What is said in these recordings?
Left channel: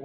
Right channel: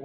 Good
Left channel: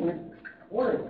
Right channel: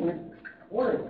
morning. Morning.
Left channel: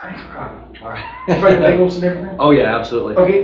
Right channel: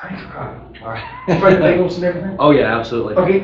Thanks for coming. All right. Try the bagels and everything? Oh, yeah, absolutely. Okay.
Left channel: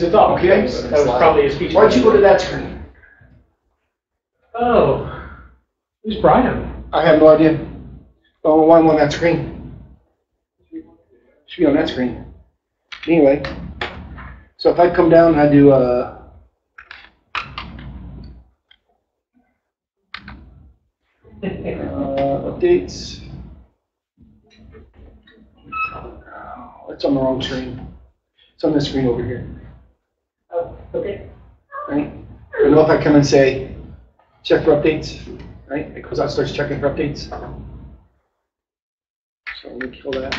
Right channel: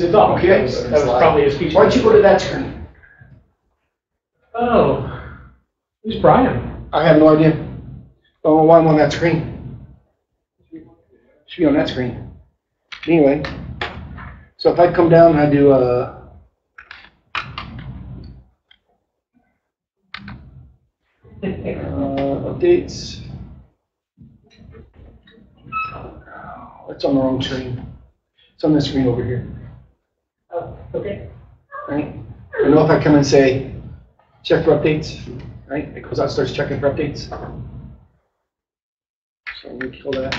He's a dog. Okay. That was probably his speech. Why don't you go to that screen? Oh, who's Brian? I have no idea. Oh, why am I on that screen? Should be on that screen. Anyway, so if I come down and I do updates. Oh, it's on the wrong screen. It's on this screen over here. Oh, okay. Right? I know if I come and say check for updates, right? It goes out, starts checking for updates. So let me kill that.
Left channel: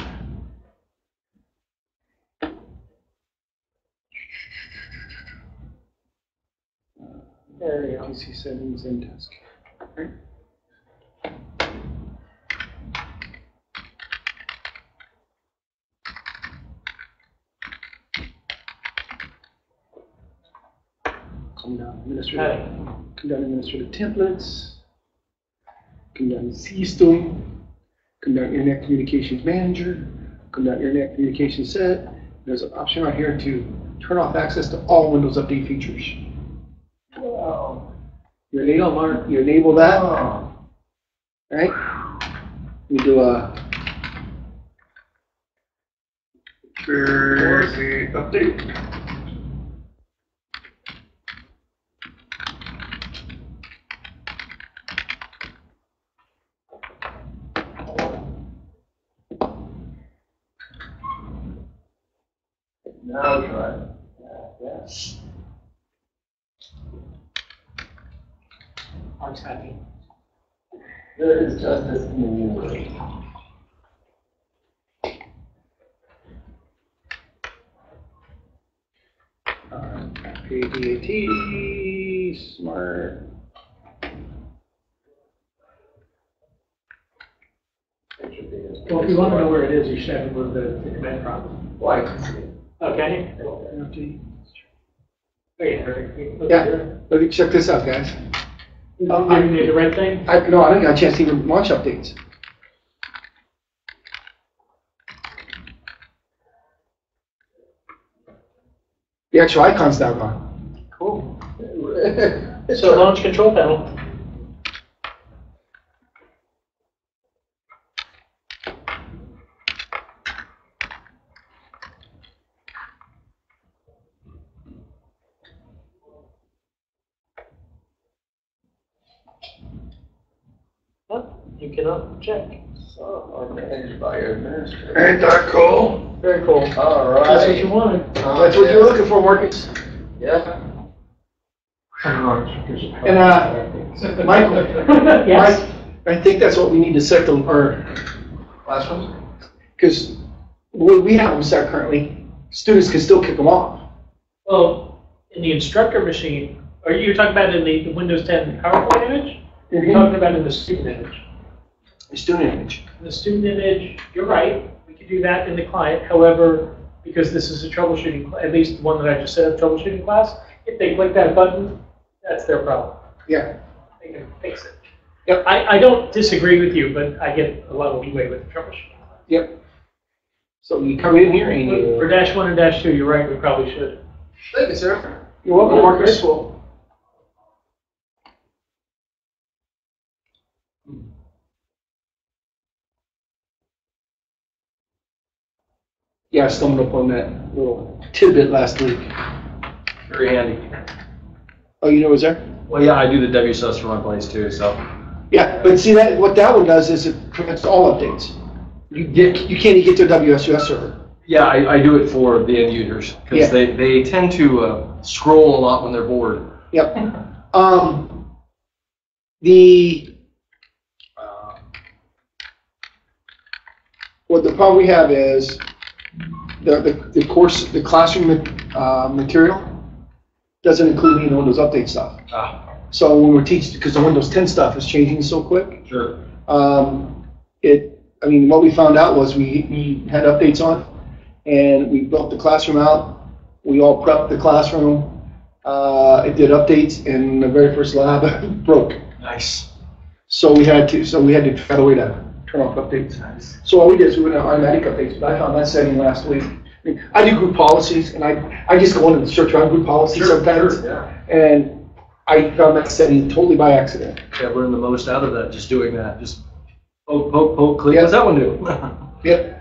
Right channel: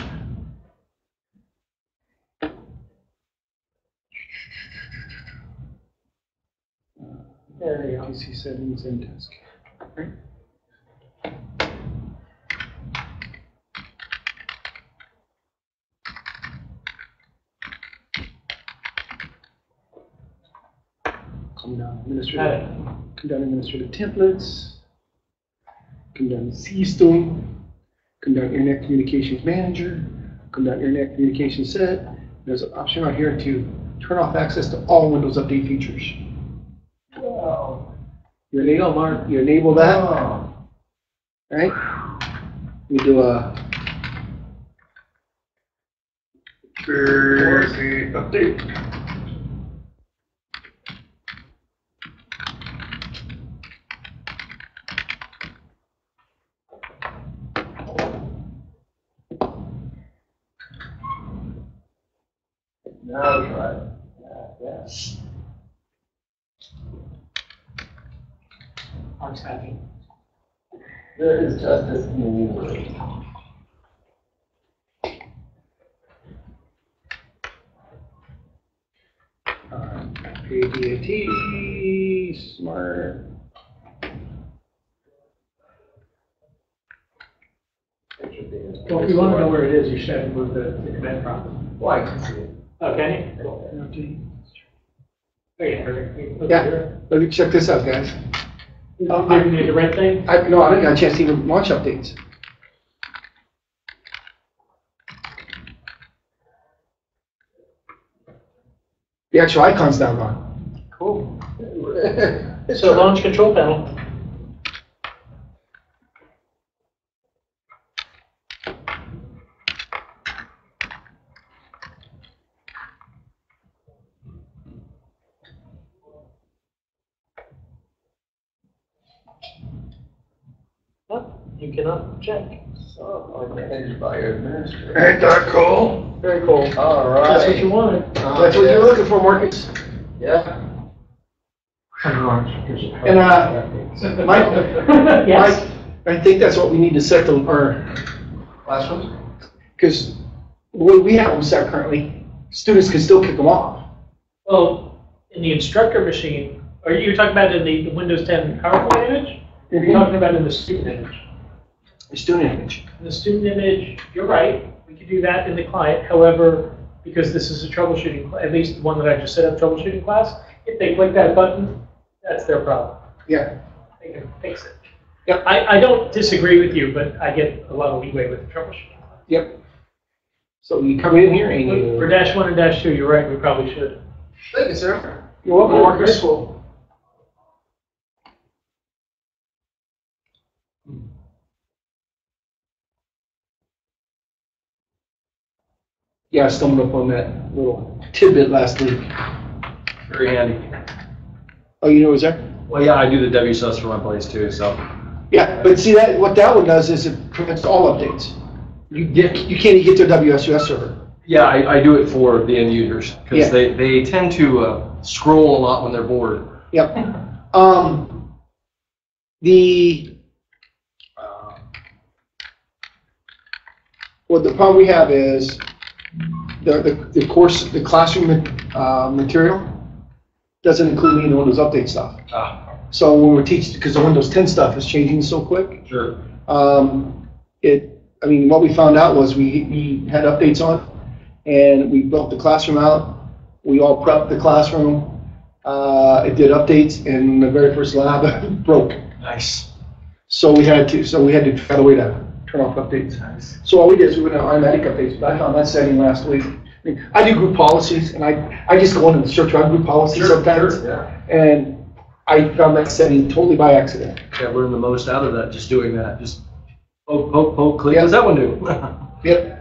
There you go. PC settings and task. Right? Come down administrative. Come down administrative templates. Come down system. Come down internet communications manager. Come down internet communications set. There's an option right here to turn off access to all Windows Update features. Wow. You enable that. Oh. Right? We do a update. Now try it. Yes. I'm happy. There is justice in the universe. PDAT, smart. Well, if you want to know where it is, you should have to move the command prompt. Well, I can see it. Okay. Yeah, let me check this out, guys. You need the red thing? No, I didn't get a chance to even launch updates. The actual icon's now gone. Cool. So launch control panel. You cannot check. So, are managed by your administrator. Ain't that cool? Very cool. All right. That's what you wanted. That's what you're looking for, Marcus. Yeah. And Michael, Yes. I think that's what we need to set our Last one? because the way we have them set currently, students can still kick them off. Well, in the instructor machine, are you talking about in the Windows 10 PowerPoint image? You're talking about in the student image. The student image. In the student image, you're right. We could do that in the client. However, because this is a troubleshooting, at least the one that I just set up troubleshooting class, if they click that button, that's their problem. Yeah. They can fix it. Yep. I don't disagree with you, but I get a lot of leeway with the troubleshooting. Yep. So you come in here and you. For -1 and -2, you're right. We probably should. Thank you, sir. You're welcome, Marcus. Yeah, I stumbled upon that little tidbit last week. Very handy. Oh, you know what's there? Well, yeah, I do the WSUS for my place too, so. Yeah, but see that what that one does is it prevents all updates. You can't even get to a WSUS server. Yeah, I do it for the end users because Yeah. they tend to scroll a lot when they're bored. Yep. Well, the problem we have is the course, the classroom material doesn't include any of the Windows Update stuff. So when we're teaching, because the Windows 10 stuff is changing so quick. Sure. I mean, what we found out was we had updates on, and we built the classroom out. We all prepped the classroom. It did updates, and the very first lab broke. Nice. So we had to figure out a way to turn off updates. Nice. So all we did is we went to automatic updates, but I found that setting last week. I mean, I do group policies, and I just go into the search around group policies sometimes, and I found that setting totally by accident. Yeah, learn the most out of that, just doing that. Just poke, poke, poke, click. What's that one do? Yep.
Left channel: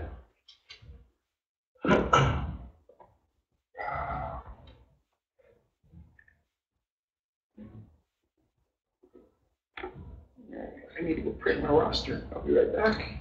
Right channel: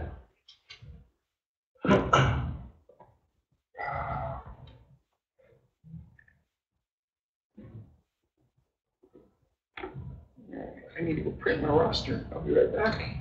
I need to go print my roster. I'll be right back.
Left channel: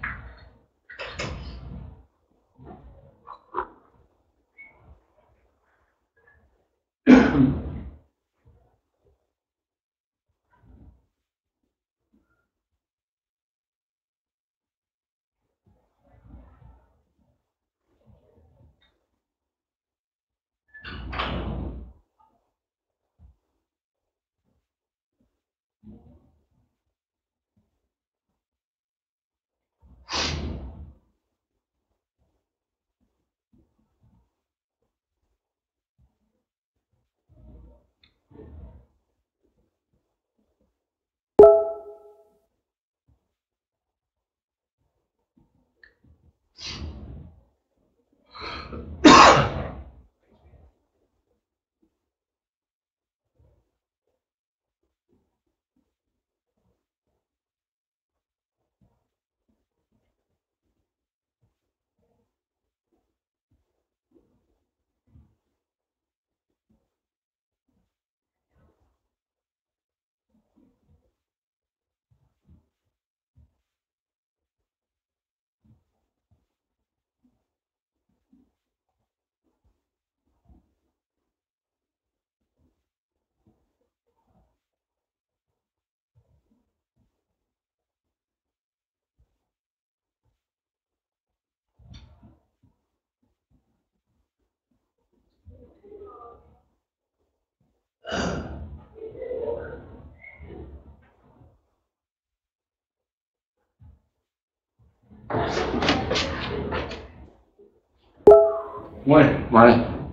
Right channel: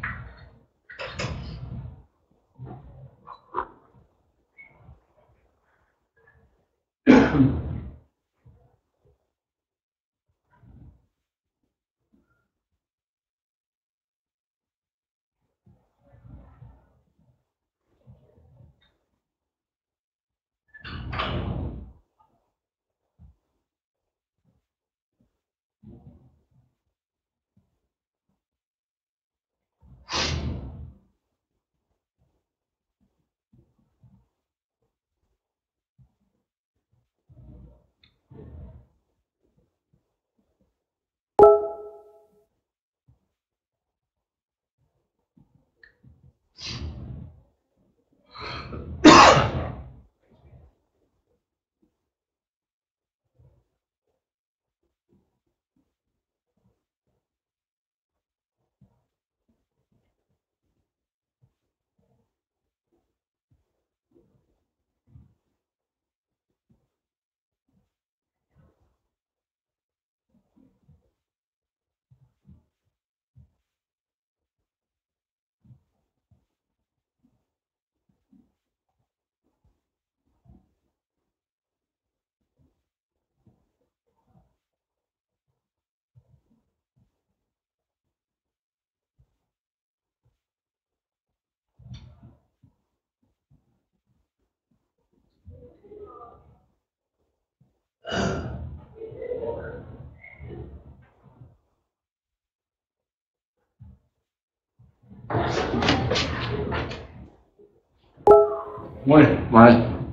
Morning. Morning.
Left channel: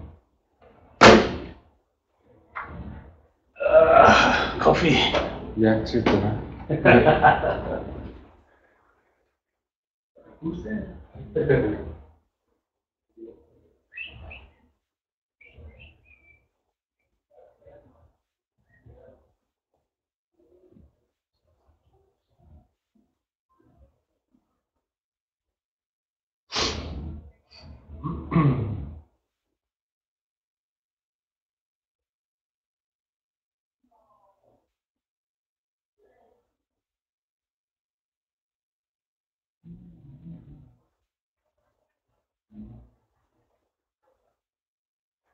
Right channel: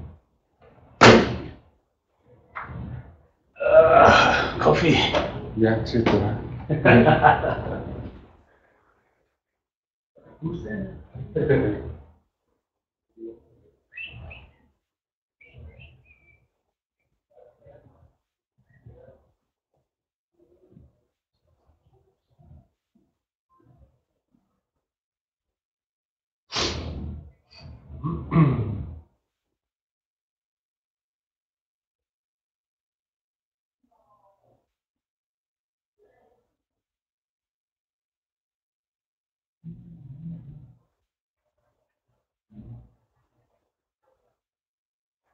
Coffee. Yeah, it's good. Who's that?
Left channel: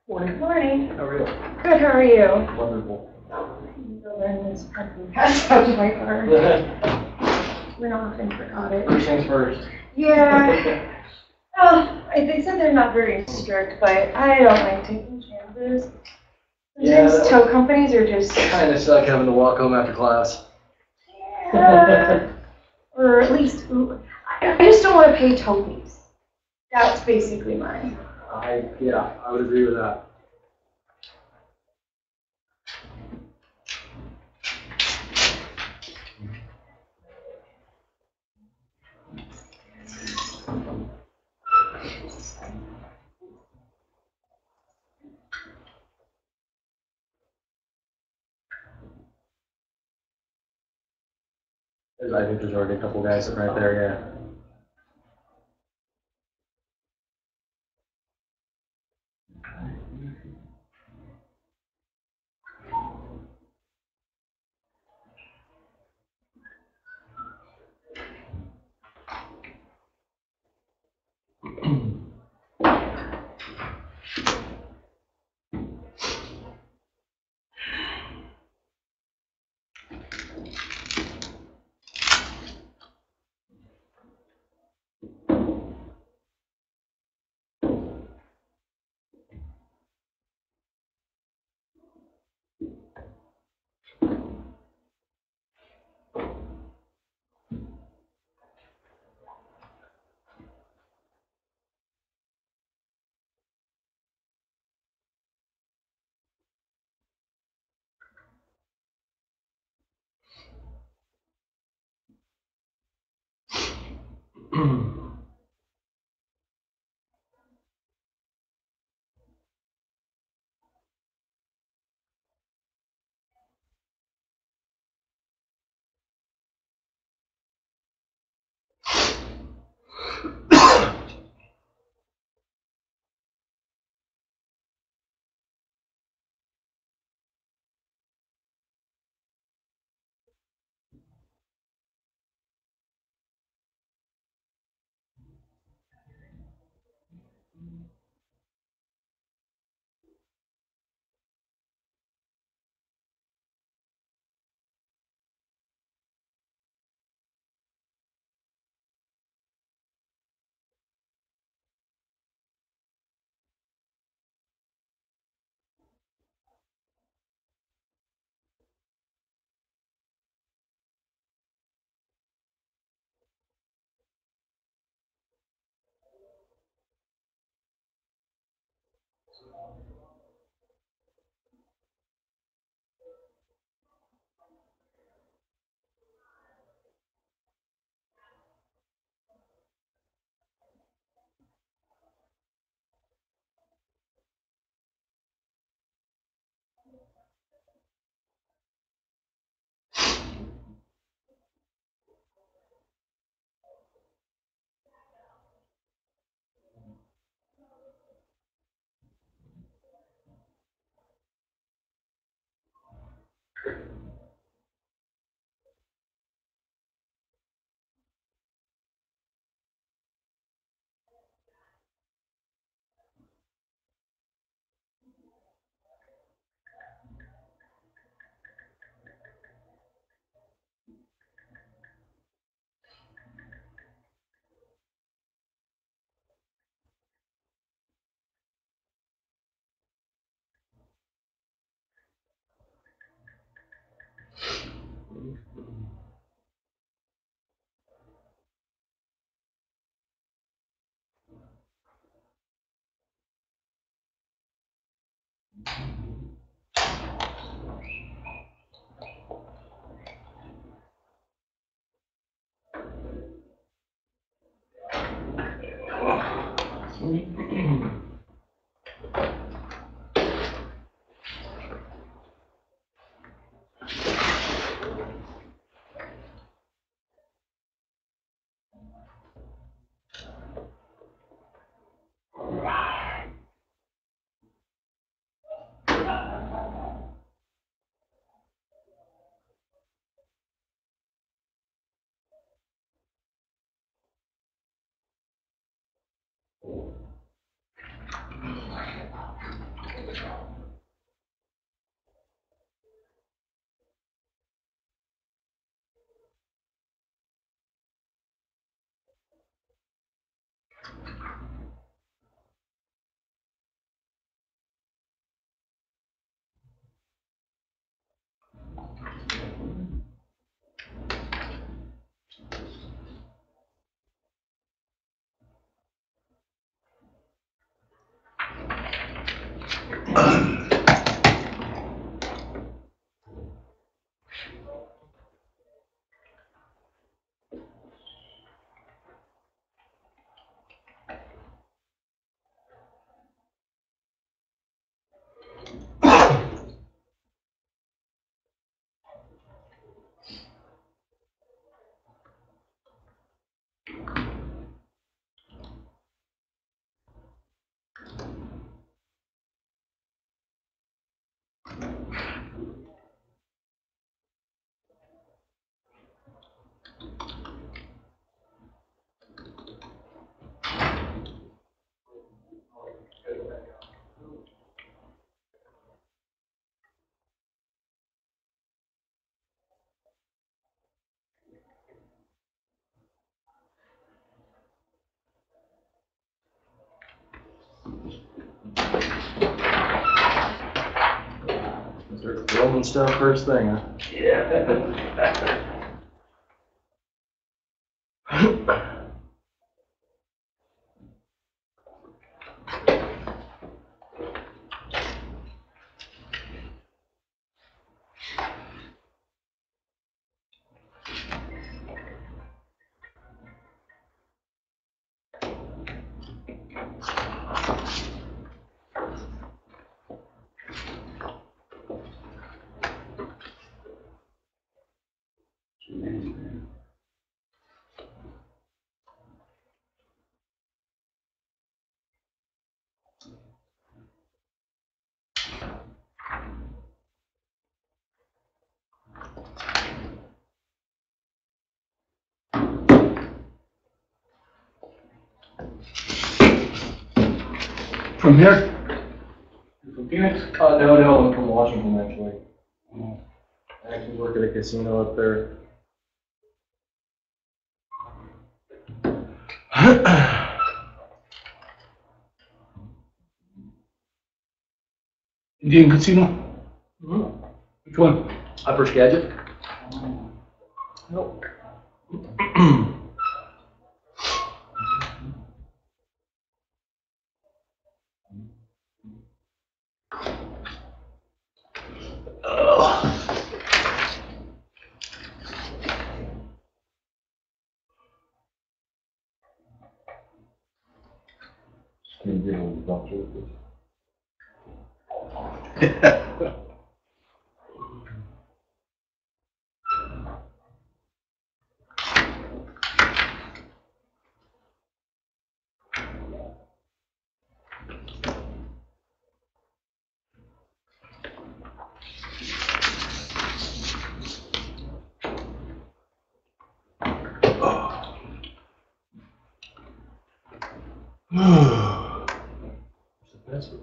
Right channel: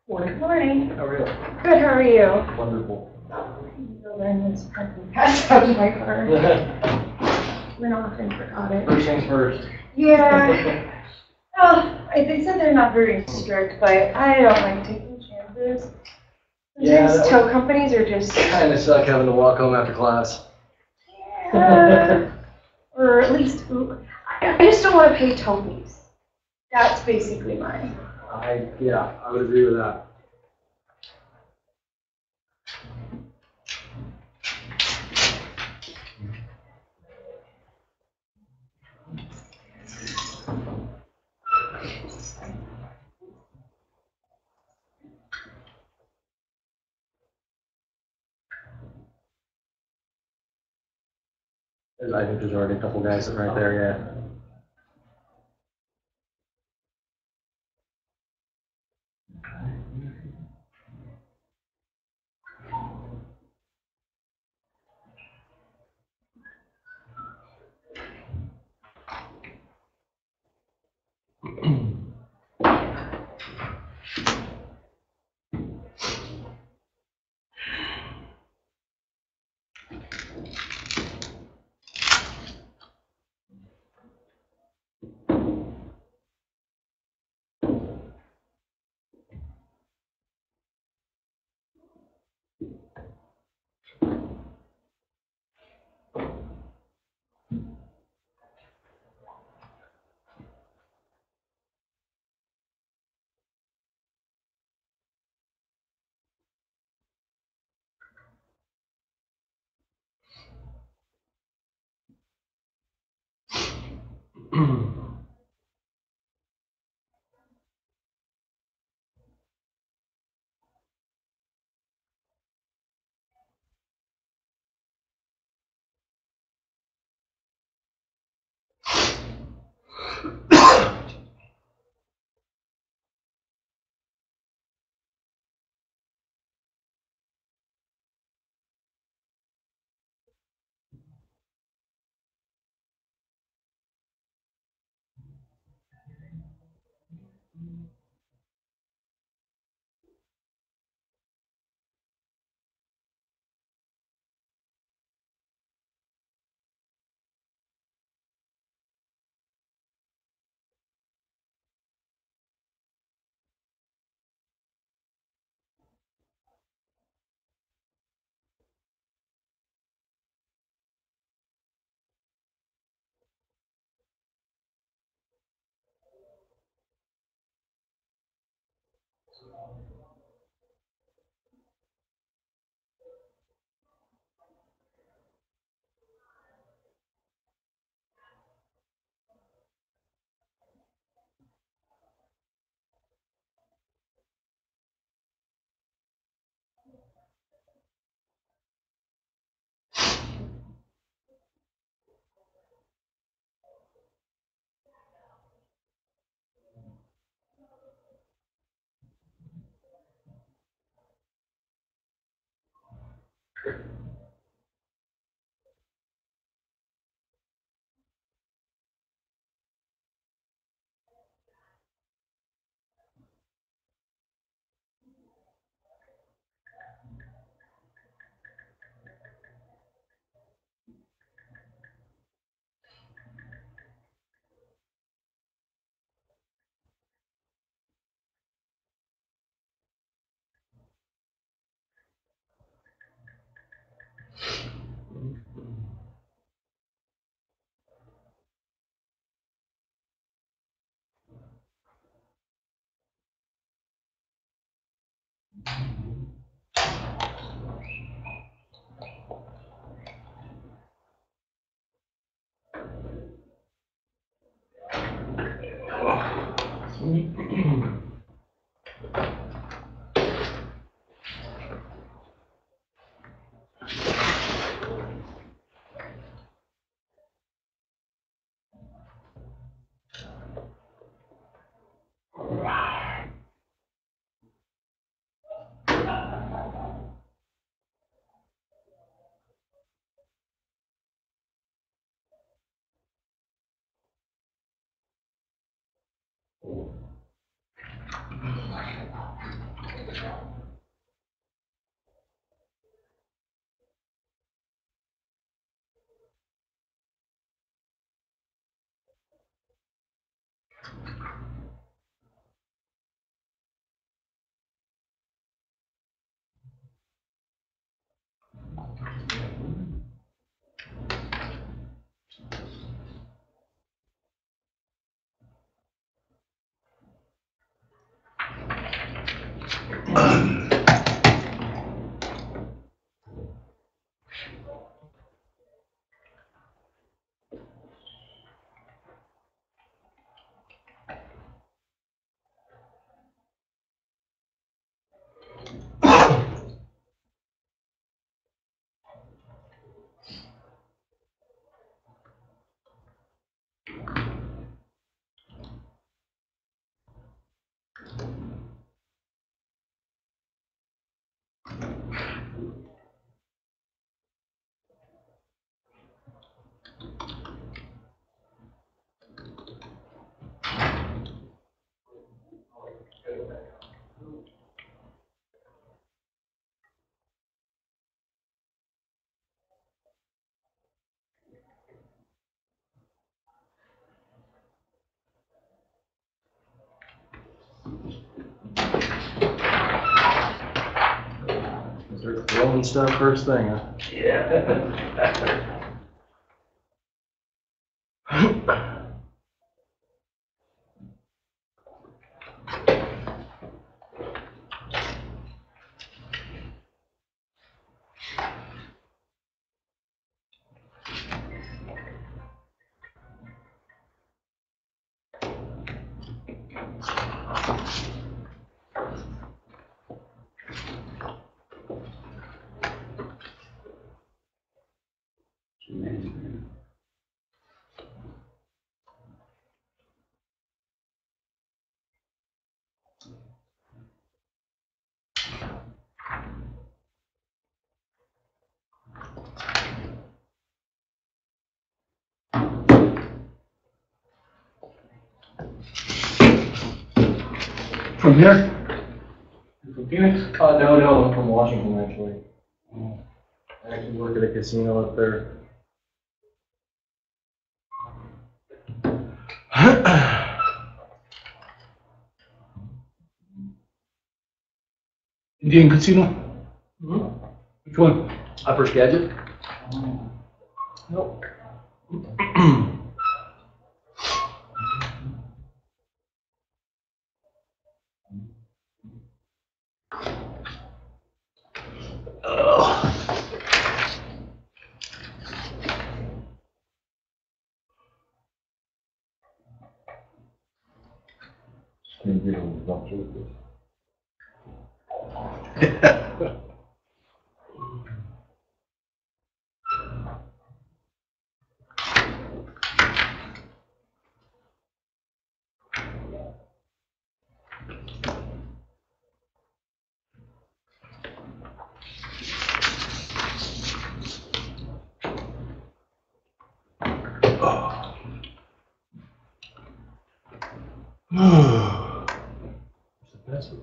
Good morning. How are you? Good, how are you? Wonderful. You'll learn this probably passed out to my car. Went off and forgot it. First things first. Yeah. Oh, they said they're not very strict, but I don't like taking chances. Yeah, Sometimes tow companies are just, Kind of suck having to walk home after class. yeah. Or at least, I just don't want to pay tow fees. That's basically mine. Yeah, I would agree with that. I think there's already a couple guys sitting right there, yeah. Start throwing stuff first thing, huh? Yeah. From here? From Phoenix? No, I'm from Washington, actually. I actually work at a casino up there. Indian Casino? Mhm. Which one? Upper Skagit? Nope. Can you give a doctor with this? That's You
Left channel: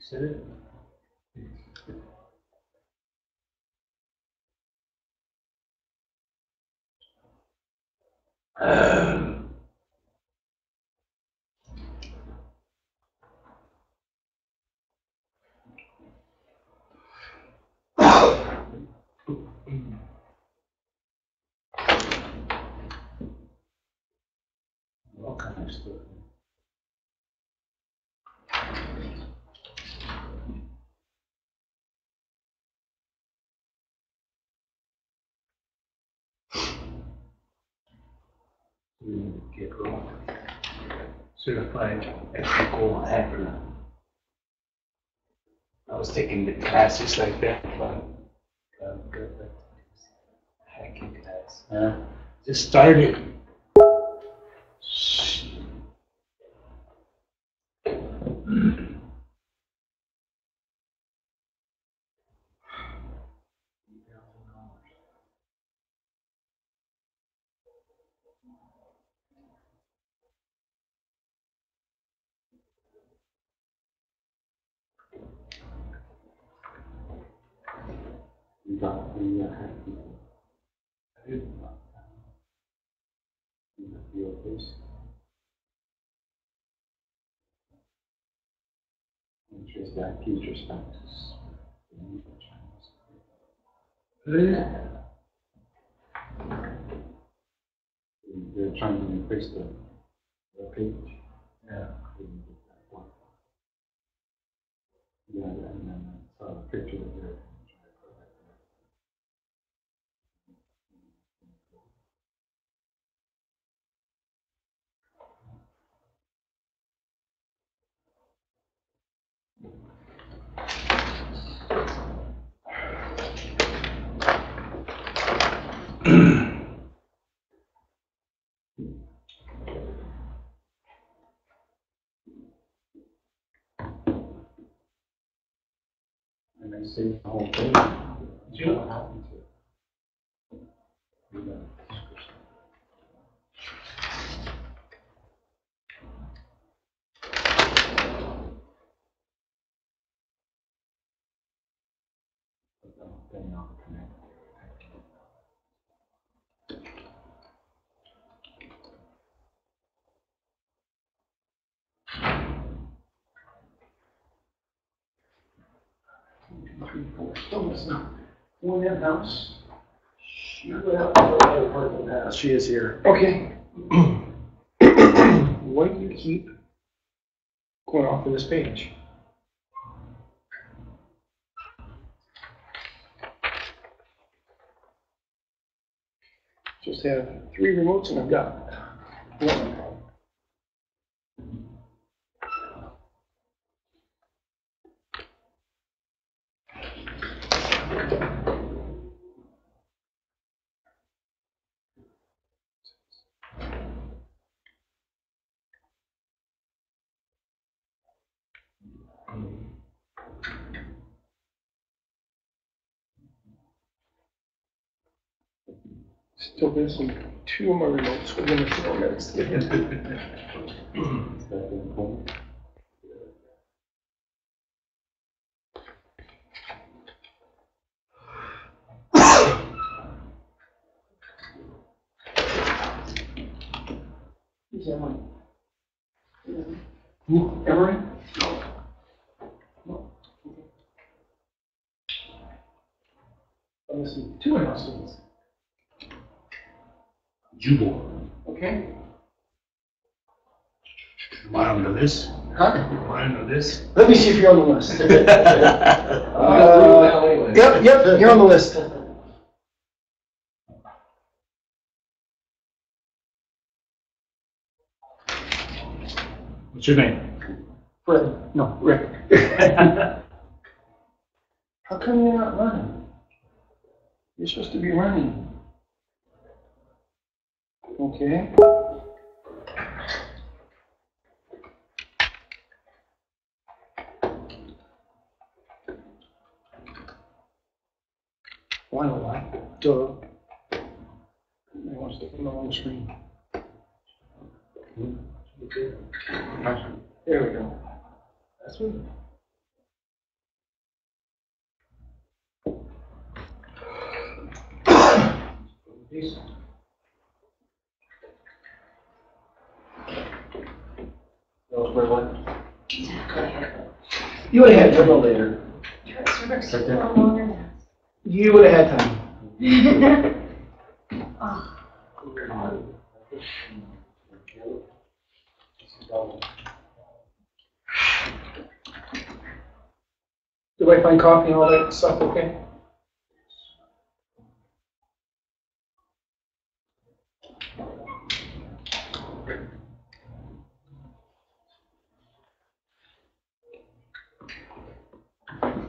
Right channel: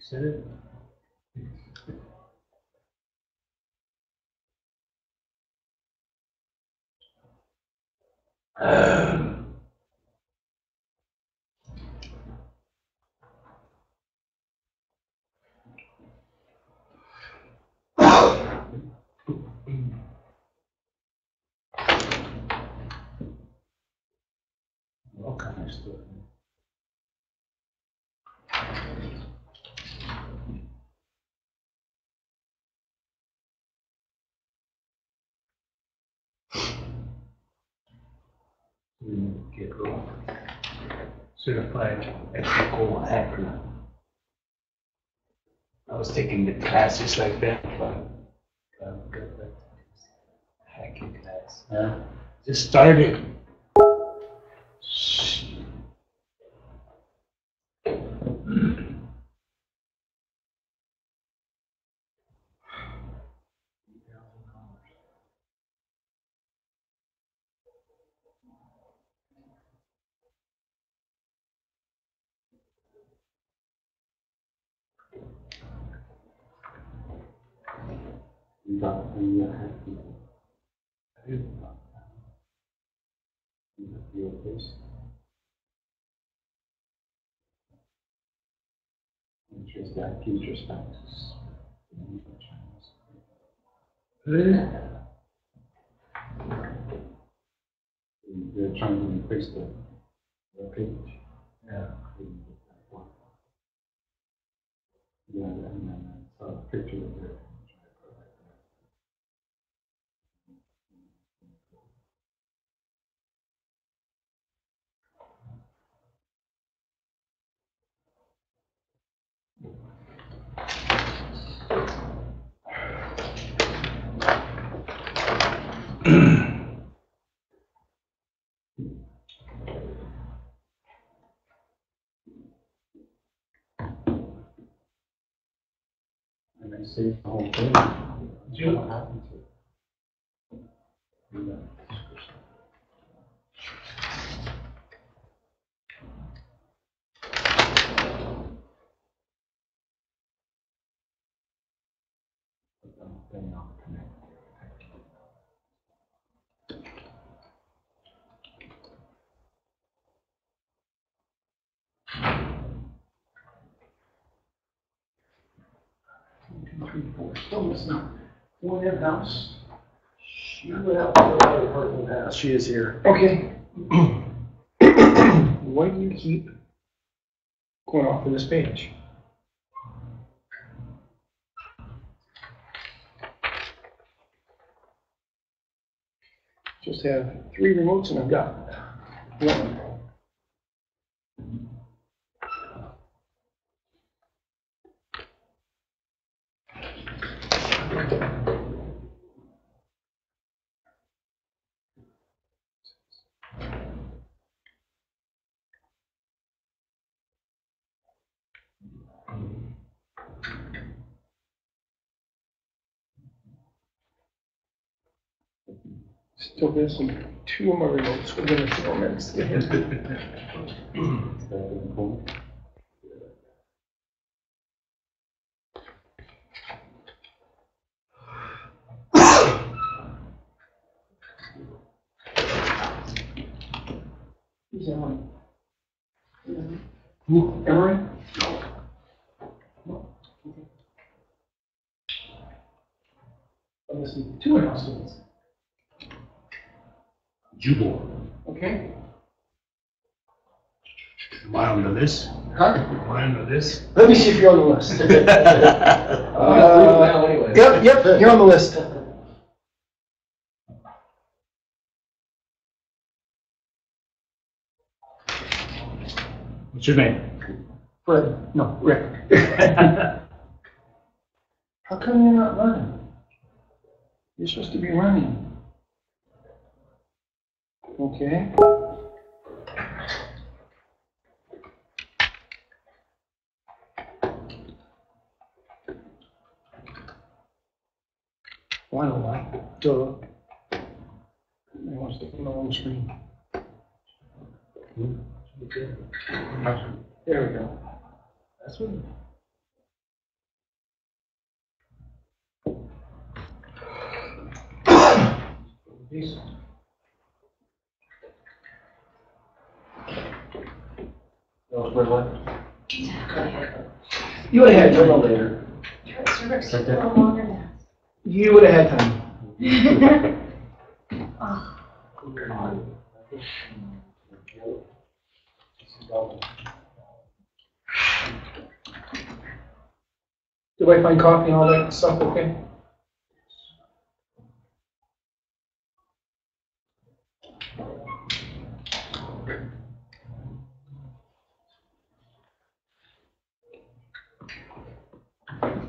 said it? Get certified electrical hacker. I was taking the classes like that, but hacking class. Just started. They're trying to increase the page. Yeah. Yeah, and then a picture of it. And they see the whole thing. What happened to it? Yeah. Then I'll connect. Three, four. Still missing one in house. She went out to the parking lot. She is here. Okay. Why do you keep going off of this page? Just have 3 remotes and I've got one. Still missing 2 of my remotes within a few more minutes to get his. Who's Emery? Who? Emery? No. I'm missing 2 in-house students. Jubal. Okay. Am I on the list? Huh? Am I on the list? Let me see if you're on the list. Yep, you're on the list. What's your name? Fred, no, Rick. How come you're not running? You're supposed to be running. Okay. Why don't I? Duh. I want to stick on the wrong screen. There we go. That's what. That was my one. You would have had time. Later. You would have had time. Did I find coffee and all that stuff okay?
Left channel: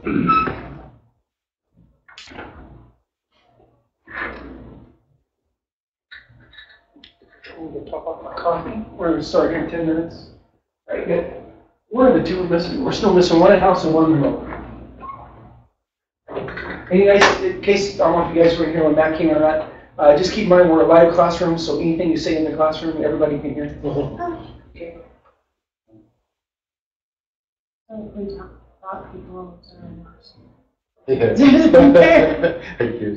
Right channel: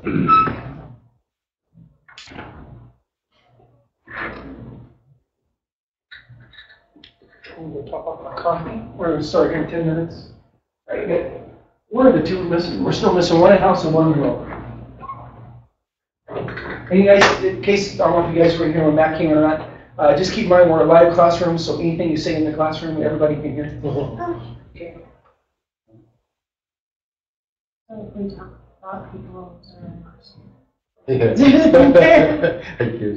We're going to talk about economy. We're going to start here in 10 minutes. Right, good. What are the two we're missing? We're still missing one in-house and one remote. And you guys, in case, I don't know if you guys were here when Matt came or not, just keep in mind we're a live classroom, so anything you say in the classroom, everybody can hear. Okay. We talk about people in person. Yeah. Thank you.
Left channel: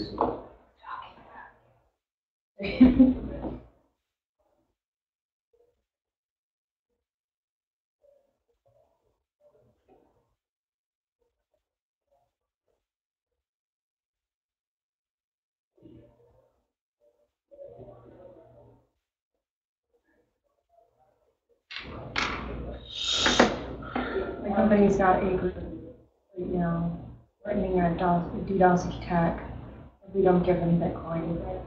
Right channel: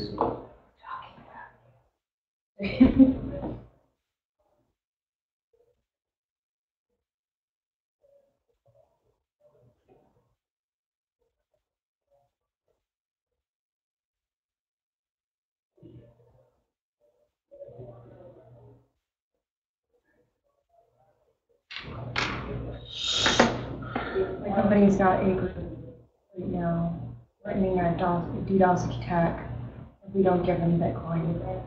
My company's got a group right now threatening a DDoS attack if we don't give them Bitcoin.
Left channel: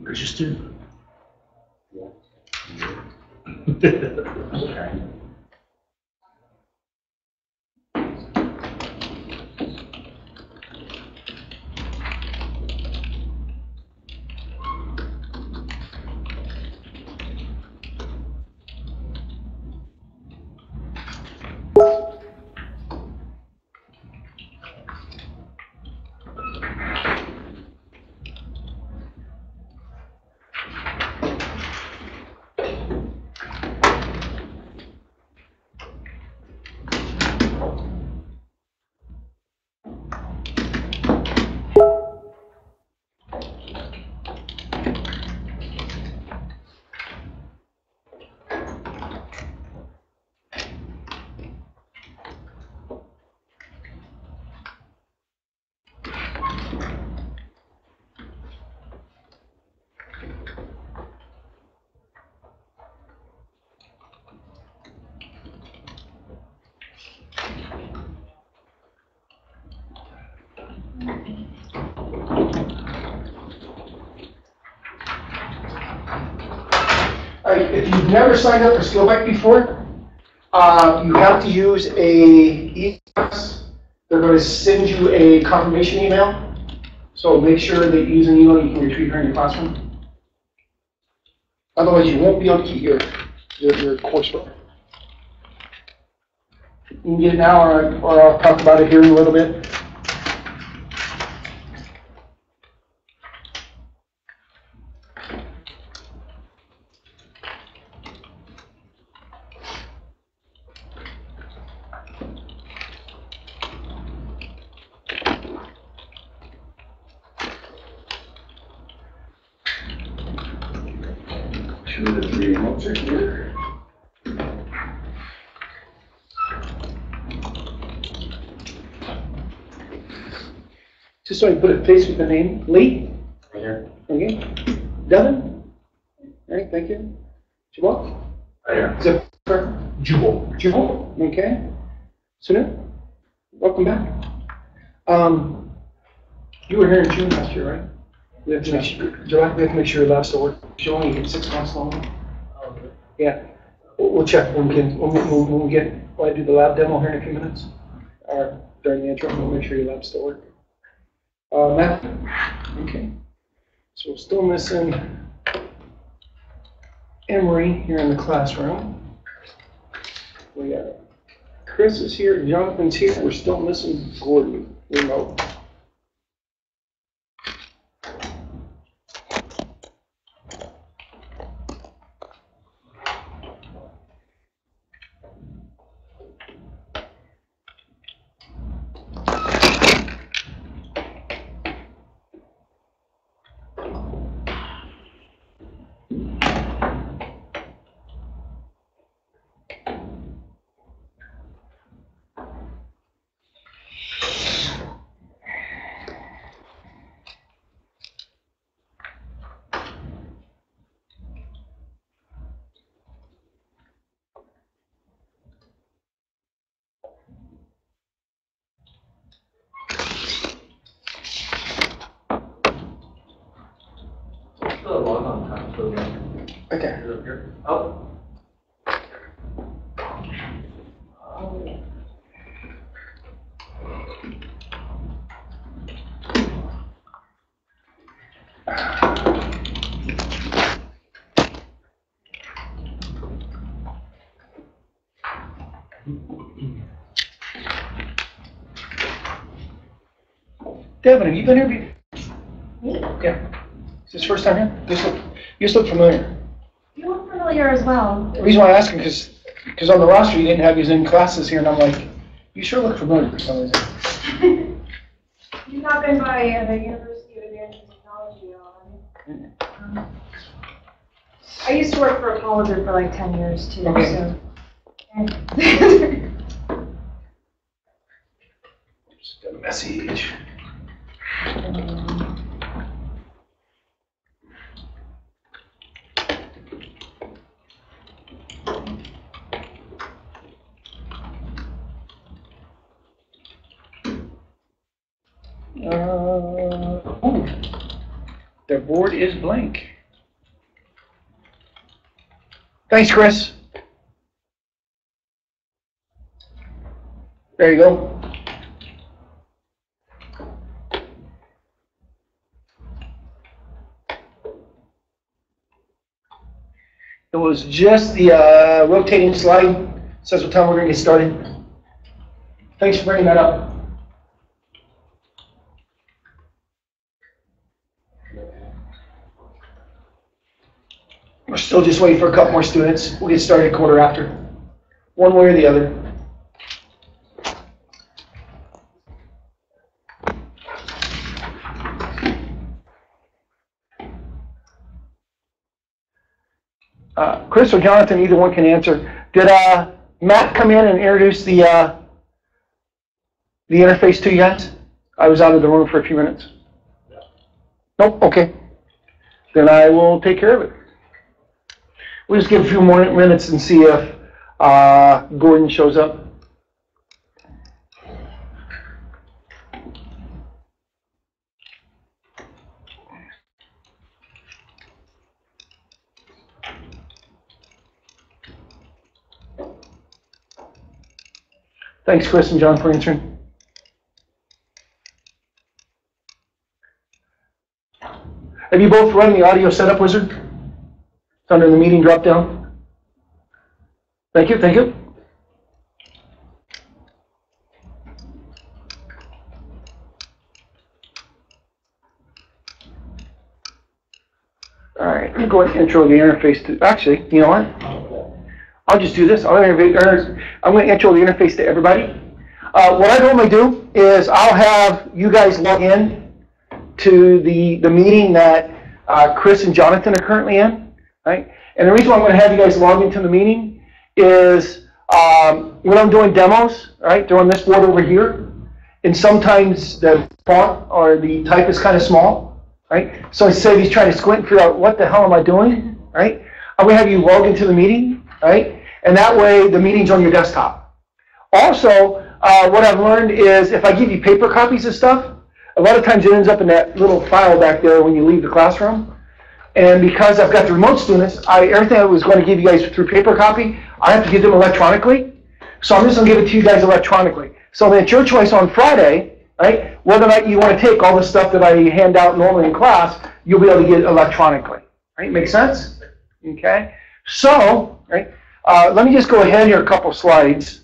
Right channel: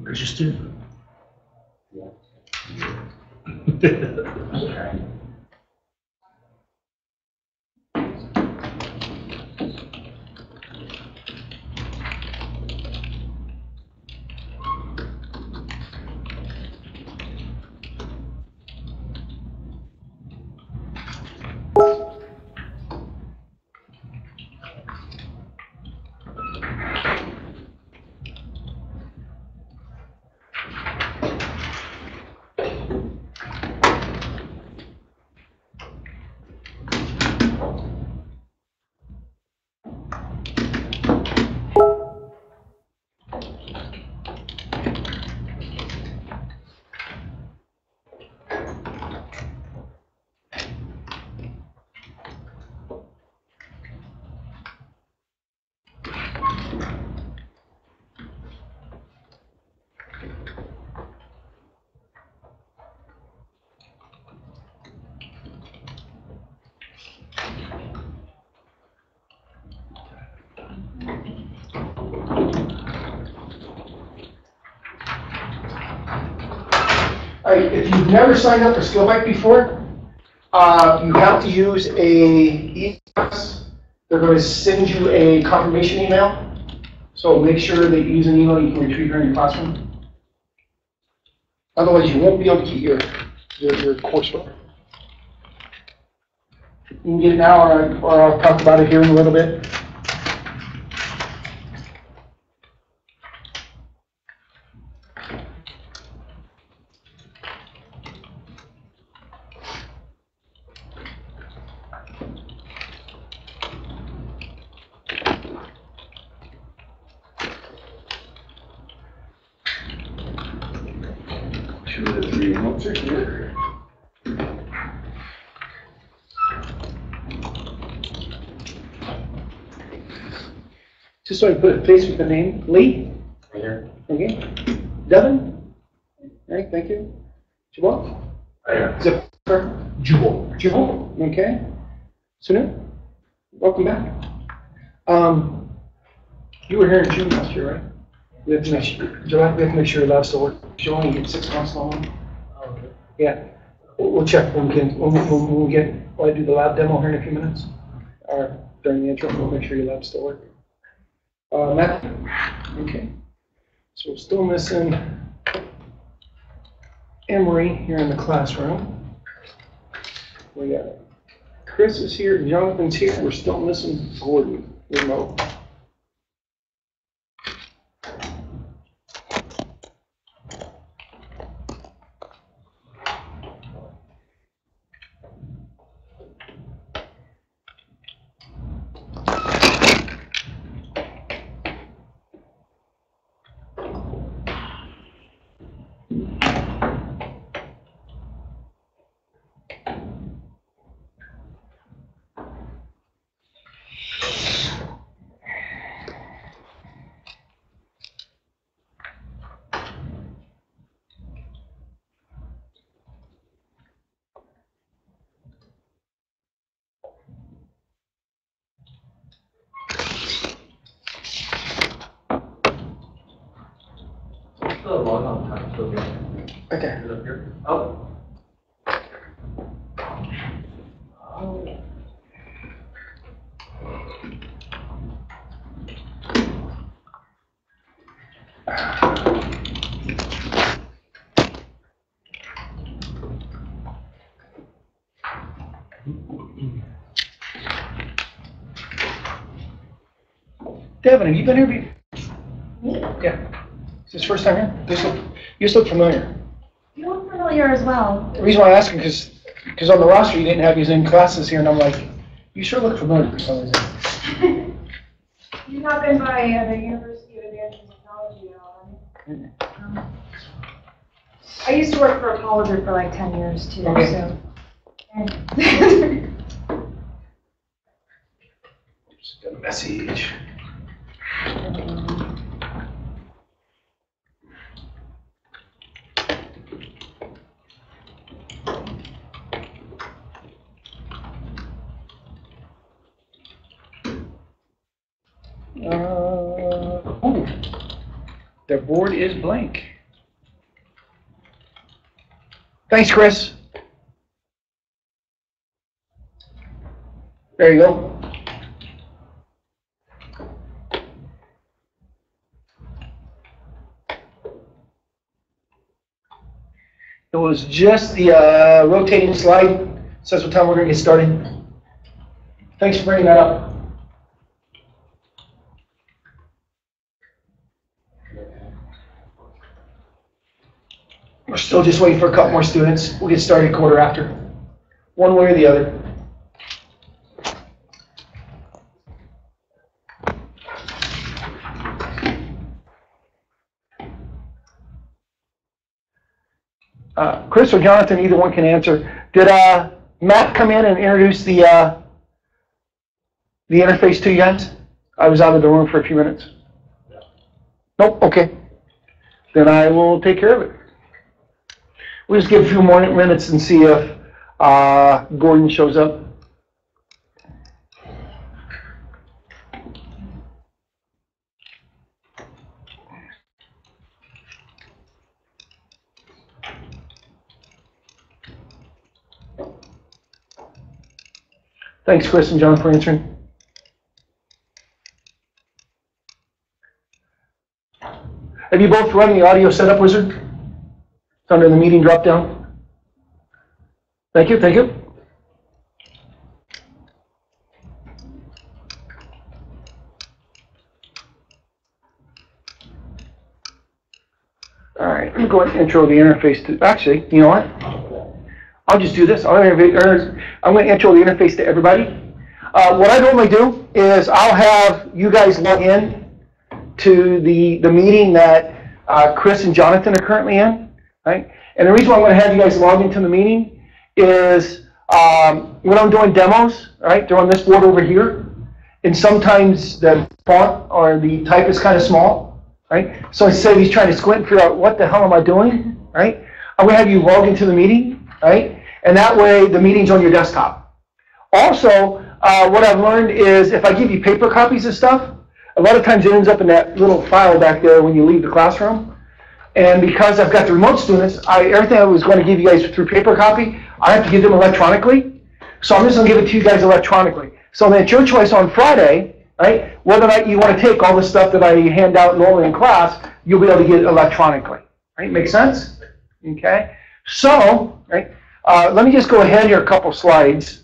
Registered? All right, if you've never signed up for Skillbike before, You have to use a email. They're going to send you a confirmation email. So make sure that you use an email you can retrieve her in your classroom. Otherwise, you won't be able to keep your coursework. You can get it now, or I'll talk about it here in a little bit. Here. Just so I can put a face with the name. Lee? Right here. Okay. Devin? All right, thank you. Jabal? Right here. Zipper? Jubal. Jubal? Okay. Sunu? Welcome back. You were here in June last year, right? We have to make sure, July, we have to make sure your lab still works. You only get 6 months long. Yeah. We'll check when I do the lab demo here in a few minutes, or during the intro, we'll make sure your lab still works. Matt? Okay. So we're still missing Emery here in the classroom. We got Chris is here, Jonathan's here. We're still missing Gordon remote. Log on time, so Okay. is it up here? Oh. Devin, have you been here before? Yeah. Is this first time here? You just look familiar. You look familiar as well. The reason why I ask you because on the roster you didn't have you in classes here, and I'm like, you sure look familiar for some reason. You've not been by the University of Advanced Technology at all, have you? I used to work for a colleger for like 10 years too, Okay. so. Just got a message. Oh, the board is blank. Thanks, Chris. There you go. It was just the rotating slide. Says what time we're going to get started. Thanks for bringing that up. We're still just waiting for a couple more students. We'll get started quarter after. One way or the other. Chris or Jonathan, either one can answer. Did Matt come in and introduce the interface to you guys? I was out of the room for a few minutes. Nope, okay. Then I will take care of it. We'll just give a few more minutes and see if Gordon shows up. Thanks, Chris and John, for answering. Have you both run the audio setup wizard? It's under the meeting drop down. Thank you, thank you. All right, I'm going to intro the interface to, actually, you know what? I'll just do this. I'm going to intro the interface to everybody. What I normally do is I'll have you guys log in to the meeting that Chris and Jonathan are currently in, right? And the reason why I'm going to have you guys log into the meeting is when I'm doing demos, right? They're on this board over here, and sometimes the font or the type is kind of small, right? So instead of you trying to squint and figure out what the hell am I doing, right? I'm going to have you log into the meeting, right? And that way the meeting's on your desktop. Also, what I've learned is if I give you paper copies of stuff, a lot of times it ends up in that little file back there when you leave the classroom. And because I've got the remote students, everything I was going to give you guys through paper copy, I have to give them electronically. So I'm just going to give it to you guys electronically. So then it's your choice on Friday, right? Whether or not you want to take all the stuff that I hand out normally in class, you'll be able to get electronically. Right? Make sense? Okay. So, right. Let me just go ahead here a couple slides.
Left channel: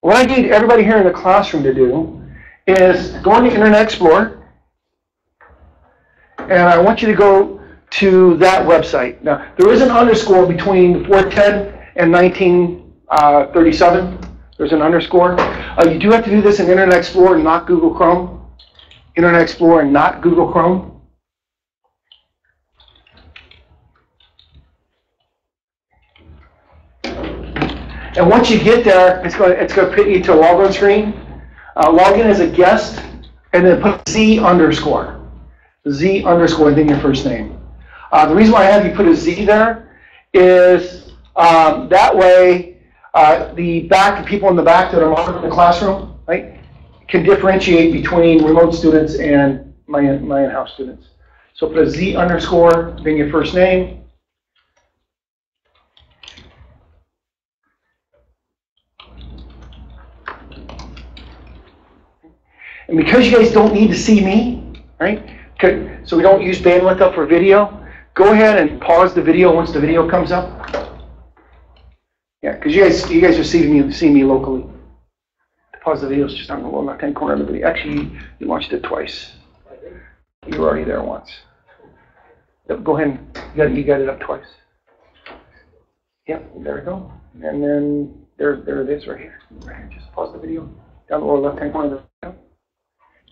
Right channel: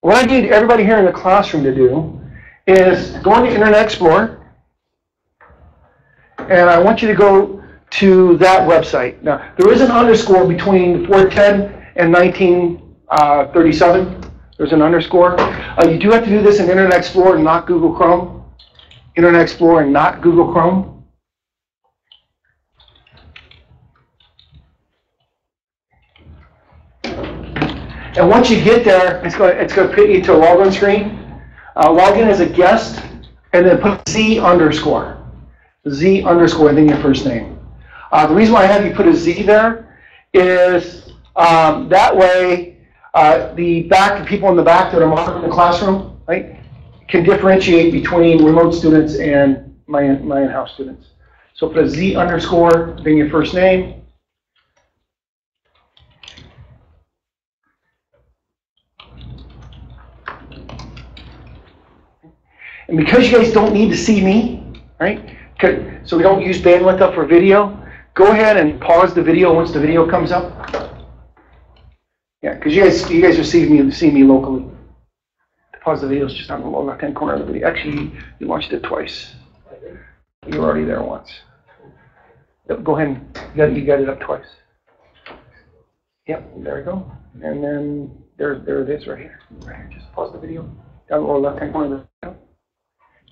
What I need everybody here in the classroom to do is go on the Internet Explorer, and I want you to go to that website. Now, there is an underscore between 410 and 1937. There's an underscore. You do have to do this in Internet Explorer, not Google Chrome. Internet Explorer, not Google Chrome. And once you get there, it's going to put you to a login screen. Log in as a guest, and then put Z underscore. Z underscore, and then your first name. The reason why I have you put a Z there is that way the people in the back that are monitoring the classroom, right, can differentiate between remote students and my in-house students. So put a Z underscore, then your first name. And because you guys don't need to see me, right? So we don't use bandwidth up for video, go ahead and pause the video once the video comes up. Yeah, because you guys are seeing me locally. To pause the video is just on the lower left-hand corner of the video. Actually, you watched it twice. You were already there once. Yep, go ahead and you got it up twice. Yep, there we go. And then there it is right here. Right here. Just pause the video down the lower left-hand corner of the video.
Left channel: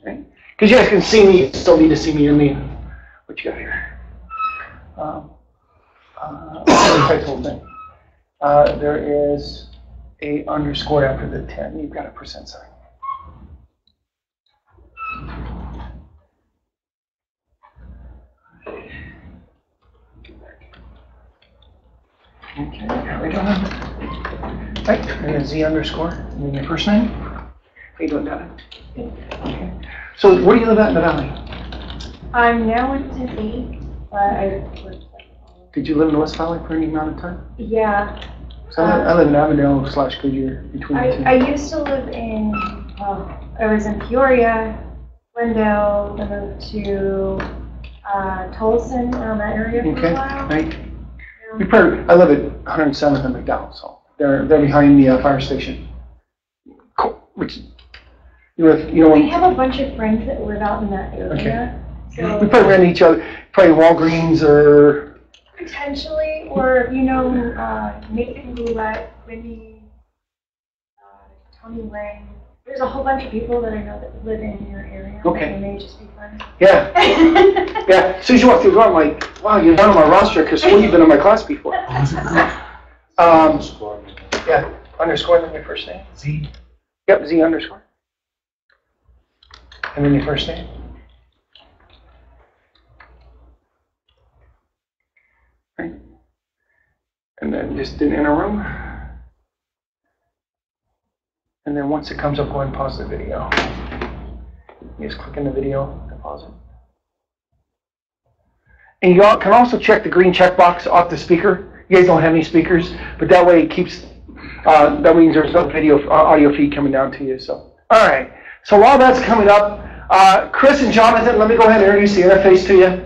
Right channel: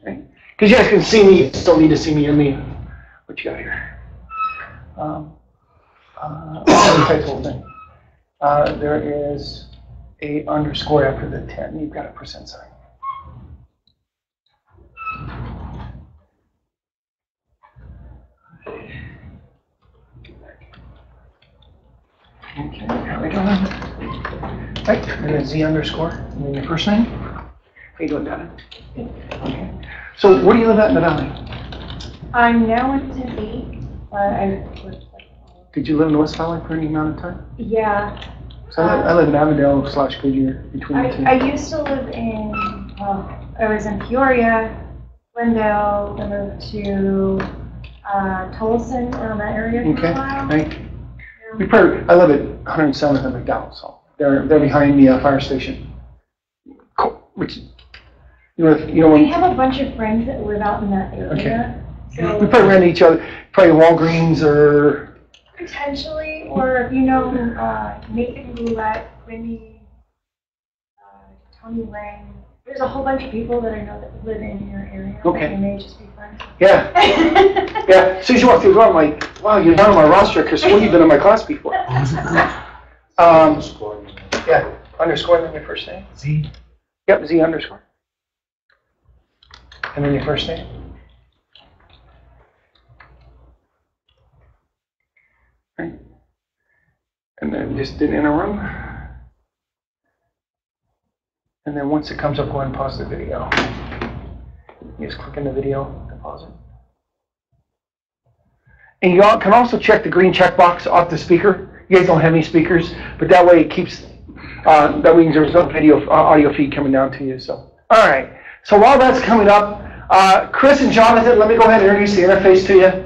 Right? Because you guys can see me, you still need to see me and me. What you got here? Whole thing. There is a underscore after the 10. You've got a percent sign. Okay, right on that. Right, and then Z underscore, and then your first name. How you doing, Dada? Okay. So where do you live at in the valley? I'm now in Tempe, but I lived Did you live in the West Valley for any amount of time? yeah. So I live in Avondale/Goodyear, between the two. I used to live in, I was in Peoria, Glendale, I moved to Tolleson, around that area for Okay, a while. right. I live at 107th and McDowell, so they're behind the fire station. Cool. Which, I have a bunch of friends that live out in that area. Okay. So We probably ran into each other, probably Walgreens or. potentially, or if you know Nathan Roulette, Wendy, Tony Lang. There's a whole bunch of people that I know that live in your area. Okay. They may just be friends. Yeah. Yeah. As soon as you walk through the door, I'm like, wow, you're not on my roster because you've been in my class before. Yeah. Underscore and then your first name. Z. Yep, Z underscore. And then your first name. Right. And then just in a room. And then once it comes up, go ahead and pause the video. You just click in the video to pause it. And you can also check the green checkbox off the speaker You guys don't have any speakers, but that way it keeps, that means there's no video, audio feed coming down to you. So, all right. So while that's coming up, Chris and Jonathan, let me go ahead and introduce the interface to you.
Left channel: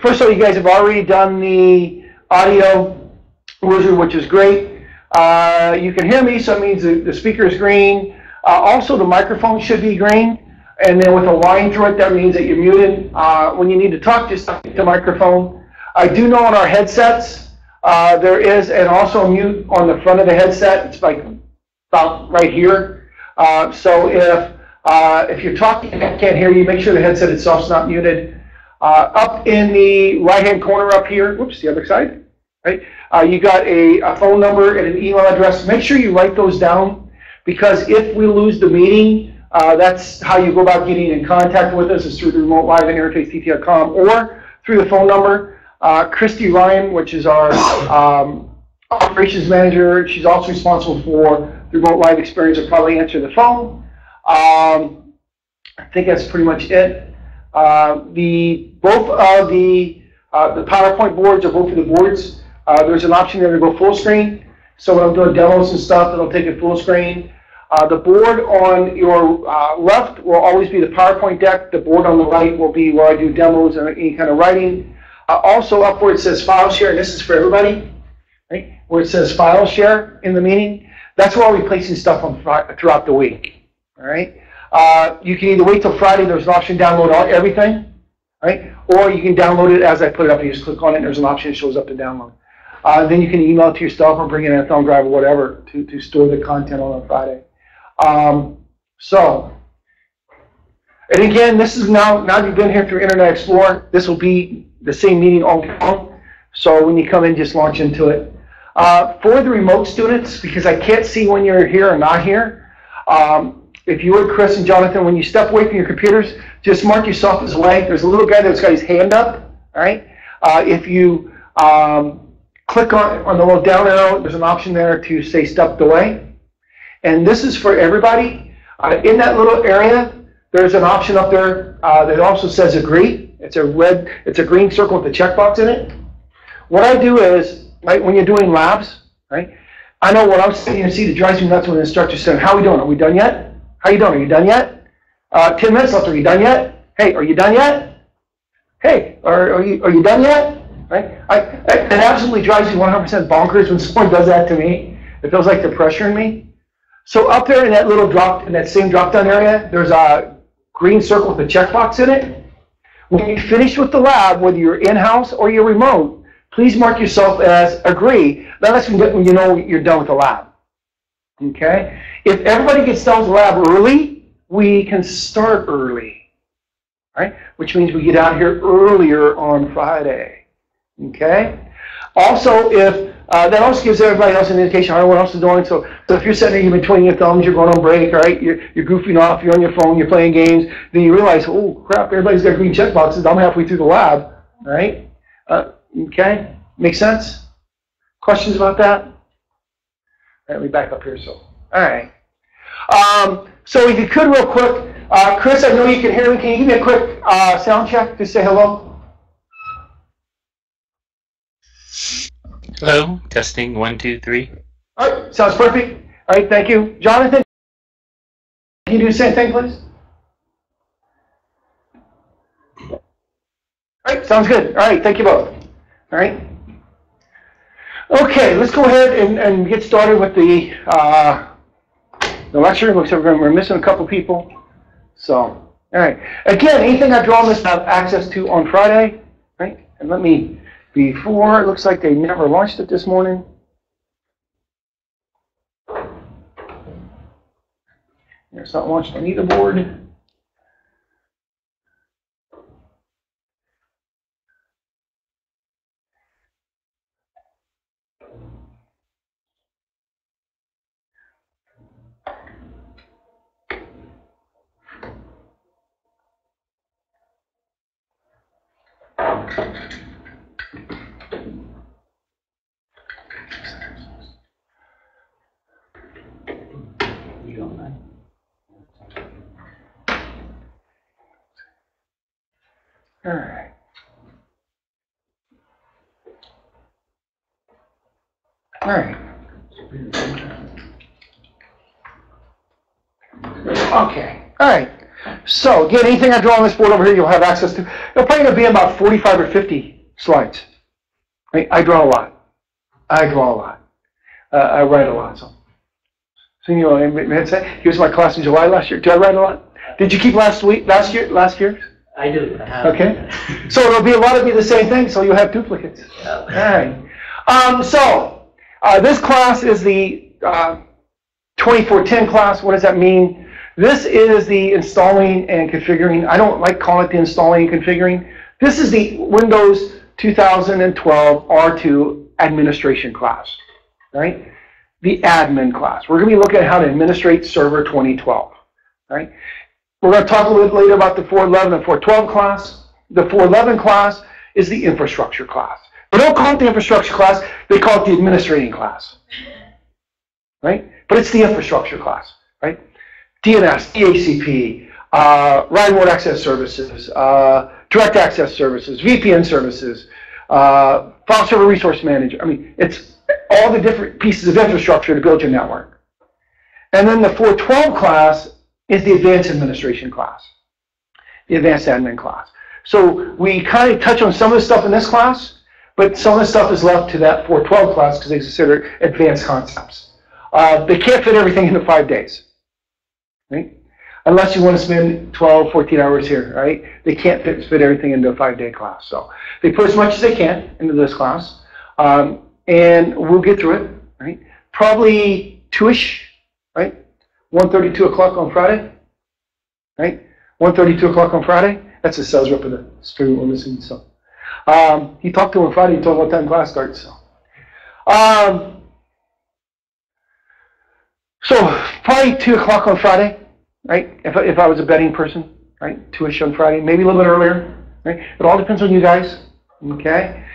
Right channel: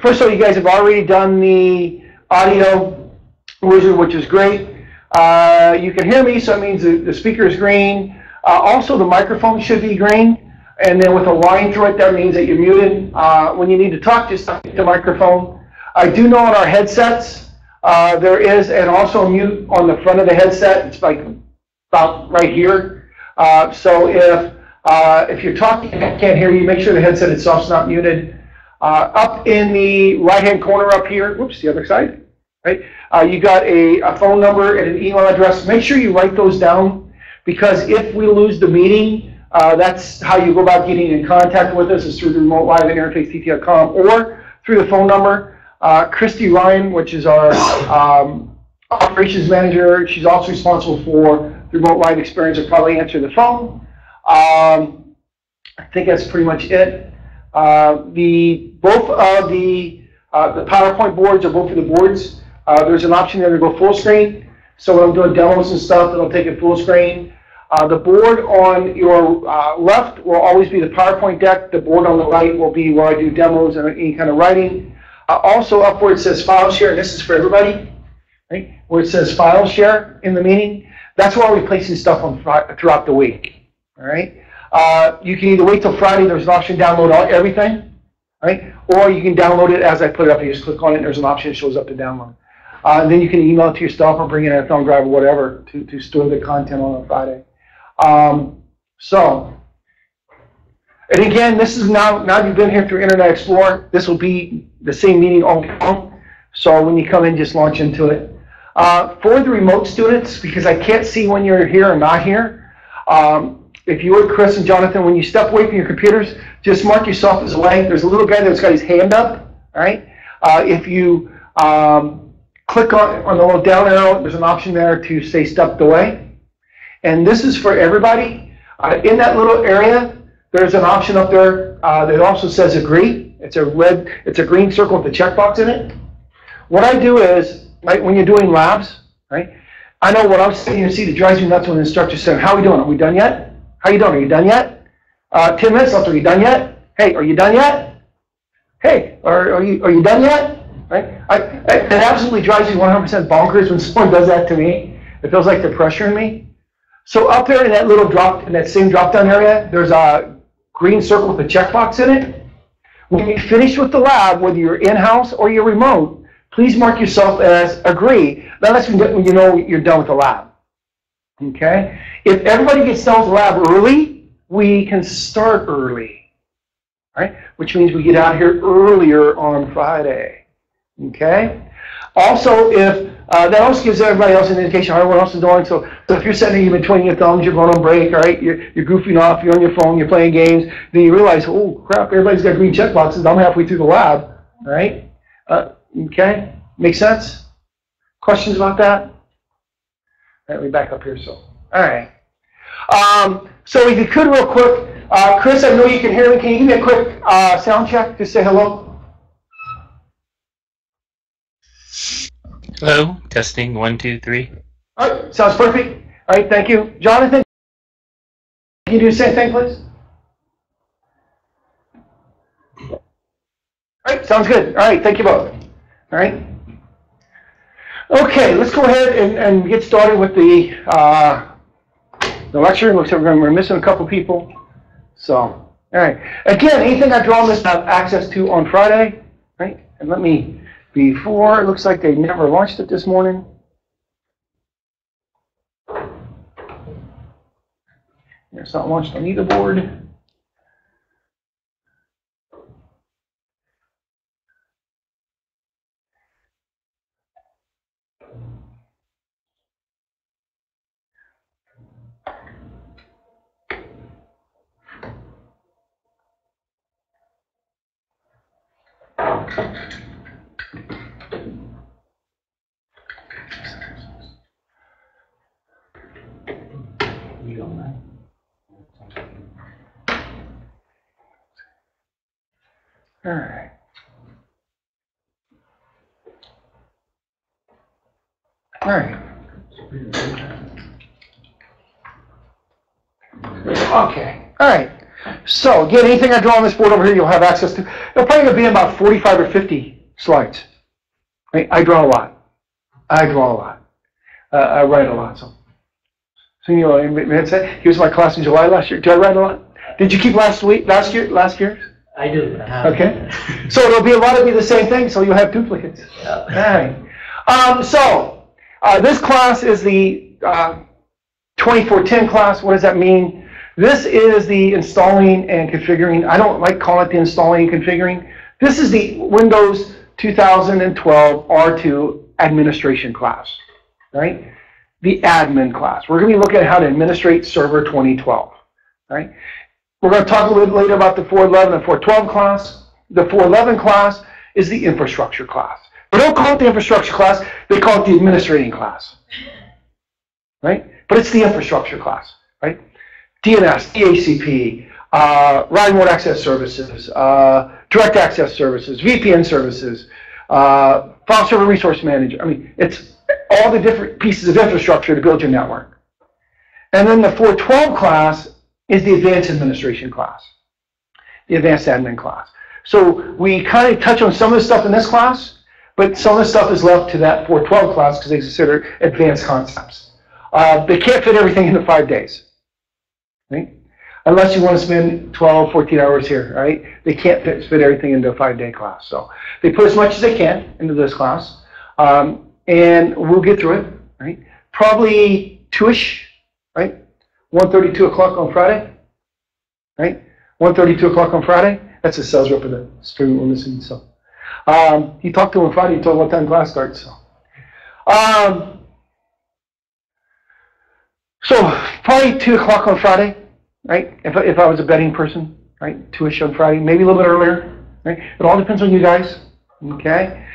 First of all, you guys have already done the audio wizard, which is great. You can hear me, so it means the speaker is green. Also, the microphone should be green. And then with a line through it, that means that you're muted. When you need to talk, just talk to the microphone. I do know on our headsets, there is also a mute on the front of the headset. It's like about right here. So if you're talking and I can't hear you, make sure the headset itself is not muted. Up in the right-hand corner up here, whoops, the other side, right? You got a phone number and an email address. Make sure you write those down, because if we lose the meeting, that's how you go about getting in contact with us, is through the remote live at interfacept.com or through the phone number. Christy Ryan, which is our operations manager, she's also responsible for the remote live experience, will probably answer the phone. I think that's pretty much it. Both of the PowerPoint boards, or both of the boards, there's an option there to go full screen. So when I'm doing demos and stuff, it'll take it full screen. The board on your left will always be the PowerPoint deck. The board on the right will be where I do demos and any kind of writing. Also up where it says file share, and this is for everybody, right? Where it says file share in the meeting, that's where we're placing stuff on throughout the week, all right? You can either wait till Friday, there's an option to download everything, right? Or you can download it as I put it up. You just click on it and there's an option that shows up to download. Then you can email it to yourself or bring it in a thumb drive or whatever to store the content on Friday. And again, this is now you've been here through Internet Explorer, this will be the same meeting all day long. So when you come in, just launch into it. For the remote students, because I can't see when you're here or not here, if you would, Chris and Jonathan, when you step away from your computers, just mark yourself as away. There's a little guy that's got his hand up, all right? If you click on the little down arrow, there's an option there to say stepped away. And this is for everybody. In that little area, there's an option up there that also says agree. It's a green circle with a checkbox in it. What I do is, right, when you're doing labs, right, I know when I'm sitting in a seat, it drives me nuts when the instructor says, how are we doing? Are we done yet? How are you doing? Are you done yet? 10 minutes left. Are you done yet? Hey, are you done yet? Hey, are you done yet? Right? It absolutely drives me 100% bonkers when someone does that to me. It feels like they're pressuring me. So up there in that little in that same drop-down area, there's a green circle with a checkbox in it. When you finish with the lab, whether you're in-house or you're remote, please mark yourself as agree. That's when you know you're done with the lab. Okay? If everybody gets done with the lab early, we can start early. Right? Which means we get out here earlier on Friday. Okay? Also, if that also gives everybody else an indication how everyone else is doing. So if you're sitting there, you've been twiddling your thumbs, you're going on break, all right? You're goofing off, you're on your phone, you're playing games, then you realize, oh crap, everybody's got green check boxes. I'm halfway through the lab, all right? Okay, make sense? Questions about that? Let me back up here. So, all right. So if you could, real quick, Chris, I know you can hear me. Can you give me a quick sound check? Just say hello. Hello, testing 1, 2, 3. All right, sounds perfect. All right, thank you. Jonathan, can you do the same thing, please? All right, sounds good. All right, thank you both. All right. Okay, let's go ahead and get started with the lecture. Looks like we're missing a couple people. So, all right. Again, anything I draw this have access to on Friday, right? And let me, before, it looks like they never launched it this morning. It's not launched on either board. All right. All right. Okay. All right. So again, anything I draw on this board over here, you'll have access to. It'll probably gonna be about 45 or 50 slides. Right? I draw a lot. I write a lot. So you know, here's my class in July last year. Did I write a lot? Did you keep last year? I do. Okay. So it'll be a lot of the same thing, so you'll have duplicates. Yep. All right. So this class is the 2410 class. What does that mean? This is the installing and configuring. I don't like calling it the installing and configuring. This is the Windows 2012 R2 administration class, right? The admin class. We're going to be looking at how to administrate Server 2012, right? We're going to talk a little later about the 411 and 412 class. The 411 class is the infrastructure class. They don't call it the infrastructure class. They call it the administrating class, right? But it's the infrastructure class, right? DNS, DHCP, remote access services, direct access services, VPN services, file server resource manager. I mean, it's all the different pieces of infrastructure to build your network. And then the 412 class is the advanced administration class, the advanced admin class. So we kind of touch on some of the stuff in this class, but some of the stuff is left to that 412 class because they consider advanced concepts. They can't fit everything into 5 days, right? Unless you want to spend 12, 14 hours here, right? They can't fit everything into a 5-day class. So they put as much as they can into this class, and we'll get through it, right? Probably 2-ish, right? 1:30, 2 o'clock on Friday, right? 1:30, 2 o'clock on Friday. That's the sales rep of the student we're missing. So he talked to him on Friday. He told him what time class starts. So probably 2 o'clock on Friday, right? If I was a betting person, right? 2-ish on Friday, maybe a little bit earlier, right? It all depends on you guys, okay?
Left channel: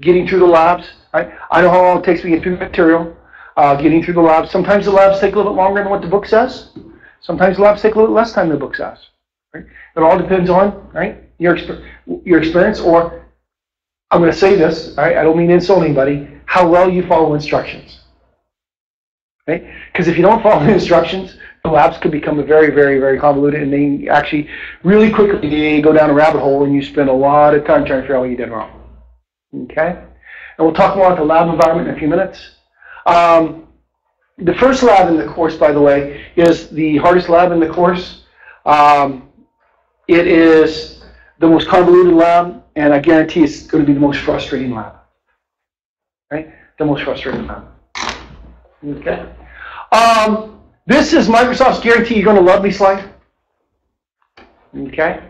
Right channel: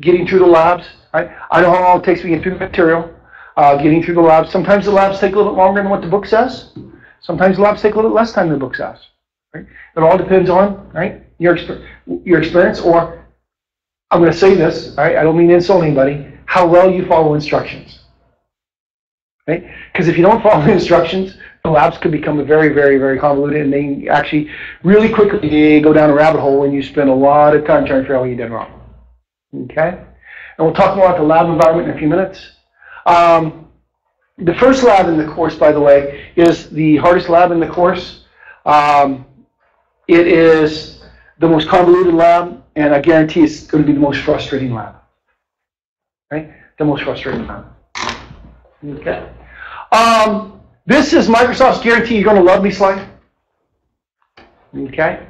Getting through the labs, right? I know how long it takes to get through the material. Getting through the labs. Sometimes the labs take a little bit longer than what the book says. Sometimes the labs take a little less time than the book says. Right? It all depends on, right, your experience, or I'm going to say this, right? I don't mean to insult anybody, how well you follow instructions. Right? Because if you don't follow the instructions, the labs could become very, very, very convoluted, and they actually really quickly go down a rabbit hole, and you spend a lot of time trying to figure out what you did wrong. Okay? And we'll talk more about the lab environment in a few minutes. The first lab in the course, by the way, is the hardest lab in the course. It is the most convoluted lab, and I guarantee it's going to be the most frustrating lab. Right? The most frustrating lab. Okay. This is Microsoft's guarantee you're going to love me slide. Okay.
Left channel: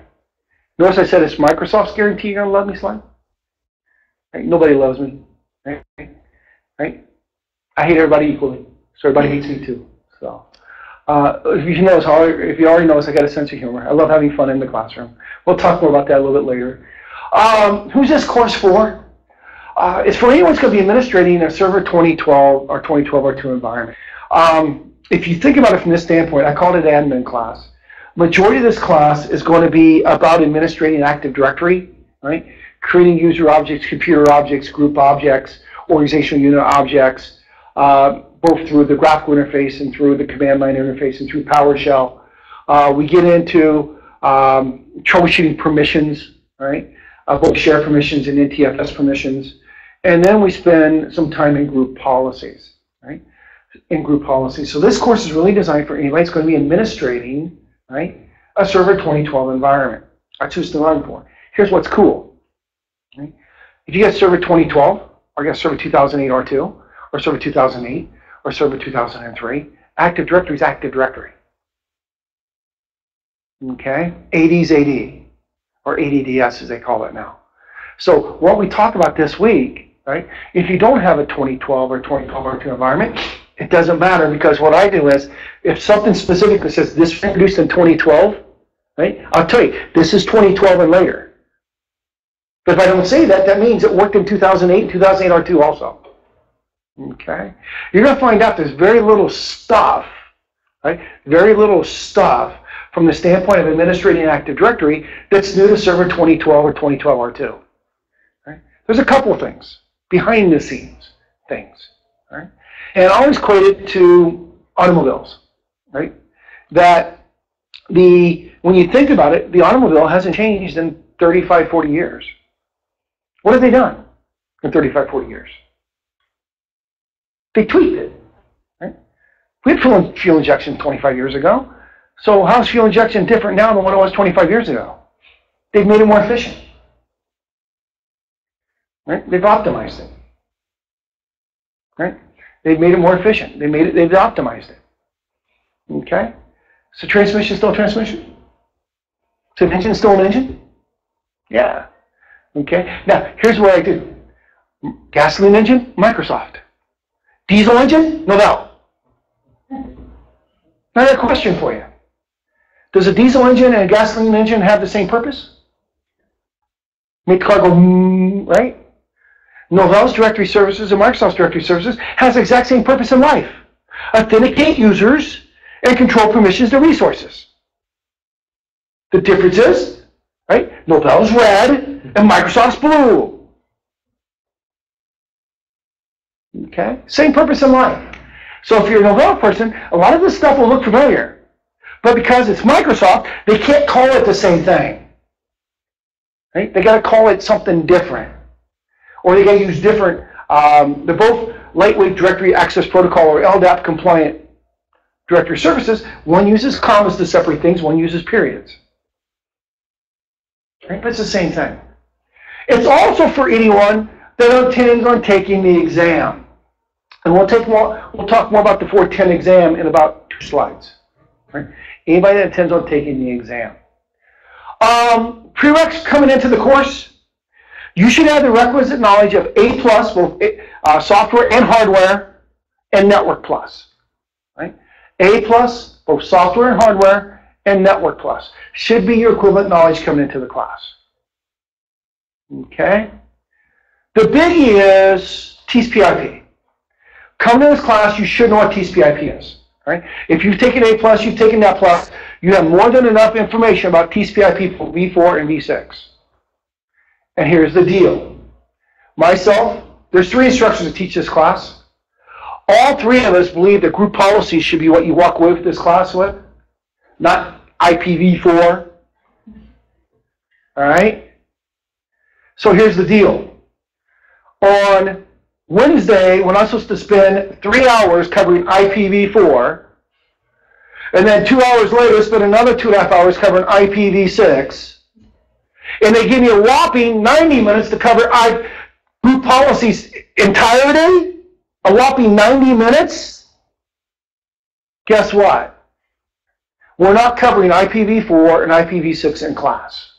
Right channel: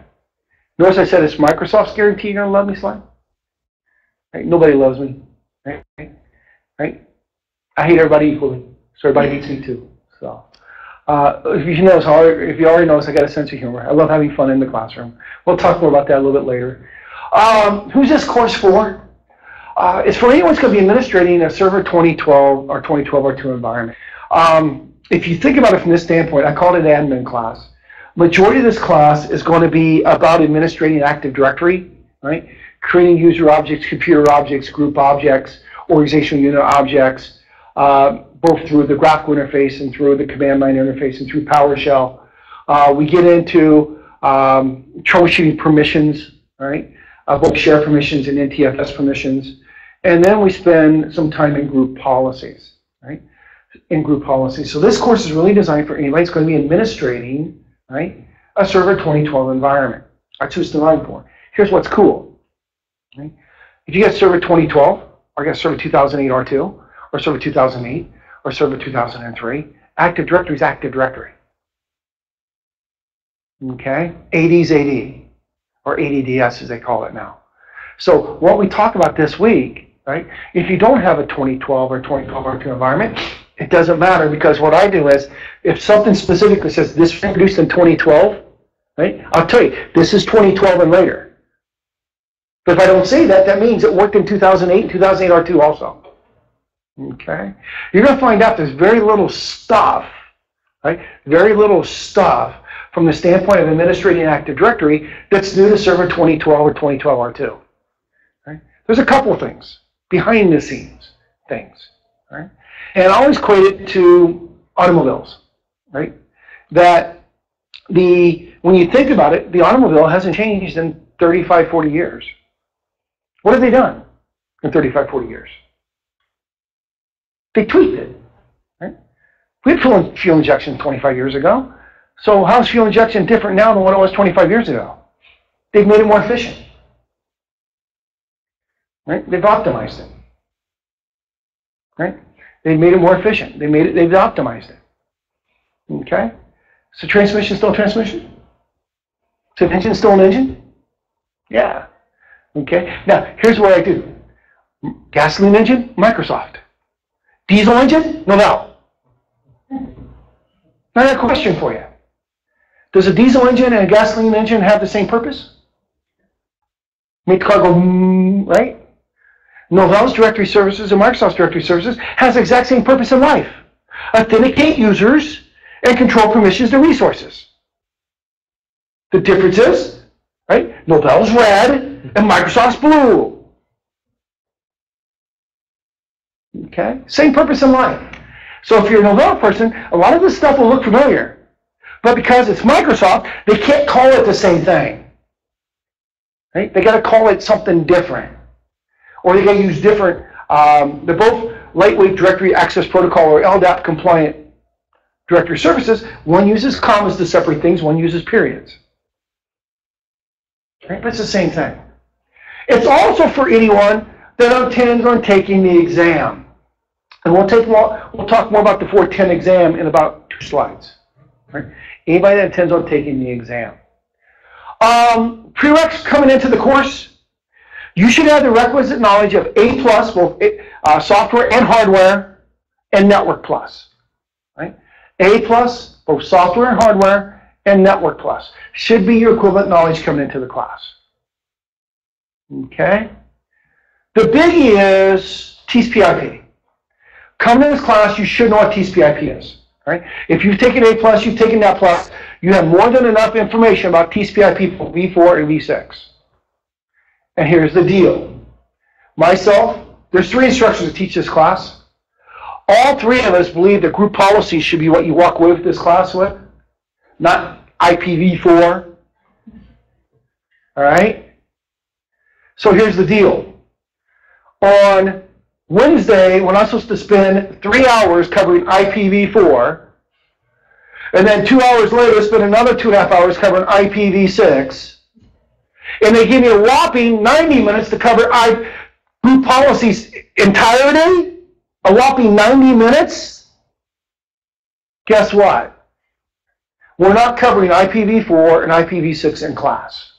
Notice I said it's Microsoft's guarantee you're going to love me slide. Right? Nobody loves me. Right? Right? I hate everybody equally, so everybody hates me too. So, if you already notice, I got a sense of humor. I love having fun in the classroom. We'll talk more about that a little bit later. Who's this course for? It's for anyone who's going to be administrating a Server 2012 or 2012 R2 environment. If you think about it from this standpoint, I call it an admin class. Majority of this class is going to be about administrating Active Directory, right? Creating user objects, computer objects, group objects, organizational unit objects, both through the graphical interface and through the command line interface and through PowerShell. We get into troubleshooting permissions, right? Both share permissions and NTFS permissions. And then we spend some time in group policies, right? In group policies. So this course is really designed for anybody that's going to be administrating, right, a Server 2012 environment. That's what it's designed for. Here's what's cool. Right? If you get Server 2012, or you get Server 2008 R2, or Server 2008, or Server 2003, Active Directory is Active Directory. Okay? AD is AD, or ADDS as they call it now. So what we talk about this week, right, if you don't have a 2012 or 2012 R2 environment, it doesn't matter, because what I do is, if something specifically says this was introduced in 2012, right, I'll tell you, this is 2012 and later. But if I don't say that, that means it worked in 2008 and 2008 R2 also. Okay? You're going to find out there's very little stuff, right, very little stuff from the standpoint of administrating Active Directory that's new to Server 2012 or 2012 R2. Right? There's a couple of things behind the scenes, things, right? And I always equate it to automobiles, right? That when you think about it, the automobile hasn't changed in 35, 40 years. What have they done in 35, 40 years? They tweaked it, right? We had fuel injection 25 years ago. So how's fuel injection different now than what it was 25 years ago? They've made it more efficient, right? They've optimized it, right? They've made it more efficient. They've optimized it, okay? So transmission still a transmission? So engine still an engine? Yeah, okay? Now, here's what I do. Gasoline engine, Microsoft. Diesel engine, Novell. Now, I got a question for you. Does a diesel engine and a gasoline engine have the same purpose? Make the car go, right? Novell's directory services and Microsoft's directory services has the exact same purpose in life. Authenticate users and control permissions to resources. The difference is, right? Novell's red and Microsoft's blue. Okay? Same purpose in life. So if you're a Novell person, a lot of this stuff will look familiar. But because it's Microsoft, they can't call it the same thing. Right? They got to call it something different. Or they got to use different, they're both lightweight directory access protocol or LDAP compliant directory services. One uses commas to separate things, one uses periods. Right? But it's the same thing. It's also for anyone that intends on taking the exam. And we'll talk more about the 410 exam in about 2 slides. Right? Anybody that intends on taking the exam. Prereqs coming into the course, you should have the requisite knowledge of A+, both software and hardware, and Network Plus. Right? A+, both software and hardware, and Network Plus. Should be your equivalent knowledge coming into the class. Okay? The biggie is TCP/IP. Coming to this class, you should know what TCP/IP is. Right? If you've taken A+, you've taken Net Plus, you have more than enough information about TCP/IP for V4 and V6. And here's the deal. Myself, there's 3 instructors that teach this class. All 3 of us believe that group policy should be what you walk away with this class with, not IPv4. All right? So here's the deal. On Wednesday, when I'm supposed to spend 3 hours covering IPv4, and then 2 hours later spend another 2.5 hours covering IPv6, and they give me a whopping 90 minutes to cover group policies entirety, a whopping 90 minutes, guess what? We're not covering IPv4 and IPv6 in class.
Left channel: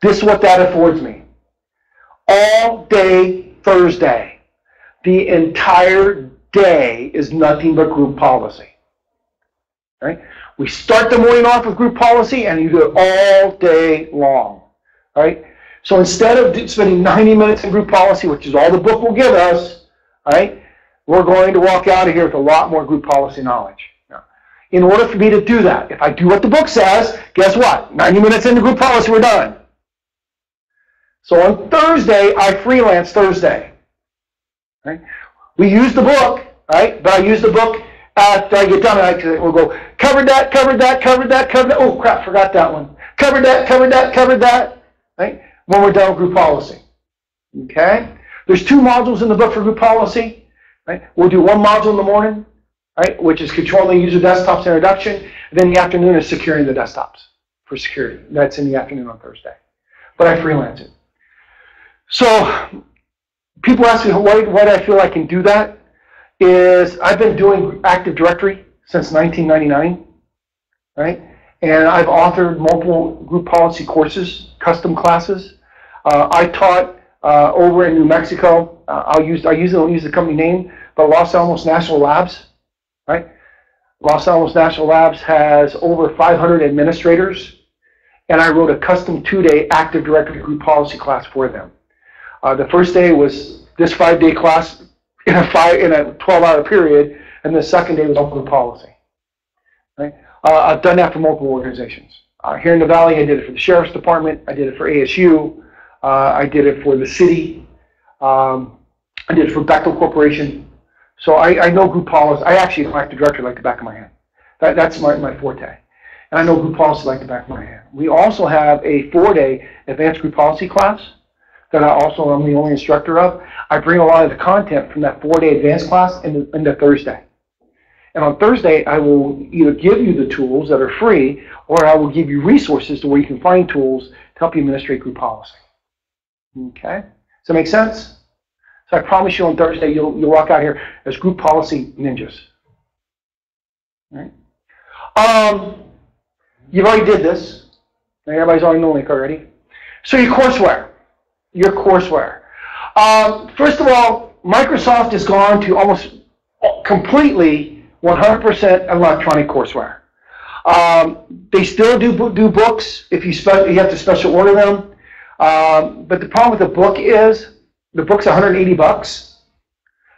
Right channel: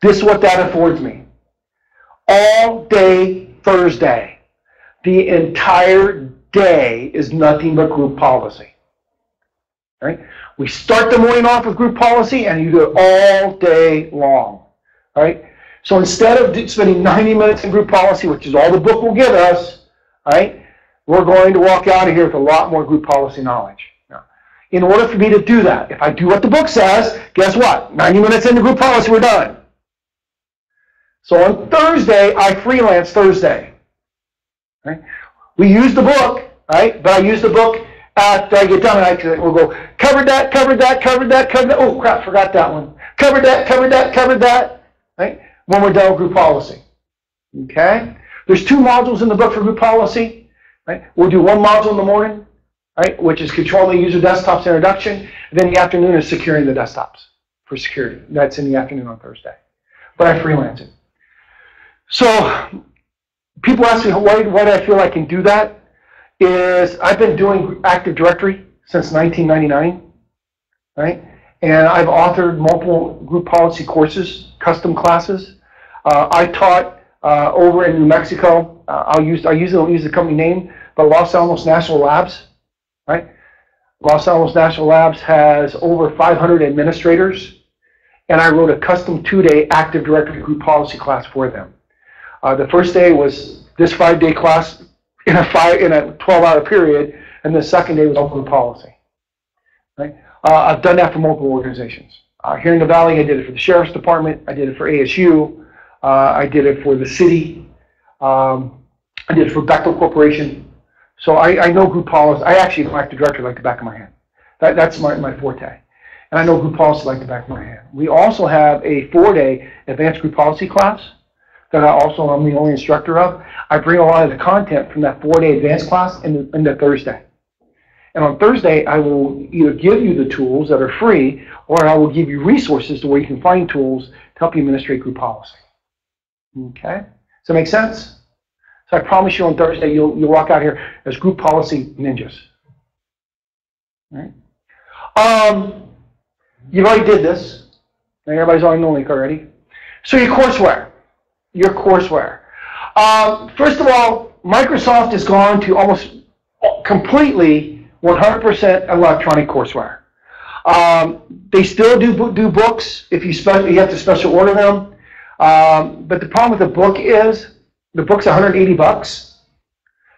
This is what that affords me. All day Thursday. The entire day is nothing but group policy. Right? We start the morning off with group policy, and you do it all day long. Right? So instead of spending 90 minutes in group policy, which is all the book will give us, right, we're going to walk out of here with a lot more group policy knowledge. Now, in order for me to do that, if I do what the book says, guess what? 90 minutes into group policy, we're done. So on Thursday, I freelance Thursday. Right? We use the book, right? But I use the book after I get done, and we'll go, covered that, covered that, covered that, covered that. Oh, crap, forgot that one. Covered that, covered that, covered that. Right? When we're done with group policy. Okay? There's 2 modules in the book for group policy. Right? We'll do 1 module in the morning, right, which is controlling the user desktops introduction. And then the afternoon is securing the desktops for security. That's in the afternoon on Thursday. But I freelance it. So people ask me why do I feel I can do that. Is I've been doing Active Directory since 1999, right? And I've authored multiple group policy courses, custom classes. I taught over in New Mexico. I usually don't use the company name, but Los Alamos National Labs, right? Los Alamos National Labs has over 500 administrators, and I wrote a custom 2-day Active Directory group policy class for them. The first day was this 5-day class in a 12-hour period, and the second day was all group policy. Right? I've done that for multiple organizations. Here in the Valley, I did it for the Sheriff's Department. I did it for ASU. I did it for the city. I did it for Bechtel Corporation. So I know group policy. I actually, like the director, like the back of my hand. That's my forte. And I know group policy like the back of my hand. We also have a 4-day advanced group policy class that I'm the only instructor of. I bring a lot of the content from that 4-day advanced class into Thursday. And on Thursday, I will either give you the tools that are free, or I will give you resources to where you can find tools to help you administrate group policy. Okay? Does that make sense? So I promise you on Thursday, you'll walk out here as group policy ninjas. All right? You already did this. Everybody's already known it already. So your courseware. First of all, Microsoft has gone to almost completely 100% electronic courseware. They still do books if you have to special order them. But the problem with the book is the book's $180.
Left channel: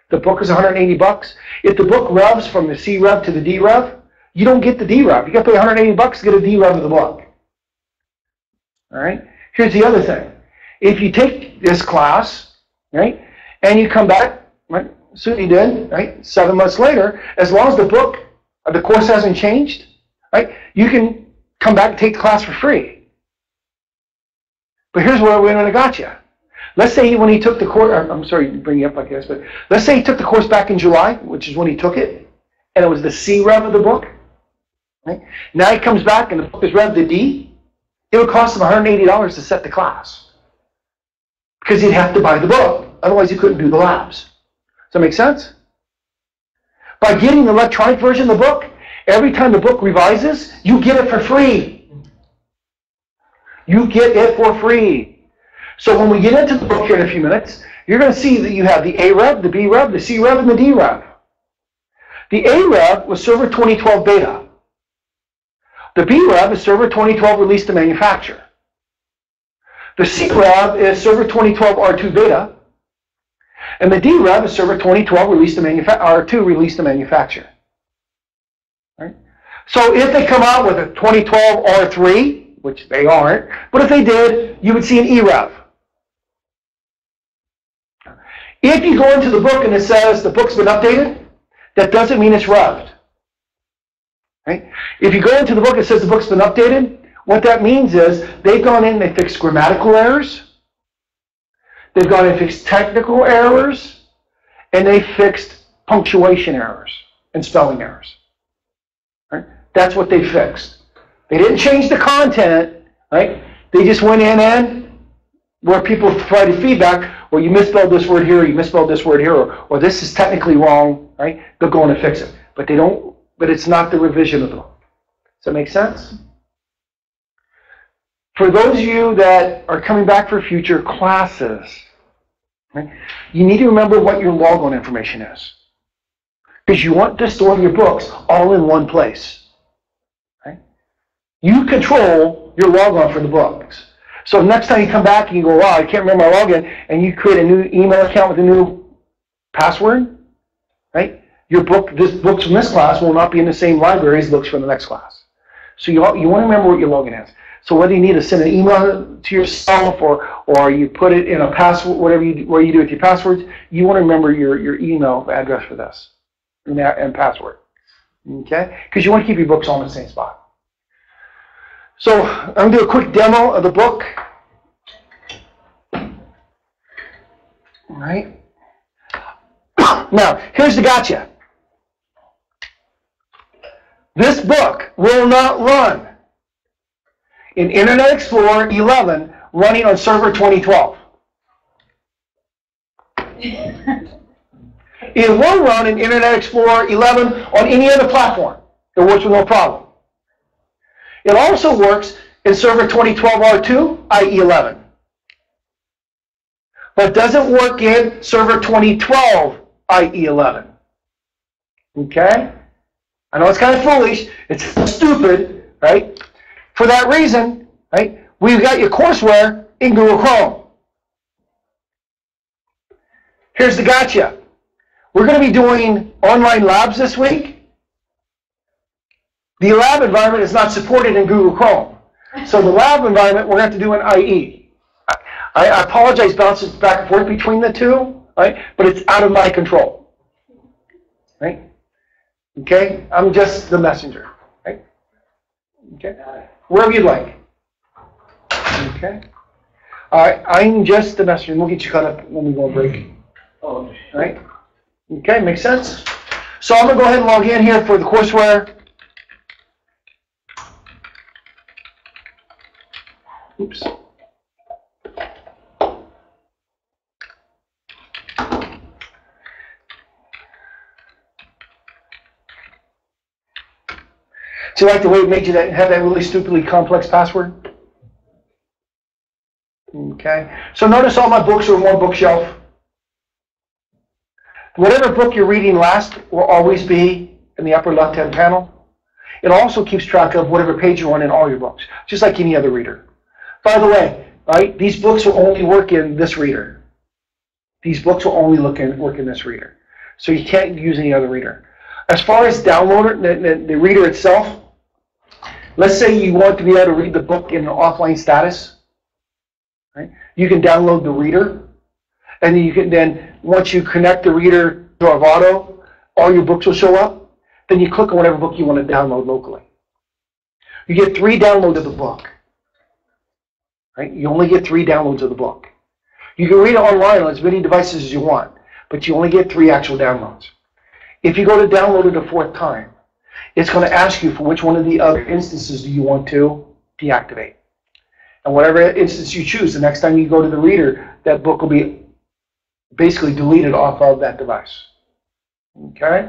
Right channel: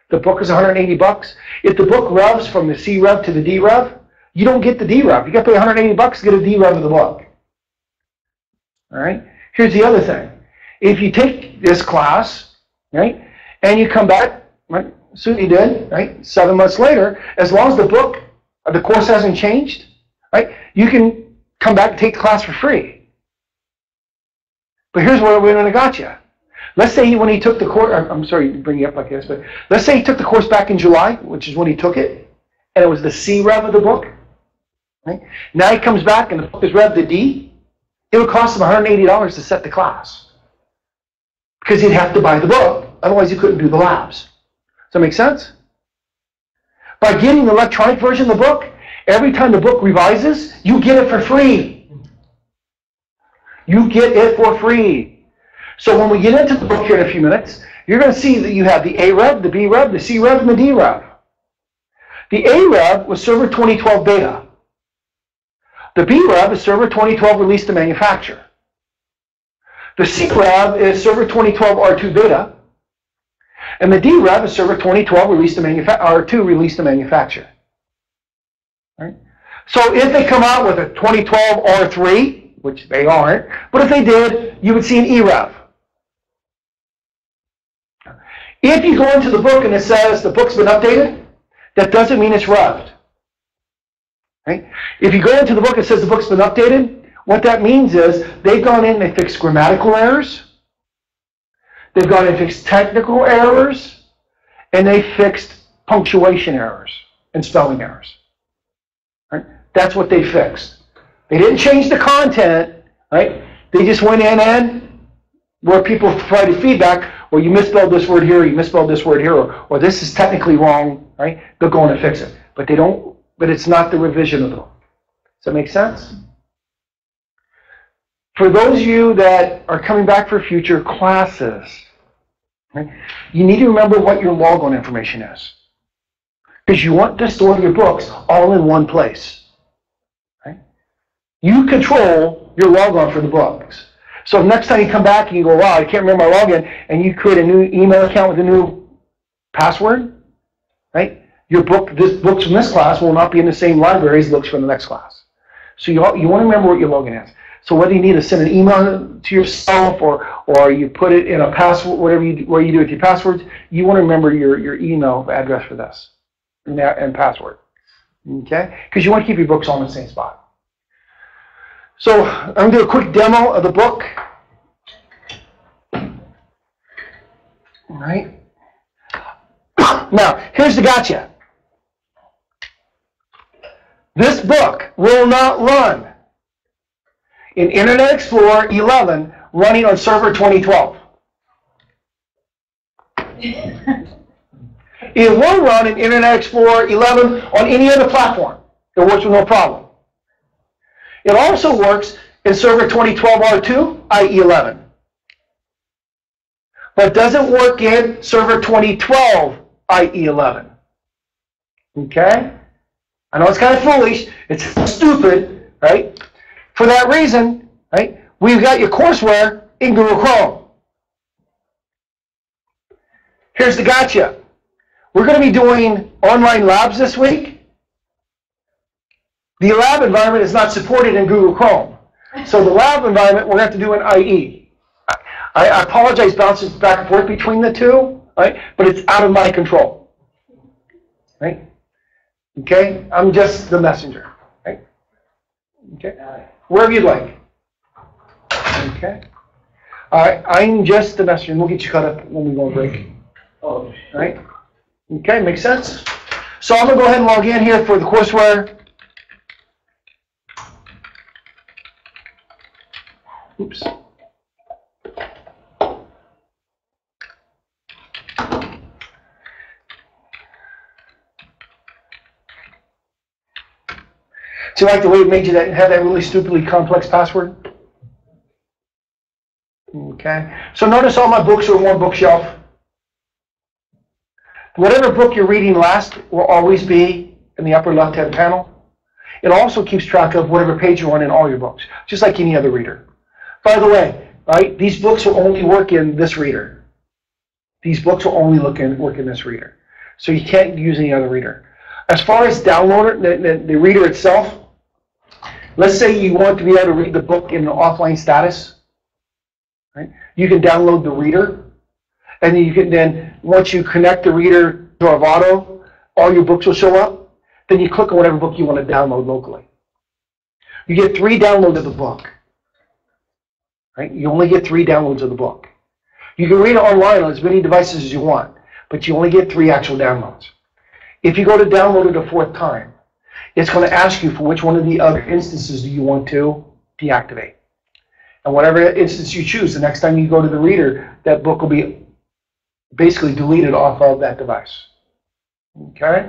The book is $180. If the book revs from the C rev to the D rev, you don't get the D rev. You got to pay $180 to get a D rev of the book. All right. Here's the other thing. If you take this class, right, and you come back, right, soon you did, right, 7 months later, as long as the course hasn't changed, right, you can come back and take the class for free. But here's where we're going to got you. Let's say when he took the course, I'm sorry to bring you up like this, but let's say he took the course back in July, which is when he took it, and it was the C rev of the book. Right? Now he comes back and the book is rev to D. It would cost him $180 to set the class. Because he'd have to buy the book. Otherwise, he couldn't do the labs. Does that make sense? By getting the electronic version of the book, every time the book revises, you get it for free. You get it for free. So when we get into the book here in a few minutes, you're going to see that you have the A rev, the B rev, the C rev, and the D rev. The A rev was Server 2012 beta. The B rev is Server 2012 released to manufacture. The C rev is Server 2012 R2 beta. And the D rev is Server 2012 released to R2 released to manufacture. Right? So if they come out with a 2012 R3, which they aren't, but if they did, you would see an E rev. If you go into the book and it says the book's been updated, that doesn't mean it's revved. Right? If you go into the book and it says the book's been updated, what that means is they've gone in and they fixed grammatical errors, they've gone in and fixed technical errors, and they fixed punctuation errors and spelling errors. Right? That's what they fixed. They didn't change the content, right? They just went in and where people provided feedback, well, you misspelled this word here, or you misspelled this word here, or this is technically wrong, right? They'll go in and fix it. But they don't, but it's not the revision of the book. Does that make sense? For those of you that are coming back for future classes, right, you need to remember what your logon information is. Because you want to store your books all in one place. Right? You control your logon for the books. So next time you come back and you go, wow, I can't remember my login, and you create a new email account with a new password, right? Your books from this class will not be in the same library as the books from the next class. So you want to remember what your login is. So whether you need to send an email to yourself or you put it in a password, whatever you do with your passwords, you want to remember your email address for this and password. Okay? Because you want to keep your books all in the same spot. So I'm going to do a quick demo of the book. All right. Now, here's the gotcha. This book will not run in Internet Explorer 11 running on Server 2012. It will run in Internet Explorer 11 on any other platform. It works with no problem. It also works in Server 2012 R2, IE 11. But it doesn't work in Server 2012 IE 11. Okay? I know it's kind of foolish. It's stupid, right? For that reason, right, we've got your courseware in Google Chrome. Here's the gotcha. We're going to be doing online labs this week. The lab environment is not supported in Google Chrome. So the lab environment we're going to have to do in IE. I apologize bouncing back and forth between the two. right? But it's out of my control, right? Okay, I'm just the messenger, right? Okay, wherever you'd like. Okay, all right, I'm just the messenger. We'll get you caught up when we go on break. Oh, All right, okay, makes sense. So I'm gonna go ahead and log in here for the courseware. Oops. Do you like the way it made you have that really stupidly complex password? Okay. So notice all my books are on one bookshelf. Whatever book you're reading last will always be in the upper left-hand panel. It also keeps track of whatever page you're on in all your books, just like any other reader. By the way, right, these books will only work in this reader. These books will only work in this reader. So you can't use any other reader. As far as downloader, the reader itself, let's say you want to be able to read the book in an offline status. Right? You can download the reader, and you can then, once you connect the reader to Avado, all your books will show up. Then you click on whatever book you want to download locally. You get 3 downloads of the book. Right? You only get 3 downloads of the book. You can read it online on as many devices as you want, but you only get 3 actual downloads. If you go to download it a 4th time, it's going to ask you for which one of the other instances do you want to deactivate. And whatever instance you choose, the next time you go to the reader, that book will be basically deleted off of that device. Okay?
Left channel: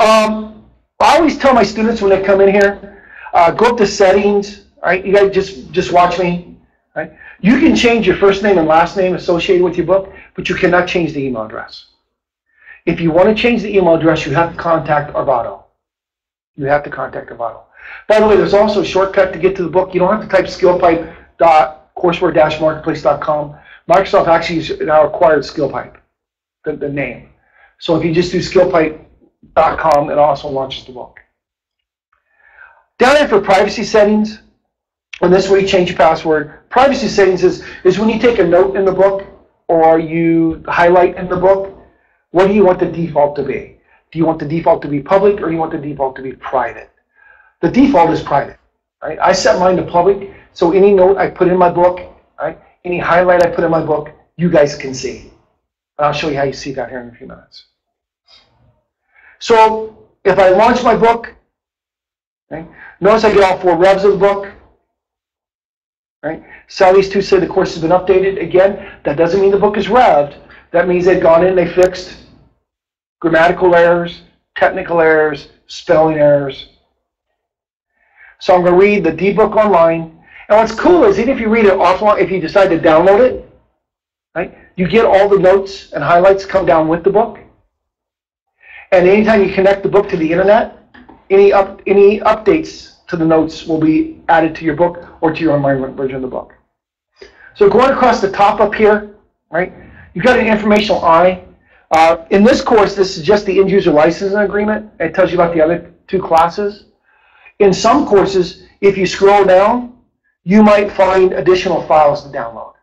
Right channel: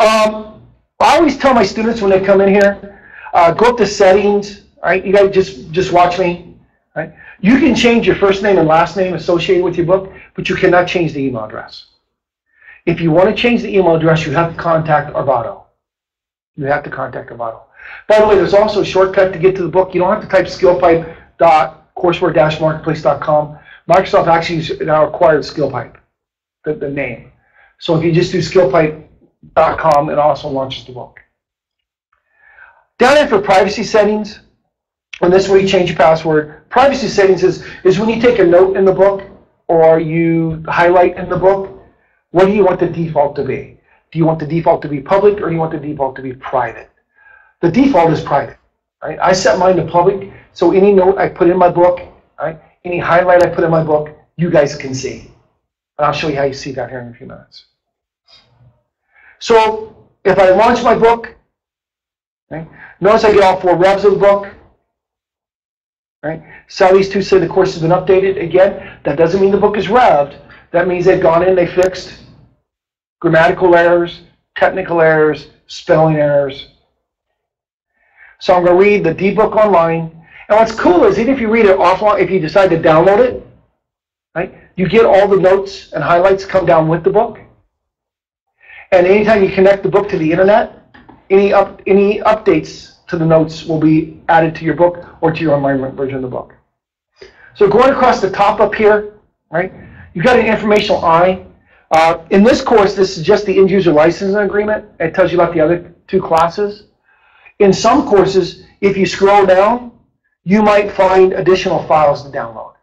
I always tell my students when they come in here, go up to settings. All right, you guys just watch me. Right? You can change your first name and last name associated with your book, but you cannot change the email address. If you want to change the email address, you have to contact Avado. You have to contact Avado. By the way, there's also a shortcut to get to the book. You don't have to type skillpipe.courseware-marketplace.com. Microsoft actually has now acquired Skillpipe, the name. So if you just do skillpipe.com, it also launches the book. Down there for privacy settings, and this is where you change your password. Privacy settings is when you take a note in the book or you highlight in the book, what do you want the default to be? Do you want the default to be public or do you want the default to be private? The default is private. Right? I set mine to public, so any note I put in my book, right, any highlight I put in my book, you guys can see. And I'll show you how you see that here in a few minutes. So if I launch my book, right, notice I get all 4 revs of the book. Right? Sally's 2 say the course has been updated. Again, that doesn't mean the book is revved. That means they've gone in, they fixed grammatical errors, technical errors, spelling errors. So I'm going to read the D-book online. And what's cool is even if you read it offline, if you decide to download it, right, you get all the notes and highlights come down with the book. And anytime you connect the book to the internet, any updates to the notes will be added to your book or to your online version of the book. So going across the top up here, right, you've got an informational I. In this course, this is just the end-user licensing agreement. It tells you about the other 2 classes. In some courses, if you scroll down, you might find additional files to download.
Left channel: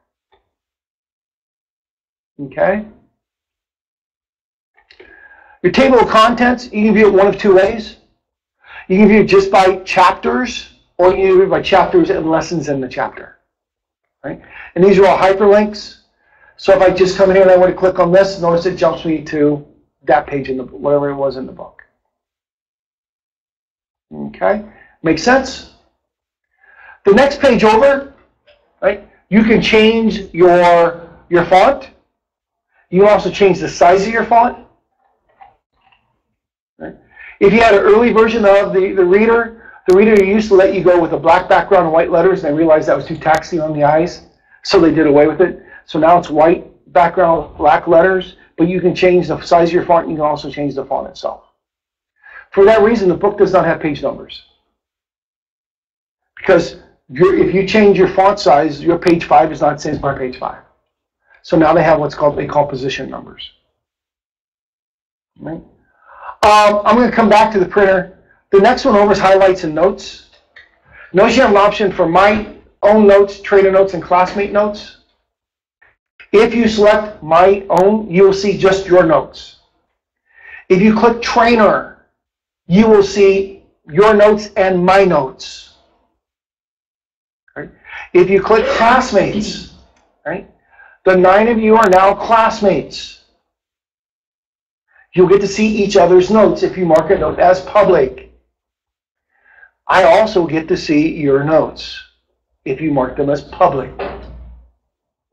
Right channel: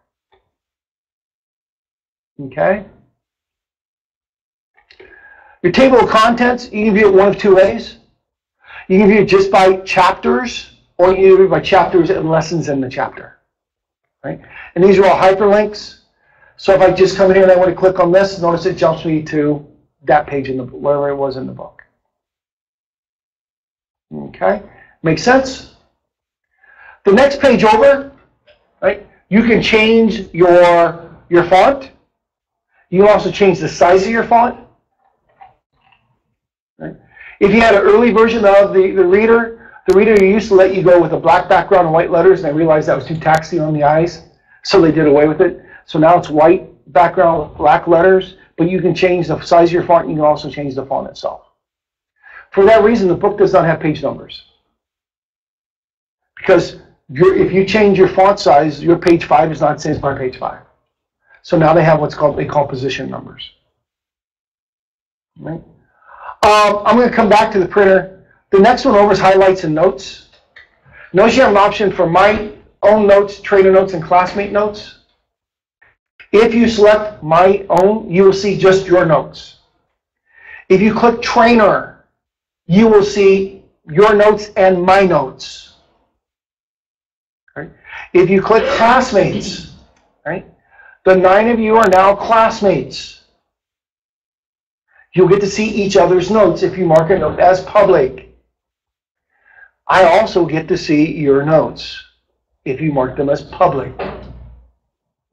Okay? Your table of contents, you can view it one of 2 ways. You can view it just by chapters, or you can view it by chapters and lessons in the chapter. Right? And these are all hyperlinks. So if I just come in here and I want to click on this, notice it jumps me to that page in the wherever it was in the book. Okay? Makes sense? The next page over, right? You can change your font. You can also change the size of your font. Right? If you had an early version of the reader used to let you go with a black background and white letters, and they realized that was too taxing on the eyes, so they did away with it. So now it's white background, black letters, but you can change the size of your font, and you can also change the font itself. For that reason, the book does not have page numbers. Because if you change your font size, your page 5 is not the same as my page 5. So now they have they call position numbers. Right? I'm going to come back to the printer. The next one over is highlights and notes. Notice you have an option for my own notes, trainer notes, and classmate notes. If you select My Own, you will see just your notes. If you click Trainer, you will see your notes and my notes. Right? If you click Classmates, right, the 9 of you are now classmates. You'll get to see each other's notes if you mark a note as public. I also get to see your notes if you mark them as public.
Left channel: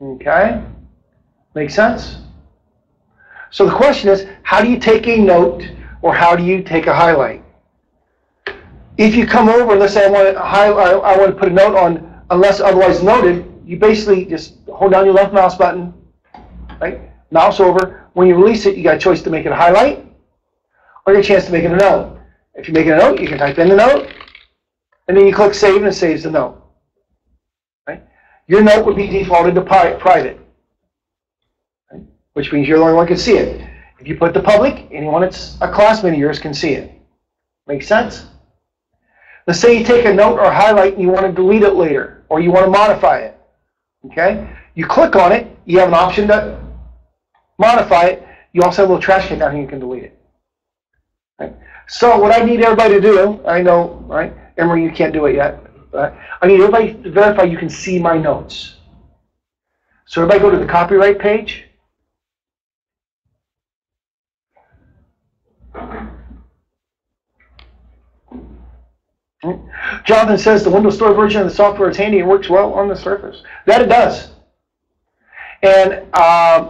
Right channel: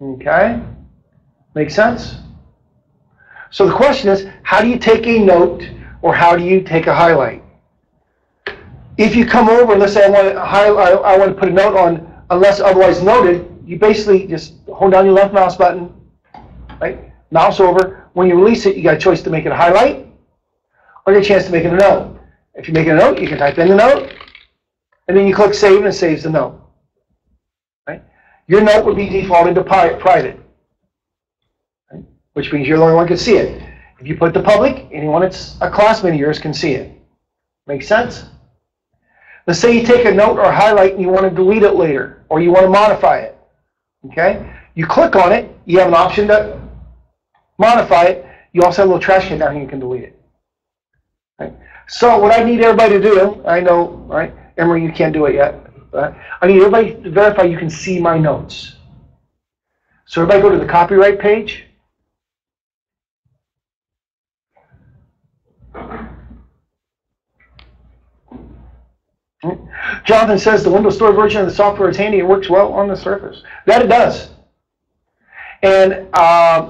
Okay? Make sense? So the question is, how do you take a note or how do you take a highlight? If you come over, let's say I want to put a note on unless otherwise noted, you basically just hold down your left mouse button, right? Mouse over. When you release it, you got a choice to make it a highlight or a chance to make it a note. If you make it a note, you can type in the note, and then you click Save, and it saves the note. Right? Your note would be defaulted to private, right? Which means you're the only one who can see it. If you put it to public, anyone that's a classmate of yours can see it. Make sense? Let's say you take a note or highlight and you want to delete it later, or you want to modify it. Okay? You click on it, you have an option to modify it. You also have a little trash can down here, you can delete it. Right? So what I need everybody to do, I know, right? Emery, you can't do it yet, but I need everybody to verify you can see my notes. So everybody go to the copyright page. Jonathan says the Windows Store version of the software is handy and works well on the Surface. That it does. And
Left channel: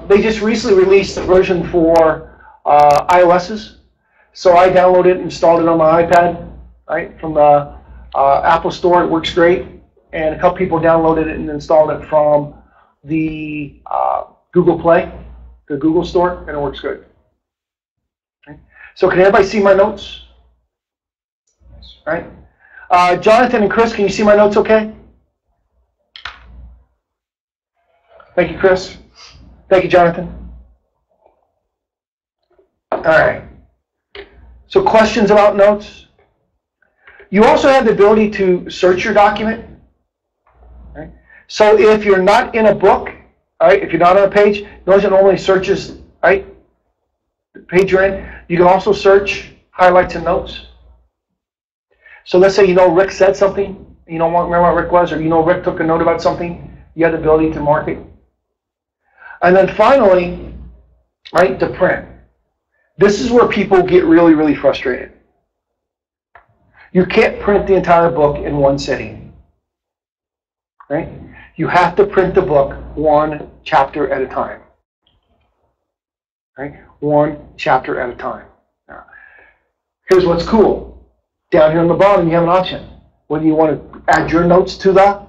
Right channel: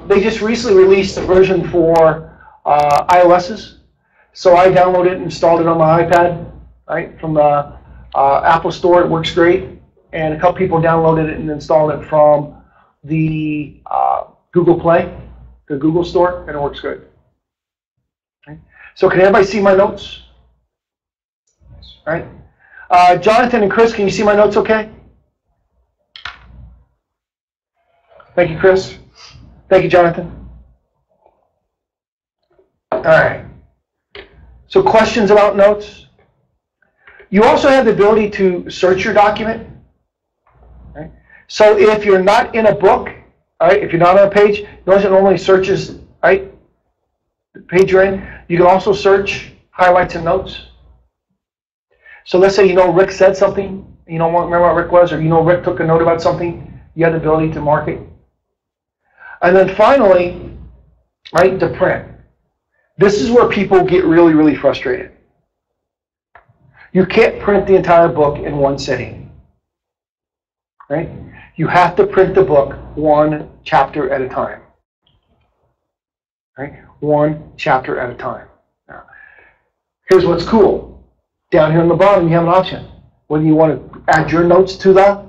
they just recently released a version for iOS's. So I downloaded it and installed it on my iPad, right, from the Apple Store. It works great. And a couple people downloaded it and installed it from the Google Play, the Google Store, and it works good. Okay. So can everybody see my notes? All right. Jonathan and Chris, can you see my notes okay? Thank you, Chris. Thank you, Jonathan. All right. So questions about notes? You also have the ability to search your document. Right? So if you're not in a book, all right, if you're not on a page, notice it normally searches, right, the page you're in. You can also search highlights and notes. So let's say you know Rick said something, you don't remember what Rick was, or you know Rick took a note about something, you have the ability to mark it. And then finally, right, to print. This is where people get really, really frustrated. You can't print the entire book in one sitting. Right? You have to print the book one chapter at a time. Right? One chapter at a time. Now, here's what's cool. Down here on the bottom, you have an option. Whether you want to add your notes to the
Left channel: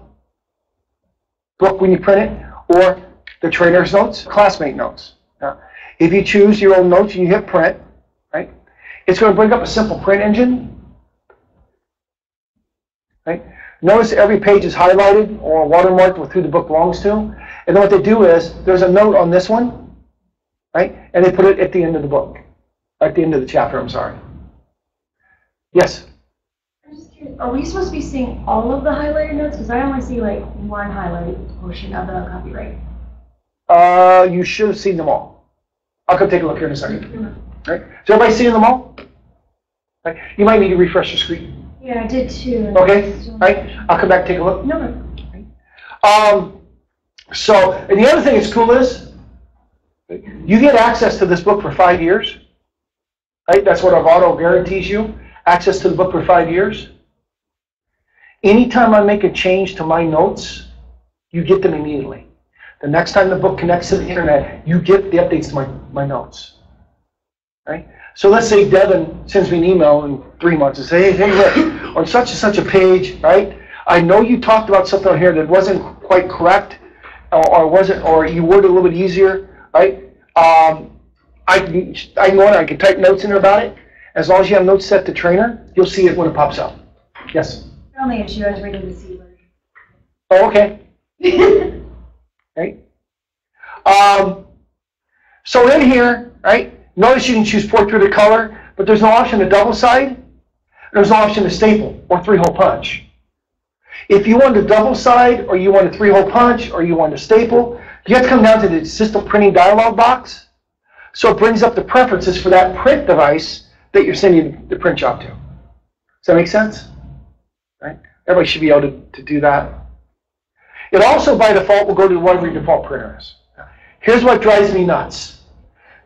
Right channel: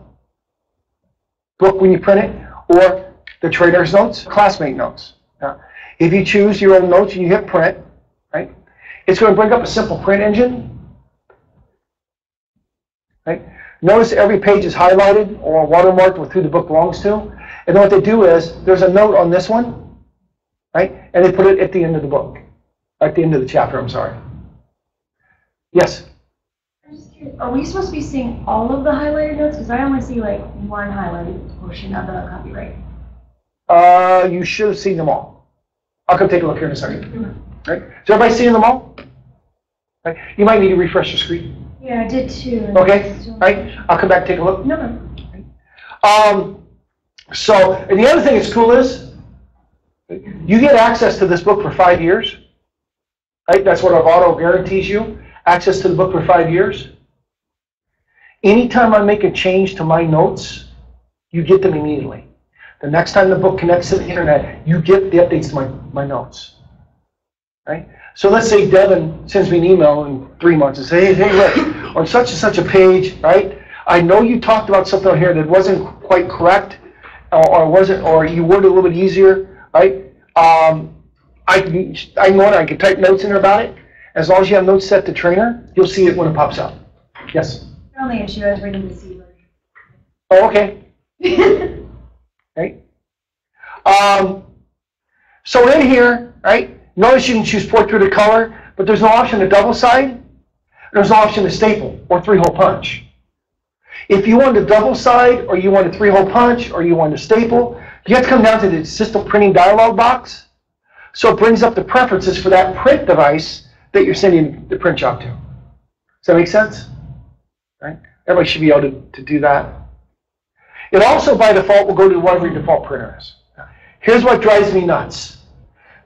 book when you print it, or the trainer's notes, classmate notes. Now, if you choose your own notes and you hit print, right, it's going to bring up a simple print engine. Right? Notice every page is highlighted or watermarked with who the book belongs to. And then what they do is, there's a note on this one, right, and they put it at the end of the book, at the end of the chapter, I'm sorry. Yes? I'm just curious, are we supposed to be seeing all of the highlighted notes? Because I only see like one highlighted portion of the copyright. You should have seen them all. I'll come take a look here in a second. Right? Is everybody seeing them all? Right? You might need to refresh your screen. Yeah, I did too. Okay, all right. I'll come back and take a look. No. So, and the other thing that's cool is, you get access to this book for 5 years. Right? That's what Avado guarantees you. Access to the book for 5 years. Anytime I make a change to my notes, you get them immediately. The next time the book connects to the internet, you get the updates to my notes. Right? So let's say Devin sends me an email in 3 months and says, hey, Rick, on such and such a page, right? I know you talked about something on here that wasn't quite correct, or you worded a little bit easier, right? I can type notes in there about it. As long as you have notes set to trainer, you'll see it when it pops up. Yes? The only issue I was reading the C version. Oh, okay. Right? So in here, right, notice you can choose portrait or color, but there's no option to double side. There's no option to staple or 3-hole punch. If you want to double side, or you want a 3-hole punch, or you want to staple, You have to come down to the system printing dialog box. So it brings up the preferences for that print device that you're sending the print job to. Does that make sense? Right? Everybody should be able to do that. It also, by default, will go to whatever your default printer is. Here's what drives me nuts.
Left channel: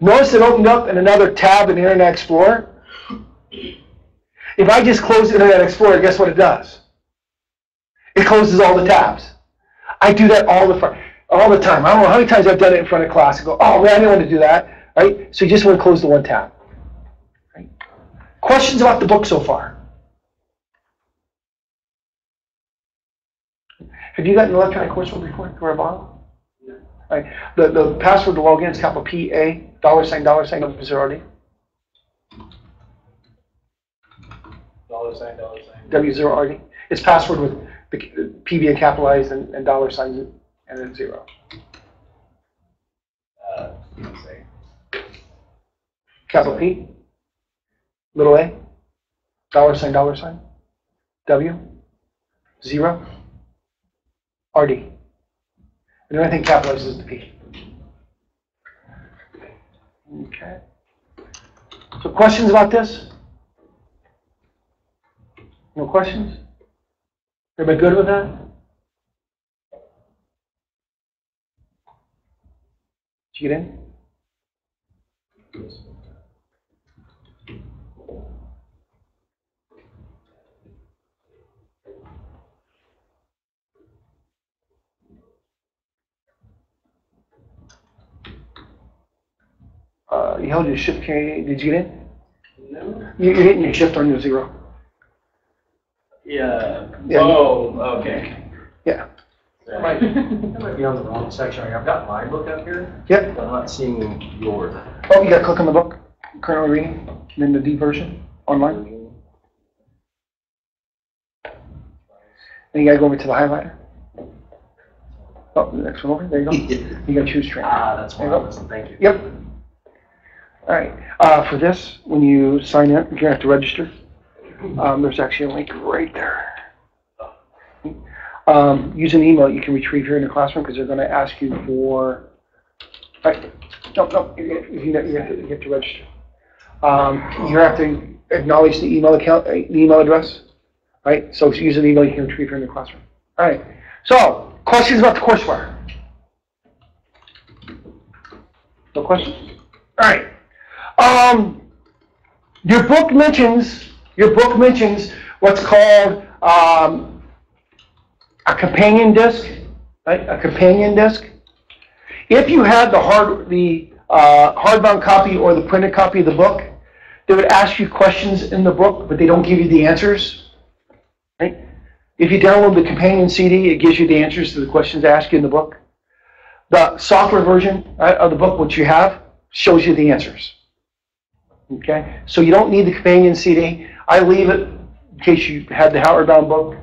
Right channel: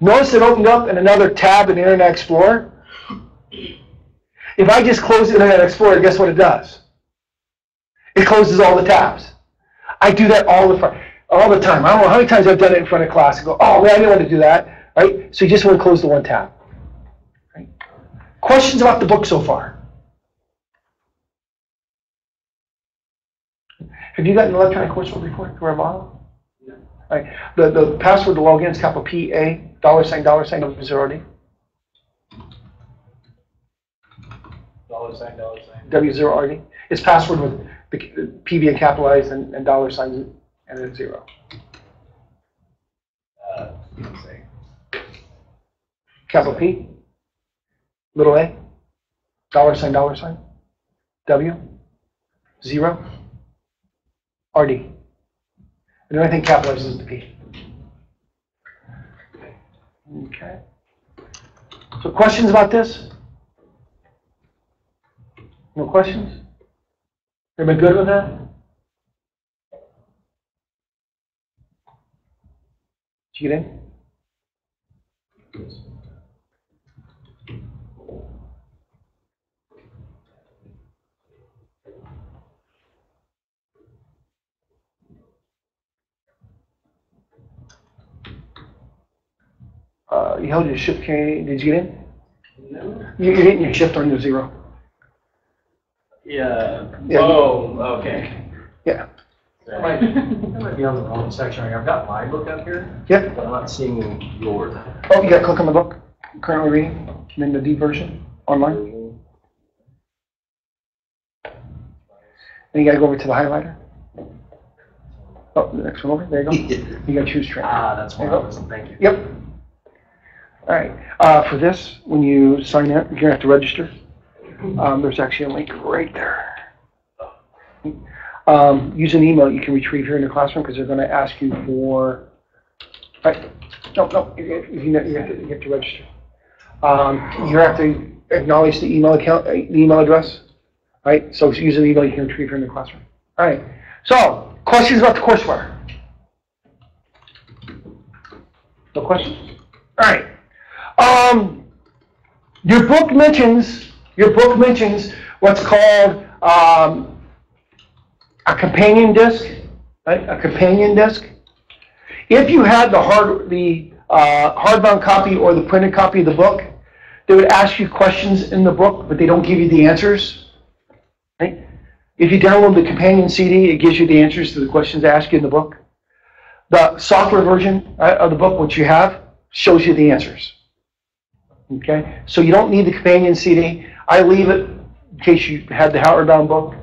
Notice it opened up in another tab in Internet Explorer. If I just close Internet Explorer, guess what it does? It closes all the tabs. I do that all the time. I don't know how many times I've done it in front of class. I go, oh man, I didn't want to do that. Right? So you just want to close the one tab. Right? Questions about the book so far? Have you gotten an electronic coursework report to our bottom? No. Right. The password to log in is capital PA, $, $0, W0RD. It's password with the P being capitalized and $, and then 0. Capital P, little a, $, W, 0, RD. And the only thing capitalized is the P. Okay. So questions about this? No questions? Everybody good with that? Did you get in? You held your shift key. Did you get in? No. You're hitting your shift on your 0. Yeah. Yeah. Oh, okay. Yeah. I might be on the wrong section. I've got my book up here. Yep. But I'm not seeing yours. Oh, you got to click on the book. Currently reading. And then the D version online. And you got to go over to the highlighter. Oh, the next one over. There you go. You got to choose train. Ah, that's There why you I go. wasn't. Thank you. Yep. All right. For this, when you sign in, you're going to have to register. There's actually a link right there. Use an email you can retrieve here in the classroom because they're going to ask you for. Right. No. You have to register. You have to acknowledge the email account, the email address. Right. So use an email you can retrieve here in the classroom. All right. So questions about the courseware? No questions. All right. Your book mentions what's called a companion disc, right? A companion disc. If you had the hardbound copy or the printed copy of the book, they would ask you questions in the book, but they don't give you the answers. Right? If you download the companion CD, it gives you the answers to the questions they ask you in the book. The software version of the book, which you have, shows you the answers. Okay, so you don't need the companion CD. I leave it in case you had the hardbound book.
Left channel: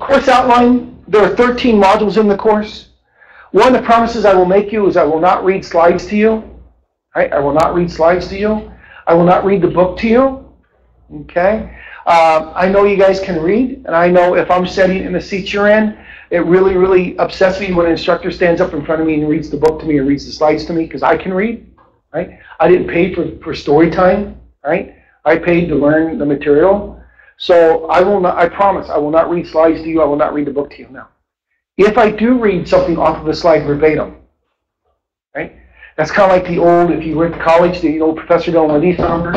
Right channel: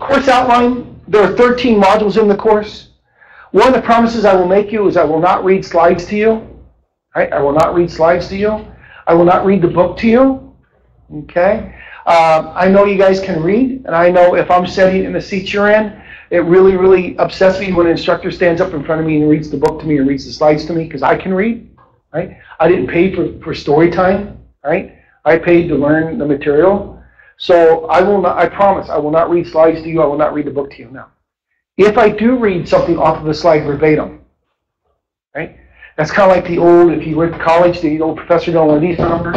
Course outline, there are 13 modules in the course. One of the promises I will make you is I will not read slides to you. Right? I will not read slides to you. I will not read the book to you. Okay? I know you guys can read, and I know if I'm sitting in the seat you're in, it really, really upsets me when an instructor stands up in front of me and reads the book to me and reads the slides to me because I can read. Right? I didn't pay for story time, right? I paid to learn the material. So I will not, I promise, I will not read slides to you. I will not read the book to you now. If I do read something off of the slide verbatim, right? That's kind of like the old, if you went to college, the old professor doing one of these numbers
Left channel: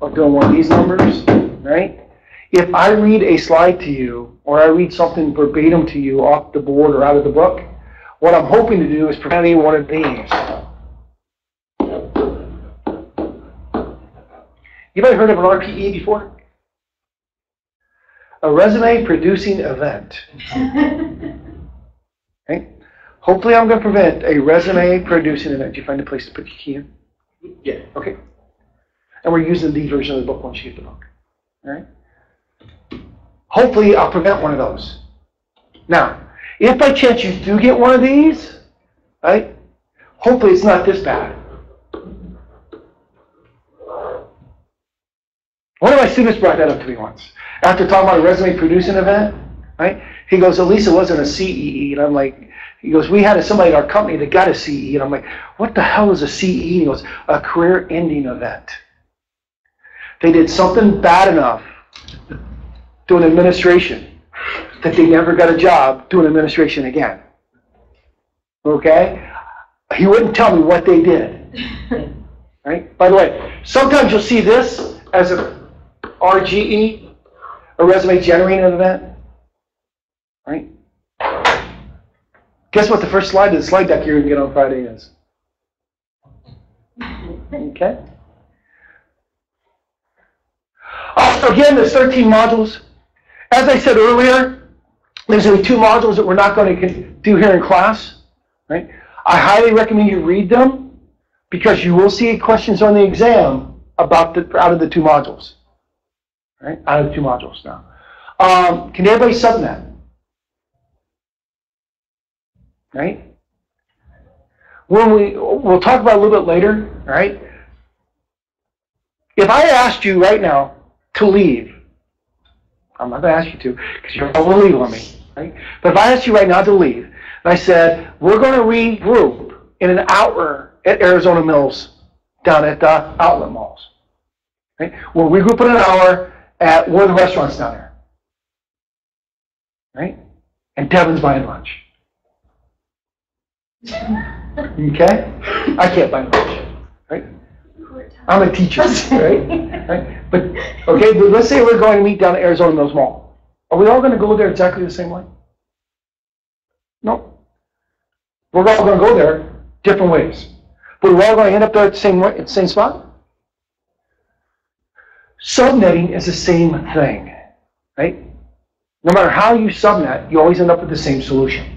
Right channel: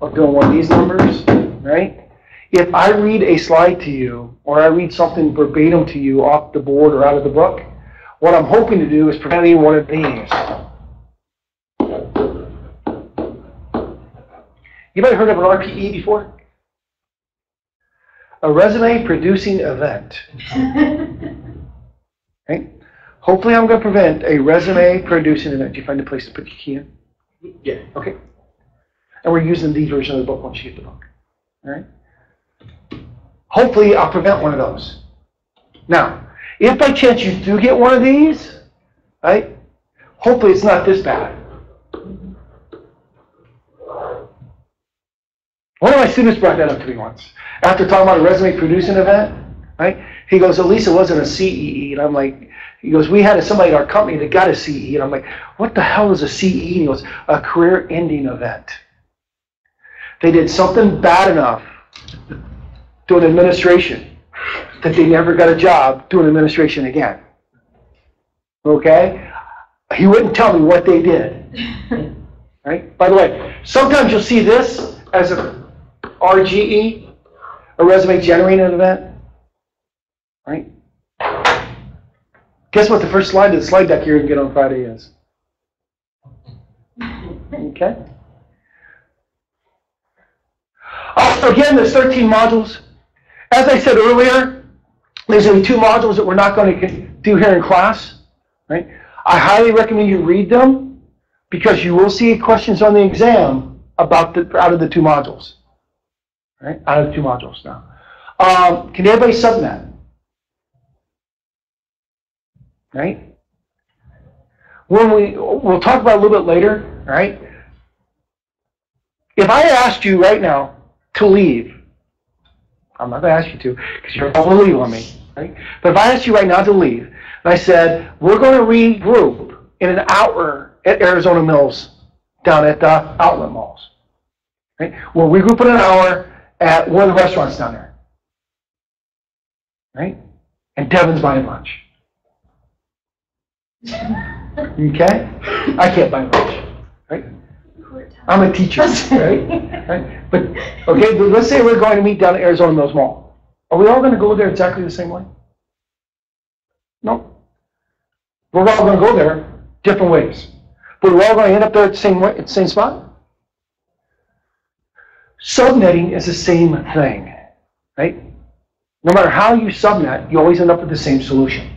or doing one of these numbers, right? If I read a slide to you or I read something verbatim to you off the board or out of the book, what I'm hoping to do is prevent any one of these. You ever heard of an RPE before? A resume producing event. Okay? Hopefully I'm going to prevent a resume producing event. Did you find a place to put your key in? Yeah. Okay. And we're using the version of the book once you get the book. All right? Hopefully I'll prevent one of those. Now, if by chance you do get one of these, right? Hopefully it's not this bad. One of my students brought that up to me once. After talking about a resume producing event, right? He goes, at least it wasn't a CEE. And I'm like, He goes, we had somebody in our company that got a CE, and I'm like, what the hell is a CE? He goes, a career-ending event. They did something bad enough doing administration that they never got a job doing administration again. Okay? He wouldn't tell me what they did. Right? By the way, sometimes you'll see this as a RGE, a resume generating event. Right? Guess what the first slide of the slide deck you're going to get on Friday is? Okay? Again, there's 13 modules. As I said earlier, there's only 2 modules that we're not going to do here in class. Right? I highly recommend you read them because you will see questions on the exam about out of the 2 modules. Right? Out of the 2 modules now. Can everybody subnet? Right? We'll talk about it a little bit later, right? If I asked you right now to leave, I'm not going to ask you to because you're going to leave on me, right? But if I asked you right now to leave, and I said, we're going to regroup in an hour at Arizona Mills down at the outlet malls, right? We'll regroup in an hour at one of the restaurants down there, right? And Devin's buying lunch. Okay? I can't buy lunch, right? I'm a teacher, right? But, okay, but let's say we're going to meet down at Arizona Mills Mall. Are we all going to go there exactly the same way? No. We're all going to go there different ways. But we're all going to end up there at the same spot? Subnetting is the same thing, right? No matter how you subnet, you always end up with the same solution.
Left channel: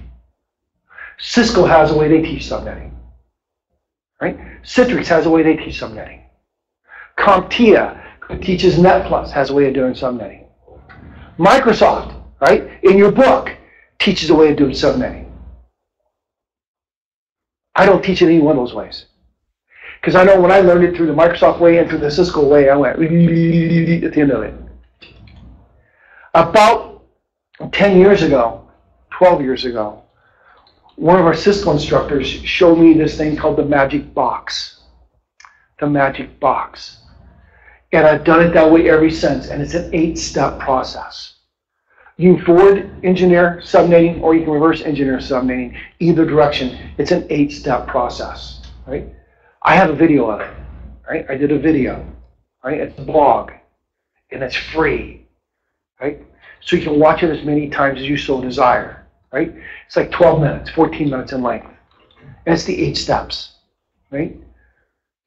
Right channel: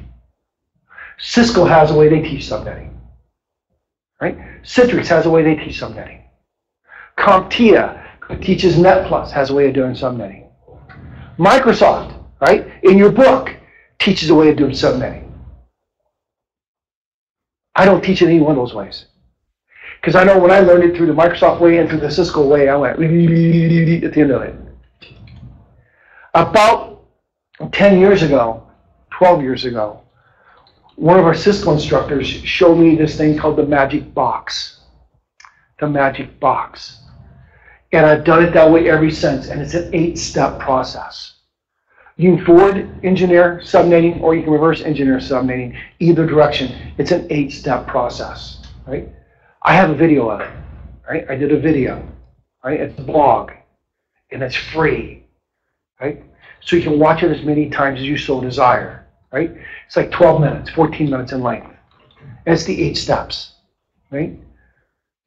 Cisco has a way they teach subnetting, right? Citrix has a way they teach subnetting. CompTIA, who teaches NetPlus, has a way of doing subnetting. Microsoft, right, in your book, teaches a way of doing subnetting. I don't teach it any one of those ways. Because I know when I learned it through the Microsoft way and through the Cisco way, I went at the end of it. About 10 years ago, 12 years ago, one of our Cisco instructors showed me this thing called the magic box. The magic box. And I've done it that way ever since, and it's an 8-step process. You can forward engineer subnetting, or you can reverse engineer subnetting. Either direction, it's an 8-step process, right? I have a video of it, right? I did a video, right? It's a blog, and it's free, right? So you can watch it as many times as you so desire, right? It's like 12 minutes, 14 minutes in length. And it's the 8 steps, right?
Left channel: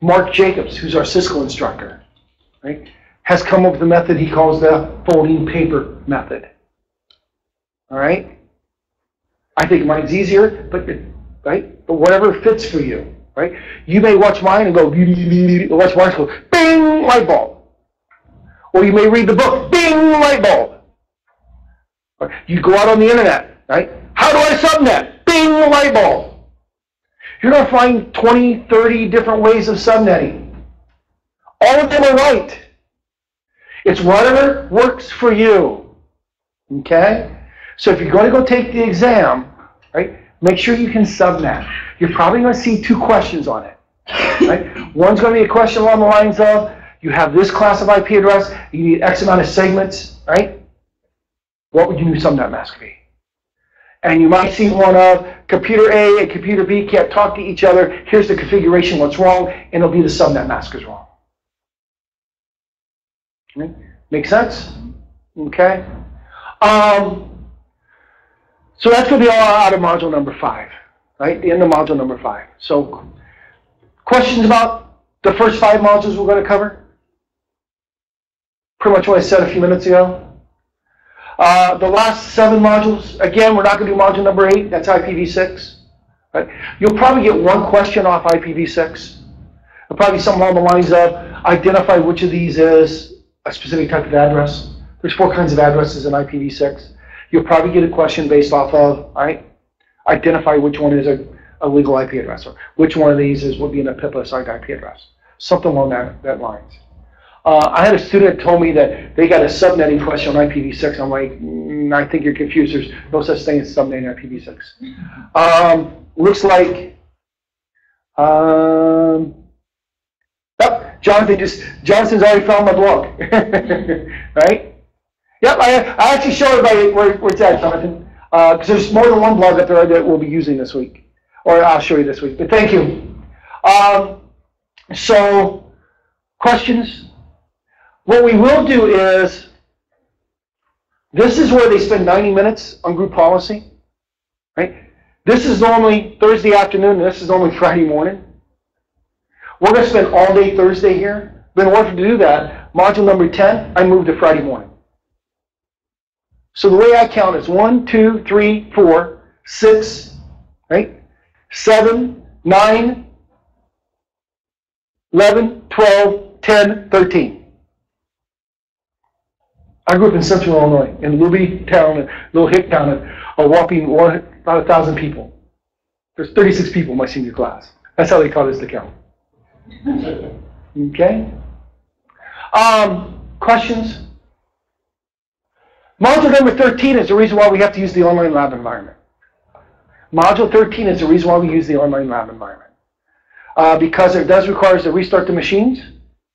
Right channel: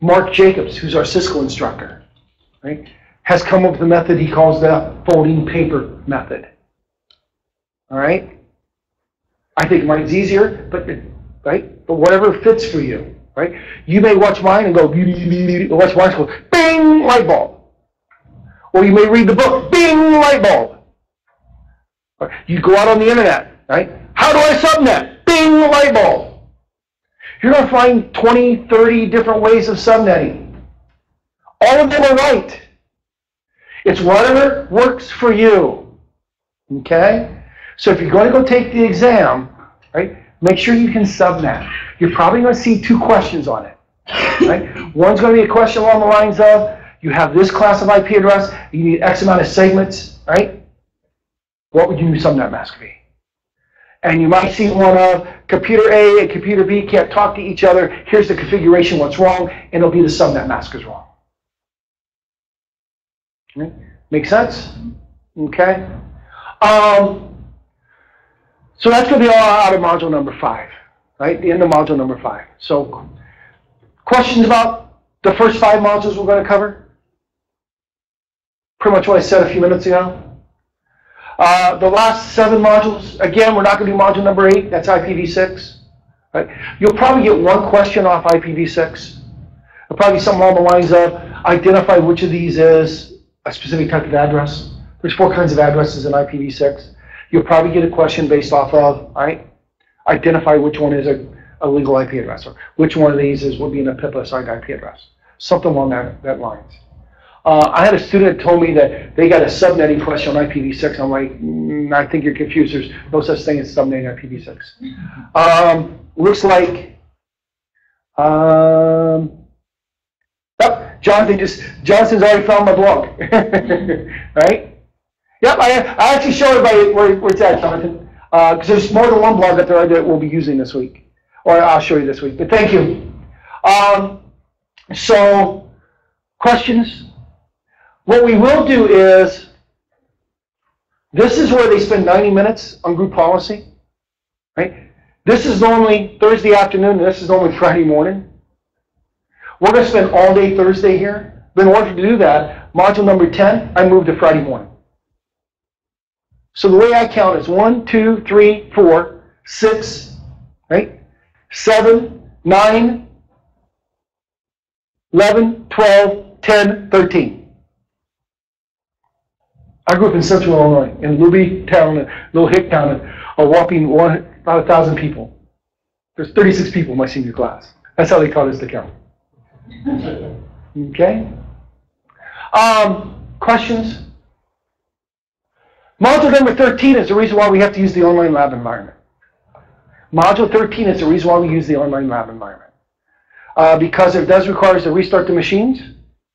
Mark Jacobs, who's our Cisco instructor, right, has come up with a method he calls the folding paper method. All right? I think mine's easier, but right? But whatever fits for you, right? You may watch mine and go, watch mine and go, bing, light bulb. Or you may read the book, bing, light bulb. Or you go out on the internet, right? How do I subnet? Bing, light bulb. You're going to find 20, 30 different ways of subnetting. All of them are right. It's whatever works for you. Okay? So if you're going to go take the exam, right, make sure you can subnet. You're probably going to see 2 questions on it. Right? One's going to be a question along the lines of, you have this class of IP address, you need X amount of segments, right? What would your new subnet mask be? And you might see one of computer A and computer B can't talk to each other. Here's the configuration, what's wrong, and it'll be the subnet mask is wrong. Okay. Make sense? Okay. So that's going to be all out of module number 5, right? The end of module number 5. So questions about the first 5 modules we're going to cover? Pretty much what I said a few minutes ago. The last 7 modules, again, we're not going to do module number 8. That's IPv6. Right? You'll probably get 1 question off IPv6. It'll probably be something along the lines of, identify which of these is a specific type of address. There's 4 kinds of addresses in IPv6. You'll probably get a question based off of, all right, identify which one is a legal IP address, or which one of these would be an PIP assigned IP address. Something along that lines. I had a student that told me that they got a subnetting question on IPv6. I'm like, I think you're confused. There's no such thing as subnetting IPv6. Looks like, Johnson's already found my blog, right? Yep, I actually showed it where it's at, Jonathan, because there's more than one blog up there that we'll be using this week, or I'll show you this week. But thank you. So, questions? What we will do is, this is where they spend 90 minutes on group policy, right? This is normally Thursday afternoon, and this is normally Friday morning. We're going to spend all day Thursday here. But in order to do that, module number 10, I moved to Friday morning. So the way I count is 1, 2, 3, 4, 6, right? 7, 9, 11, 12, 10, 13. I grew up in Central Illinois, in Luby town, a little hick town, a whopping about 1,000 people. There's 36 people in my senior class. That's how they taught us to count. Okay? Questions? Module number 13 is the reason why we have to use the online lab environment. Module 13 is the reason why we use the online lab environment. Because it does require us to restart the machines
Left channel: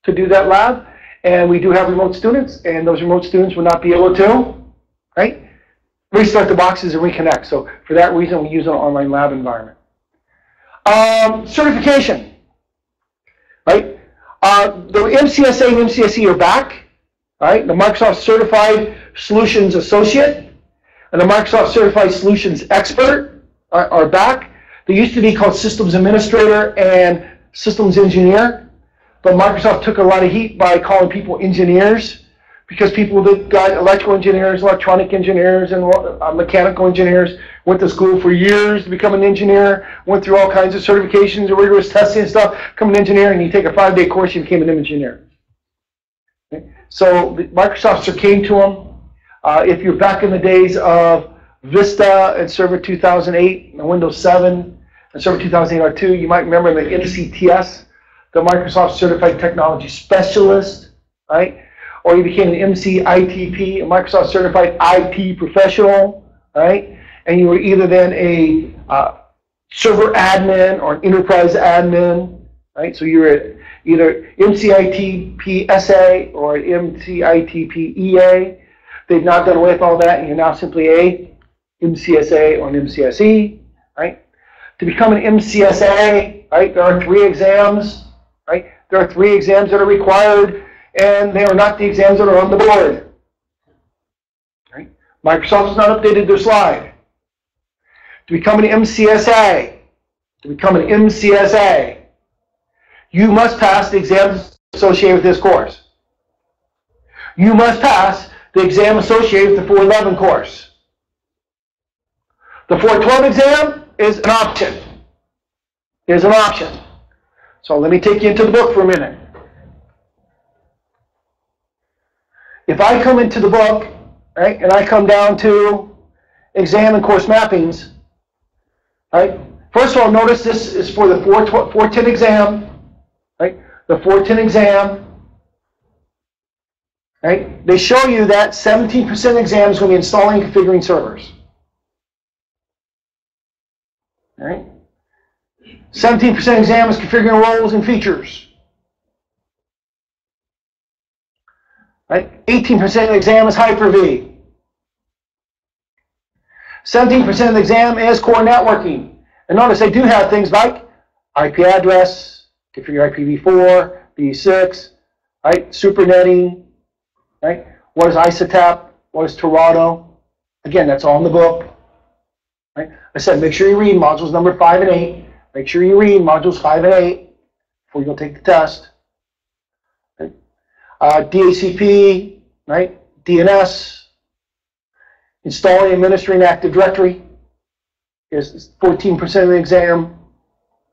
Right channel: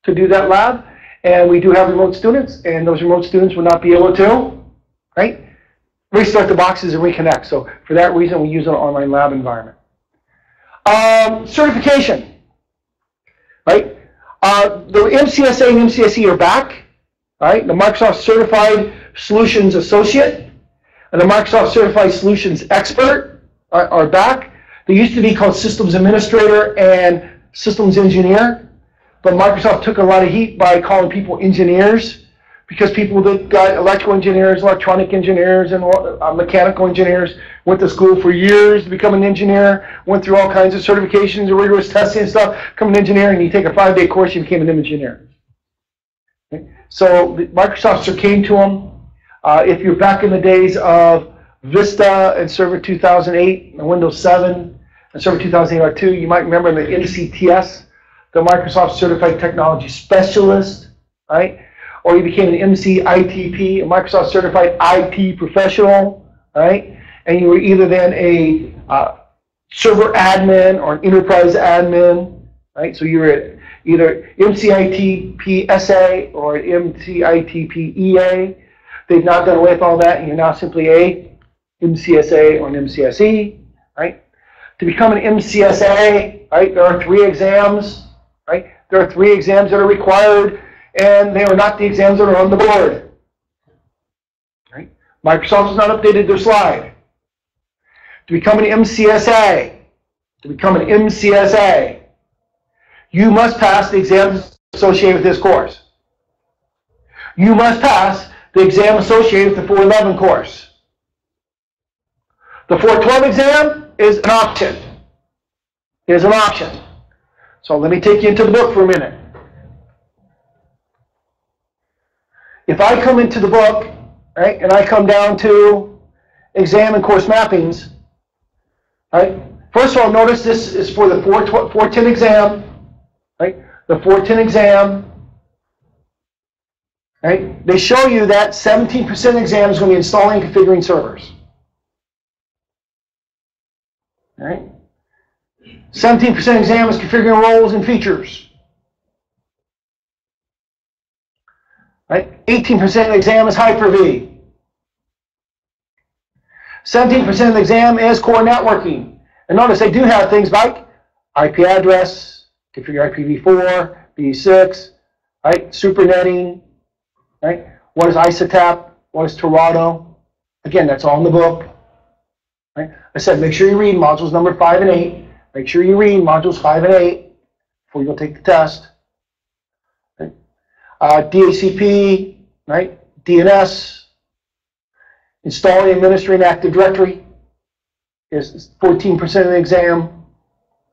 to do that lab, and we do have remote students, and those remote students will not be able to, right, restart the boxes and reconnect. So for that reason, we use an online lab environment. Certification, right? The MCSA and MCSE are back, right? The Microsoft Certified Solutions Associate and the Microsoft Certified Solutions Expert are back. They used to be called Systems Administrator and Systems Engineer, but Microsoft took a lot of heat by calling people engineers, because people that got electrical engineers, electronic engineers, and mechanical engineers went to school for years to become an engineer, went through all kinds of certifications and rigorous testing and stuff, become an engineer, and you take a 5-day course, you became an engineer. Okay? So Microsoft came to them. If you're back in the days of Vista and Server 2008, and Windows 7, and Server 2008 R2, you might remember the MCTS, the Microsoft Certified Technology Specialist, right? Or you became an MCITP, a Microsoft Certified IT Professional, right? And you were either then a server admin or an enterprise admin, right? So you were either MCITP SA or MCITP EA. They've now done away with all that, and you're now simply a MCSA or an MCSE, right? To become an MCSA, right, there are 3 exams, right? There are 3 exams that are required, and they are not the exams that are on the board. Right? Microsoft has not updated their slide. To become an MCSA, you must pass the exams associated with this course. You must pass the exam associated with the 411 course. The 412 exam is an option. Is an option. So let me take you into the book for a minute. If I come into the book, right, and I come down to exam and course mappings, right, first of all, notice this is for the 410 exam, right, the 410 exam, right, they show you that 17% exam is going to be installing and configuring servers, right, 17% exam is configuring roles and features. Right? 18% of the exam is Hyper-V. 17% of the exam is core networking. And notice they do have things like IP address, configure IPv4, V6, right? Supernetting, right? What is ISOTAP? What is Torado? Again, that's all in the book. Right? I said make sure you read modules number 5 and 8. Make sure you read modules 5 and 8 before you go take the test. DHCP, right? DNS, installing and administering Active Directory is 14% of the exam,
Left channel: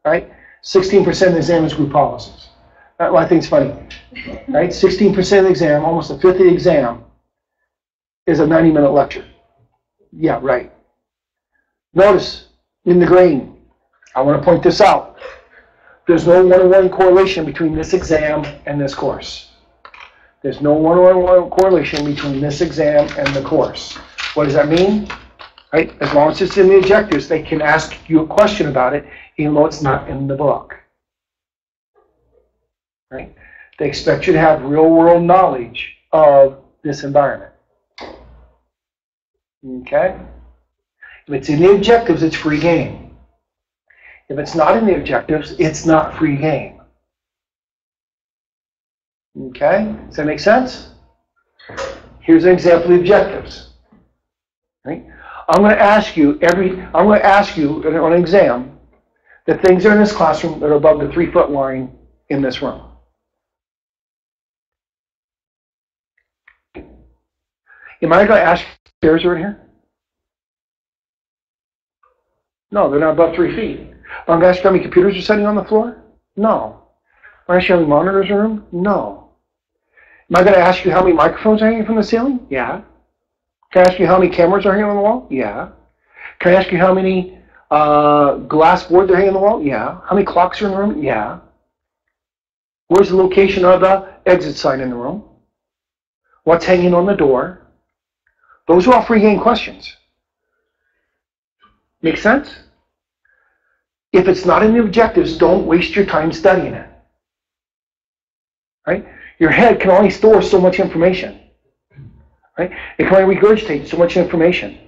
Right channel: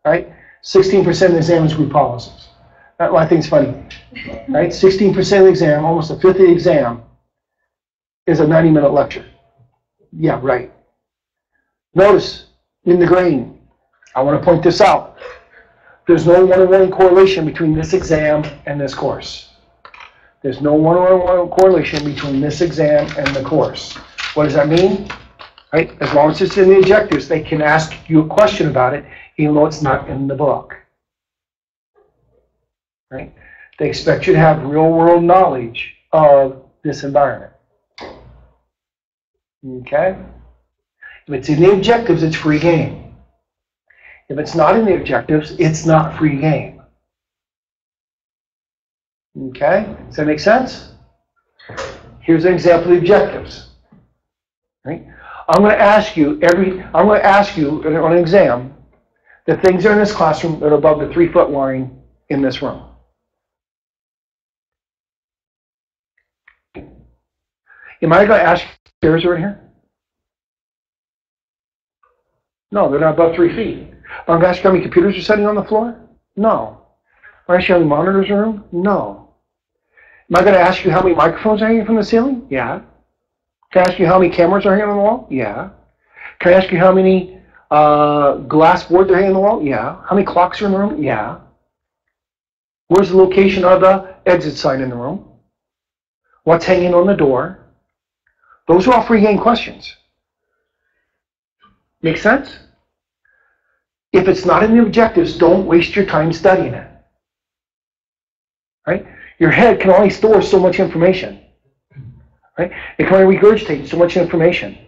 right? 16% of the exam is group policies. Well, I think it's funny, right? 16% of the exam, almost a fifth of the exam, is a 90-minute lecture. Yeah, right. Notice in the green, I want to point this out. There's no one-on-one correlation between this exam and this course. There's no one-on-one correlation between this exam and the course. What does that mean? Right? As long as it's in the objectives, they can ask you a question about it, even though it's not in the book. Right? They expect you to have real-world knowledge of this environment. Okay? If it's in the objectives, it's free game. If it's not in the objectives, it's not free game. Okay? Does that make sense? Here's an example of the objectives. Right? I'm going to ask you on an exam the things that are in this classroom that are above the 3-foot line in this room. Am I going to ask if stairs are in here? No, they're not above 3 feet. I'm going to ask you how many computers are sitting on the floor? No. Am I going to ask you how many monitors are in the room? No. Am I going to ask you how many microphones are hanging from the ceiling? Yeah. Can I ask you how many cameras are hanging on the wall? Yeah. Can I ask you how many glass boards are hanging on the wall? Yeah. How many clocks are in the room? Yeah. Where's the location of the exit sign in the room? What's hanging on the door? Those are all free game questions. Make sense? If it's not in the objectives, don't waste your time studying it. Right? Your head can only store so much information. Right? It can only regurgitate so much information.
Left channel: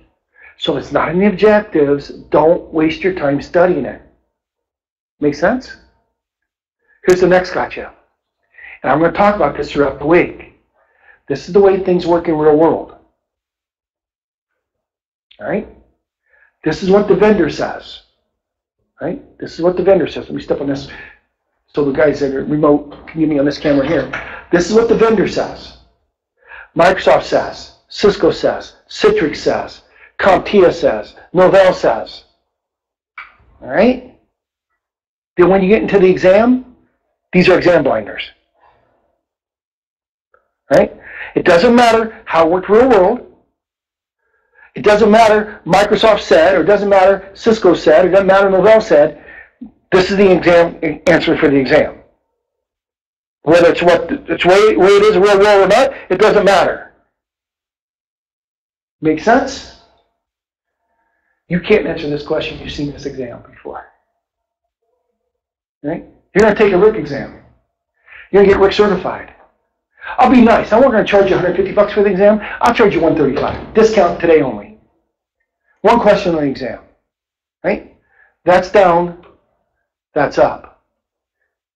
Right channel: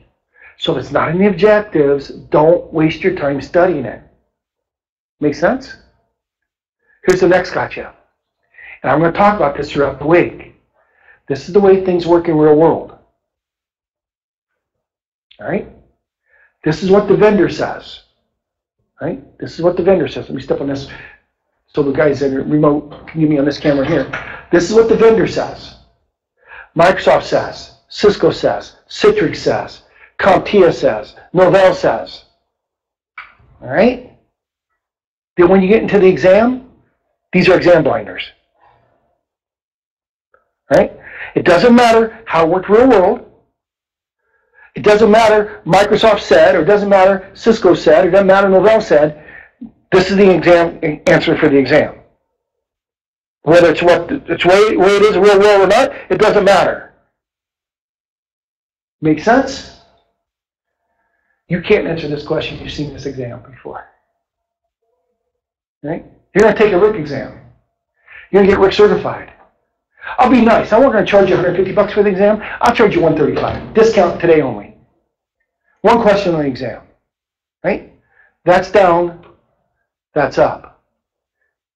So if it's not in the objectives, don't waste your time studying it. Make sense? Here's the next gotcha. And I'm going to talk about this throughout the week. This is the way things work in real world. All right? This is what the vendor says. Right? This is what the vendor says. Let me step on this so the guys in the remote can get me on this camera here. This is what the vendor says. Microsoft says, Cisco says, Citrix says, CompTIA says, Novell says. All right? Then when you get into the exam, these are exam blinders. Right? It doesn't matter how it worked real world. It doesn't matter Microsoft said, or it doesn't matter Cisco said, or it doesn't matter Novell said. This is the exam answer for the exam. Whether it's what it's way it is real world or not, it doesn't matter. Make sense? You can't answer this question if you've seen this exam before. Right? You're going to take a RIC exam. You're going to get RIC certified. I'll be nice. I'm not going to charge you $150 for the exam. I'll charge you $135. Discount today only. One question on the exam. Right? That's down. That's up.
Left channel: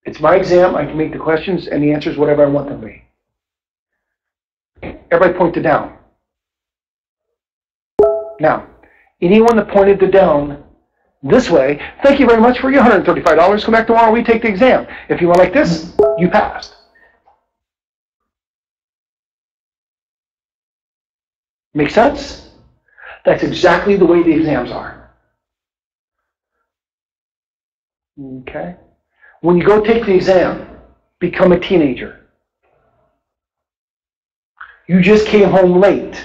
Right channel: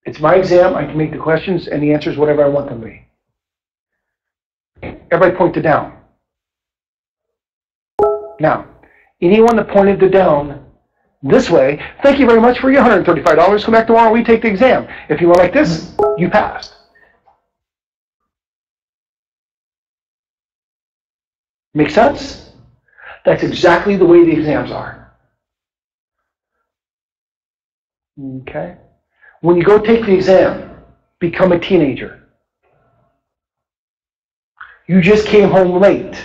It's my exam. I can make the questions and the answers whatever I want them to be. Everybody point to down. Now, anyone that pointed to down this way, thank you very much for your $135. Come back tomorrow, we take the exam. If you went like this, you passed. Make sense? That's exactly the way the exams are. Okay? When you go take the exam, become a teenager. You just came home late.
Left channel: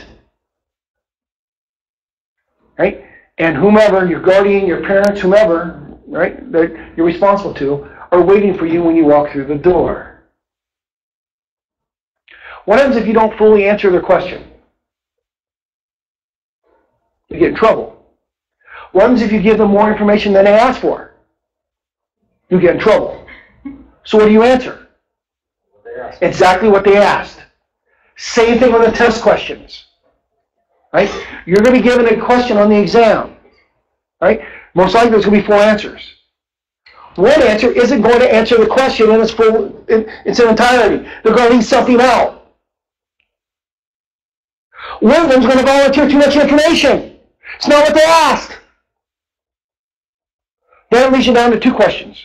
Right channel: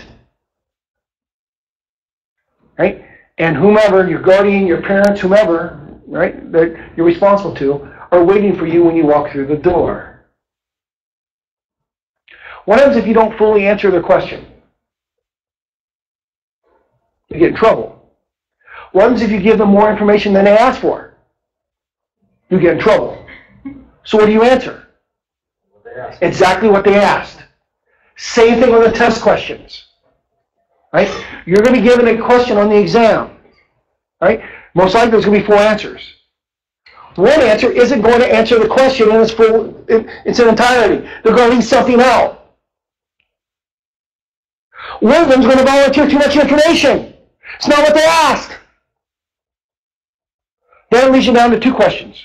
Right? And whomever, your guardian, your parents, whomever, right, that you're responsible to, are waiting for you when you walk through the door. What happens if you don't fully answer their question? You get in trouble. What happens if you give them more information than they asked for? You get in trouble. So what do you answer? Exactly what they asked. Same thing with the test questions. Right? You're going to be given a question on the exam. Right? Most likely there's going to be 4 answers. One answer isn't going to answer the question in its entirety. They're going to leave something out. One of them's going to volunteer too much information. It's not what they asked. Then it leads you down to 2 questions.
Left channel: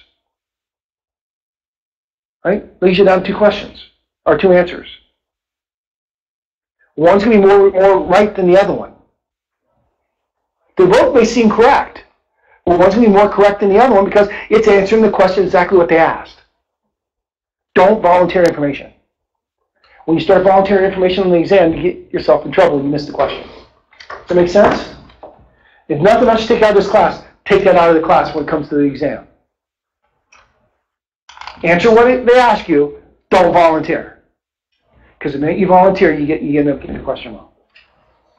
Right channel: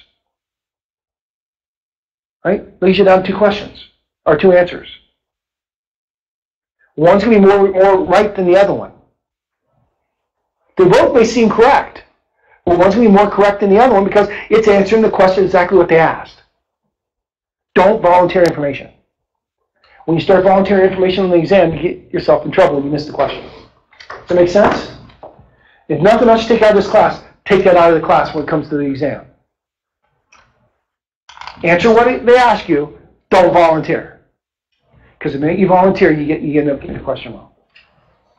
Right? Leads you down to 2 questions, or 2 answers. One's going to be more right than the other one. They both may seem correct, but one's going to be more correct than the other one because it's answering the question exactly what they asked. Don't volunteer information. When you start volunteering information on the exam, you get yourself in trouble if you miss the question. Does that make sense? If nothing else you take out of this class, take that out of the class when it comes to the exam. Answer what they ask you, don't volunteer. Because the minute you volunteer, you end up getting the question wrong.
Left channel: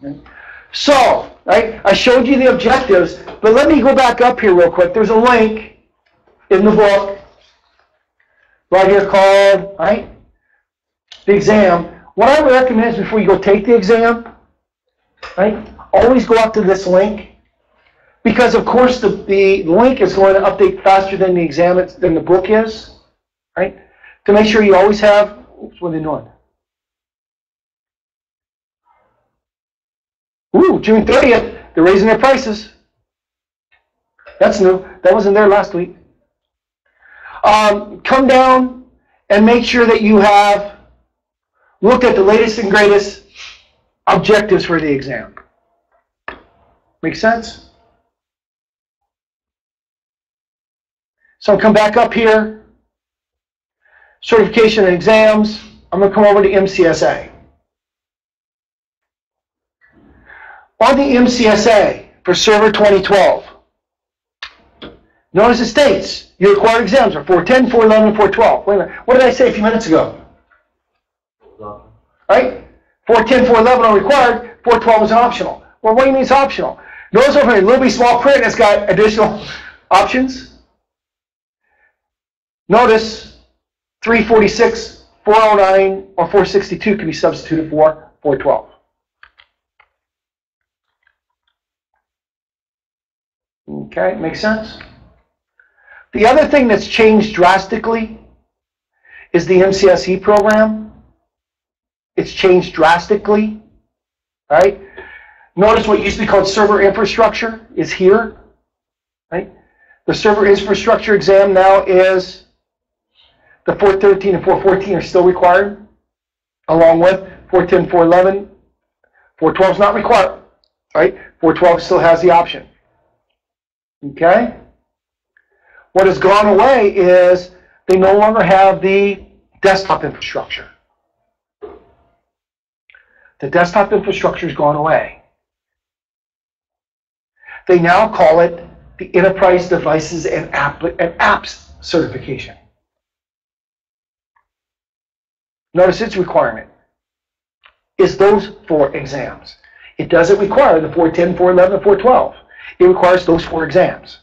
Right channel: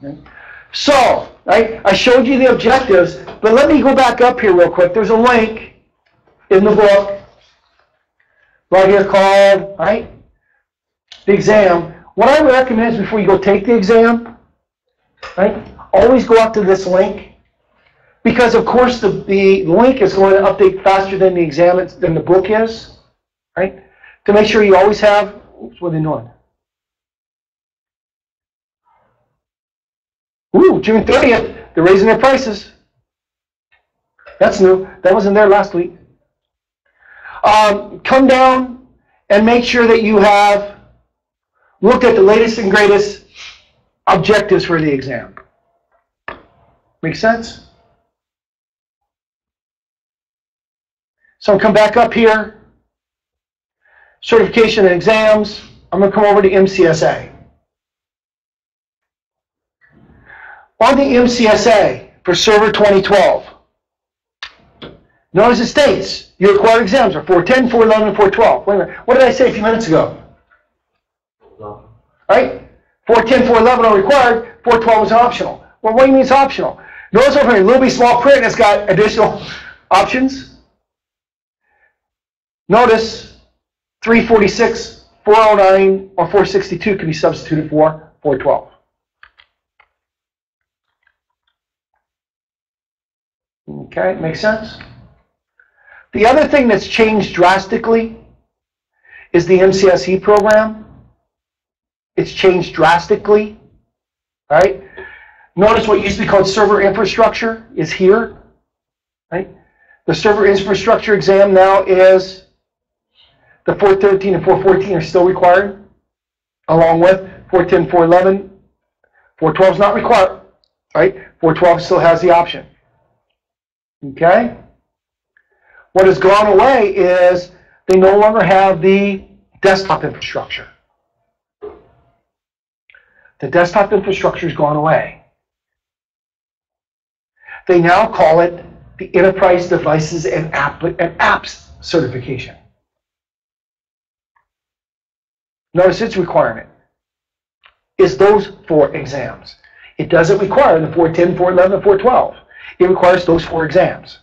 Okay? So, right, I showed you the objectives, but let me go back up here real quick. There's a link in the book right here called, right, the exam. What I recommend is before you go take the exam, right, always go up to this link. Because, of course, the link is going to update faster than the exam, than the book is, right? To make sure you always have, oops, what are they doing? Ooh, June 30th, they're raising their prices. That's new. That wasn't there last week. Come down and make sure that you have looked at the latest and greatest objectives for the exam. Make sense? So I'll come back up here. Certification and exams. I'm going to come over to MCSA. On the MCSA for Server 2012, notice it states your required exams are 410, 411, and 412. Wait a minute. What did I say a few minutes ago? Right? 410, 411 are required, 412 is optional. Well, what do you mean it's optional? Notice over here, little b small print, it's got additional options. Notice 346, 409, or 462 can be substituted for 412. Okay, makes sense? The other thing that's changed drastically is the MCSE program. It's changed drastically, right? Notice what used to be called server infrastructure is here, right? The server infrastructure exam now is the 413 and 414 are still required, along with 410, 411. 412 is not required, right? 412 still has the option. Okay? What has gone away is they no longer have the desktop infrastructure. The desktop infrastructure has gone away. They now call it the Enterprise Devices and Apps Certification. Notice its requirement is those 4 exams. It doesn't require the 410, 411, and 412. It requires those 4 exams.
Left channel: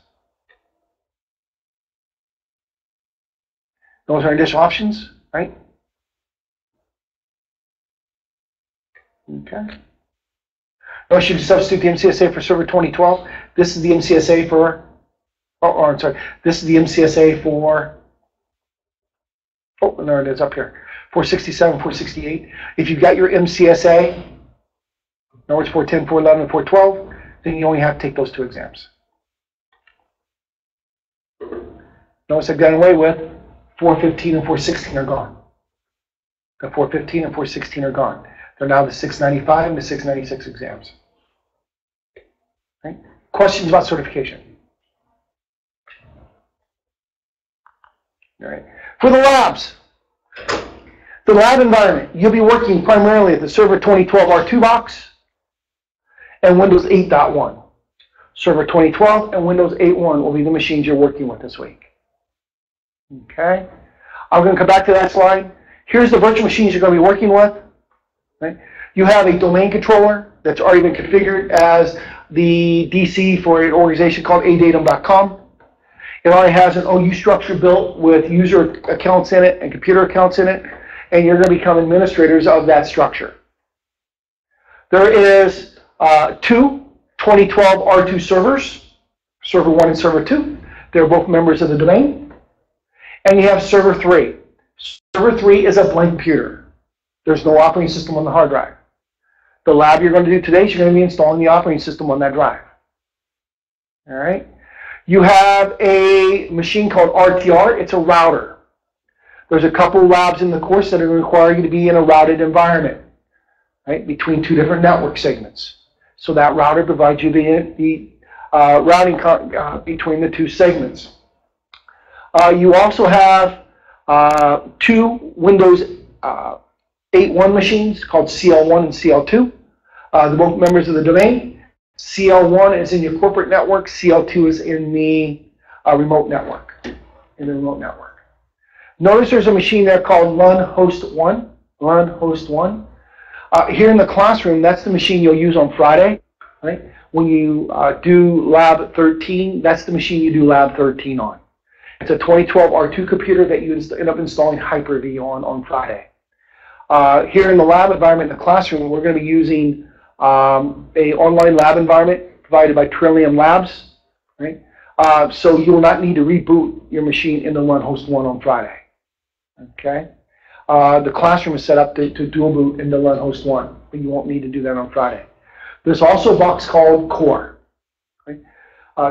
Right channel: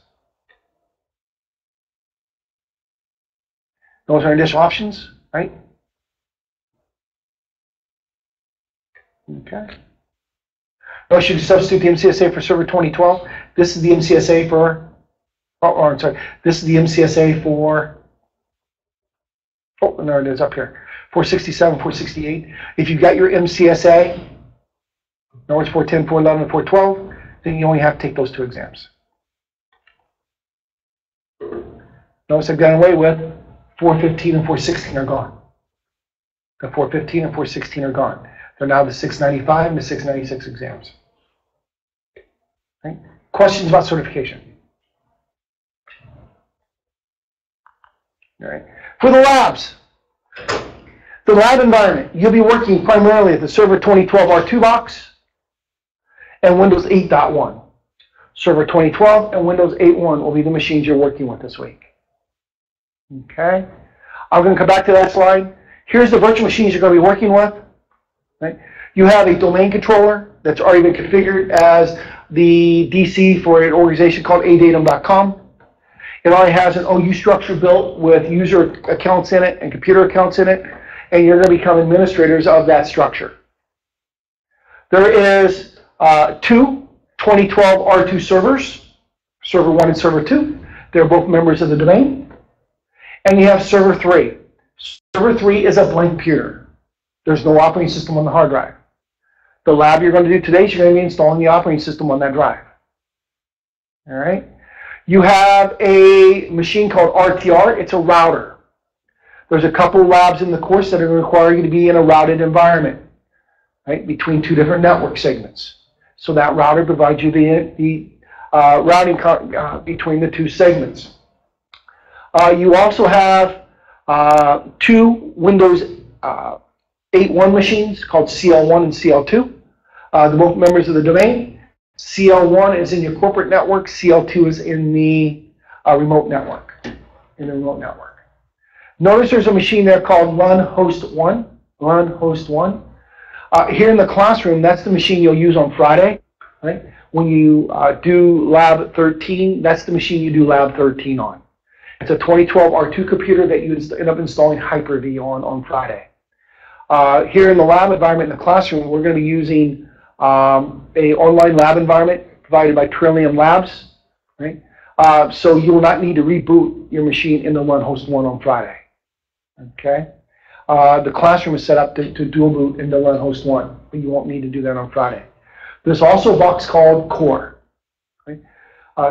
Those are additional options, right? Okay. Notice you can substitute the MCSA for Server 2012. This is the MCSA for, I'm sorry, this is the MCSA for, there it is up here. 467, 468. If you've got your MCSA, in other words, 410, 411, and 412, then you only have to take those 2 exams. Notice I've done away with 415 and 416 are gone. The 415 and 416 are gone. They're now the 695 and the 696 exams. Right? Questions about certification? All right. For the labs, the lab environment, you'll be working primarily at the Server 2012 R2 box and Windows 8.1. Server 2012 and Windows 8.1 will be the machines you're working with this week. Okay? I'm going to come back to that slide. Here's the virtual machines you're going to be working with. Right? You have a domain controller that's already been configured as the DC for an organization called adatum.com. It already has an OU structure built with user accounts in it and computer accounts in it, and you're going to become administrators of that structure. There is 2 2012 R2 servers, Server 1 and Server 2. They're both members of the domain. And you have Server 3. Server 3 is a blank computer. There's no operating system on the hard drive. The lab you're going to do today is you're going to be installing the operating system on that drive. All right? You have a machine called RTR. It's a router. There's a couple labs in the course that are going to require you to be in a routed environment, right, between 2 different network segments. So that router provides you the routing between the 2 segments. You also have 2 Windows 8.1 machines called CL1 and CL2. They're both members of the domain. CL1 is in your corporate network. CL2 is in the remote network. Notice there's a machine there called Run Host 1. Run host 1. Here in the classroom, that's the machine you'll use on Friday, right? When you do lab 13, that's the machine you do lab 13 on. It's a 2012 R2 computer that you end up installing Hyper-V on Friday. Here in the lab environment in the classroom, we're going to be using a online lab environment provided by Trillium Labs, right? So you will not need to reboot your machine in the Run host 1 on Friday, okay? The classroom is set up to dual boot into Run host 1, but you won't need to do that on Friday. There's also a box called Core. Right?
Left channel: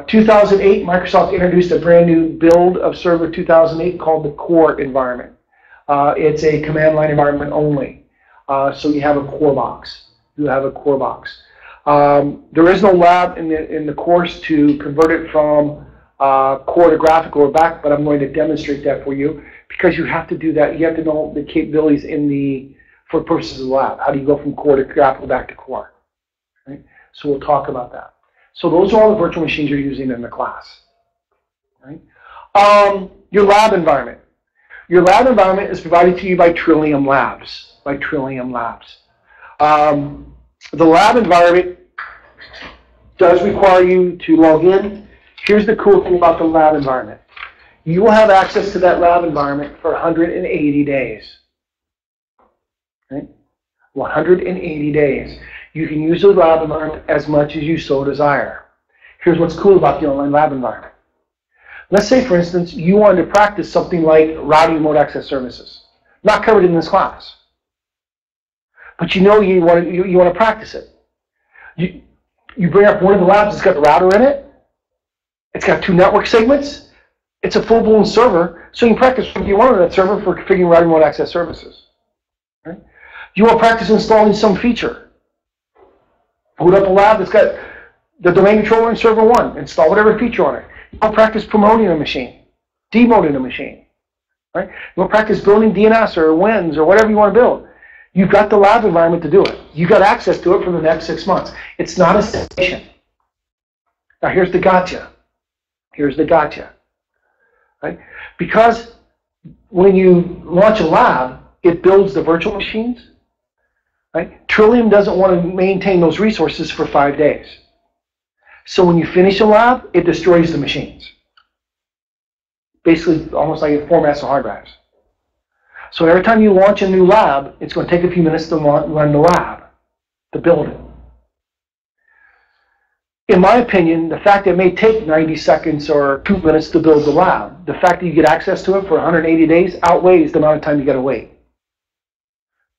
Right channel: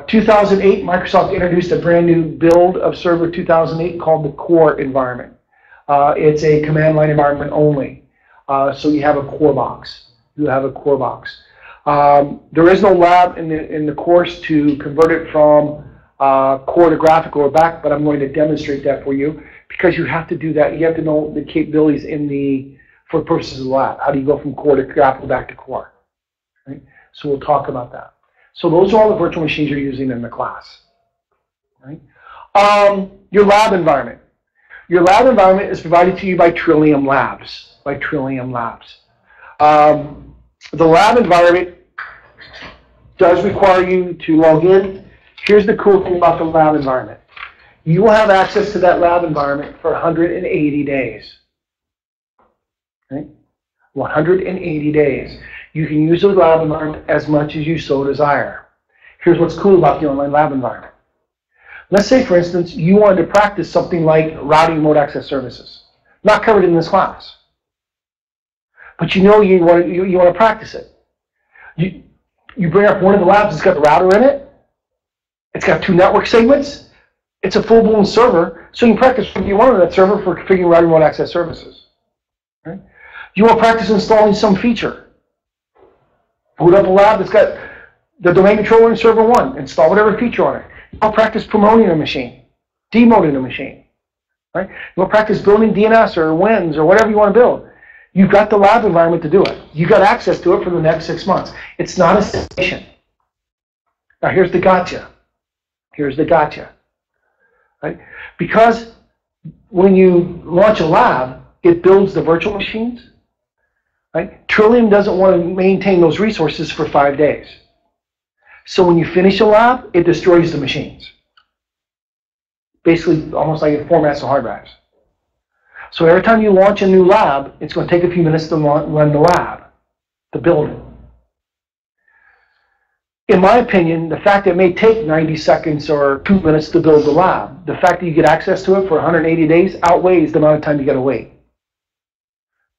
2008, Microsoft introduced a brand new build of Server 2008 called the Core environment. It's a command line environment only. So you have a Core box. You have a Core box. There is no lab in the course to convert it from Core to graphical or back, but I'm going to demonstrate that for you because you have to do that. You have to know the capabilities for purposes of the lab. How do you go from Core to graphical back to Core? Right? So we'll talk about that. So those are all the virtual machines you're using in the class. Right? Your lab environment. Your lab environment is provided to you by Trillium Labs. The lab environment does require you to log in. Here's the cool thing about the lab environment. You will have access to that lab environment for 180 days. Right? 180 days. You can use the lab environment as much as you so desire. Here's what's cool about the online lab environment. Let's say, for instance, you wanted to practice something like routing remote access services. Not covered in this class. But you know you want to practice it. You bring up one of the labs that's got the router in it. It's got 2 network segments. It's a full-blown server. So you can practice what you want on that server for configuring routing remote access services. Right? You want to practice installing some feature. Boot up a lab that's got the domain controller in server 1. Install whatever feature on it. You want to practice promoting a machine, demoting a machine. Right? You want to practice building DNS or WINS or whatever you want to build. You've got the lab environment to do it. You've got access to it for the next 6 months. It's not a station. Now here's the gotcha. Right? Because when you launch a lab, it builds the virtual machines. Right? Trillium doesn't want to maintain those resources for 5 days. So when you finish a lab, it destroys the machines. Basically, almost like it formats the hard drives. So every time you launch a new lab, it's going to take a few minutes to run the lab, to build it. In my opinion, the fact that it may take 90 seconds or 2 minutes to build the lab, the fact that you get access to it for 180 days outweighs the amount of time you got to wait.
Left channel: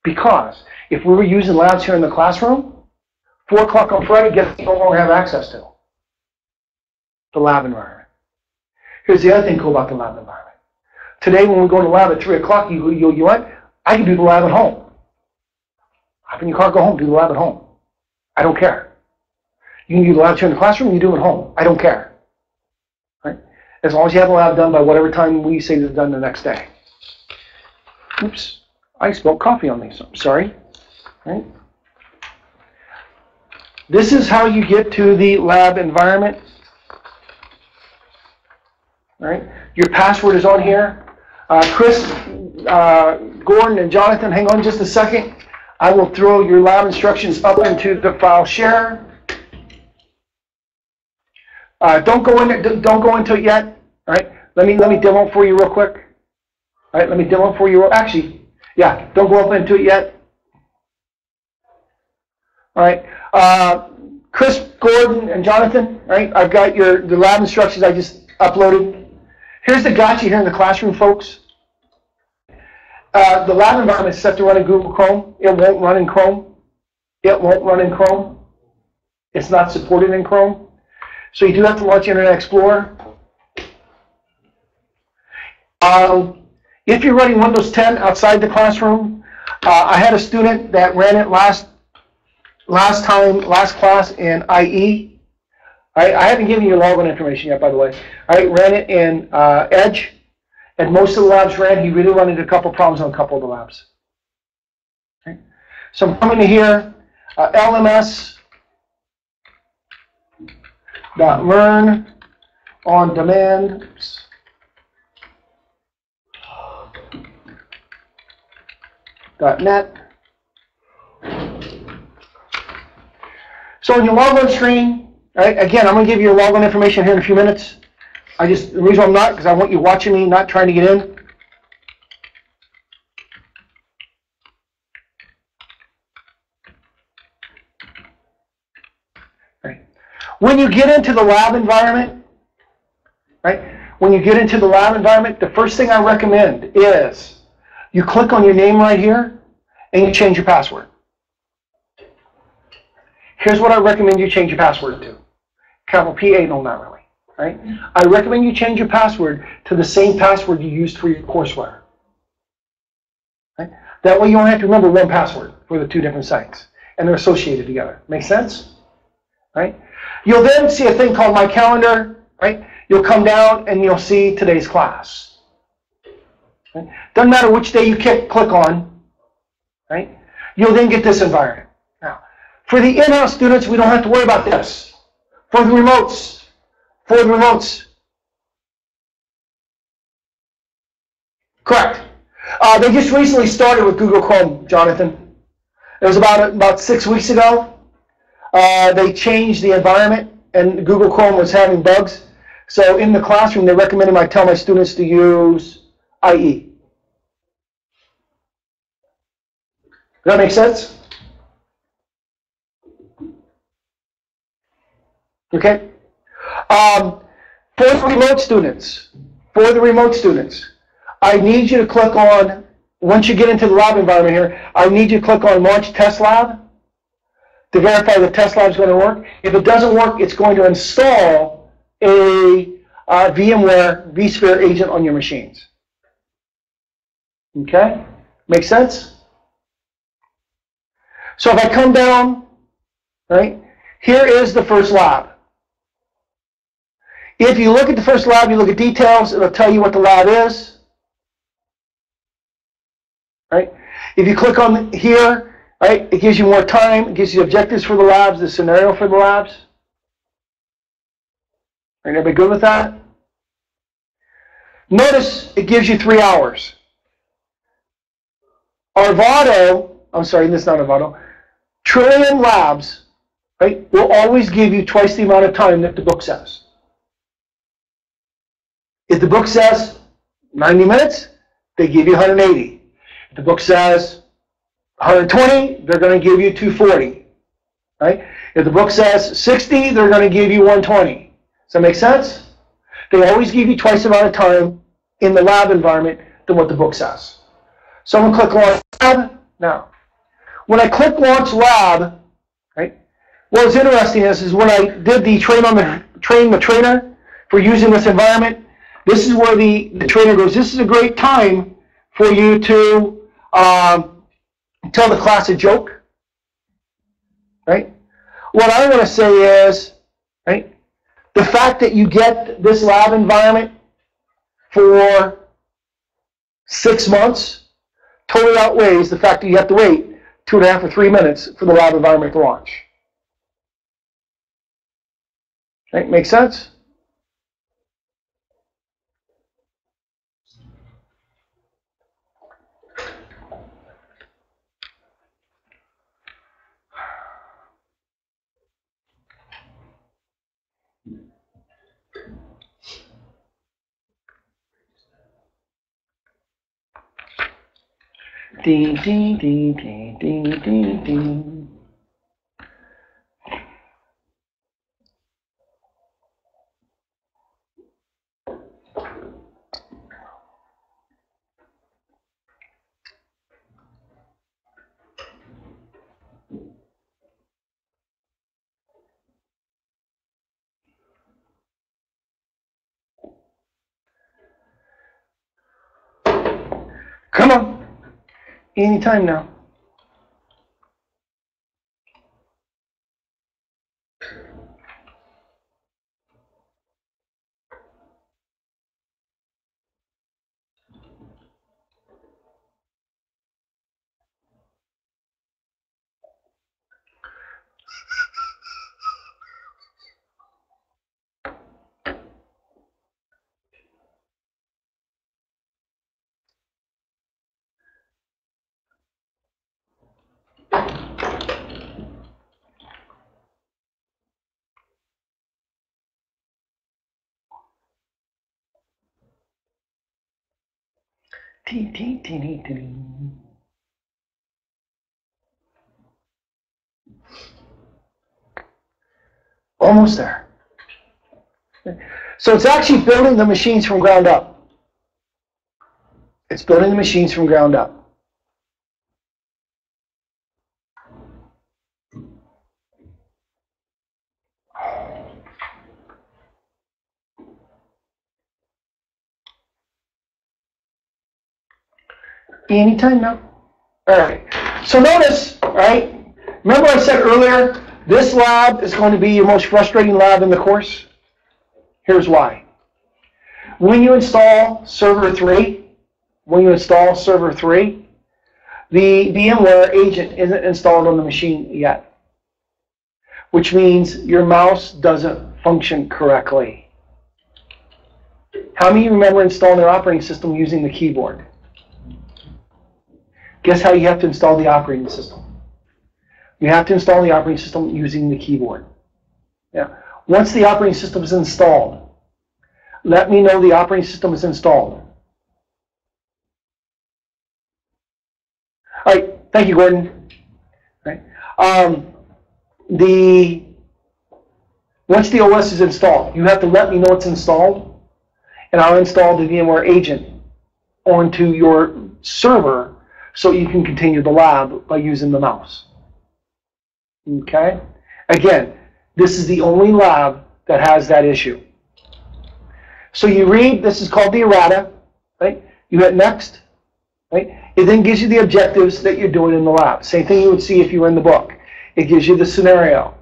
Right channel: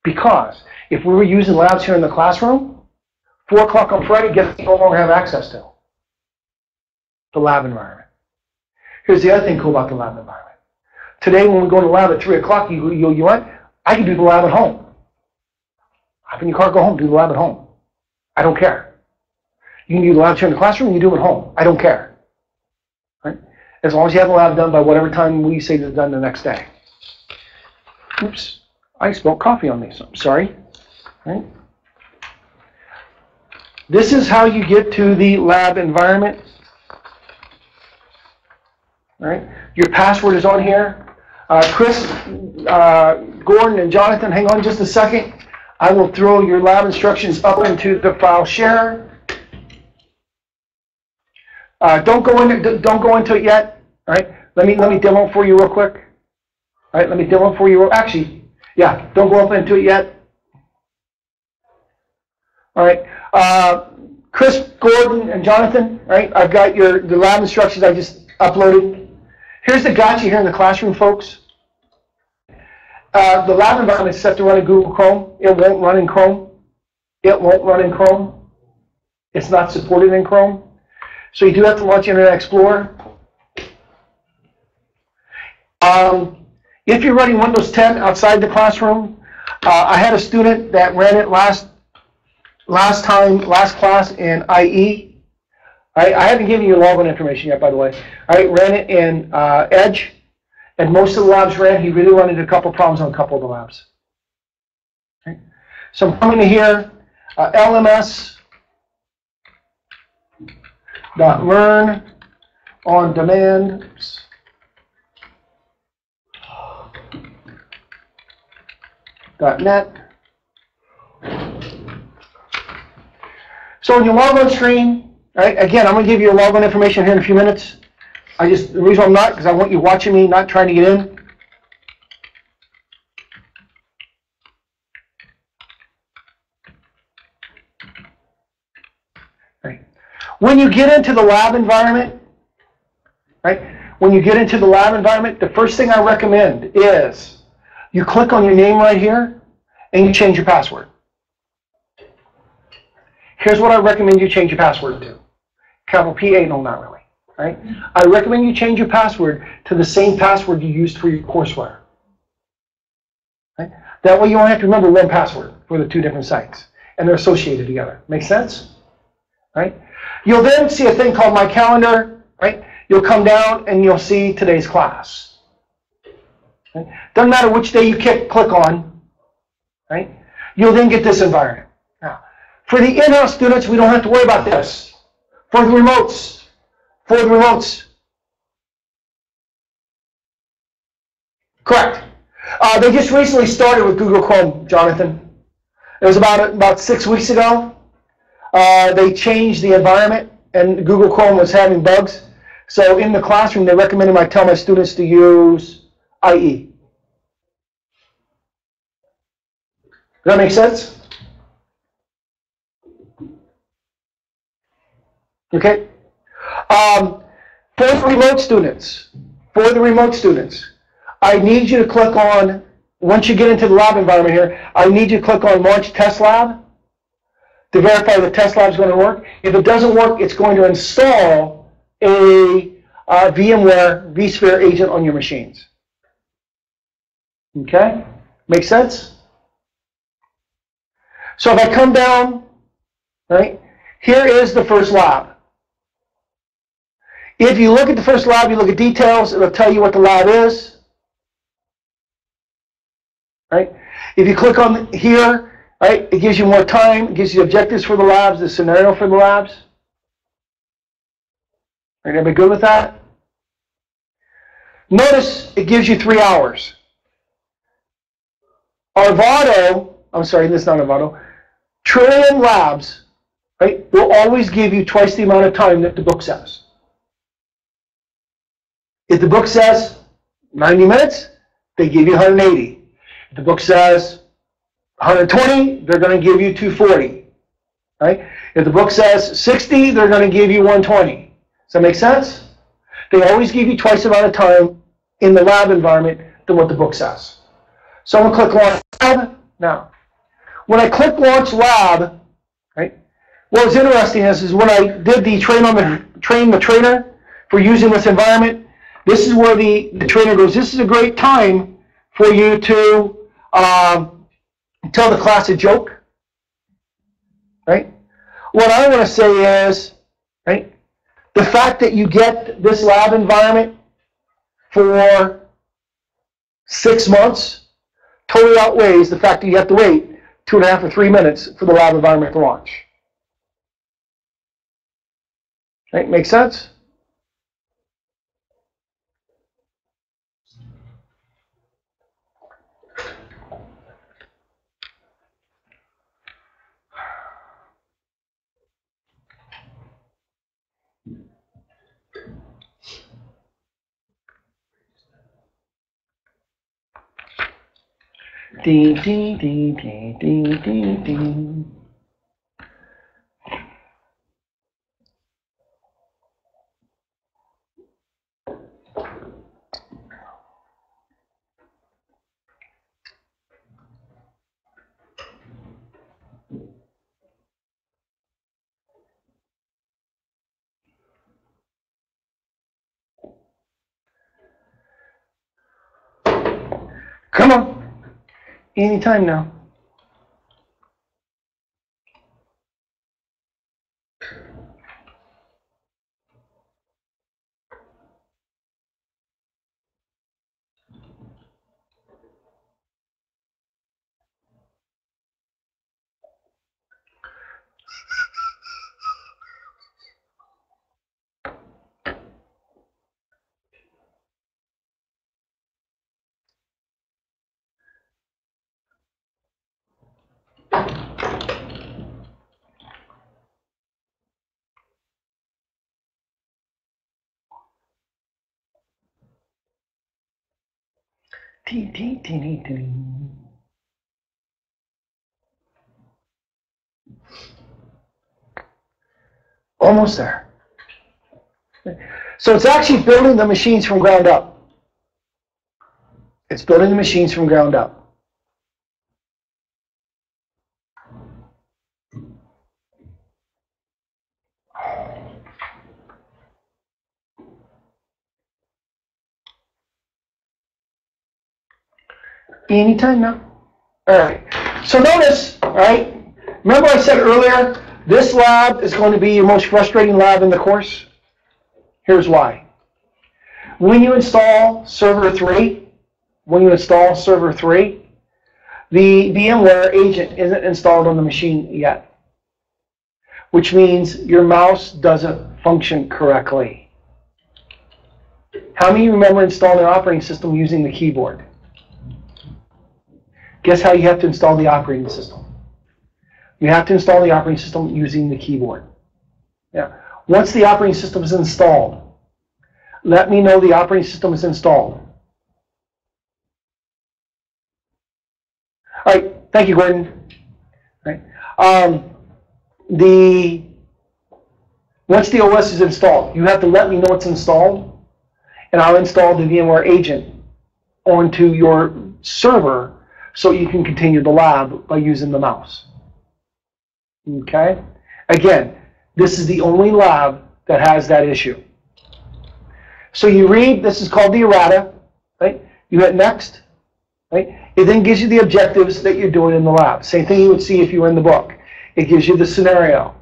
Because if we were using labs here in the classroom, 4 o'clock on Friday, guess what you no longer have access to? The lab environment. Here's the other thing cool about the lab environment. Today, when we go to the lab at 3 o'clock, you what? I can do the lab at home. Hop in your car, go home, do the lab at home. I don't care. You can do the lab here in the classroom, you do it at home. I don't care. Right? As long as you have the lab done by whatever time we say it's done the next day. Oops, I spilled coffee on me, so I'm sorry. Right? This is how you get to the lab environment. Right? Your password is on here. Chris, Gordon, and Jonathan, hang on just a second. I will throw your lab instructions up into the file share. Don't go into it yet. All right. Let me demo it for you real quick. All right. Let me demo it for you. Actually, yeah. Don't go up into it yet. All right. Chris, Gordon, and Jonathan. All right. I've got the lab instructions I just uploaded. Here's the gotcha here in the classroom, folks. The lab environment is set to run in Google Chrome. It won't run in Chrome. It's not supported in Chrome. So you do have to launch Internet Explorer. If you're running Windows 10 outside the classroom, I had a student that ran it last class in IE. I haven't given you your login information yet, by the way. I ran it in Edge, and most of the labs ran. He really run into a couple problems on a couple of the labs. Okay. So I'm coming to here, LMS.learn on demand. .net. So in your logon screen, right, again, I'm going to give you your logon information here in a few minutes. The reason I'm not, because I want you watching me, not trying to get in. Right. When you get into the lab environment, right, the first thing I recommend is you click on your name right here and you change your password. Here's what I recommend you change your password to. Capital P-A, no, not really. Right? I recommend you change your password to the same password you used for your courseware. Right? That way you don't have to remember one password for the two different sites, and they're associated together. Make sense? Right? You'll then see a thing called My Calendar. Right? You'll come down and you'll see today's class. Right? Doesn't matter which day you click on. Right? You'll then get this environment. Now, for the in-house students, we don't have to worry about this. For the remotes, correct. They just recently started with Google Chrome, Jonathan. It was about 6 weeks ago. They changed the environment, and Google Chrome was having bugs. So in the classroom, they recommended I tell my students to use IE. Does that make sense? Okay. For the remote students, I need you to click on, once you get into the lab environment here, I need you to click on Launch Test Lab to verify the test lab is going to work. If it doesn't work, it's going to install a VMware vSphere agent on your machines. Okay? Make sense? So if I come down, right, here is the first lab. If you look at the first lab, you look at details, it'll tell you what the lab is. Right? If you click on here, right, it gives you more time, it gives you objectives for the labs, the scenario for the labs. Right, everybody good with that? Notice it gives you 3 hours. Arvado, I'm sorry, this is not Arvado, Trillium Labs, right, will always give you twice the amount of time that the book says. If the book says 90 minutes, they give you 180. If the book says 120, they're going to give you 240. Right? If the book says 60, they're going to give you 120. Does that make sense? They always give you twice the amount of time in the lab environment than what the book says. So I'm going to click Launch Lab. Now, when I click Launch Lab, right, what was interesting is when I did the train the trainer for using this environment, this is where the trainer goes, this is a great time for you to tell the class a joke. Right? What I want to say is, right, the fact that you get this lab environment for 6 months totally outweighs the fact that you have to wait 2.5 or 3 minutes for the lab environment to launch. Right? Make sense? Ding, ding, ding, ding, ding, ding, ding. Come on. Anytime now. Almost there. So it's actually building the machines from ground up. It's building the machines from ground up. Anytime now. All right. So notice, all right, remember I said earlier, this lab is going to be your most frustrating lab in the course? Here's why. When you install server 3, the VMware agent isn't installed on the machine yet, which means your mouse doesn't function correctly. How many of you remember installing an operating system using the keyboard? Guess how you have to install the operating system? You have to install the operating system using the keyboard. Yeah. Once the operating system is installed, let me know the operating system is installed. All right. Thank you, Gordon. All right. Once the OS is installed, you have to let me know it's installed, and I'll install the VMware agent onto your server so you can continue the lab by using the mouse. Okay? Again, this is the only lab that has that issue. So you read, this is called the errata, right? You hit next, right? It then gives you the objectives that you're doing in the lab. Same thing you would see if you were in the book. It gives you the scenario.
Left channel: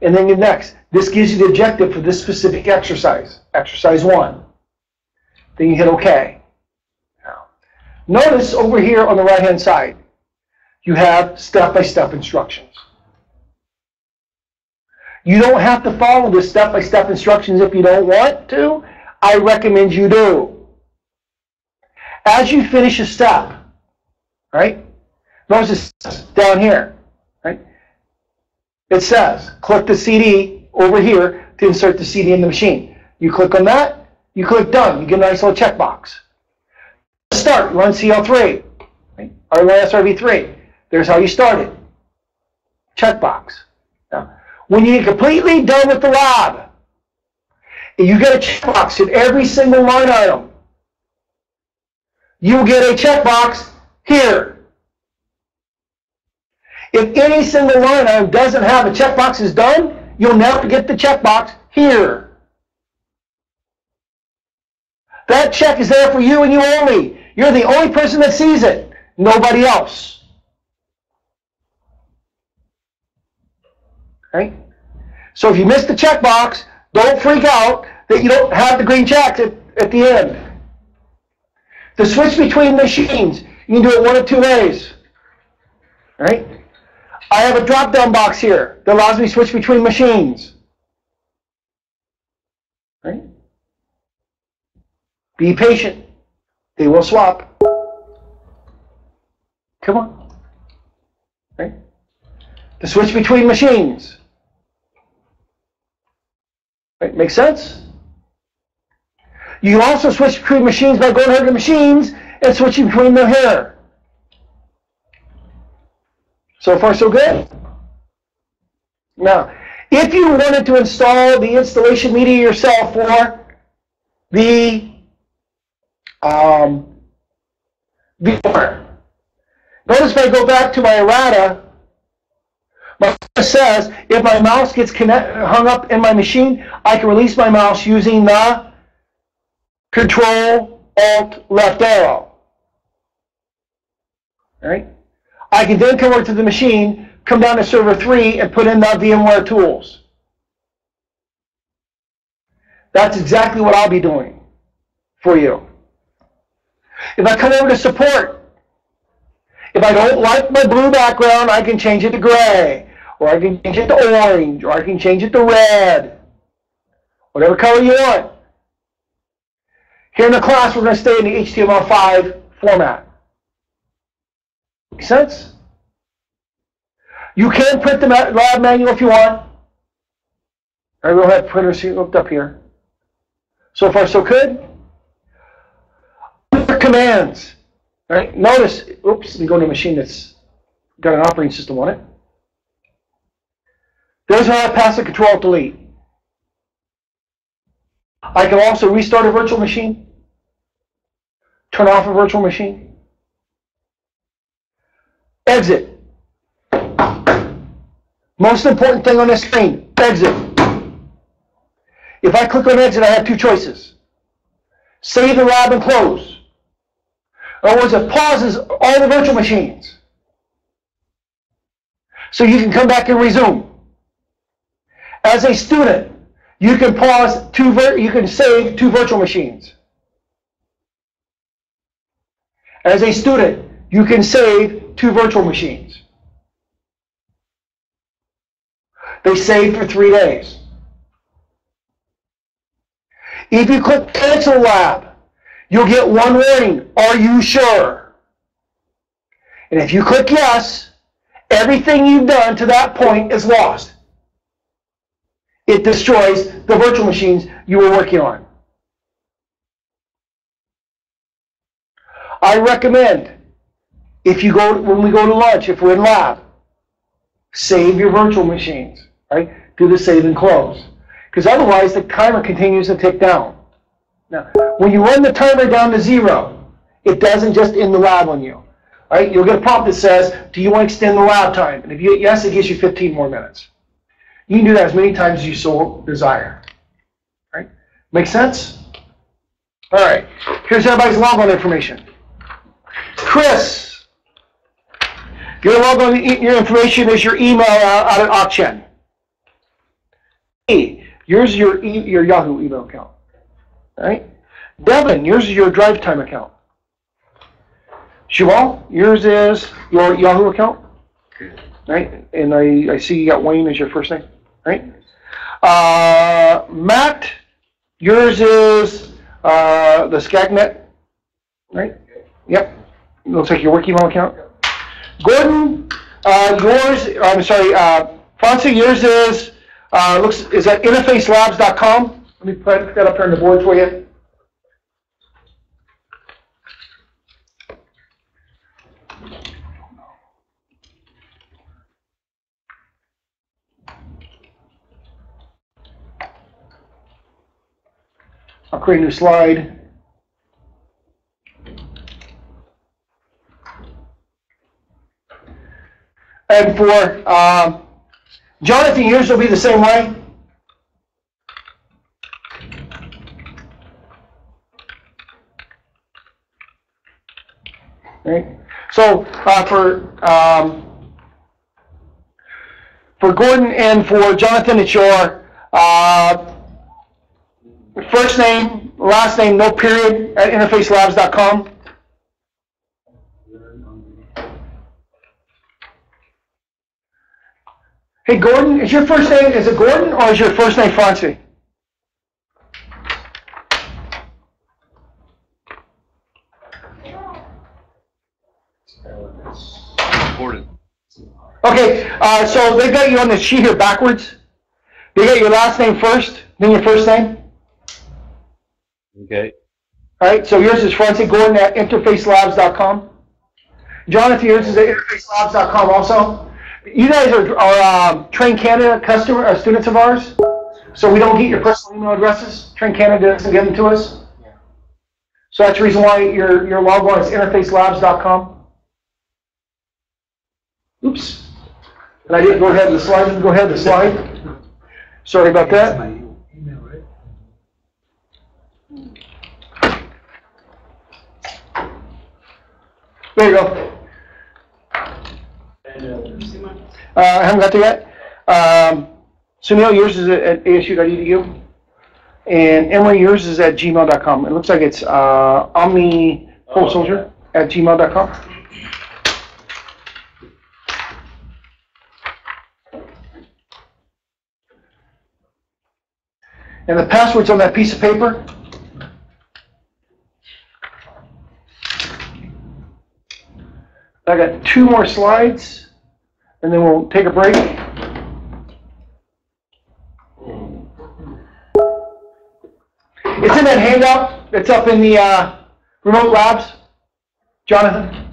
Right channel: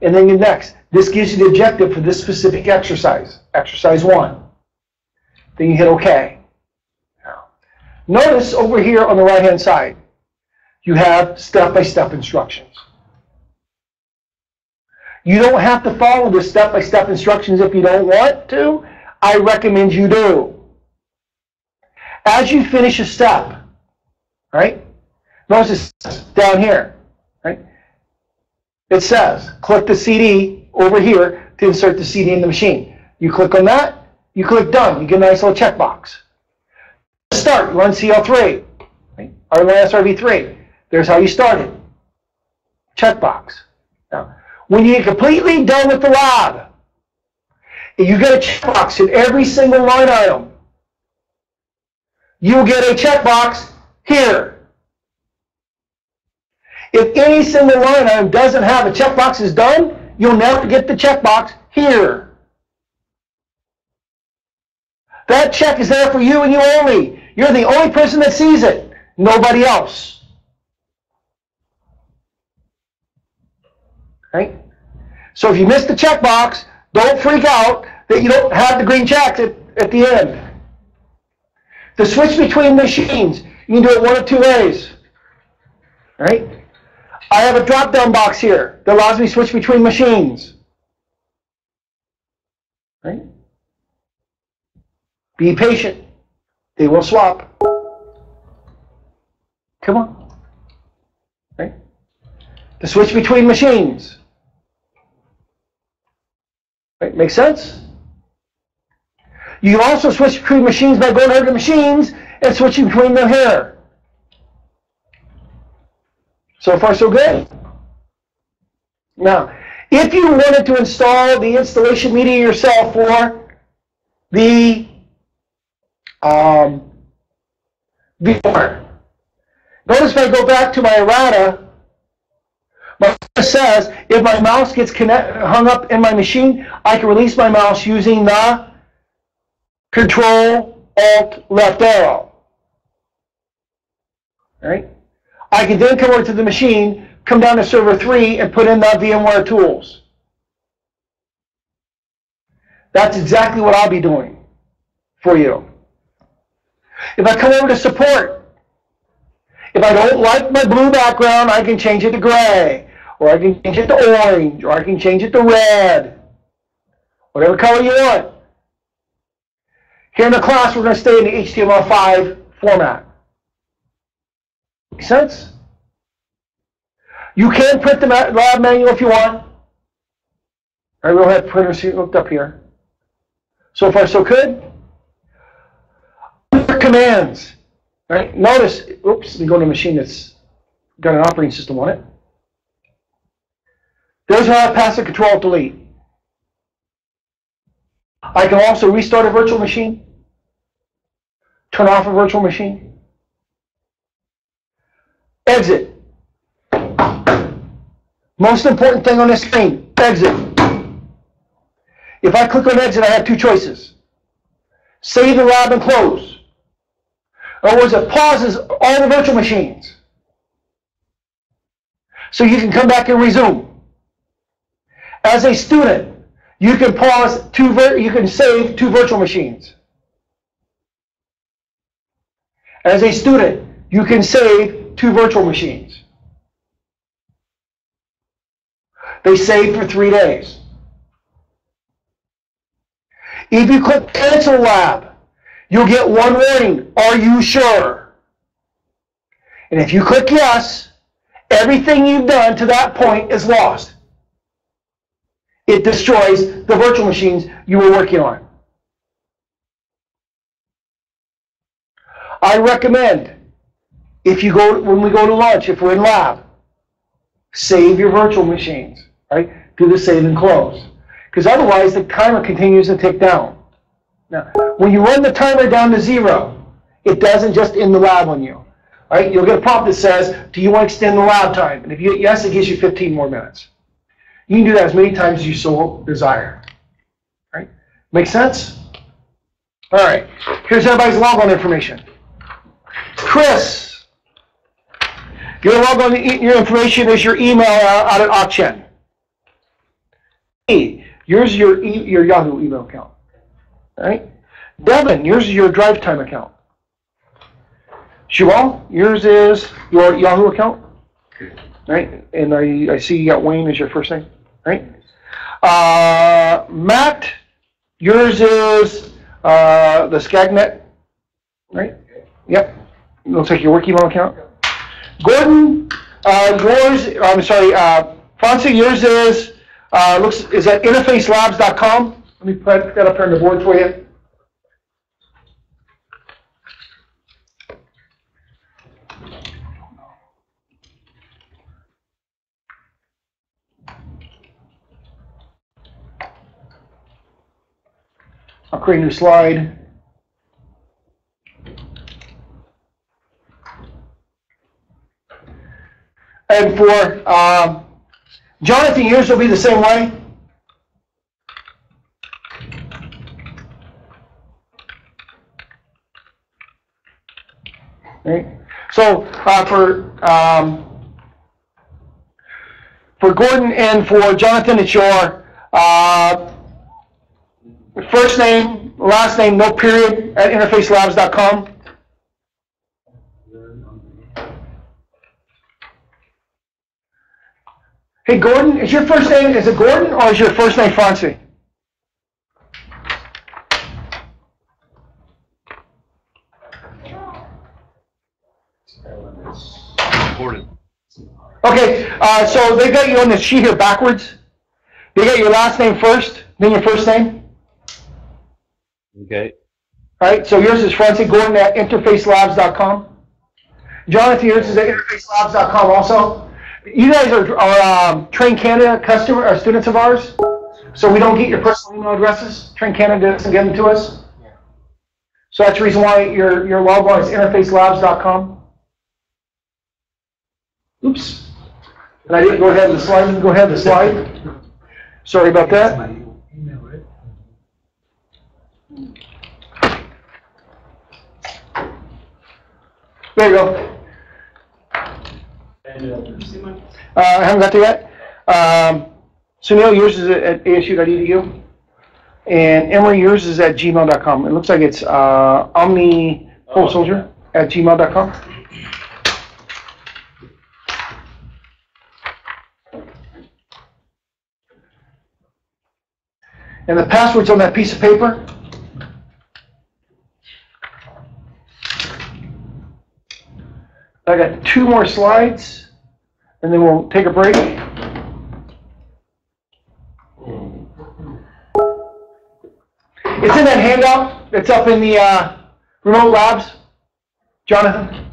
And then you next. This gives you the objective for this specific exercise, exercise 1. Then you hit OK. Notice over here on the right-hand side, you have step-by-step instructions. You don't have to follow the step-by-step instructions if you don't want to. I recommend you do. As you finish a step, right? Notice this down here, right? It says, click the CD over here to insert the CD in the machine. You click on that, you click done. You get a nice little checkbox. Start, run CL3, right? Or run SRV3. There's how you started. Checkbox. Now, when you get completely done with the lab, you get a checkbox in every single line item. You'll get a checkbox here. If any single line item doesn't have a checkbox is done, you'll never get the checkbox here. That check is there for you and you only. You're the only person that sees it, nobody else. Right? So if you miss the checkbox, don't freak out that you don't have the green checks at the end. To switch between machines, you can do it one of 2 ways. Right? I have a drop-down box here that allows me to switch between machines. Right? Be patient. They will swap. Come on. Right? To switch between machines. Right? Make sense? You can also switch between machines by going over to machines and switching between them here. So far, so good? Now, if you wanted to install the installation media yourself for the VMware, notice if I go back to my errata, my errata says if my mouse gets hung up in my machine, I can release my mouse using the Control, Alt, left arrow. All right? I can then come over to the machine, come down to server 3, and put in the VMware tools. That's exactly what I'll be doing for you. If I come over to support, if I don't like my blue background, I can change it to gray, or I can change it to orange, or I can change it to red, whatever color you want. Here in the class, we're going to stay in the HTML5 format. Make sense? You can print the lab manual if you want. I will have printers hooked up here. So far, so good. Under commands. All right, notice, oops, let me go to a machine that's got an operating system on it. There's how I pass a Control-Delete. I can also restart a virtual machine, turn off a virtual machine, exit. Most important thing on this screen, exit. If I click on exit, I have two choices. Save the lab and close. In other words, it pauses all the virtual machines. So you can come back and resume. As a student, you can you can save two virtual machines. As a student, you can save two virtual machines. They save for 3 days. If you click cancel lab, you'll get one warning, are you sure? And if you click yes, everything you've done to that point is lost. It destroys the virtual machines you were working on. I recommend, when we go to lunch, if we're in lab, save your virtual machines, right? Do the save and close. Because otherwise the timer continues to tick down. Now, when you run the timer down to 0, it doesn't just end the lab on you. Right? You'll get a prompt that says, do you want to extend the lab time? And if you hit yes, it gives you 15 more minutes. You can do that as many times as you so desire. Right? Make sense? All right. Here's everybody's logon information. Chris, your logon, your information is your email out at Auction. Yours is your Yahoo email account. All right? Devin, yours is your drive time account. Shival, yours is your Yahoo account. Right? And I see you got Wayne as your first name. Right? Matt, yours is the Skagnet. Right? Yep. Looks like your work email account. Gordon, Francie, yours is is at interfacelabs.com. Let me put that up here on the board for you. I'll create a new slide. And for Jonathan, yours will be the same way. Right? So for Gordon and for Jonathan, it's your first name, last name, no period, at interfacelabs.com. Hey, Gordon, is your first name, is it Gordon or is your first name Francie? Gordon. Okay, so they got you on the sheet here backwards. They got your last name first, then your first name. Okay. All right, so yours is Francie Gordon at interfacelabs.com. Jonathan, yours is at interfacelabs.com also. You guys are Train Canada students of ours, so we don't get your personal email addresses. Train Canada doesn't give them to us. So that's the reason why your logon is interfacelabs.com. Oops. And I didn't go ahead of the slide. Go ahead of the slide. Sorry about that. There you go. I haven't got there yet. Sunil, yours is at asu.edu. And Emory, yours is at gmail.com. It looks like it's omnipolesoldier at gmail.com. And the password's on that piece of paper. I got 2 more slides, and then we'll take a break. It's in that handout that's up in the Remote labs? Jonathan?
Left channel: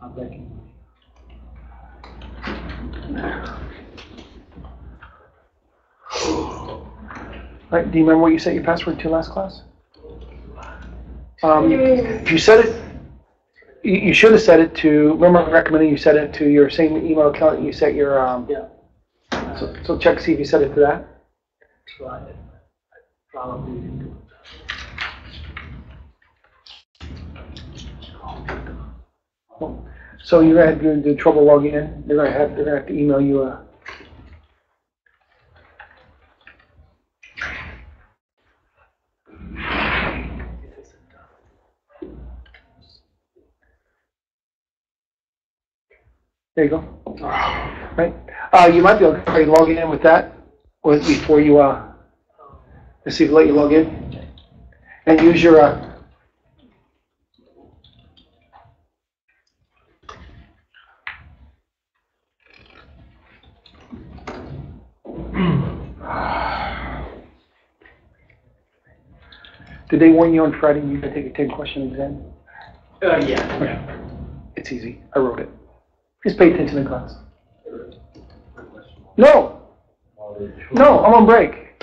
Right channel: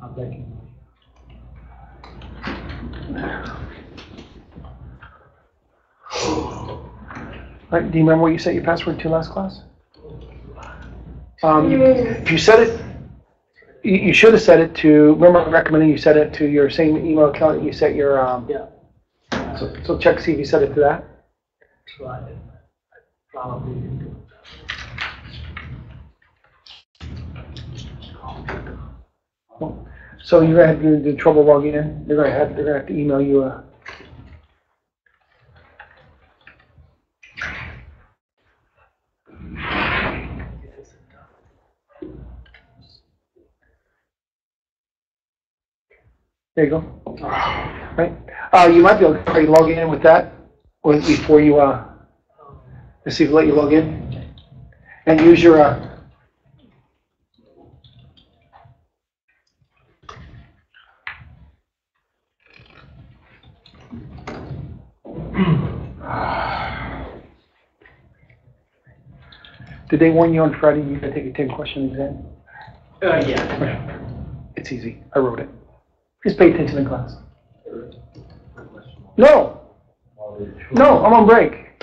I'll take it. Right, do you remember what you set your password to last class? If you set it, you should have set it to, remember I recommended you set it to your same email account that you set your, so check to see if you set it to that. Try it. Probably didn't do So you're gonna have to do trouble logging in. They're gonna have to email you a. There you go. Right. You might be able to try logging in with that before you let's see if it'll let you log in and use your Did they warn you on Friday you could take a 10-question exam? Yeah. It's easy. I wrote it. Just pay attention in class. No. No, I'm on break.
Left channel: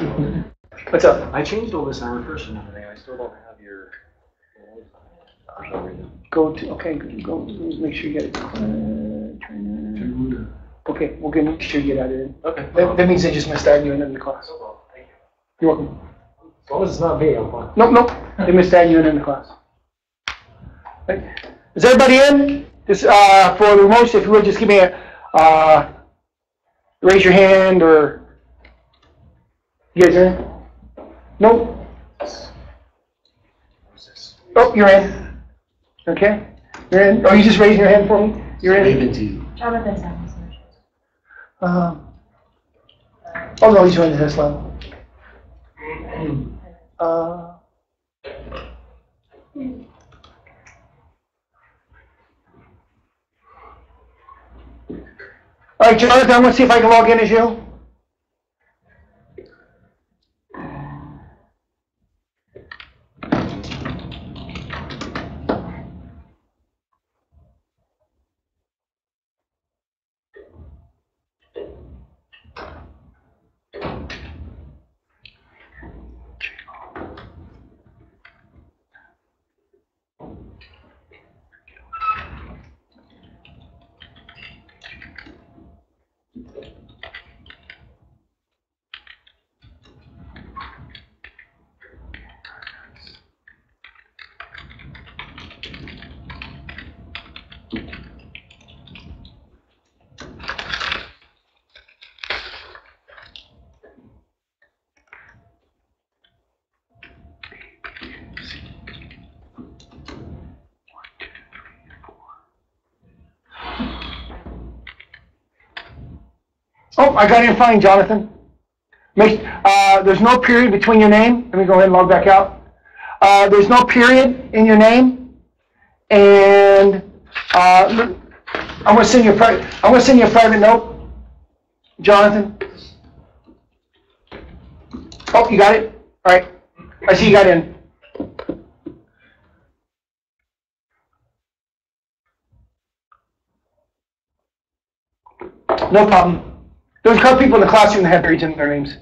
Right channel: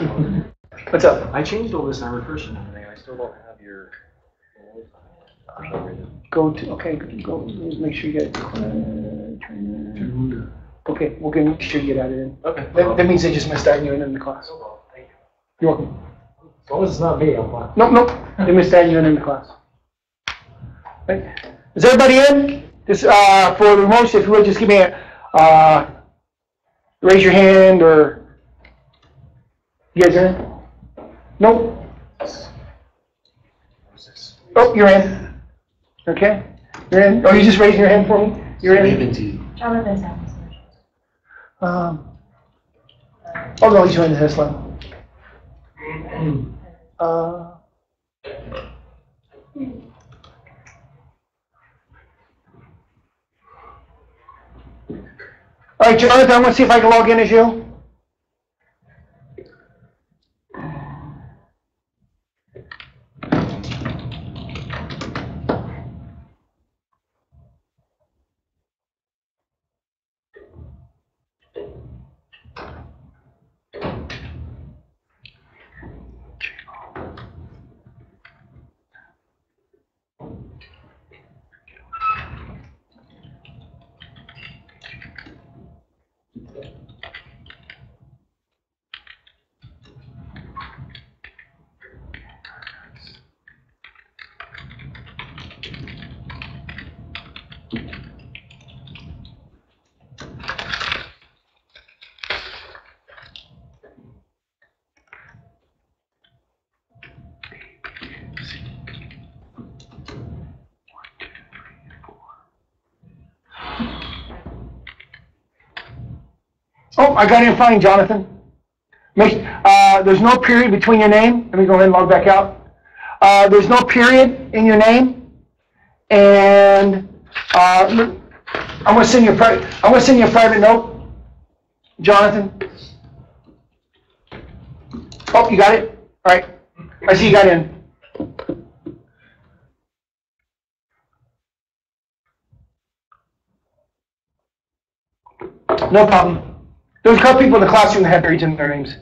What's up? I changed all this and I refreshed and everything, and I still don't have your. Go to, okay, go, make sure you get it. Trainer. Okay, we're gonna make sure you get added in. Okay. That means they just missed adding you in the class. Thank you. You're welcome. As long as it's not me, I'm fine. Nope. They missed adding you in the class. Right. Is everybody in? This for the remote, if you would just give me a raise your hand or you guys are in? Nope. Oh, you're in. Okay. You're in. Oh, you just raising your hand for me? You're in. Jonathan's having Oh no, he's joined this line. All right, Jonathan, I want to see if I can log in as you. Oh, I got in fine, Jonathan. There's no period between your name. Let me go ahead and log back out. There's no period in your name, and I'm going to send you a private note, Jonathan. Oh, you got it. All right. I see you got in. No problem. There's a couple people in the classroom that have periods in their names.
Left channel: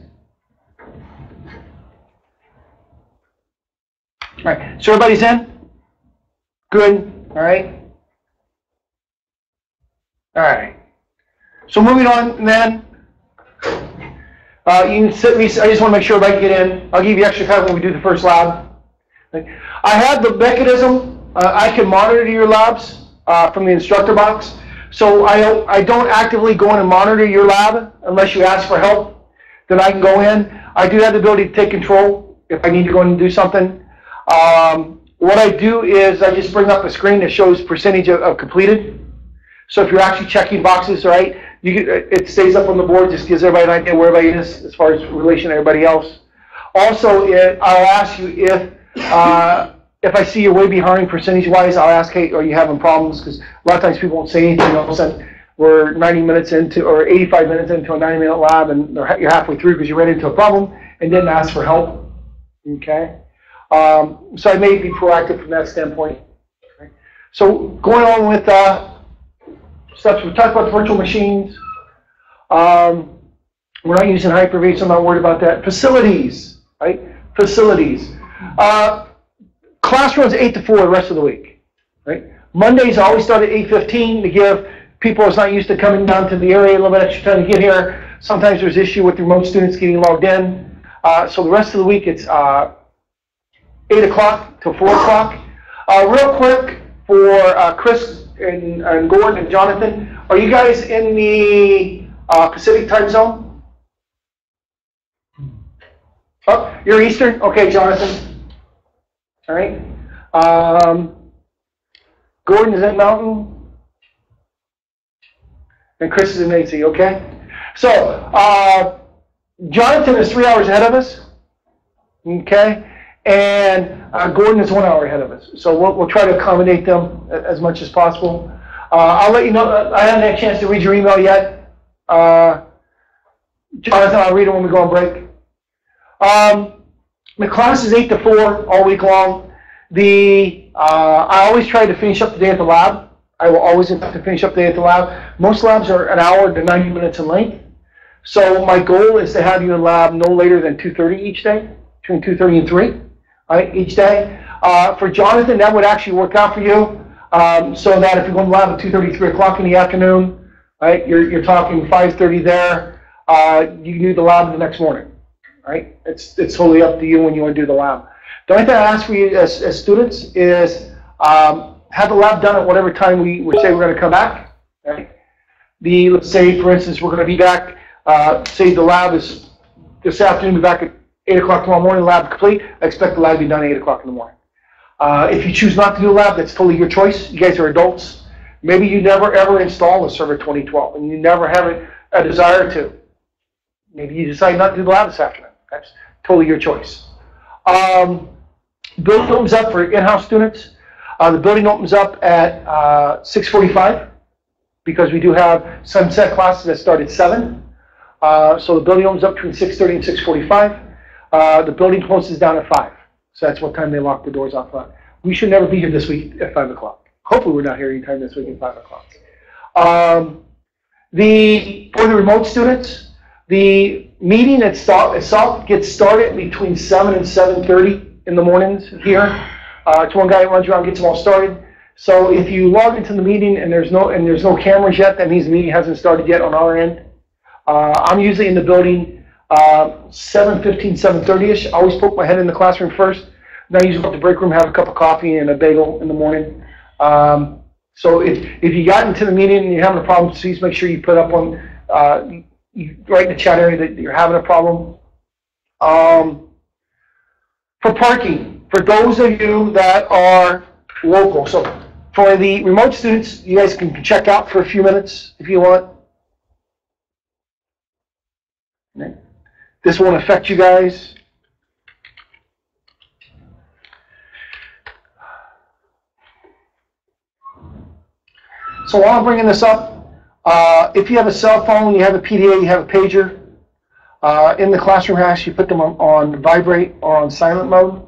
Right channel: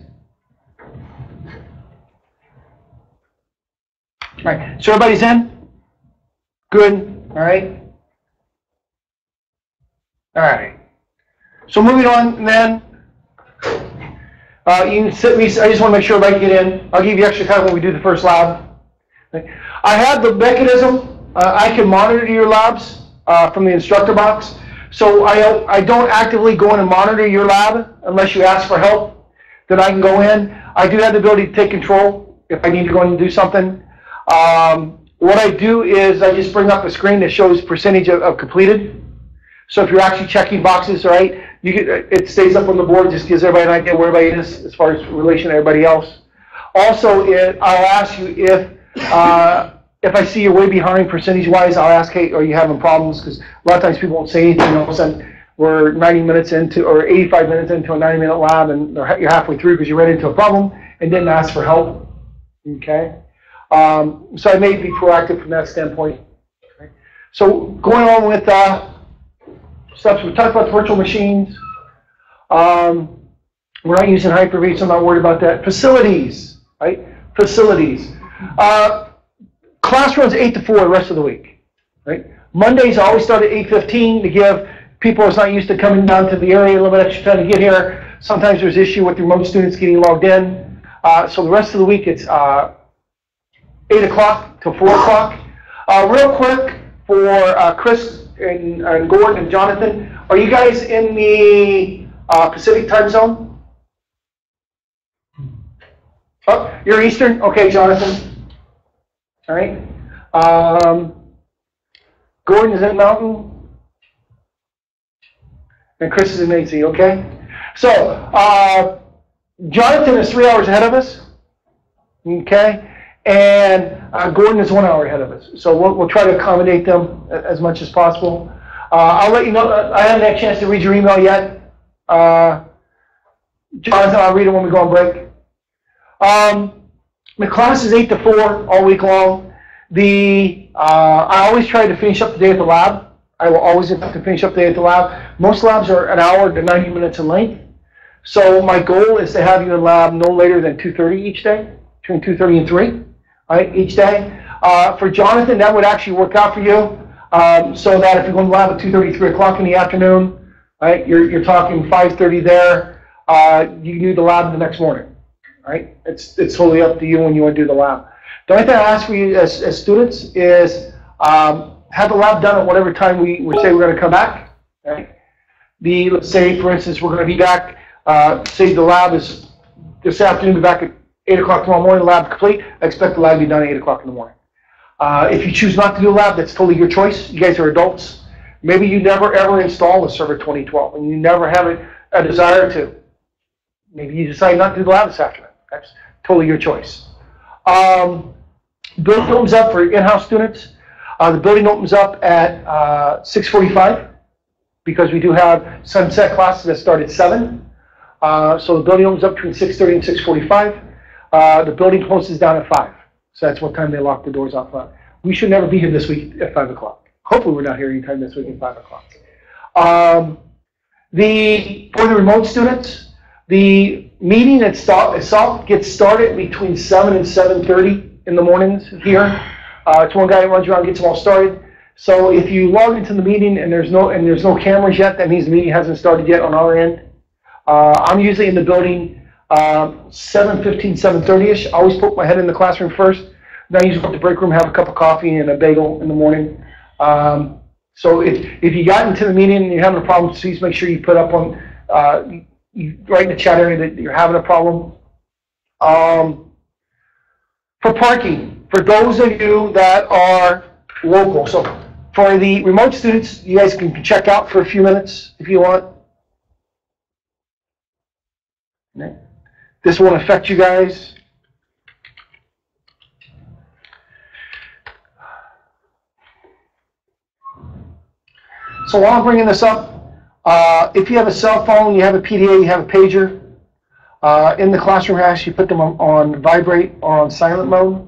All right, so everybody's in? Good, all right? All right. So moving on then, you can sit, I just want to make sure everybody get in. I'll give you extra time when we do the first lab. I have the mechanism, I can monitor your labs from the instructor box. So I don't actively go in and monitor your lab unless you ask for help. Then I can go in. I do have the ability to take control if I need to go in and do something. What I do is I just bring up a screen that shows percentage of completed. So if you're actually checking boxes, right, it stays up on the board, just gives everybody an idea where everybody is as far as relation to everybody else. Also, I'll ask you if I see you're way behind percentage-wise, I'll ask, hey, are you having problems? Because a lot of times people won't say anything. All of a sudden, we're 90 minutes into, or 85 minutes into a 90-minute lab, and you're halfway through because you ran into a problem and didn't ask for help. Okay? So I may be proactive from that standpoint. Okay? So going on with steps, we talked about virtual machines. We're not using Hyper-V, so I'm not worried about that. Facilities, right? Facilities. Class runs 8 to 4 the rest of the week, right? Mondays always start at 8:15 to give people who's not used to coming down to the area a little bit extra time to get here. Sometimes there's issue with remote students getting logged in. So the rest of the week it's 8 o'clock to 4 o'clock. Real quick for Chris and Gordon and Jonathan, are you guys in the Pacific time zone? Oh, you're Eastern? Okay, Jonathan. All right. Gordon is in Mountain. And Chris is in AC, okay? So, Jonathan is 3 hours ahead of us. Okay? And Gordon is 1 hour ahead of us. So we'll try to accommodate them as much as possible. I'll let you know, I haven't had a chance to read your email yet. Jonathan, I'll read it when we go on break. The class is 8 to 4 all week long. I always try to finish up the day at the lab. I will always attempt to finish up the day at the lab. Most labs are an hour to 90 minutes in length. So my goal is to have you in lab no later than 2:30 each day, between 2:30 and 3, right, each day. For Jonathan, that would actually work out for you, so that if you go in the lab at 2:30, 3 o'clock in the afternoon, right, you're talking 5:30 there, you can do the lab the next morning, right? It's totally up to you when you want to do the lab. The only thing I ask for you as students is have the lab done at whatever time we say we're going to come back, right? Let's say, for instance, we're going to be back, say the lab is this afternoon, be back at 8 o'clock tomorrow morning, the lab complete. I expect the lab to be done at 8 o'clock in the morning. If you choose not to do a lab, that's totally your choice. You guys are adults. Maybe you never ever install a server 2012 and you never have a desire to. Maybe you decide not to do the lab this afternoon. That's totally your choice. Building opens up for in-house students. The building opens up at 6:45 because we do have sunset classes that start at 7. So the building opens up between 6:30 and 6:45. The building closes down at 5. So that's what time they lock the doors off front. We should never be here this week at 5 o'clock. Hopefully we're not here anytime this week at 5 o'clock. For the remote students, the meeting itself gets started between 7 and 7:30 in the mornings here. It's one guy that runs around and gets them all started. So if you log into the meeting and there's no cameras yet, that means the meeting hasn't started yet on our end. I'm usually in the building 7:15, 7:30ish. I always poke my head in the classroom first. Then I usually go to the break room, have a cup of coffee and a bagel in the morning. So if you got into the meeting and you're having a problem, please make sure you put up on, you write in the chat area that you're having a problem. For parking, for those of you that are local, so for the remote students, you guys can check out for a few minutes if you want. This won't affect you guys. So while I'm bringing this up, if you have a cell phone, you have a PDA, you have a pager, in the classroom house, you put them on vibrate or on silent mode.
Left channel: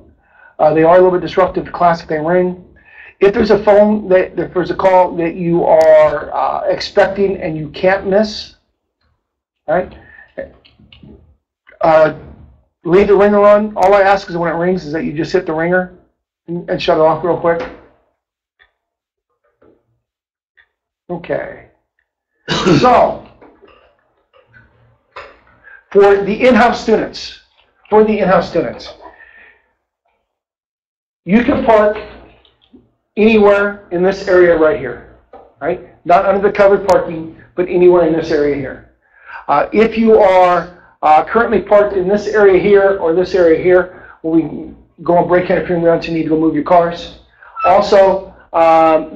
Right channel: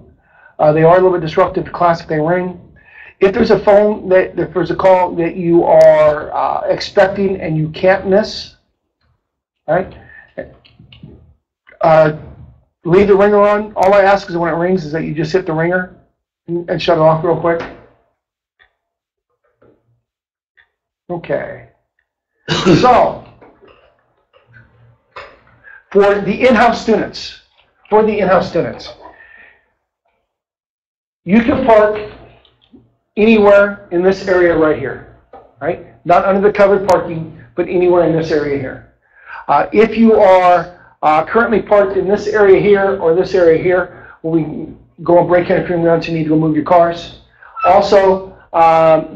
They are a little bit disruptive to class if they ring. If there's a phone, if there's a call that you are expecting and you can't miss, right? Leave the ringer on. All I ask is when it rings is that you just hit the ringer and shut it off real quick. Okay. So, for the in-house students, you can park anywhere in this area right here, right? Not under the covered parking, but anywhere in this area here. If you are currently parked in this area here or this area here, well, go on break interfering routes, you need to go move your cars. Also,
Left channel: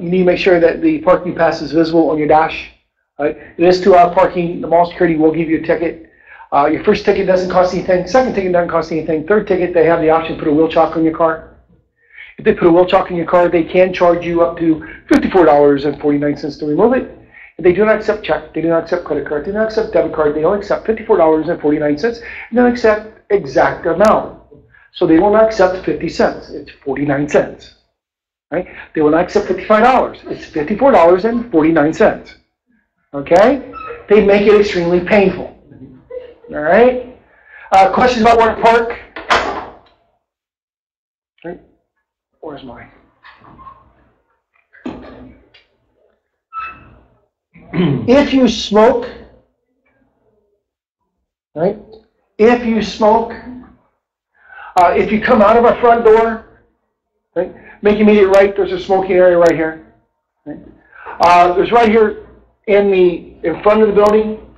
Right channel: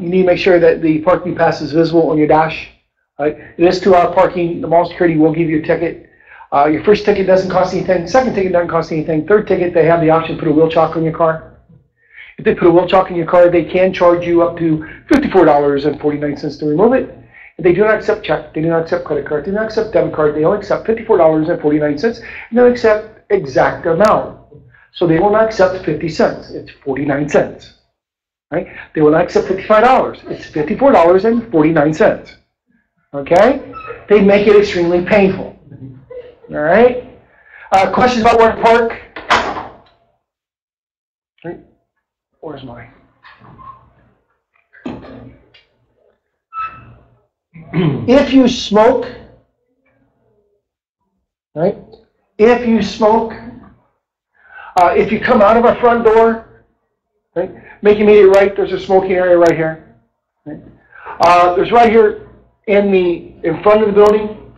you need to make sure that the parking pass is visible on your dash. Right? It is 2-hour parking. The mall security will give you a ticket. Your first ticket doesn't cost anything. Second ticket doesn't cost anything. Third ticket, they have the option to put a wheel chock on your car. If they put a wheel chock in your car, they can charge you up to $54.49 to remove it. And they do not accept check. They do not accept credit card. They do not accept debit card. They only accept $54.49. They don't accept exact amount. So they will not accept 50 cents. It's 49 cents. Right? They will not accept $55. It's $54.49. Okay? They make it extremely painful. All right? Questions about where to park? Right. Where's mine? If you smoke, right? If you smoke, if you come out of our front door, right? Make immediate right. There's a smoking area right here. Right? There's right here in front of the building.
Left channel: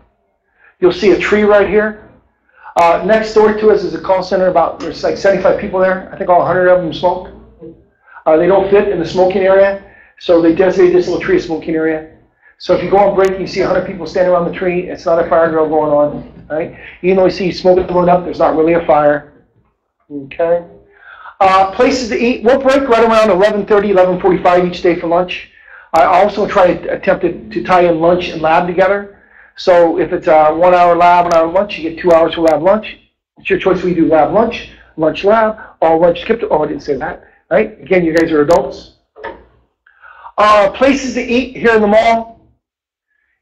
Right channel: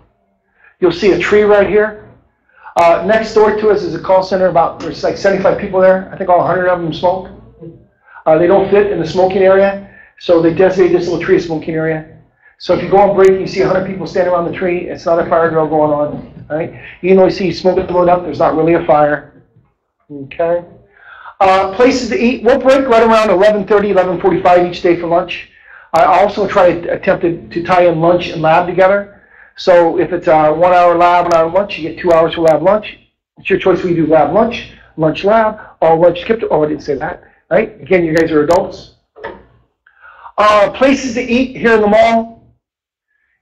You'll see a tree right here. Next door to us is a call center. There's like 75 people there. I think all 100 of them smoke. They don't fit in the smoking area, so they designate this little tree a smoking area. So if you go on break, you see 100 people standing around the tree. It's not a fire drill going on, right? Even though you see smoke blowing up, there's not really a fire. Okay. Places to eat. We'll break right around 11:30, 11:45 each day for lunch. I also try to attempt to tie in lunch and lab together. So if it's a 1 hour lab, 1 hour lunch, you get 2 hours for lab lunch. It's your choice. We do lab lunch, lunch lab, or lunch skipped. Oh, I didn't say that. Right? Again, you guys are adults. Places to eat here in the mall.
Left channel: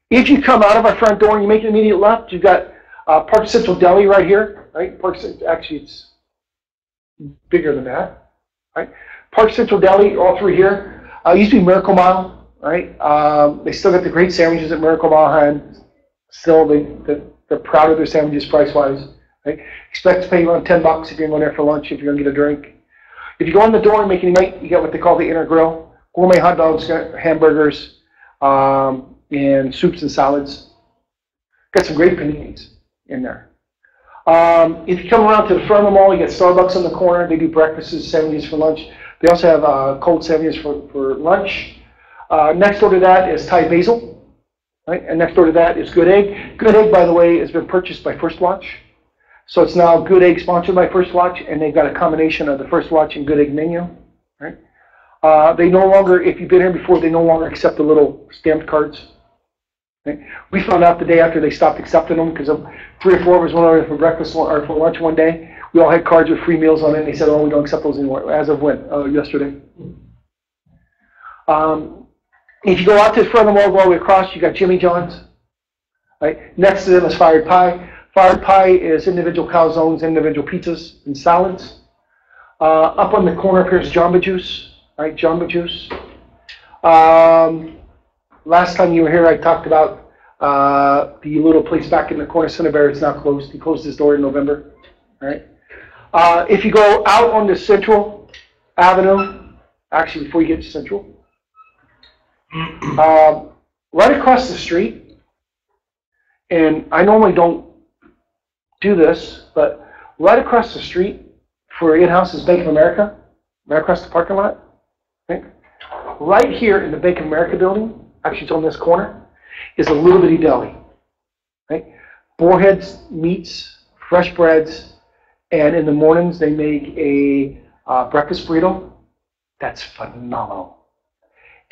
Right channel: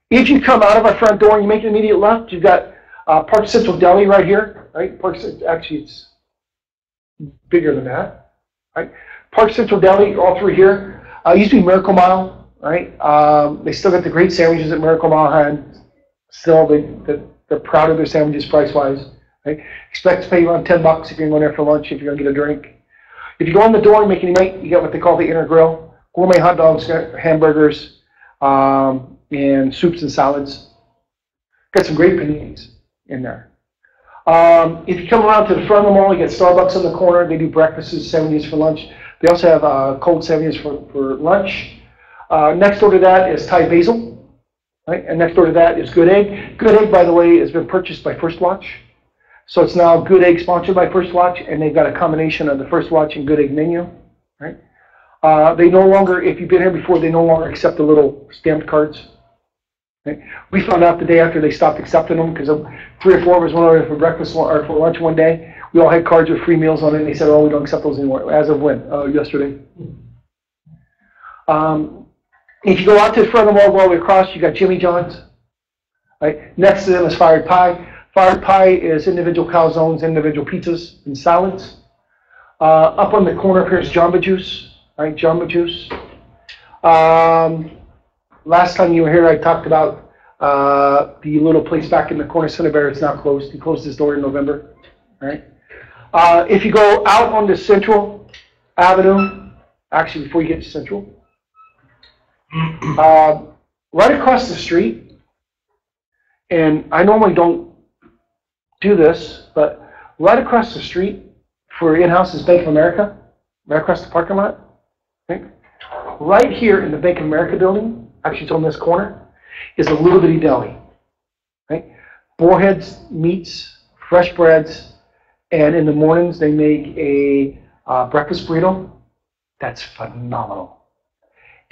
If you come out of our front door and you make an immediate left, you've got Park Central Deli right here. Right? Actually, it's bigger than that. Right? Park Central Deli, all through here. Used to be Miracle Mile. Right? They still got the great sandwiches that Miracle Mile had. Still, they're proud of their sandwiches price-wise. Right? Expect to pay around $10 if you're going there for lunch, if you're going to get a drink. If you go in the door and make any meat, you get what they call the inner grill. Gourmet hot dogs, hamburgers, and soups and salads. Got some great paninis in there. If you come around to the front of the mall, you get Starbucks on the corner. They do breakfasts, sandwiches for lunch. They also have cold sandwiches for lunch. Next door to that is Thai Basil. Right? And next door to that is Good Egg. Good Egg, by the way, has been purchased by First Watch. So it's now Good Egg sponsored by First Watch, and they've got a combination of the First Watch and Good Egg menu. Right? They no longer, if you've been here before, they no longer accept the little stamped cards. Right? We found out the day after they stopped accepting them, because 3 or 4 of us went over for breakfast or for lunch one day. We all had cards with free meals on it, and they said, oh, we don't accept those anymore. As of when? Yesterday. If you go out to the front of the mall, all the way across, you got Jimmy John's. Right? Next to them is Fired Pie. Fired Pie is individual calzones, individual pizzas, and salads. Up on the corner here is Jamba Juice. Right? Jamba Juice. Last time you were here, I talked about the little place back in the corner, Cinnabar. It's now closed. He closed his door in November. Right? If you go out onto Central Avenue, actually before you get to Central, right across the street, and I normally don't do this, but right across the street for in-house is Bank of America, right across the parking lot. Right? Right here in the Bank of America building, actually it's on this corner, is a little bitty deli. Right? Boarheads, meats, fresh breads, and in the mornings they make a breakfast burrito. That's phenomenal.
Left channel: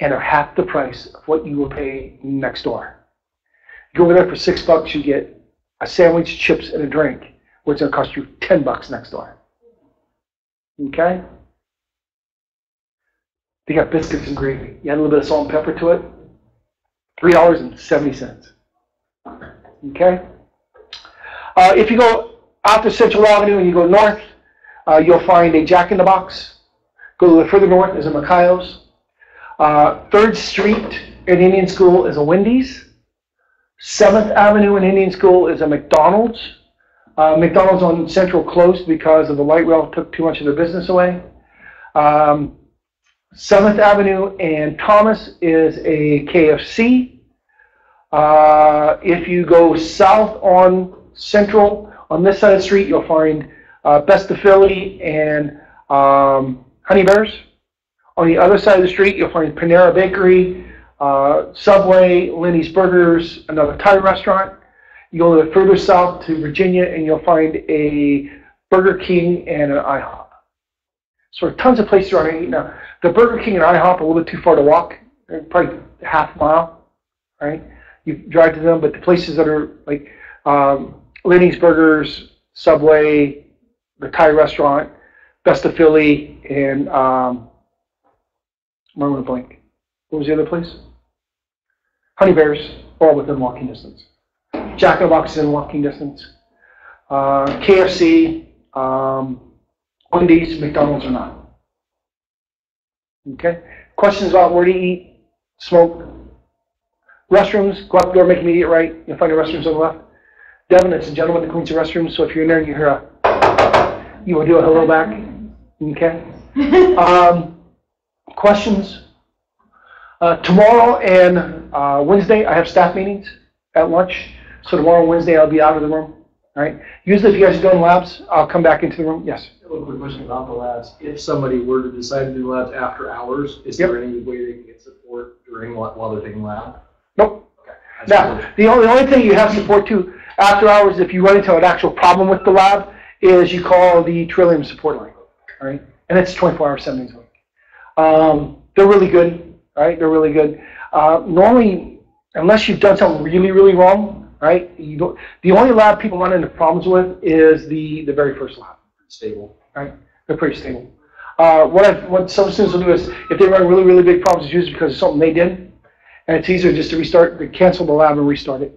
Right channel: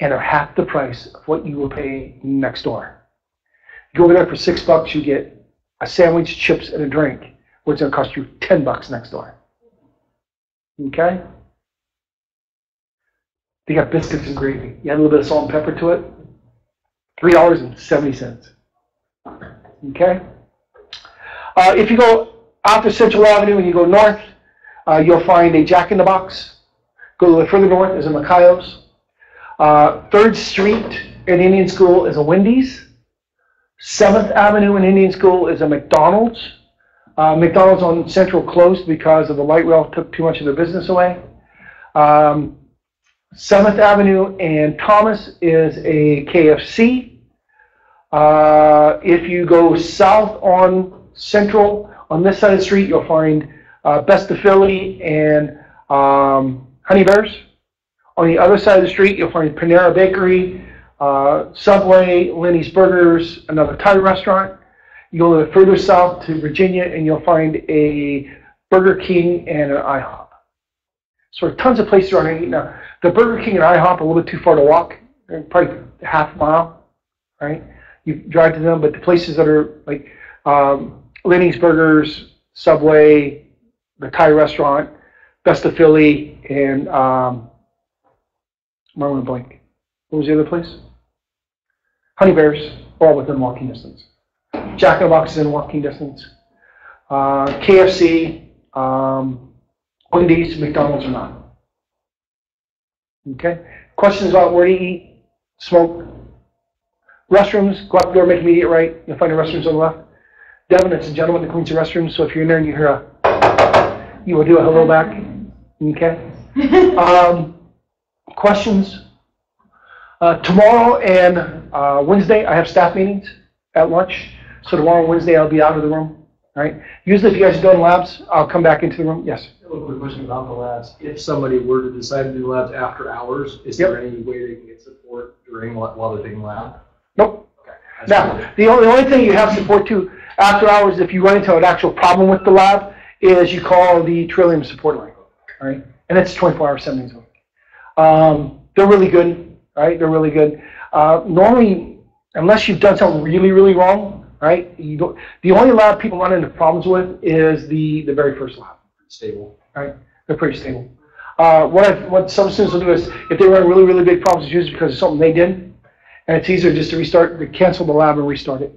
And are half the price of what you will pay next door. You go over there for $6, you get a sandwich, chips, and a drink, which is going to cost you $10 next door. Okay? They got biscuits and gravy. You add a little bit of salt and pepper to it. $3.70. Okay? If you go out to Central Avenue and you go north, you'll find a Jack in the Box. Go a little further north is a Macayo's. 3rd Street in Indian School is a Wendy's. 7th Avenue in Indian School is a McDonald's. McDonald's on Central closed because of the light rail took too much of their business away. 7th Avenue and Thomas is a KFC. If you go south on Central, on this side of the street, you'll find Best of Philly and Honey Bears. On the other side of the street, you'll find Panera Bakery, Subway, Lenny's Burgers, another Thai restaurant. You go a little further south to Virginia, and you'll find a Burger King and an IHOP. So tons of places around here to eat now. The Burger King and IHOP are a little bit too far to walk, probably half mile, right? You drive to them, but the places that are like Lenny's Burgers, Subway, the Thai restaurant, Best of Philly, and Marlon Blank. What was the other place? Honey Bears, all within walking distance. Jack in the Box is in walking distance. KFC, Wendy's, McDonald's are not. Okay? Questions about where to eat, smoke. Restrooms, go out the door, make immediate right. You'll find the restrooms on the left. Devin, it's a gentleman that cleans the restrooms, so if you're in there and you hear you will do a hello back. Okay? Questions? Tomorrow and Wednesday, I have staff meetings at lunch. So tomorrow and Wednesday, I'll be out of the room. All right? Usually, if you guys are doing labs, I'll come back into the room. Yes? A little quick question about the labs. If somebody were to decide to do labs after hours, is there any way they can get support during while they're taking lab? Nope. Okay. Now, the only thing you have support to after hours, if you run into an actual problem with the lab, is you call the Trillium support line. All right? And it's 24 hours, 7 days a week. They're really good. All right? They're really good. Normally, unless you've done something really, really wrong, right? The only lab people run into problems with is the very first lab. Stable. Right? They're pretty stable. What some students will do is, if they run really, really big problems, it's usually because of something they did, and it's easier just to cancel the lab and restart it.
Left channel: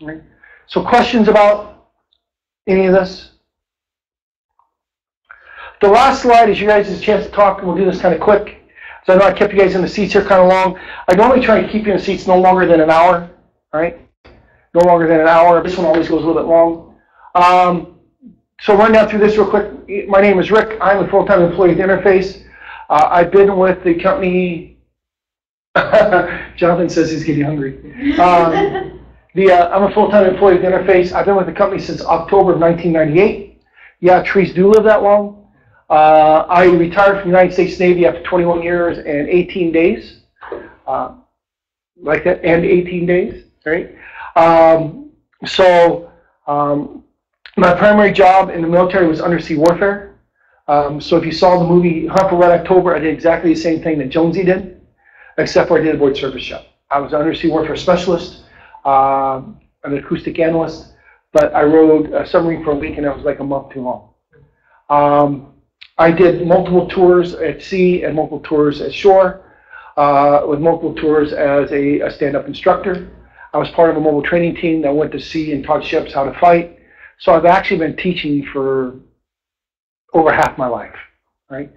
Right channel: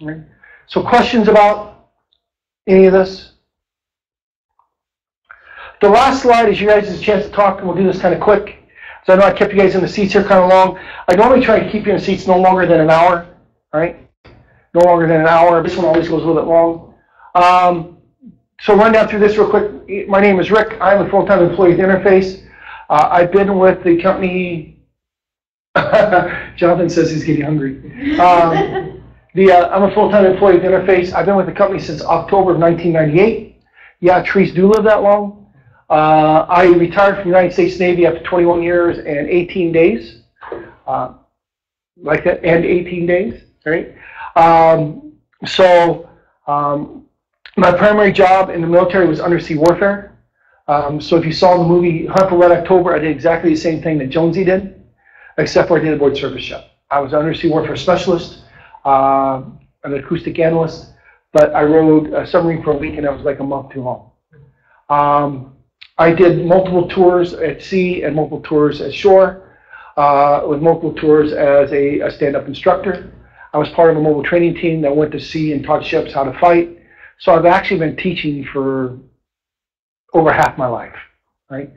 All right? So questions about any of this? The last slide is you guys' chance to talk, and we'll do this kind of quick. So I know I kept you guys in the seats here kind of long. I normally try to keep you in the seats no longer than an hour. All right? No longer than an hour. This one always goes a little bit long. So run down through this real quick. My name is Rick. I'm a full-time employee at Interface. I've been with the company. Jonathan says he's getting hungry. I'm a full-time employee at Interface. I've been with the company since October of 1998. Yeah, trees do live that long. I retired from the United States Navy after 21 years and 18 days. Like that, and 18 days, right? My primary job in the military was undersea warfare. So if you saw the movie Hunt for Red October, I did exactly the same thing that Jonesy did, except for I did a void surface ship. I was an undersea warfare specialist, an acoustic analyst, but I rode a submarine for a week, and that was like a month too long. I did multiple tours at sea and multiple tours at shore, with multiple tours as a stand-up instructor. I was part of a mobile training team that went to sea and taught ships how to fight. So I've actually been teaching for over half my life, right?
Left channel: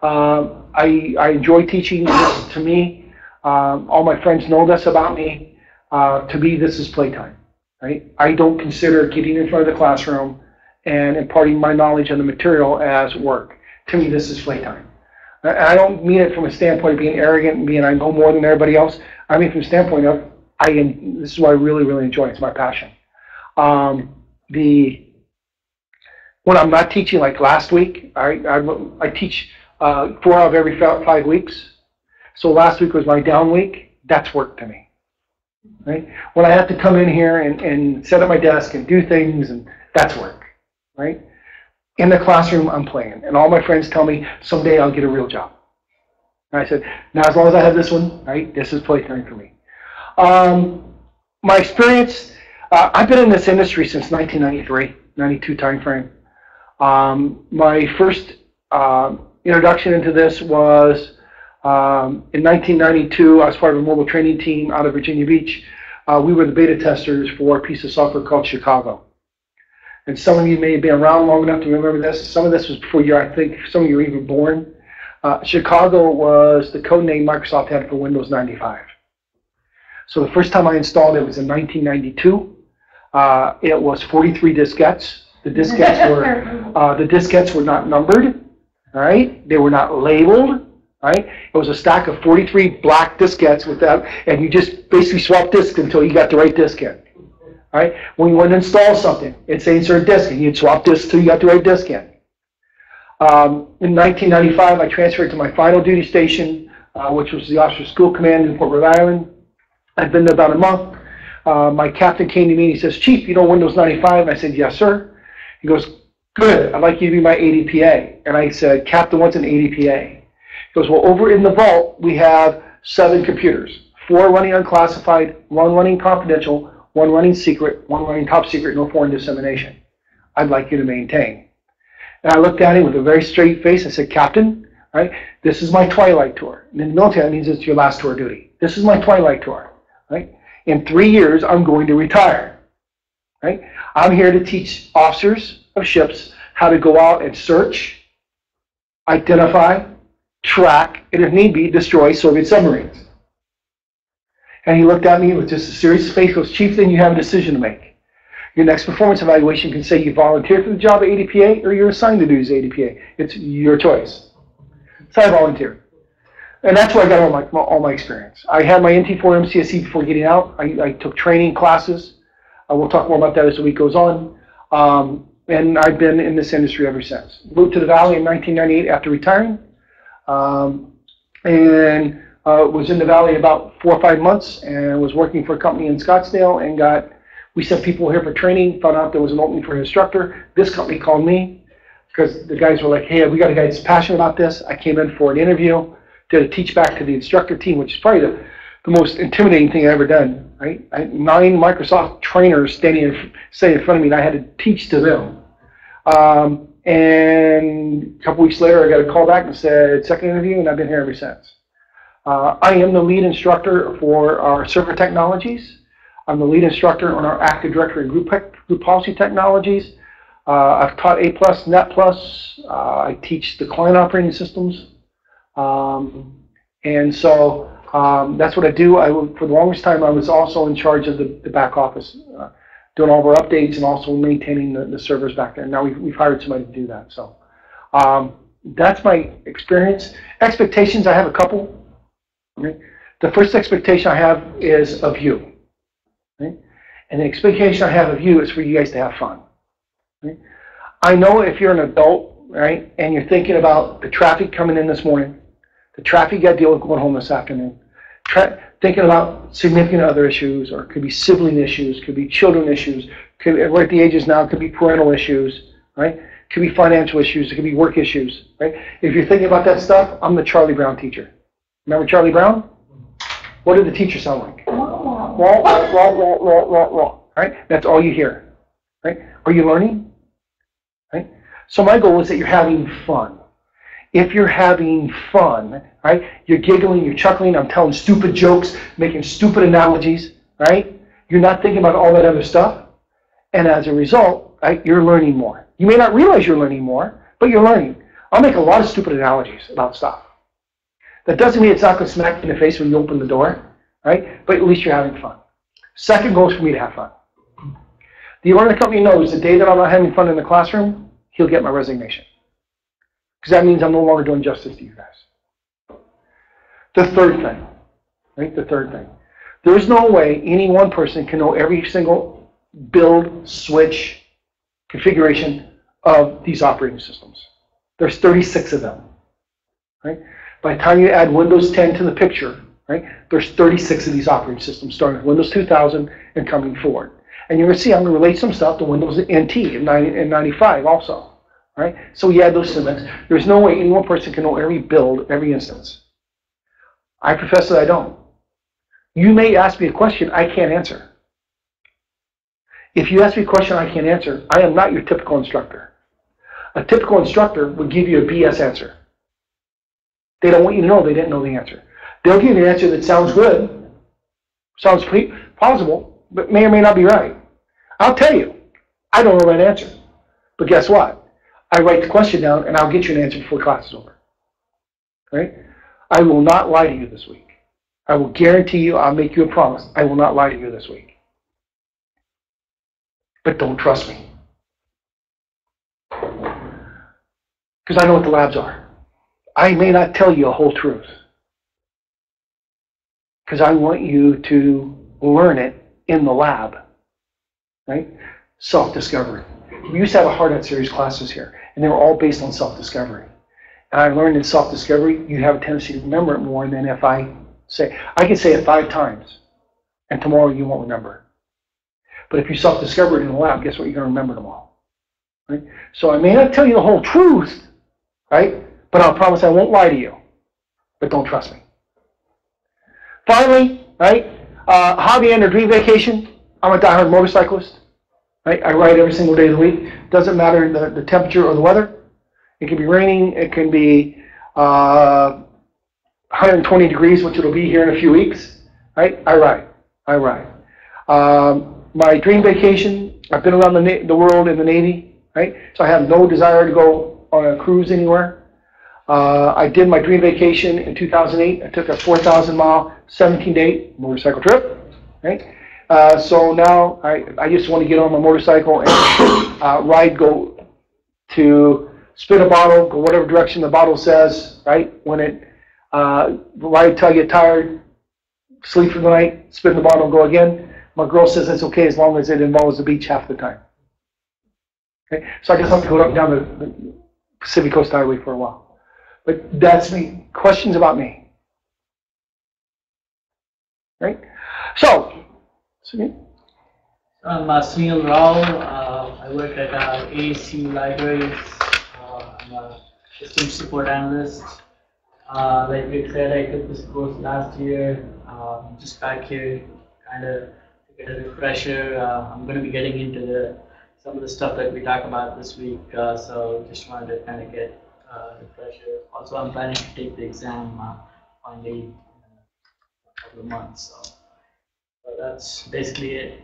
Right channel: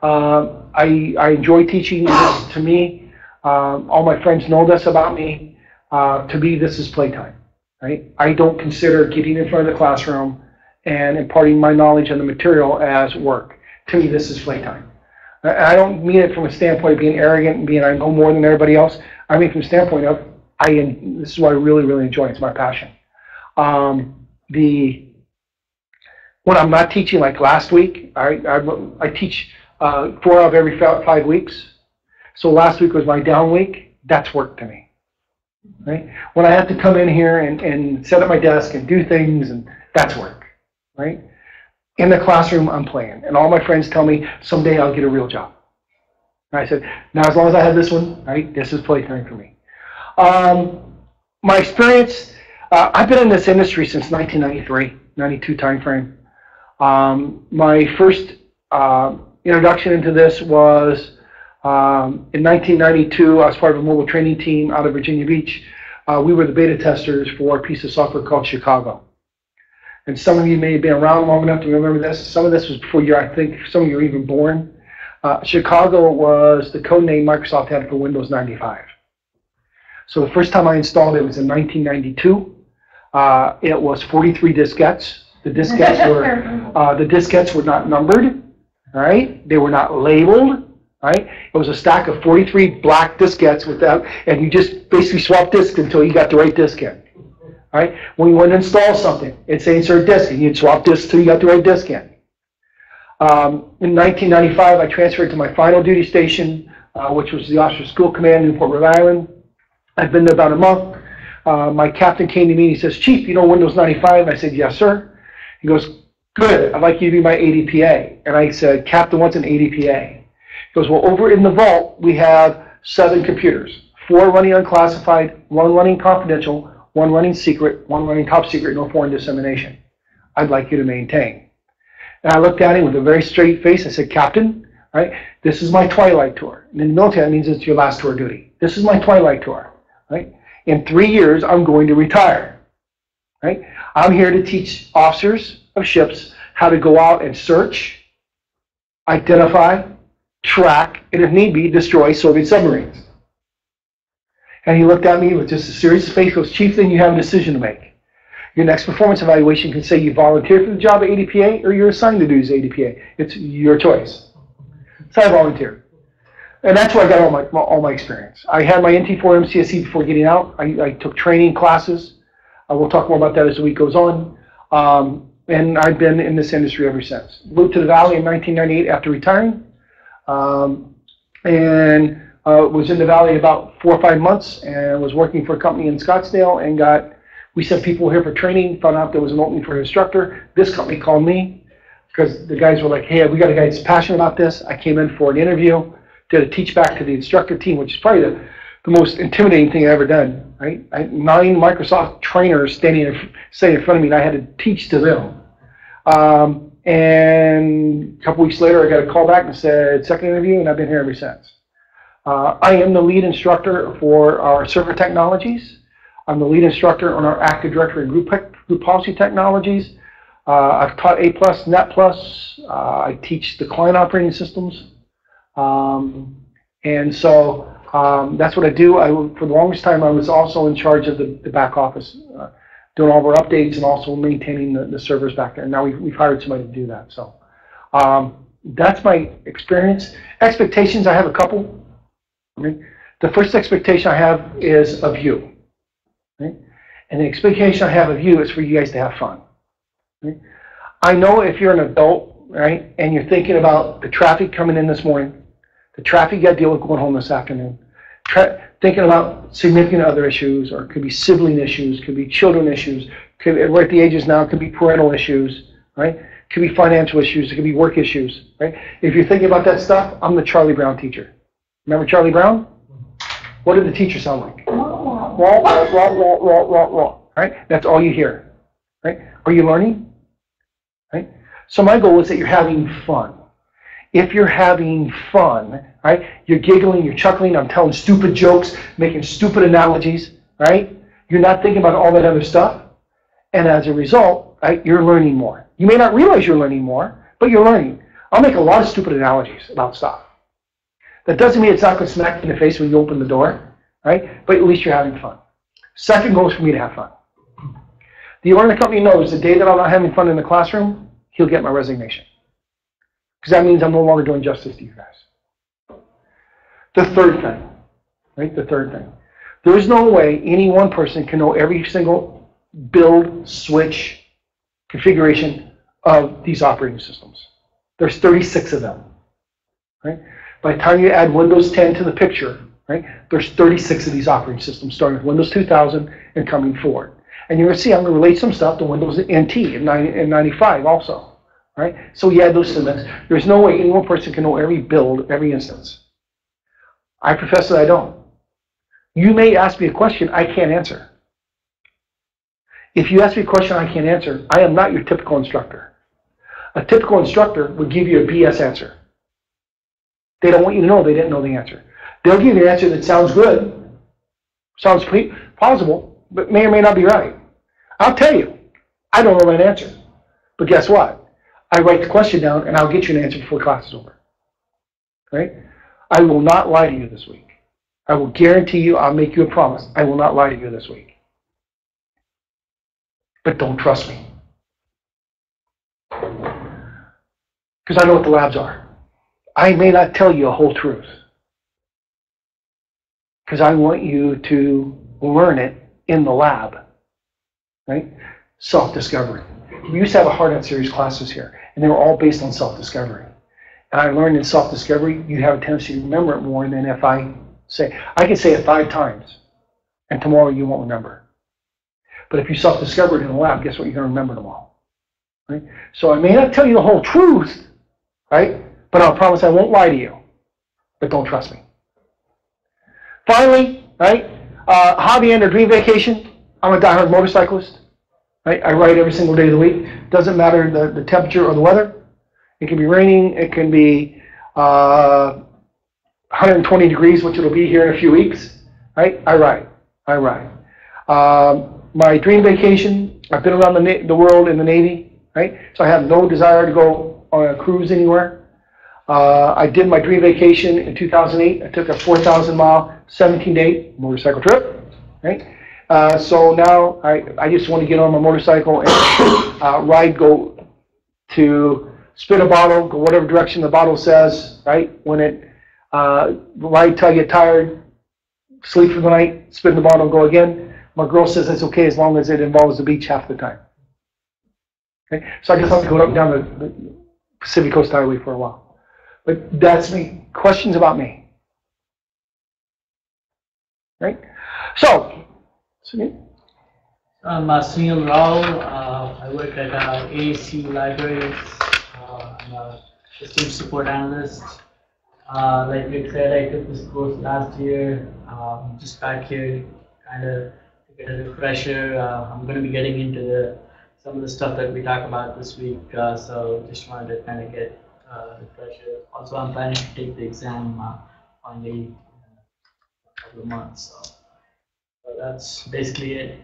I enjoy teaching. This, to me, all my friends know this about me. To me, this is playtime, right? I don't consider getting in front of the classroom and imparting my knowledge on the material as work. To me, this is playtime. I don't mean it from a standpoint of being arrogant and being I know more than everybody else. I mean from the standpoint of this is what I really, really enjoy. It's my passion. When I'm not teaching, like last week, I teach 4 out of every 5 weeks. So last week was my down week. That's work to me, right? When I have to come in here and set up my desk and do things, and that's work, right? In the classroom, I'm playing, and all my friends tell me someday I'll get a real job. And I said, now as long as I have this one, right, this is playtime for me. My experience, I've been in this industry since 1993, 92 timeframe. My first introduction into this was in 1992. I was part of a mobile training team out of Virginia Beach. We were the beta testers for a piece of software called Chicago. And some of you may have been around long enough to remember this. Some of this was before I think some of you were even born. Chicago was the code name Microsoft had for Windows 95. So the first time I installed it was in 1992. It was 43 diskettes. The diskettes were not numbered, right? They were not labeled, right? It was a stack of 43 black diskettes and you just basically swapped disks until you got the right disk in, right? When you went to install something, it'd say insert disk, and you'd swap disks till you got the right disk in. In 1995, I transferred to my final duty station, which was the Officer School Command in Newport, Rhode Island. I've been there about a month. My captain came to me and he says, Chief, you know Windows 95? And I said, yes, sir. He goes, good, I'd like you to be my ADPA. And I said, Captain, what's an ADPA? He goes, well, over in the vault, we have 7 computers, 4 running unclassified, 1 running confidential, 1 running secret, 1 running top secret, no foreign dissemination. I'd like you to maintain. And I looked at him with a very straight face. I said, Captain, right, this is my twilight tour. And in the military, that means it's your last tour of duty. This is my twilight tour. Right? In 3 years, I'm going to retire. Right? I'm here to teach officers of ships how to go out and search, identify, track, and if need be, destroy Soviet submarines. And he looked at me with just a serious face, goes, Chief, then you have a decision to make. Your next performance evaluation can say you volunteered for the job of ADPA or you're assigned to do as ADPA. It's your choice. So I volunteered. And that's where I got all my experience. I had my NT4 MCSE before getting out. I took training classes. We'll talk more about that as the week goes on. And I've been in this industry ever since. Moved to the Valley in 1998 after retiring. And was in the Valley about 4 or 5 months and was working for a company in Scottsdale and we sent people here for training, found out there was an opening for an instructor. This company called me because the guys were like, hey, we got a guy that's passionate about this. I came in for an interview, did a teach back to the instructor team, which is probably the most intimidating thing I've ever done. Right? I had 9 Microsoft trainers sitting in front of me and I had to teach to them. And a couple weeks later, I got a call back and said, second interview, and I've been here ever since. I am the lead instructor for our server technologies. I'm the lead instructor on our Active Directory and group policy technologies. I've taught A+, Net+. I teach the client operating systems. And so that's what I do. For the longest time, I was also in charge of the back office, doing all of our updates and also maintaining the servers back there. Now we've hired somebody to do that. So that's my experience. Expectations, I have a couple. Okay? The first expectation I have is of you. Okay? And the expectation I have of you is for you guys to have fun. Okay? I know if you're an adult, right, and you're thinking about the traffic coming in this morning, the traffic you got to deal with going home this afternoon, thinking about significant other issues, or it could be sibling issues, could be children issues, we're at the ages now, it could be parental issues, right? It could be financial issues, it could be work issues, right? If you're thinking about that stuff, I'm the Charlie Brown teacher. Remember Charlie Brown? What did the teacher sound like? Right? That's all you hear, right? Are you learning? Right? So my goal is that you're having fun. If you're having fun, right, you're giggling, you're chuckling, I'm telling stupid jokes, making stupid analogies, right? You're not thinking about all that other stuff. And as a result, right, you're learning more. You may not realize you're learning more, but you're learning. I'll make a lot of stupid analogies about stuff. That doesn't mean it's not going to smack you in the face when you open the door, right? But at least you're having fun. Second goal is for me to have fun. The owner of the company knows the day that I'm not having fun in the classroom, he'll get my resignation. Because that means I'm no longer doing justice to you guys. The third thing, right? The third thing. There is no way any one person can know every single build, switch, configuration of these operating systems. There's 36 of them, right? By the time you add Windows 10 to the picture, right, there's 36 of these operating systems, starting with Windows 2000 and coming forward. And you're going to see I'm going to relate some stuff to Windows NT in 95 also. Right? So you add those to the mix. There's no way any one person can know every build, every instance. I profess that I don't. You may ask me a question I can't answer. If you ask me a question I can't answer, I am not your typical instructor. A typical instructor would give you a BS answer. They don't want you to know they didn't know the answer. They'll give you an answer that sounds good, sounds plausible, but may or may not be right. I'll tell you, I don't know that answer. But guess what? I write the question down, and I'll get you an answer before class is over. Right? I will not lie to you this week. I will guarantee you, I'll make you a promise, I will not lie to you this week. But don't trust me. Because I know what the labs are. I may not tell you a whole truth. Because I want you to learn it in the lab. Right? Self-discovery. We used to have a Hard Hat series classes here. and they were all based on self-discovery. And I learned in self-discovery, you have a tendency to remember it more than if I can say it 5 times, and tomorrow you won't remember. But if you self-discover it in the lab, guess what? You're going to remember them all. Right? So I may not tell you the whole truth, right? But I'll promise I won't lie to you. But don't trust me. Finally, right? Hobby and or dream vacation. I'm a diehard motorcyclist. Right? I ride every single day of the week. Doesn't matter the temperature or the weather. It can be raining. It can be 120 degrees, which it'll be here in a few weeks. Right? I ride. My dream vacation, I've been around the world in the Navy. Right? So I have no desire to go on a cruise anywhere. I did my dream vacation in 2008. I took a 4,000-mile, 17-day motorcycle trip. Right? So now I just want to get on my motorcycle and ride, go to spin a bottle, go whatever direction the bottle says, right? When it, ride till I get tired, sleep for the night, spin the bottle, go again. My girl says that's okay as long as it involves the beach half the time. Okay? So I just like to go up and down the Pacific Coast Highway for a while. But that's me. Questions about me? Right? So I'm Sunil Rao. I work at AAC Libraries. I'm a system support analyst. Like Rick said, I took this course last year. Just back here, kind of to get a refresher. I'm going to be getting into some of the stuff that we talk about this week. So just wanted to kind of get a refresher. Also, I'm planning to take the exam finally in a couple of months. So that's basically it.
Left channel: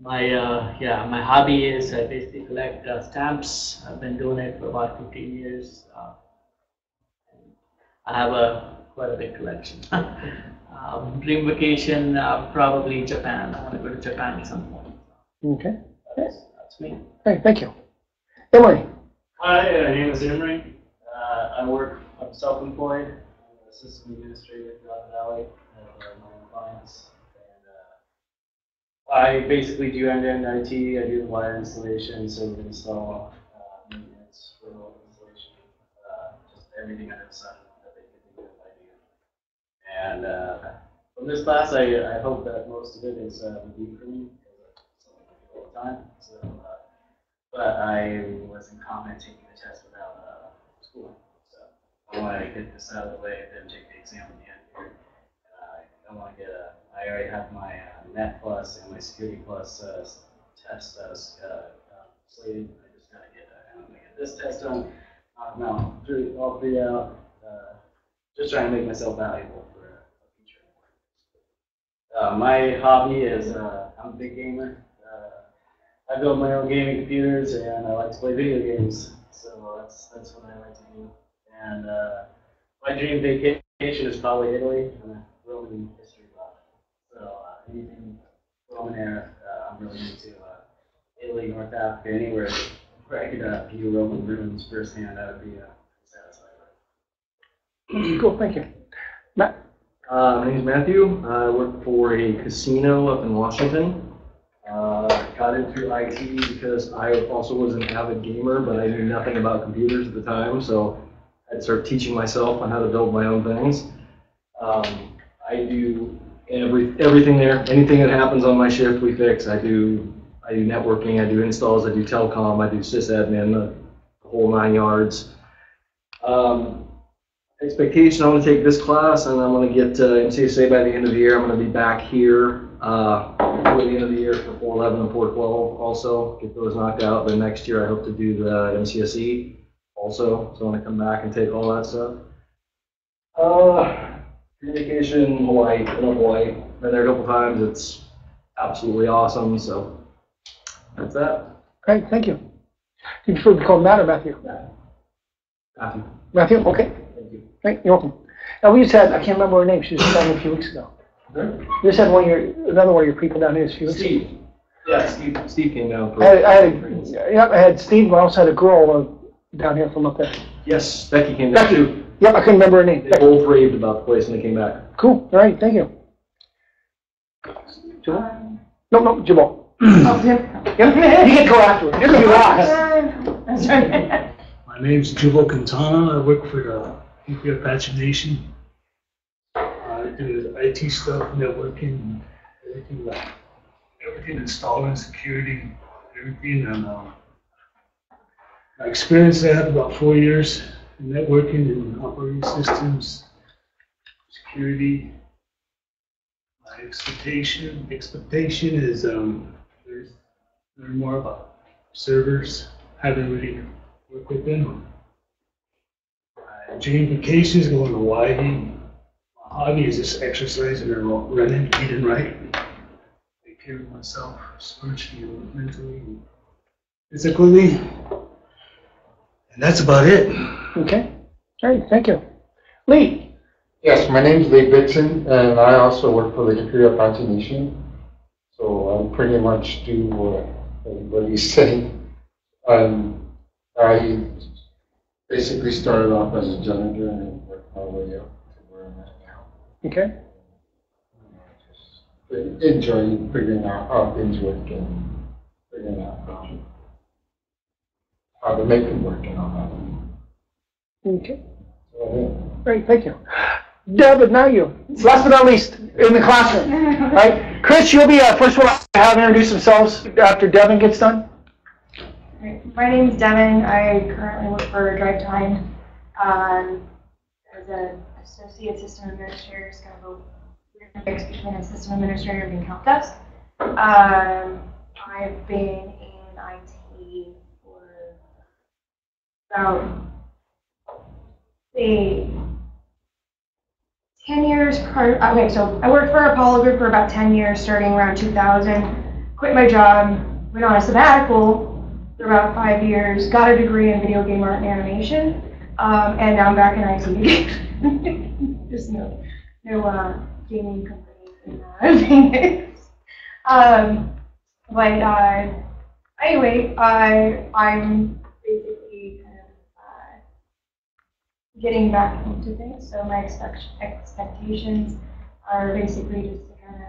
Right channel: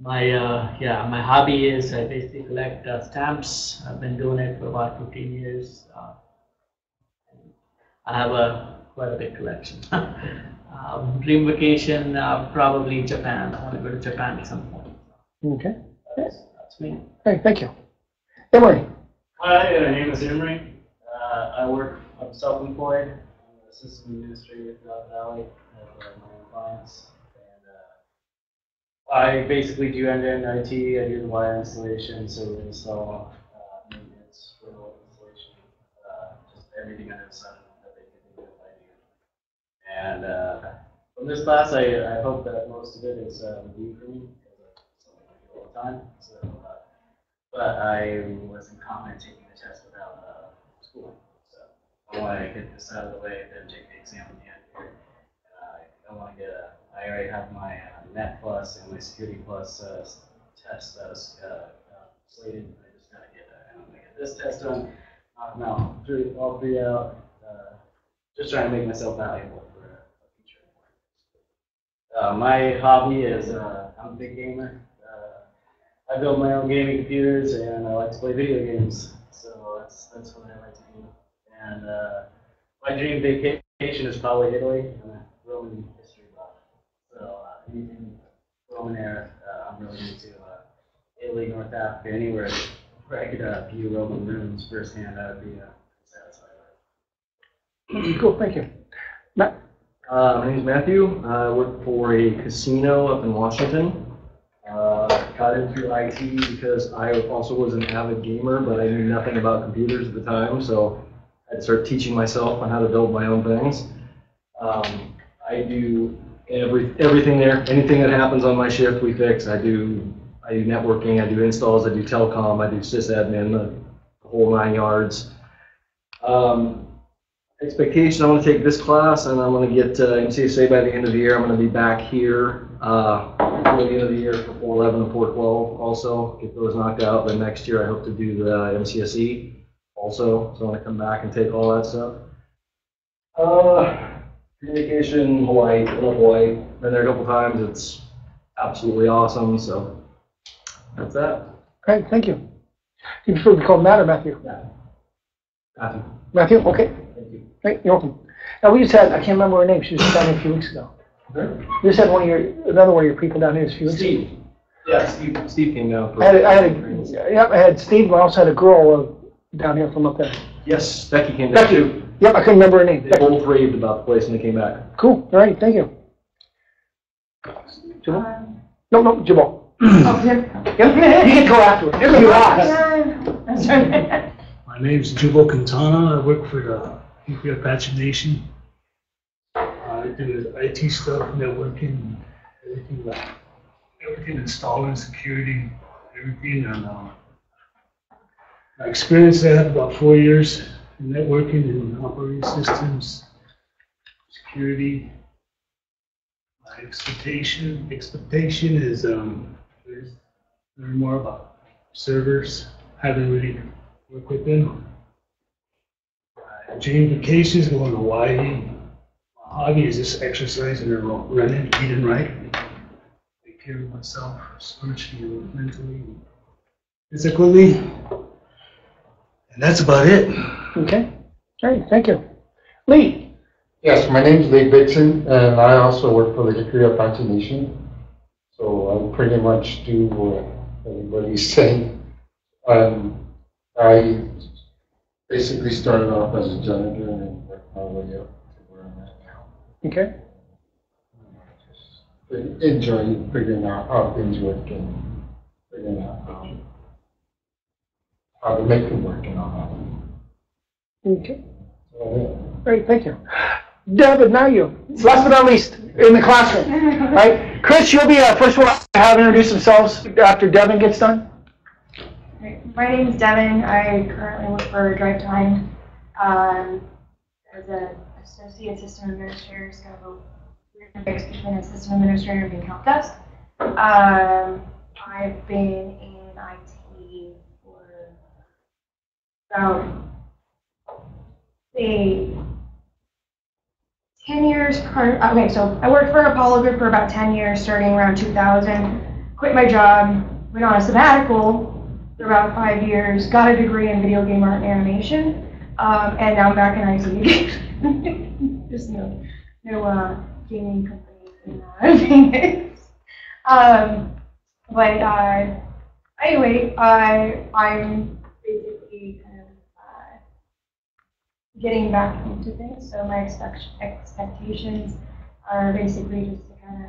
My hobby is I basically collect stamps. I've been doing it for about 15 years. I have quite a big collection. Dream vacation, probably Japan. I want to go to Japan at some point. okay. That's me. Hey, thank you. Emory. Hi, my name is Emory. I'm self-employed. I'm an assistant administrator throughout the valley. I have my own clients. And I basically do end-to-end IT. I do the wire installation, server install, maintenance, remote installation, just everything under the sun that they can do with I do. And from this class, I hope that most of it is review for me, because that's something I do all the time. So, but I wasn't commenting the test without schooling. So I want to get this out of the way, then take the exam in the end here. I want to get I already have my Net Plus and my Security Plus test slated. I just got to get this test done, knock them out, all three out. Just trying to make myself valuable for a future. My hobby is I'm a big gamer. I build my own gaming computers and I like to play video games. So that's what I like to do. And my dream vacation is probably Italy. I'm a Roman history buff. So anything Roman era, I'm really into Italy, North Africa, anywhere where I could view Roman ruins firsthand. That would be satisfied with. Cool, thank you. Matt. My name is Matthew. I work for a casino up in Washington. Got in through IT because I also was an avid gamer, but I knew nothing about computers at the time, so I'd start teaching myself on how to build my own things. I do everything there. Anything that happens on my shift, we fix. I do networking, I do installs, I do telecom, I do sysadmin, the whole 9 yards. Expectation, I'm going to take this class and I'm going to get MCSA by the end of the year. I'm going to be back here before the end of the year for 411 and 412 also, get those knocked out. Then next year I hope to do the MCSE also, so I'm going to come back and take all that stuff. Vacation, Hawaii, I love Hawaii. Been there a couple times, it's absolutely awesome, so that's that. Great, thank you. You prefer to be called Matt or Matthew? Matthew. Matthew, okay. Thank you. Great, you're welcome. Now we just had, I can't remember her name, she was down here a few weeks ago. Okay. You just had another one of your people down here a few weeks ago. Steve. Yeah, Steve came down. I had Steve, but I also had a girl down here from up there. Yes, Becky came down too. Yep, I couldn't remember her name. They both raved about the place when they came back. Cool, all right, thank you. Jabal? No, Jabal. Oh, Pip. Yeah, you can go afterwards. You're gonna be last. That's right. My name's Jubal Quintana. I work for the Beauvais Apache Nation. I do IT stuff, networking, everything installing, security, everything. And my experience, I have about 4 years in networking and operating systems, security. My expectation is learn more about servers. Haven't really worked with them. My dream vacation is going to Hawaii. My hobby is just exercising and running, eating right. Take care of myself spiritually, mentally, and physically. And that's about it. Okay. All right, thank you. Lee. Yes, my name's Lee Dixon, and I also work for the Beauvais Apache Nation. So I pretty much do what everybody's saying. I basically started off as a janitor and then worked my way up to where I'm at now. Okay. Just enjoying figuring out how things work and figuring out how to make them work and all that. Okay. So, Great, thank you. Devin, now you. Last but not least, in the classroom. All right. Chris, you'll be first one to have introduce themselves after Devin gets done. My name is Devin. I currently work for Drive Time as an associate system administrator. It's kind of a weird mix between a system administrator and help desk. I've been in IT for about, say, 10 years prior. Okay, so I worked for Apollo Group for about 10 years, starting around 2000. Quit my job, went on a sabbatical for about 5 years, got a degree in video game art and animation, and now I'm back in IT again. There's no gaming companies in but anyway, I'm basically kind of getting back into things. So my expectations are basically just to kind of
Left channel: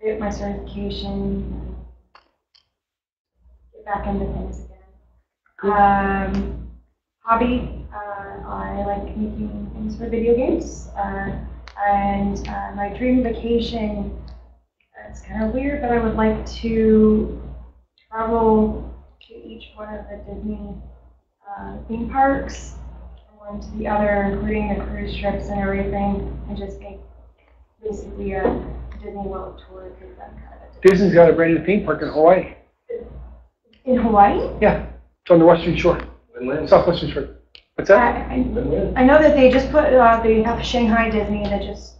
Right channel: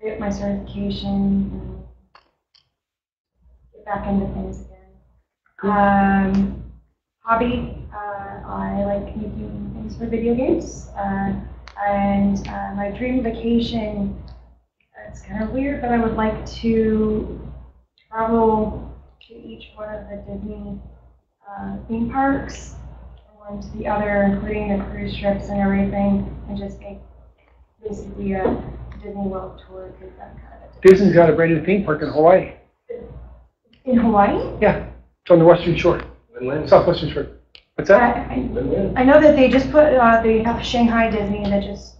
get my certification and get back into things again. Hobby, I like making things for video games. And my dream vacation, it's kind of weird, but I would like to travel to each one of the Disney theme parks, and to the other, including the cruise trips and everything, and just make basically a Disney World tour, because I'm kind of Disney's got a brand new theme park in Hawaii. in Hawaii. Yeah, it's on the western shore, southwestern shore. What's that? I know that they just put they have Shanghai Disney that just.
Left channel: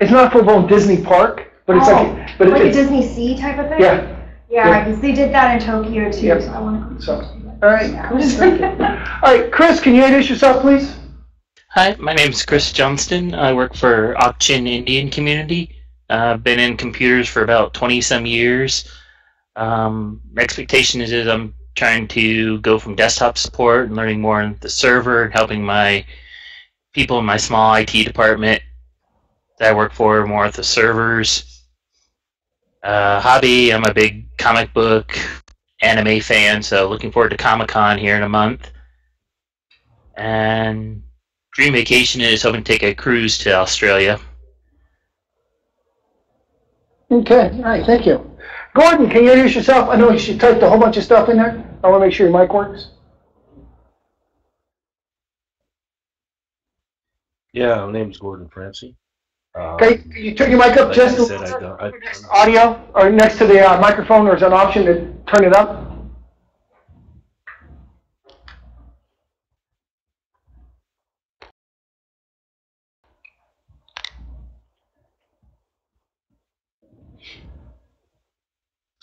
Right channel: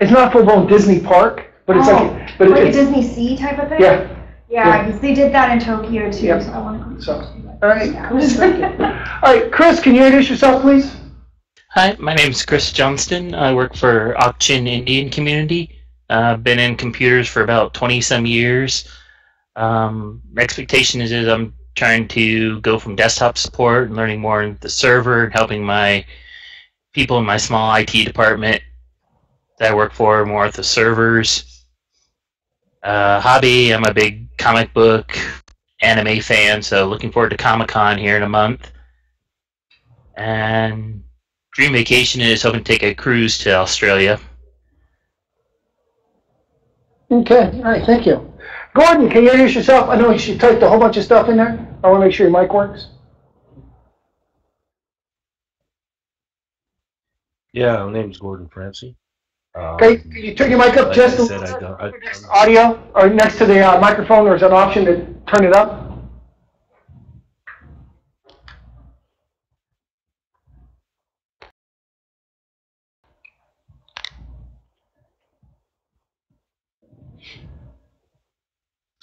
It's not a full-blown Disney park, but it's like a it's Disney Sea type of thing. Yeah. Yeah, because they did that in Tokyo too, Yep. so I want to go. So, all right. All right, Chris, can you introduce yourself, please? Hi, my name is Chris Johnston. I work for Auction Indian Community. I've been in computers for about 20-some years. My expectation is I'm trying to go from desktop support and learning more on the server and helping my people in my small IT department that I work for more at the servers. Hobby, I'm a big comic book anime fan, so looking forward to Comic-Con here in a month. And dream vacation is hoping to take a cruise to Australia. Okay, all right, thank you. Gordon, can you introduce yourself? I know you typed a whole bunch of stuff in there. I want to make sure your mic works. Yeah, my name's Gordon Francie. Okay, can you turn your mic up like just I a said, little bit next to audio, or next to the microphone, or is there an option to turn it up?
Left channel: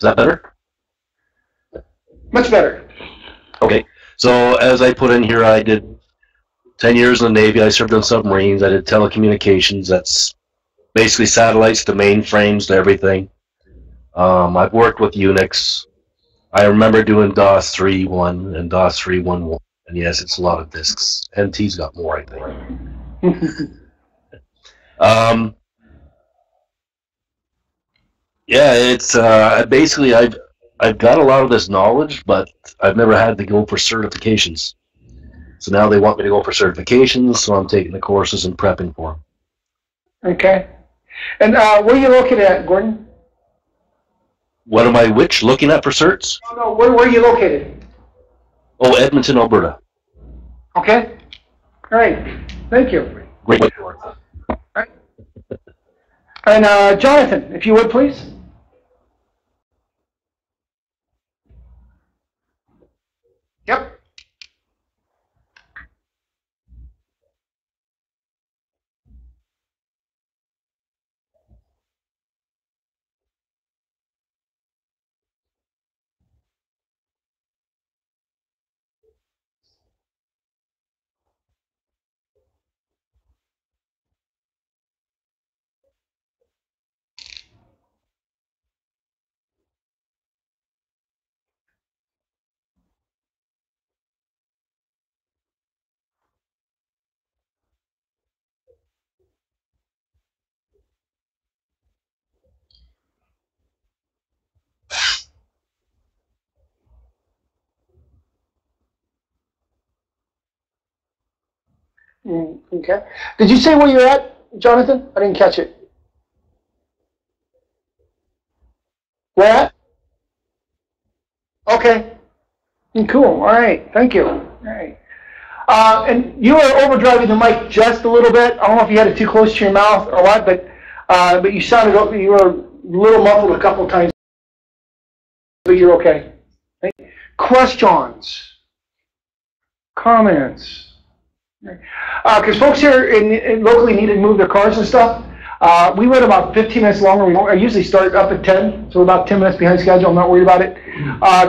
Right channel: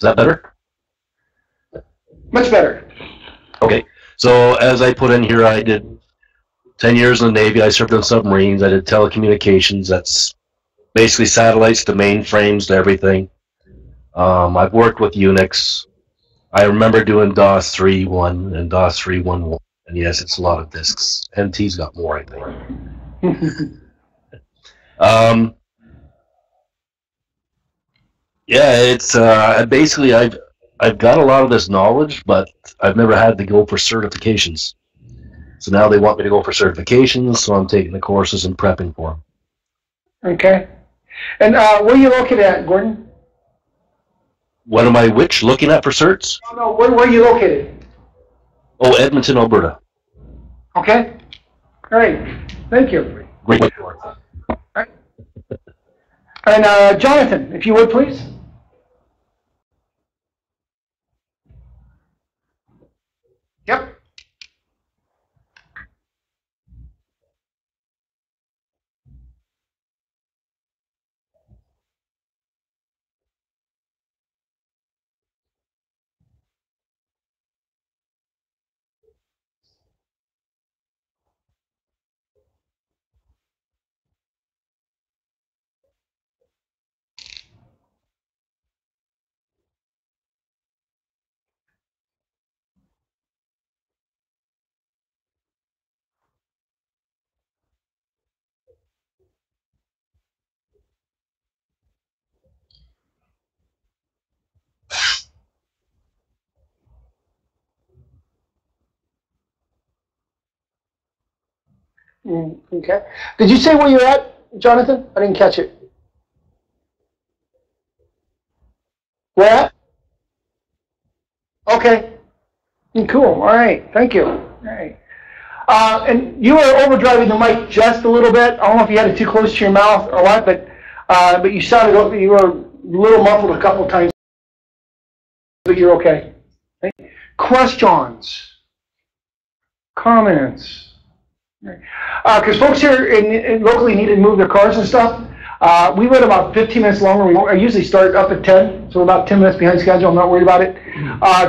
Is that better? Much better. Okay, so as I put in here, I did 10 years in the Navy. I served on submarines. I did telecommunications. That's basically satellites to mainframes to everything. I've worked with Unix. I remember doing DOS 3.1 and DOS 3.1.1. And yes, it's a lot of disks. NT's got more, I think. Yeah, it's basically I've got a lot of this knowledge, but I've never had to go for certifications. So now they want me to go for certifications, so I'm taking the courses and prepping for them. Okay. And where are you located at, Gordon? What am I looking at for certs? Oh, no, where are you located? Oh, Edmonton, Alberta. Okay. All right. Thank you. Great. All right. And Jonathan, if you would, please. Yep. Okay. Did you say where you're at, Jonathan? I didn't catch it. Where at? Okay. Cool. All right. Thank you. All right. And you were overdriving the mic just a little bit. I don't know if you had it too close to your mouth or what, but you sounded, you were a little muffled a couple of times, but you're okay. Right? Questions? Comments? Because folks here in locally need to move their cars and stuff. We went about 15 minutes longer. I usually start up at 10, so we're about 10 minutes behind schedule. I'm not worried about it.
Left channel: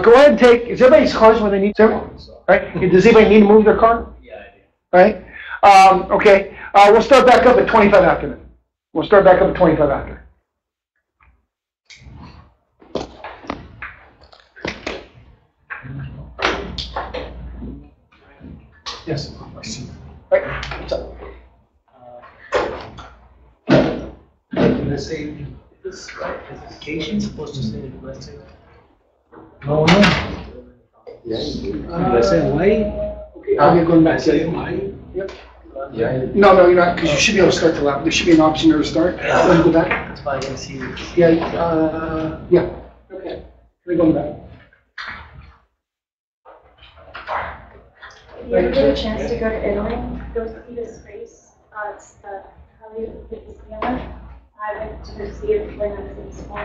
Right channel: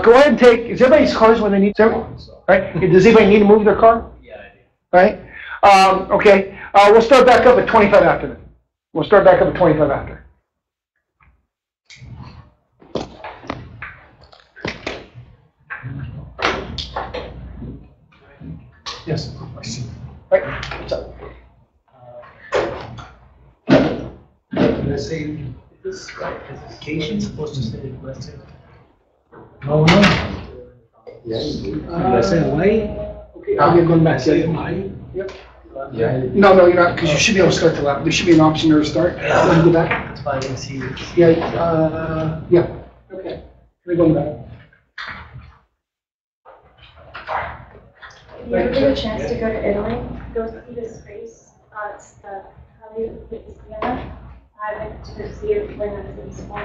Go ahead and take, is everybody's cars when they need to? Right? Does anybody need to move their car? Yeah, I do. Right? Okay. We'll start back up at 25 after then. We'll start back up at 25 after. Yes, question. Right. What's up? Let's say, is this classification supposed to say requested? Oh, no. Did I say Hawaii? Okay, I'll get going back to you. Yep. Yeah. No, you're not, because you should be able to start the lap. There should be an option there to start. Let me go back. That's why I didn't see it. Yeah. Okay. Let me go back. If you ever get a chance to go to Italy, go see the space. It's the Halley Louisiana. I went to see it when I was in school.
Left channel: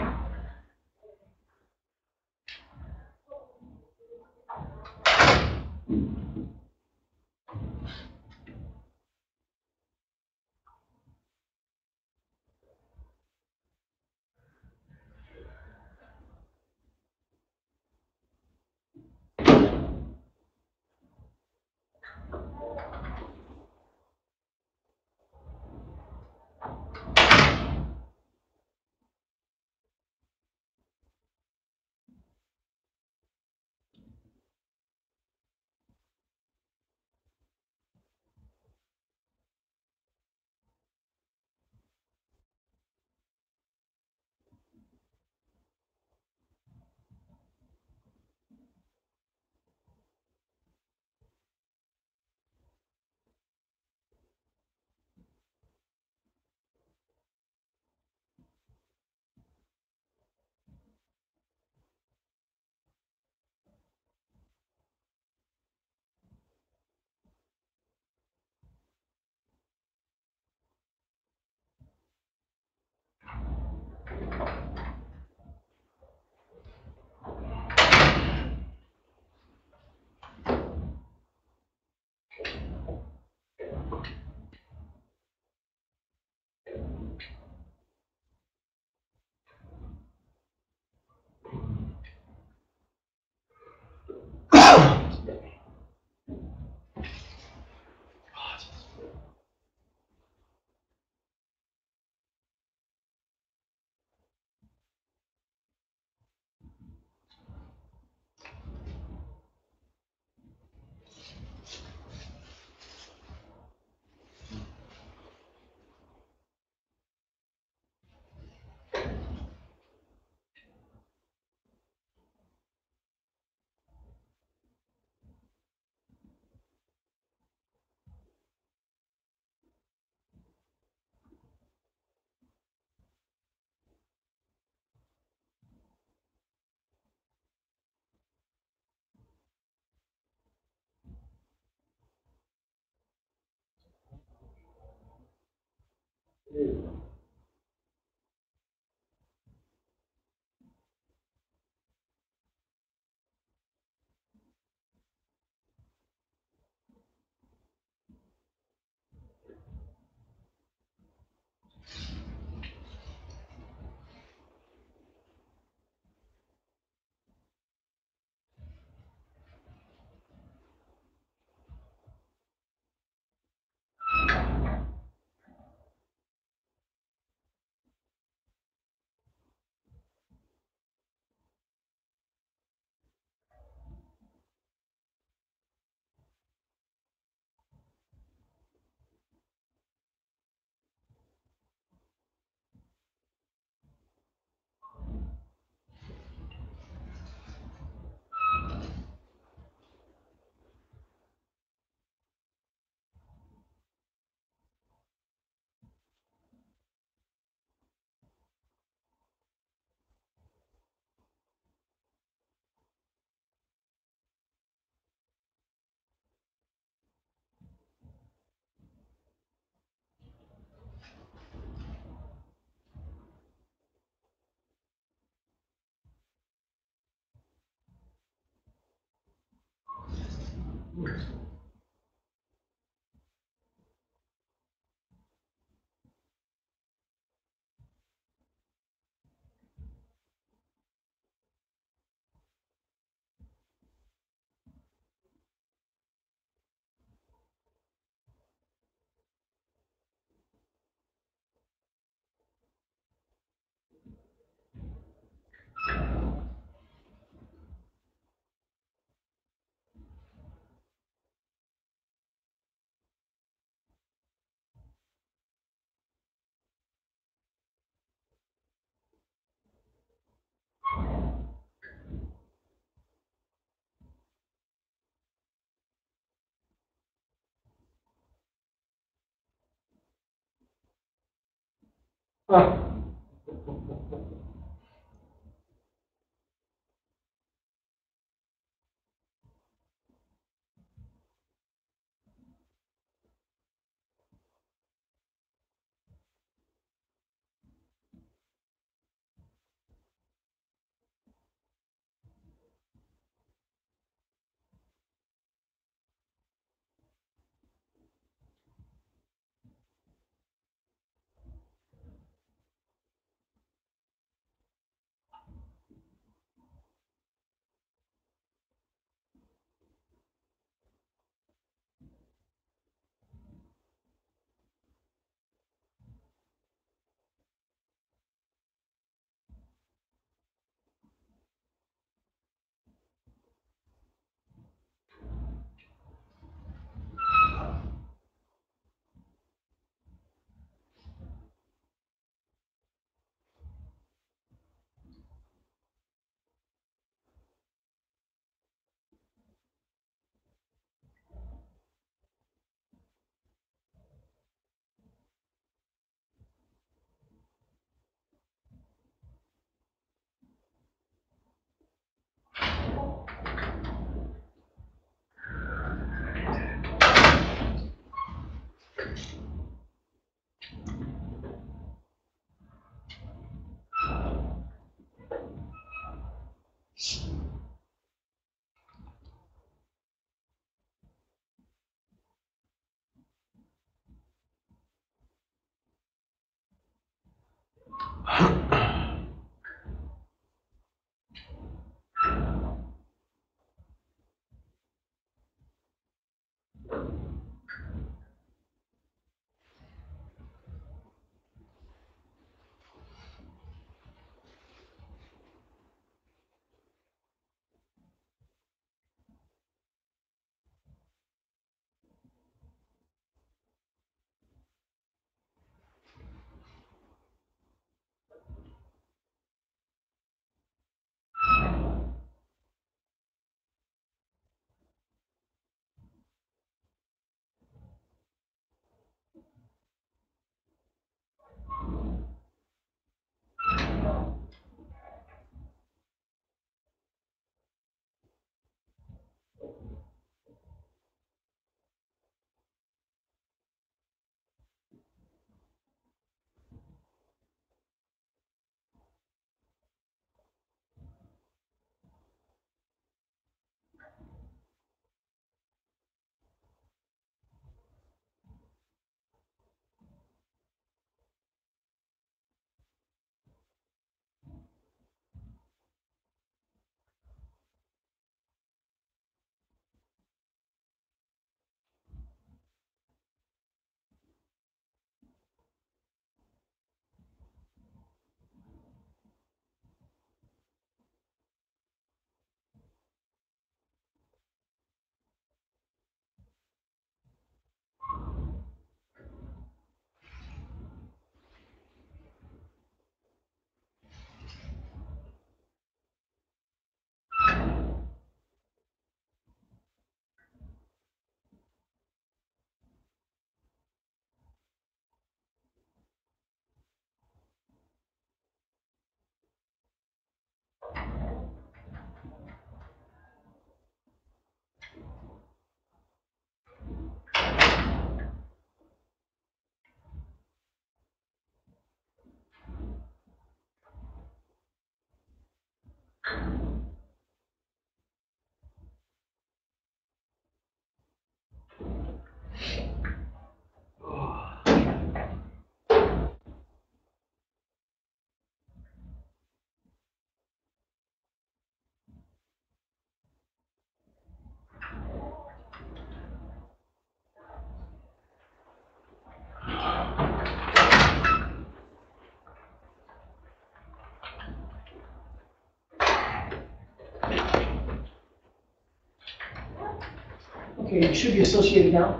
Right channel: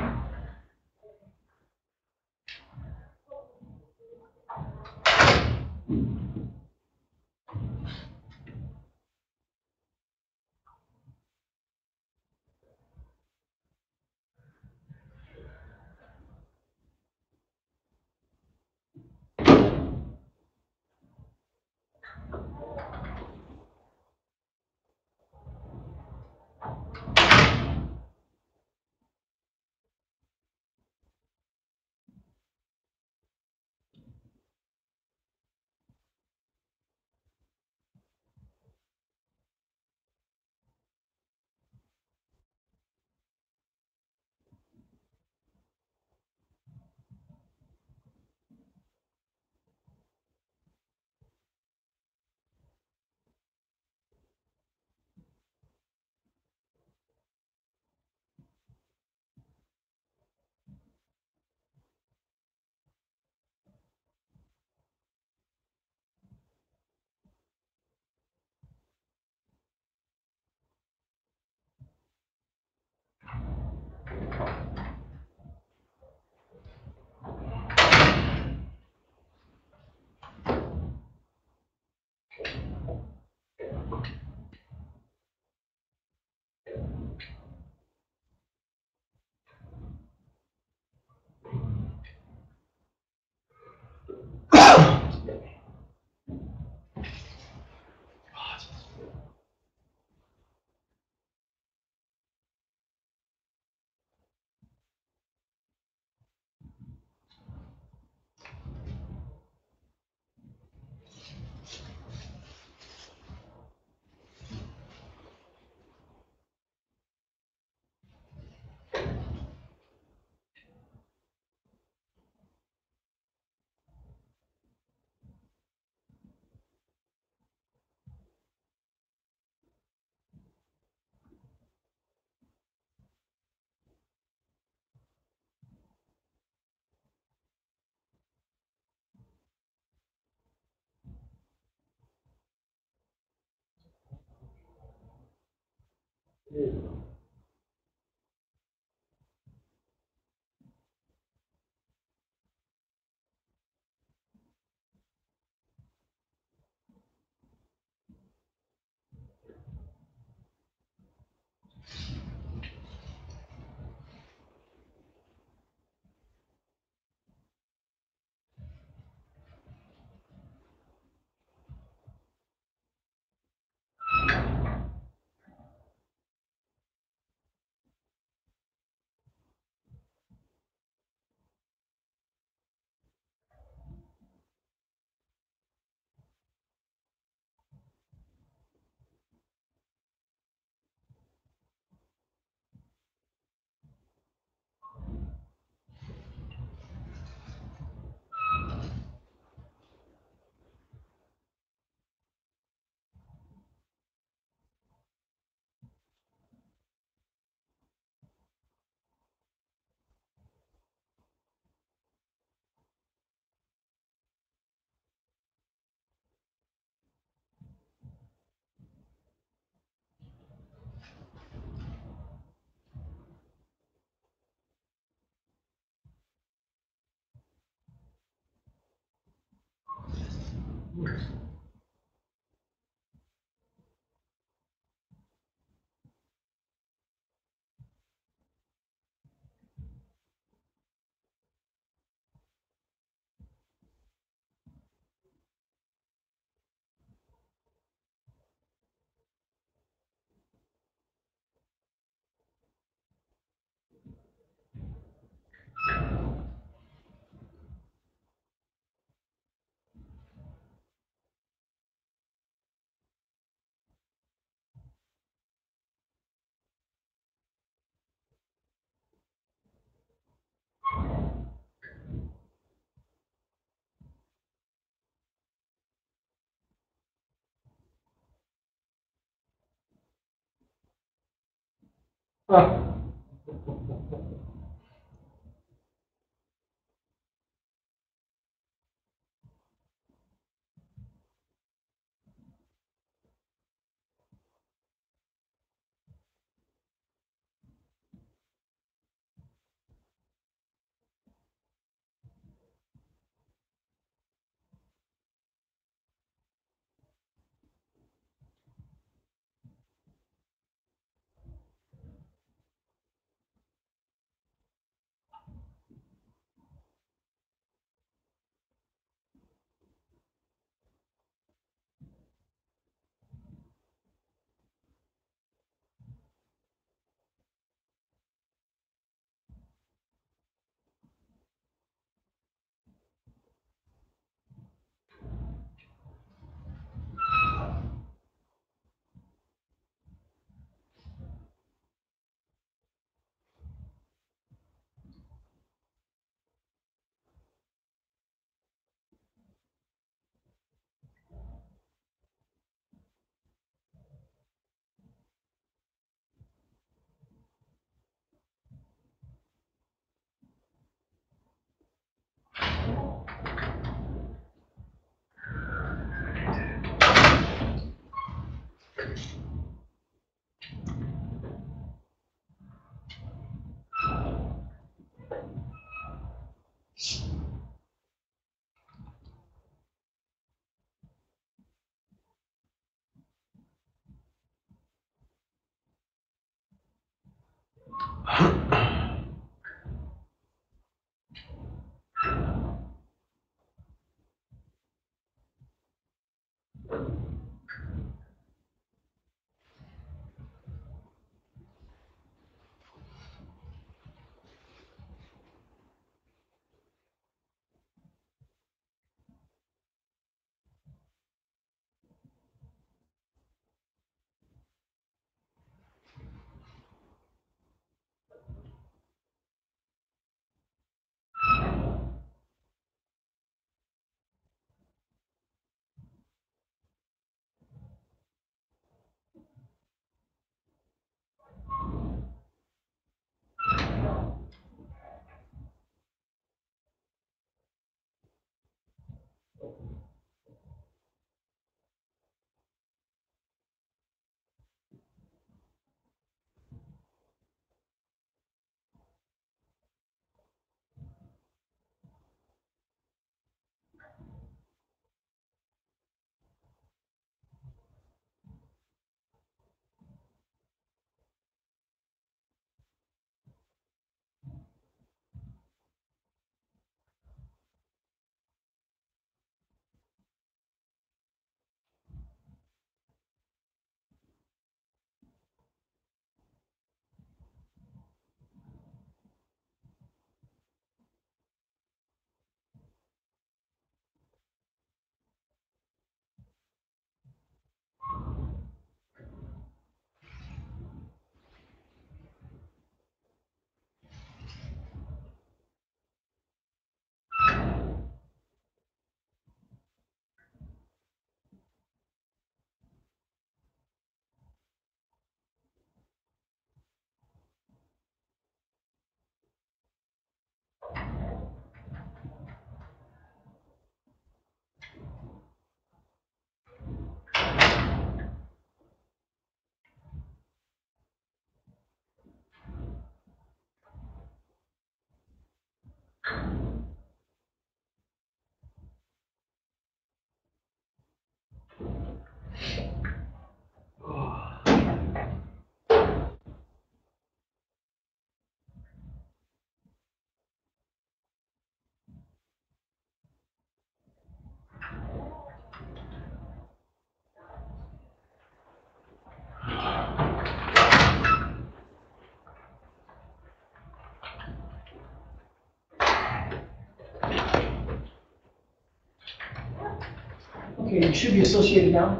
Okay, you should be associated now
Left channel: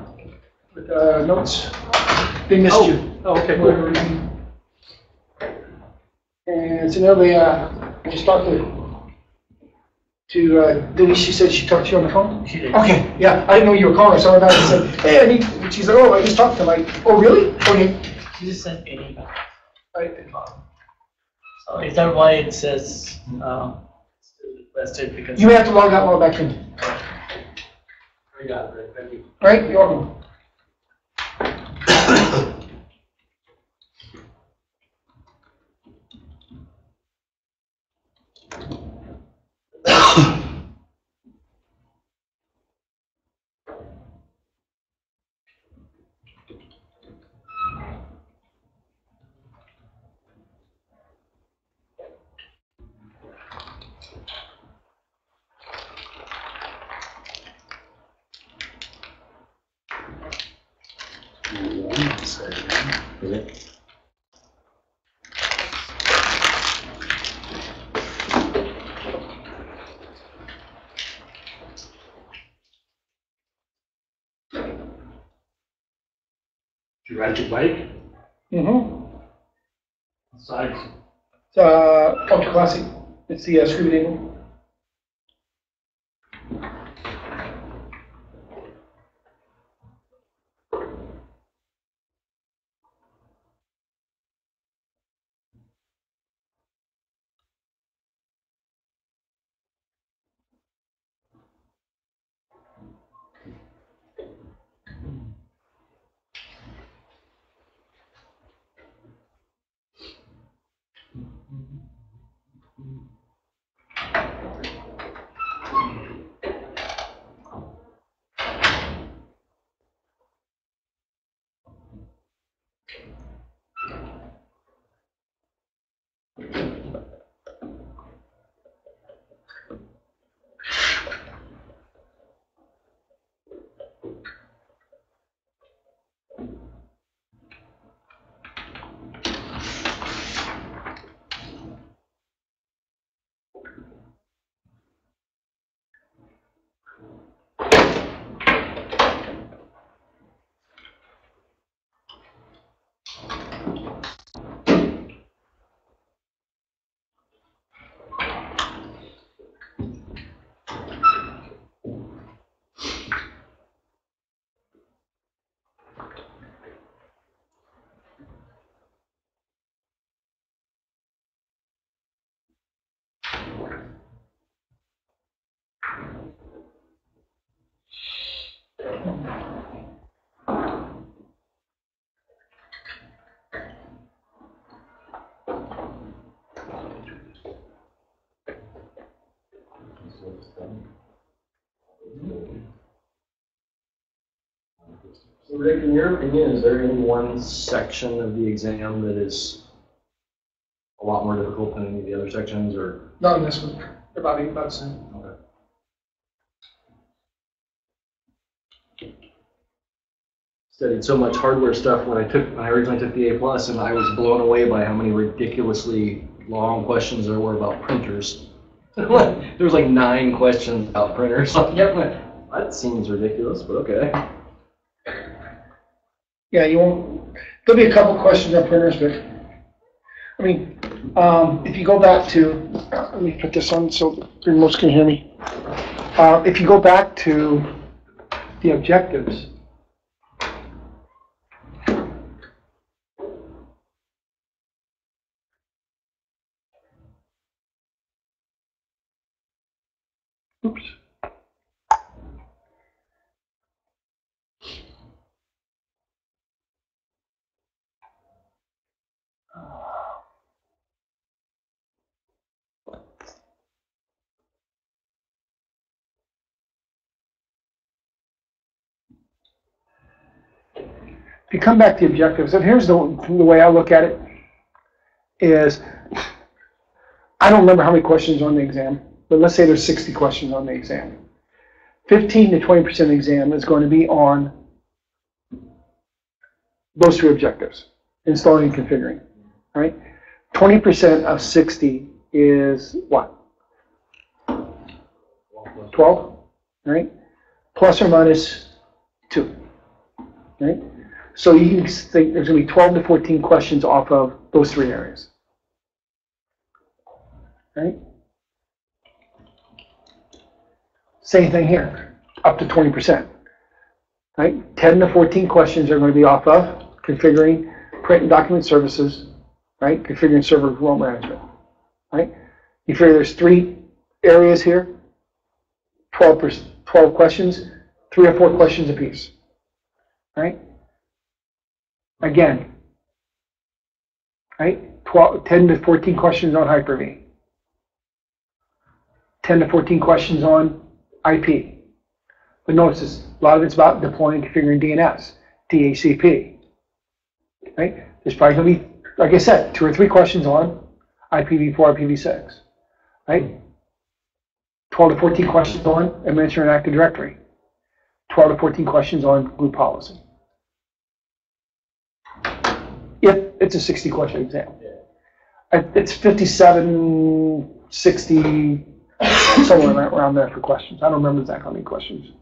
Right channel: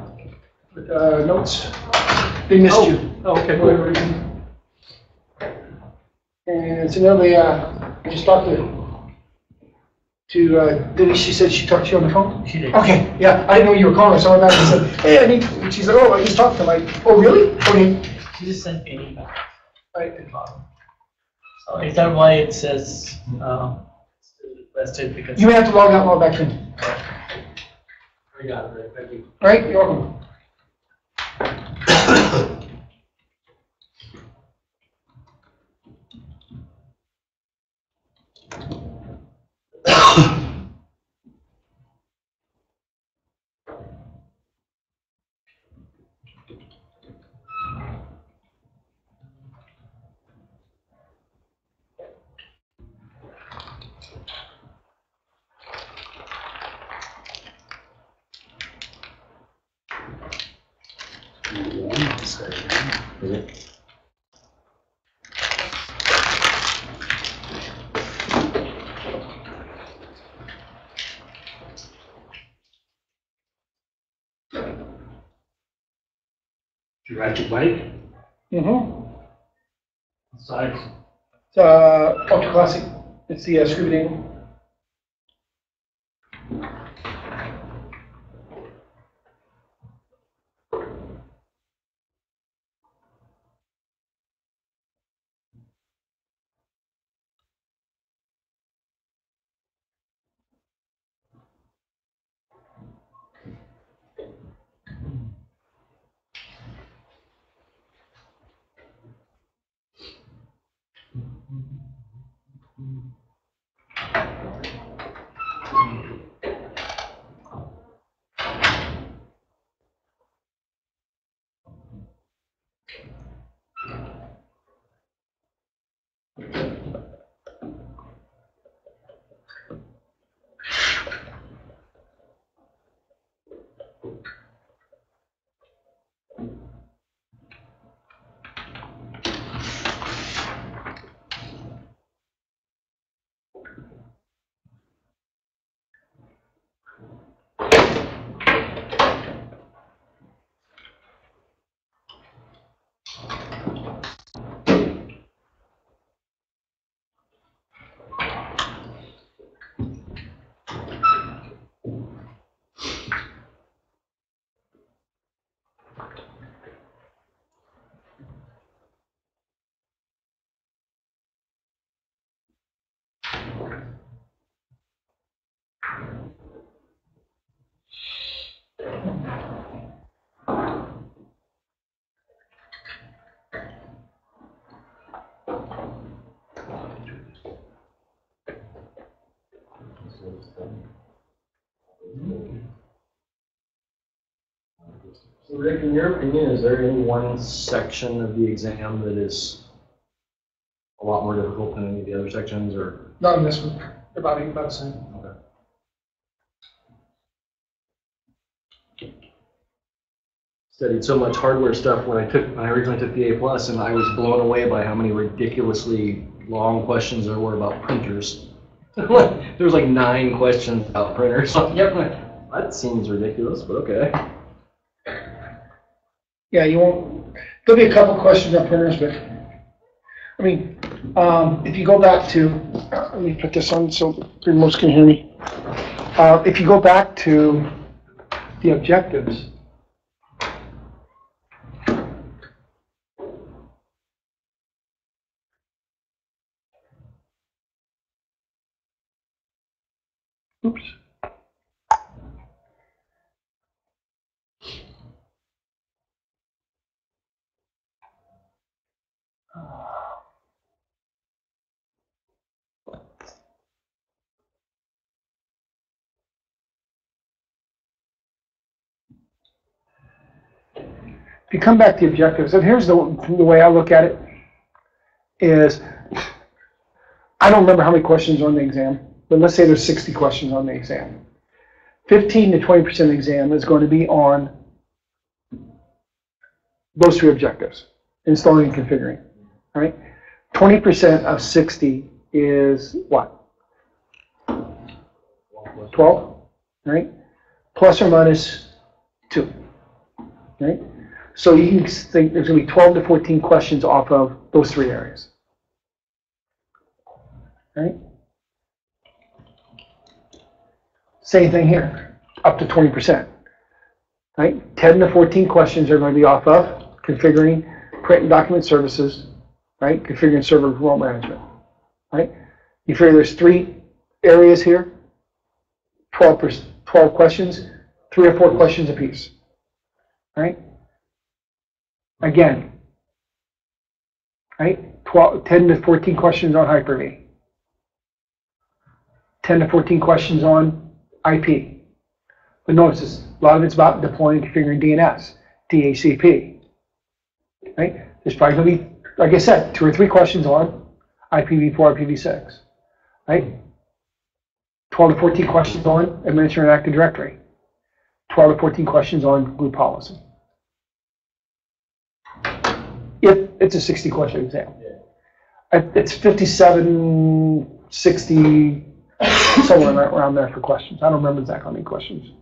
with notes. They missed you. Oh, okay. For whatever reason. And incidentally, I just talked to Denise. She said she talked to you on the phone? She did. Okay, yeah, I didn't know you were calling, so I said, hey, I need, and she's like, oh, I just talked to them. Like, oh, really? Okay. She just sent me an email. Right. So is that why it says requested? Because You may have to log out and log back in. We got it, thank you. All right, you're welcome. Did you ride your bike? Mm-hmm. What size? It's Ultra Classic. It's the Scooby Doo. So Rick, in your opinion, is there any one section of the exam that is a lot more difficult than any of the other sections, or? Not in this one. They're about the same. Okay. Studied so much hardware stuff when I originally took the A+, and I was blown away by how many ridiculously long questions there were about printers. There was like 9 questions about printers. Yep. That seems ridiculous, but okay. Yeah, you won't. There'll be a couple questions on printers, but I mean, if you go back to, let me put this on so the remotes can hear me. If you go back to the objectives, oops. If you come back to the objectives, and here's the way I look at it, is I don't remember how many questions are on the exam, but let's say there's 60 questions on the exam. 15 to 20% of the exam is going to be on those 3 objectives, installing and configuring, all right? 20% of 60 is what? 12, right? plus or minus 2. Right? So you can think there's going to be 12 to 14 questions off of those 3 areas. Right? Same thing here, up to 20%. Right? 10 to 14 questions are going to be off of configuring print and document services, right? Configuring server role management, right? You figure there's 3 areas here, 12 questions, 3 or 4 questions apiece, right? Again, right? 10 to 14 questions on Hyper-V, 10 to 14 questions on IP. But notice this, a lot of it's about deploying and configuring DNS, DHCP, right? There's probably going to be, like I said, 2 or 3 questions on IPv4, IPv6, right? 12 to 14 questions on administering Active Directory, 12 to 14 questions on group policy. If it's a 60-question exam. It's 57, 60, somewhere around there for questions. I don't remember exactly how many questions.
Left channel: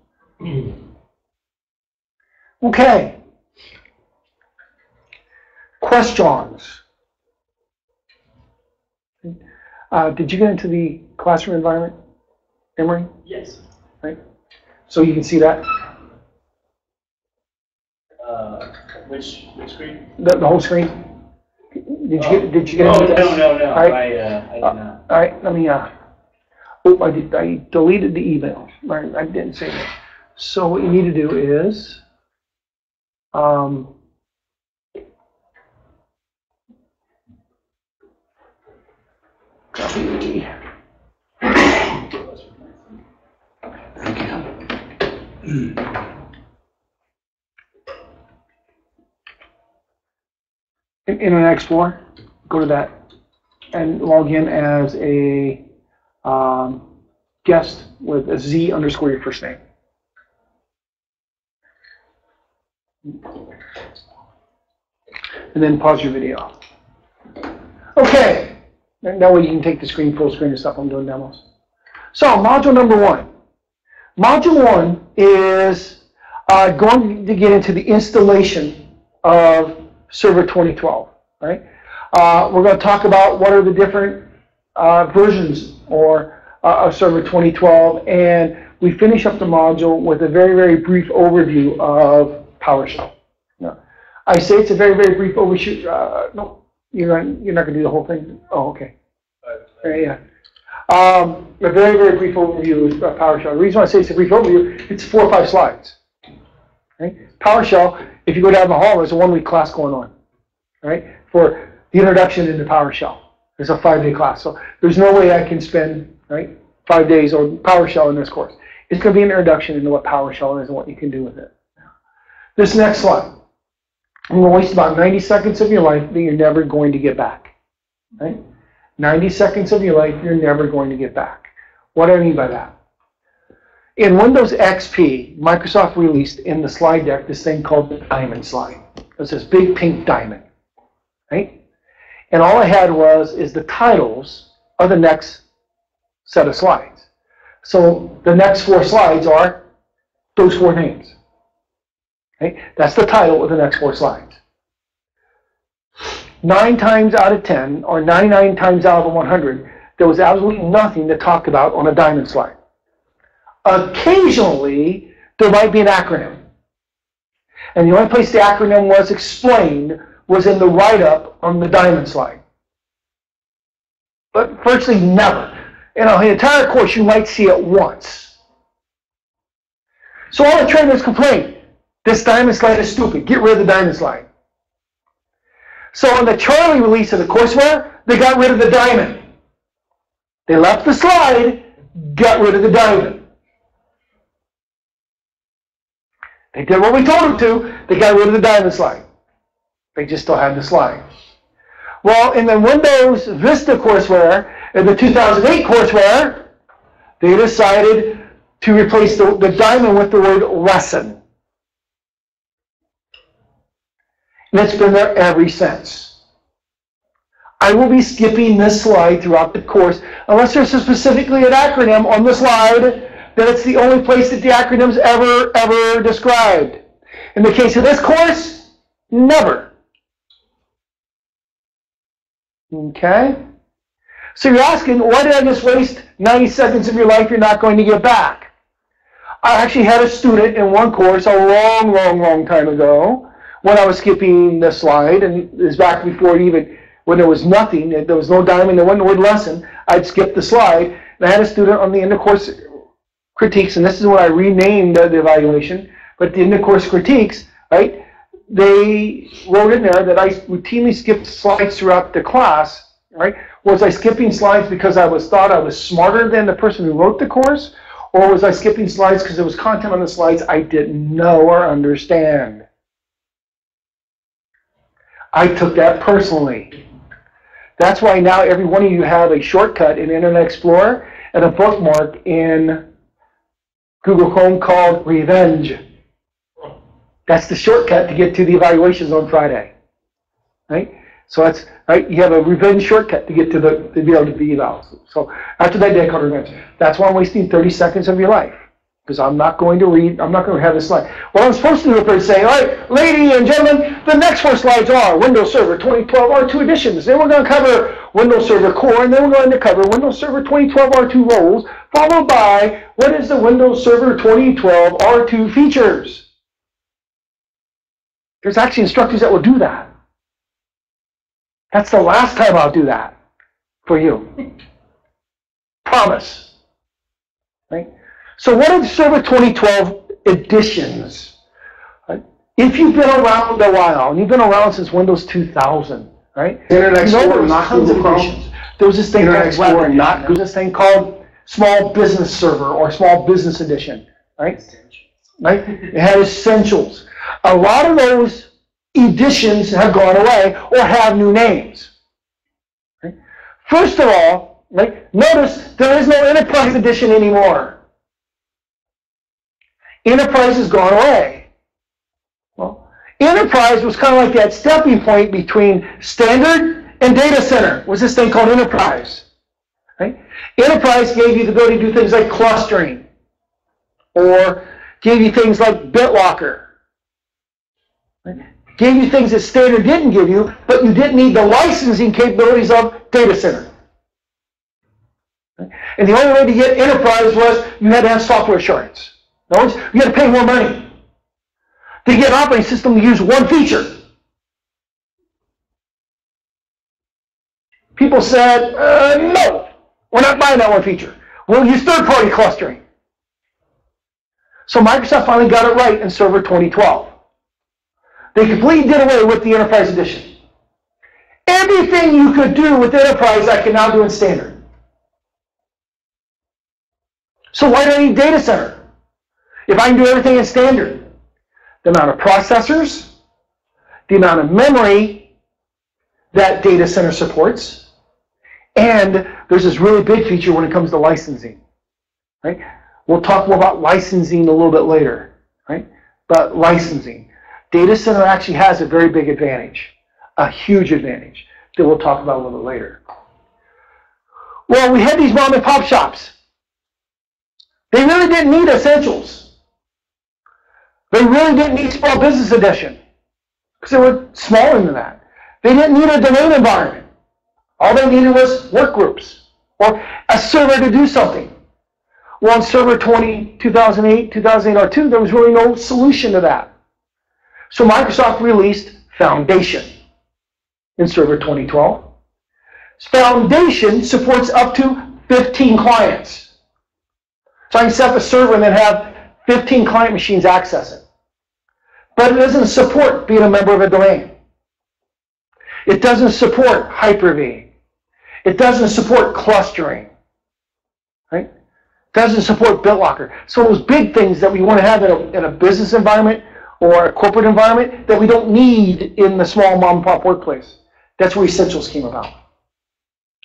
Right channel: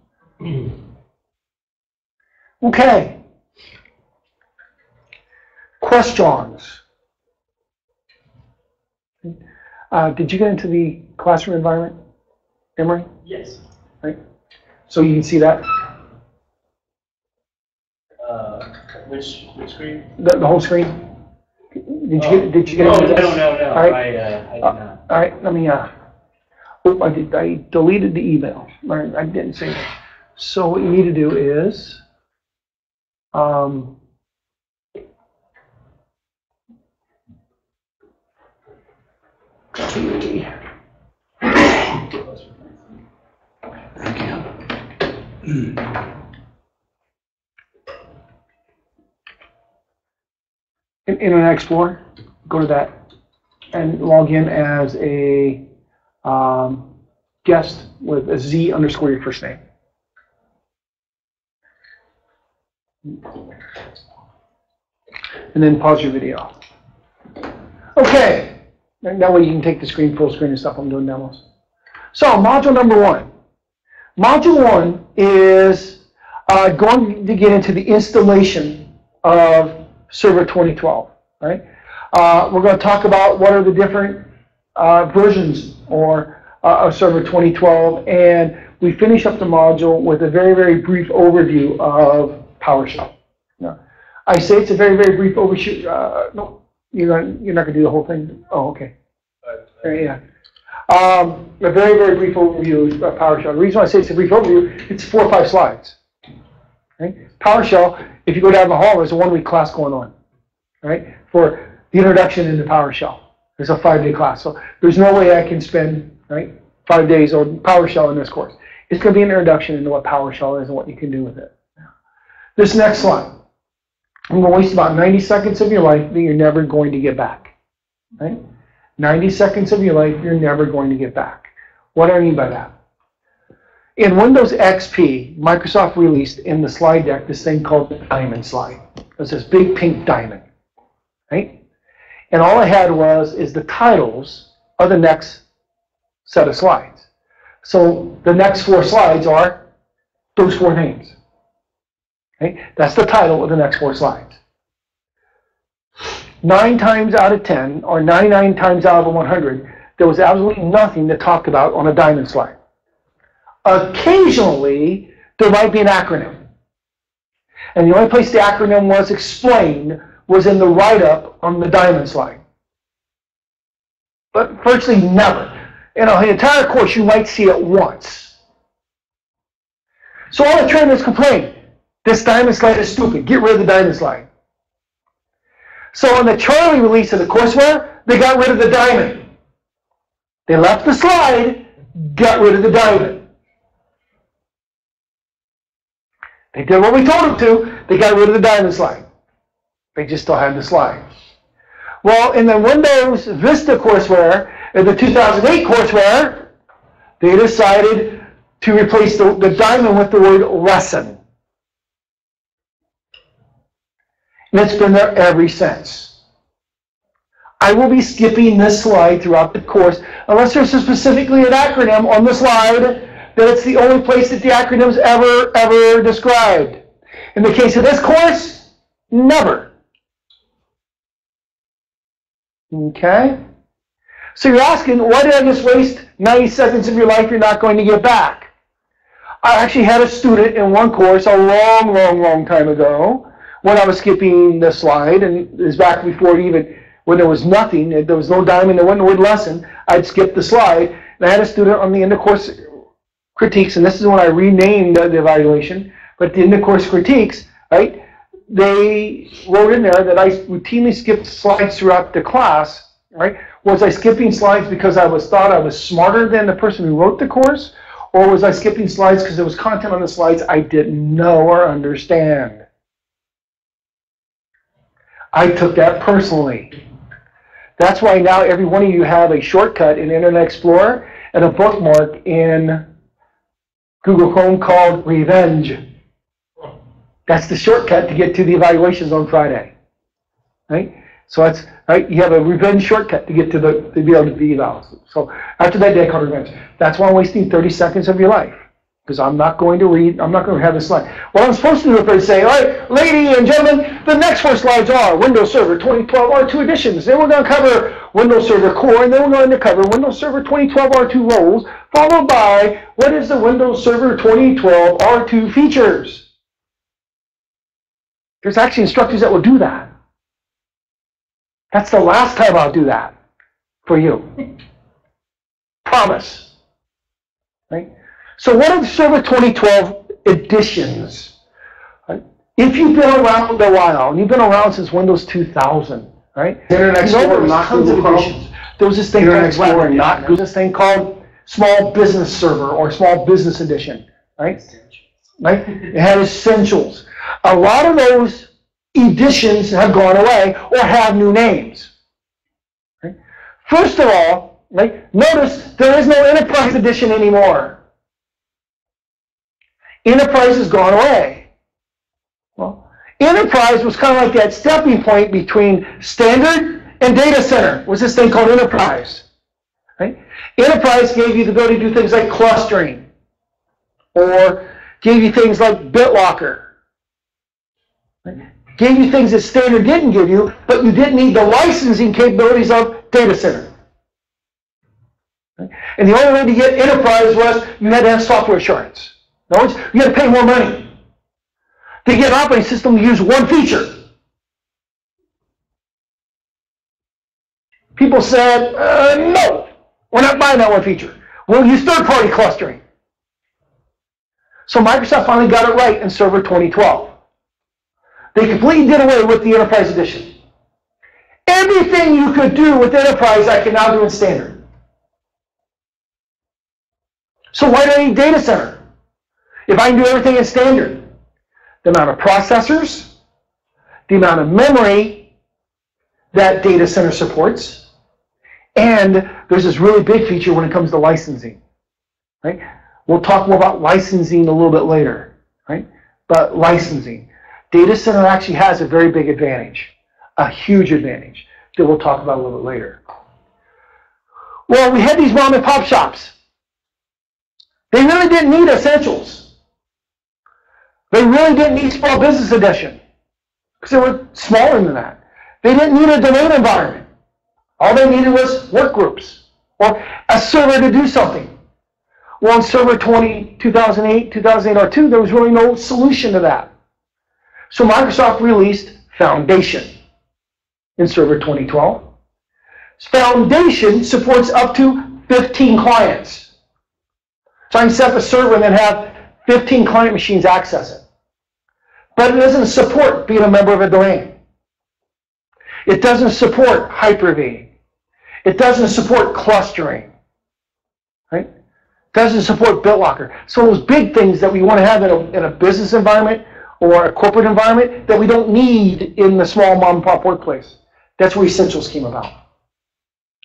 Okay. Questions. Did you get into the classroom environment, Emery? Yes. Right. So you can see that? Which screen? The whole screen. Did you get into this? No. All right. I did not. All right. Let me. I deleted the email. I didn't say that. So what you need to do is. Copy. Internet Explorer, go to that and log in as a guest with a Z underscore your first name. And then pause your video. Okay, and that way you can take the screen, full screen and stuff. I'm doing demos. So module number 1. Module 1 is going to get into the installation of Server 2012, right? We're going to talk about what are the different versions of Server 2012, and we finish up the module with a very, very brief overview of PowerShell. Now, I say it's a very, very brief overview. No, you're not going to do the whole thing? Oh, okay. Yeah. A very, very brief overview of PowerShell. The reason why I say it's a brief overview, it's 4 or 5 slides. Right? PowerShell, if you go down the hall, there's a 1-week class going on, right? For the introduction into PowerShell. There's a 5-day class. So there's no way I can spend, right, 5 days on PowerShell in this course. It's going to be an introduction into what PowerShell is and what you can do with it. This next slide. I'm going to waste about 90 seconds of your life that you're never going to get back, right? 90 seconds of your life you're never going to get back. What do I mean by that? In Windows XP, Microsoft released in the slide deck this thing called the diamond slide. It's this big pink diamond, right? And all I had is the titles of the next set of slides. So the next 4 slides are those 4 names. Okay? That's the title of the next 4 slides. 9 times out of 10, or 99 times out of 100, there was absolutely nothing to talk about on a diamond slide. Occasionally, there might be an acronym. And the only place the acronym was explained was in the write-up on the diamond slide. But virtually never. In an entire course, you might see it once. So all the trainers complain, this diamond slide is stupid. Get rid of the diamond slide. So in the Charlie release of the courseware, they got rid of the diamond. They left the slide, got rid of the diamond. They did what we told them to. They got rid of the diamond slide. They just still had the slide. Well, in the Windows Vista courseware, in the 2008 courseware, they decided to replace the diamond with the word lesson. And it's been there ever since. I will be skipping this slide throughout the course, unless there's specifically an acronym on the slide that it's the only place that the acronym's ever described. In the case of this course, never. Okay? So you're asking, why did I just waste 90 seconds of your life you're not going to get back? I actually had a student in one course a long time ago when I was skipping the slide, and it was back before even, when there was nothing, there was no diamond, there wasn't the word lesson, I'd skip the slide, and I had a student on the end of course critiques, and this is when I renamed the evaluation, but at the end of course critiques, right, they wrote in there that I routinely skipped slides throughout the class, right? Was I skipping slides because I thought I was smarter than the person who wrote the course, or was I skipping slides because there was content on the slides I didn't know or understand? I took that personally. That's why now every one of you have a shortcut in Internet Explorer and a bookmark in Google Chrome called Revenge. That's the shortcut to get to the evaluations on Friday, right? So that's right. You have a revenge shortcut to get to to be able to be evaluated. So after that day, I called revenge. That's why I'm wasting 30 seconds of your life, because I'm not going to read. I'm not going to have this slide. What I'm supposed to do up there is say, all right, ladies and gentlemen, the next 4 slides are Windows Server 2012 R2 editions. Then we're going to cover Windows Server Core, and then we're going to cover Windows Server 2012 R2 roles, followed by what is the Windows Server 2012 R2 features. There's actually instructors that will do that. That's the last time I'll do that for you. Promise. Right? So what are the Server 2012 editions? Right? If you've been around a while, and you've been around since Windows 2000, right? You know there was tons of editions. There was this thing called Web Edition. There was this thing called Small Business Server or Small Business Edition, right? Right? It had Essentials. A lot of those editions have gone away or have new names. Right? First of all, right, notice there is no Enterprise Edition anymore. Enterprise has gone away. Well, Enterprise was kind of like that stepping point between Standard and Data Center. Was this thing called Enterprise? Right? Enterprise gave you the ability to do things like clustering, or gave you things like BitLocker. Right? Gave you things that Standard didn't give you, but you didn't need the licensing capabilities of Data Center. Right? And the only way to get Enterprise was you had to have software assurance. In other words, you had to pay more money to get an operating system to use one feature. People said, no, we're not buying that one feature. We'll use third-party clustering. So Microsoft finally got it right in Server 2012. They completely did away with the Enterprise Edition. Everything you could do with Enterprise, I can now do in Standard. So why do I need Data Center? If I can do everything in Standard, the amount of processors, the amount of memory that Data Center supports, and there's this really big feature when it comes to licensing. Right? We'll talk more about licensing a little bit later. Right? But licensing. Data Center actually has a very big advantage, a huge advantage that we'll talk about a little bit later. Well, we had these mom and pop shops. They really didn't need Essentials. They really didn't need Small Business Edition because they were smaller than that. They didn't need a domain environment. All they needed was work groups or a server to do something. Well, in Server 2008 R2, there was really no solution to that. So Microsoft released Foundation in Server 2012. Foundation supports up to 15 clients. So I can set up a server and then have 15 client machines access it. But it doesn't support being a member of a domain. It doesn't support Hyper-V. It doesn't support clustering. Right? It doesn't support BitLocker. So those big things that we want to have in a business environment or a corporate environment that we don't need in the small mom and pop workplace. That's where Essentials came about.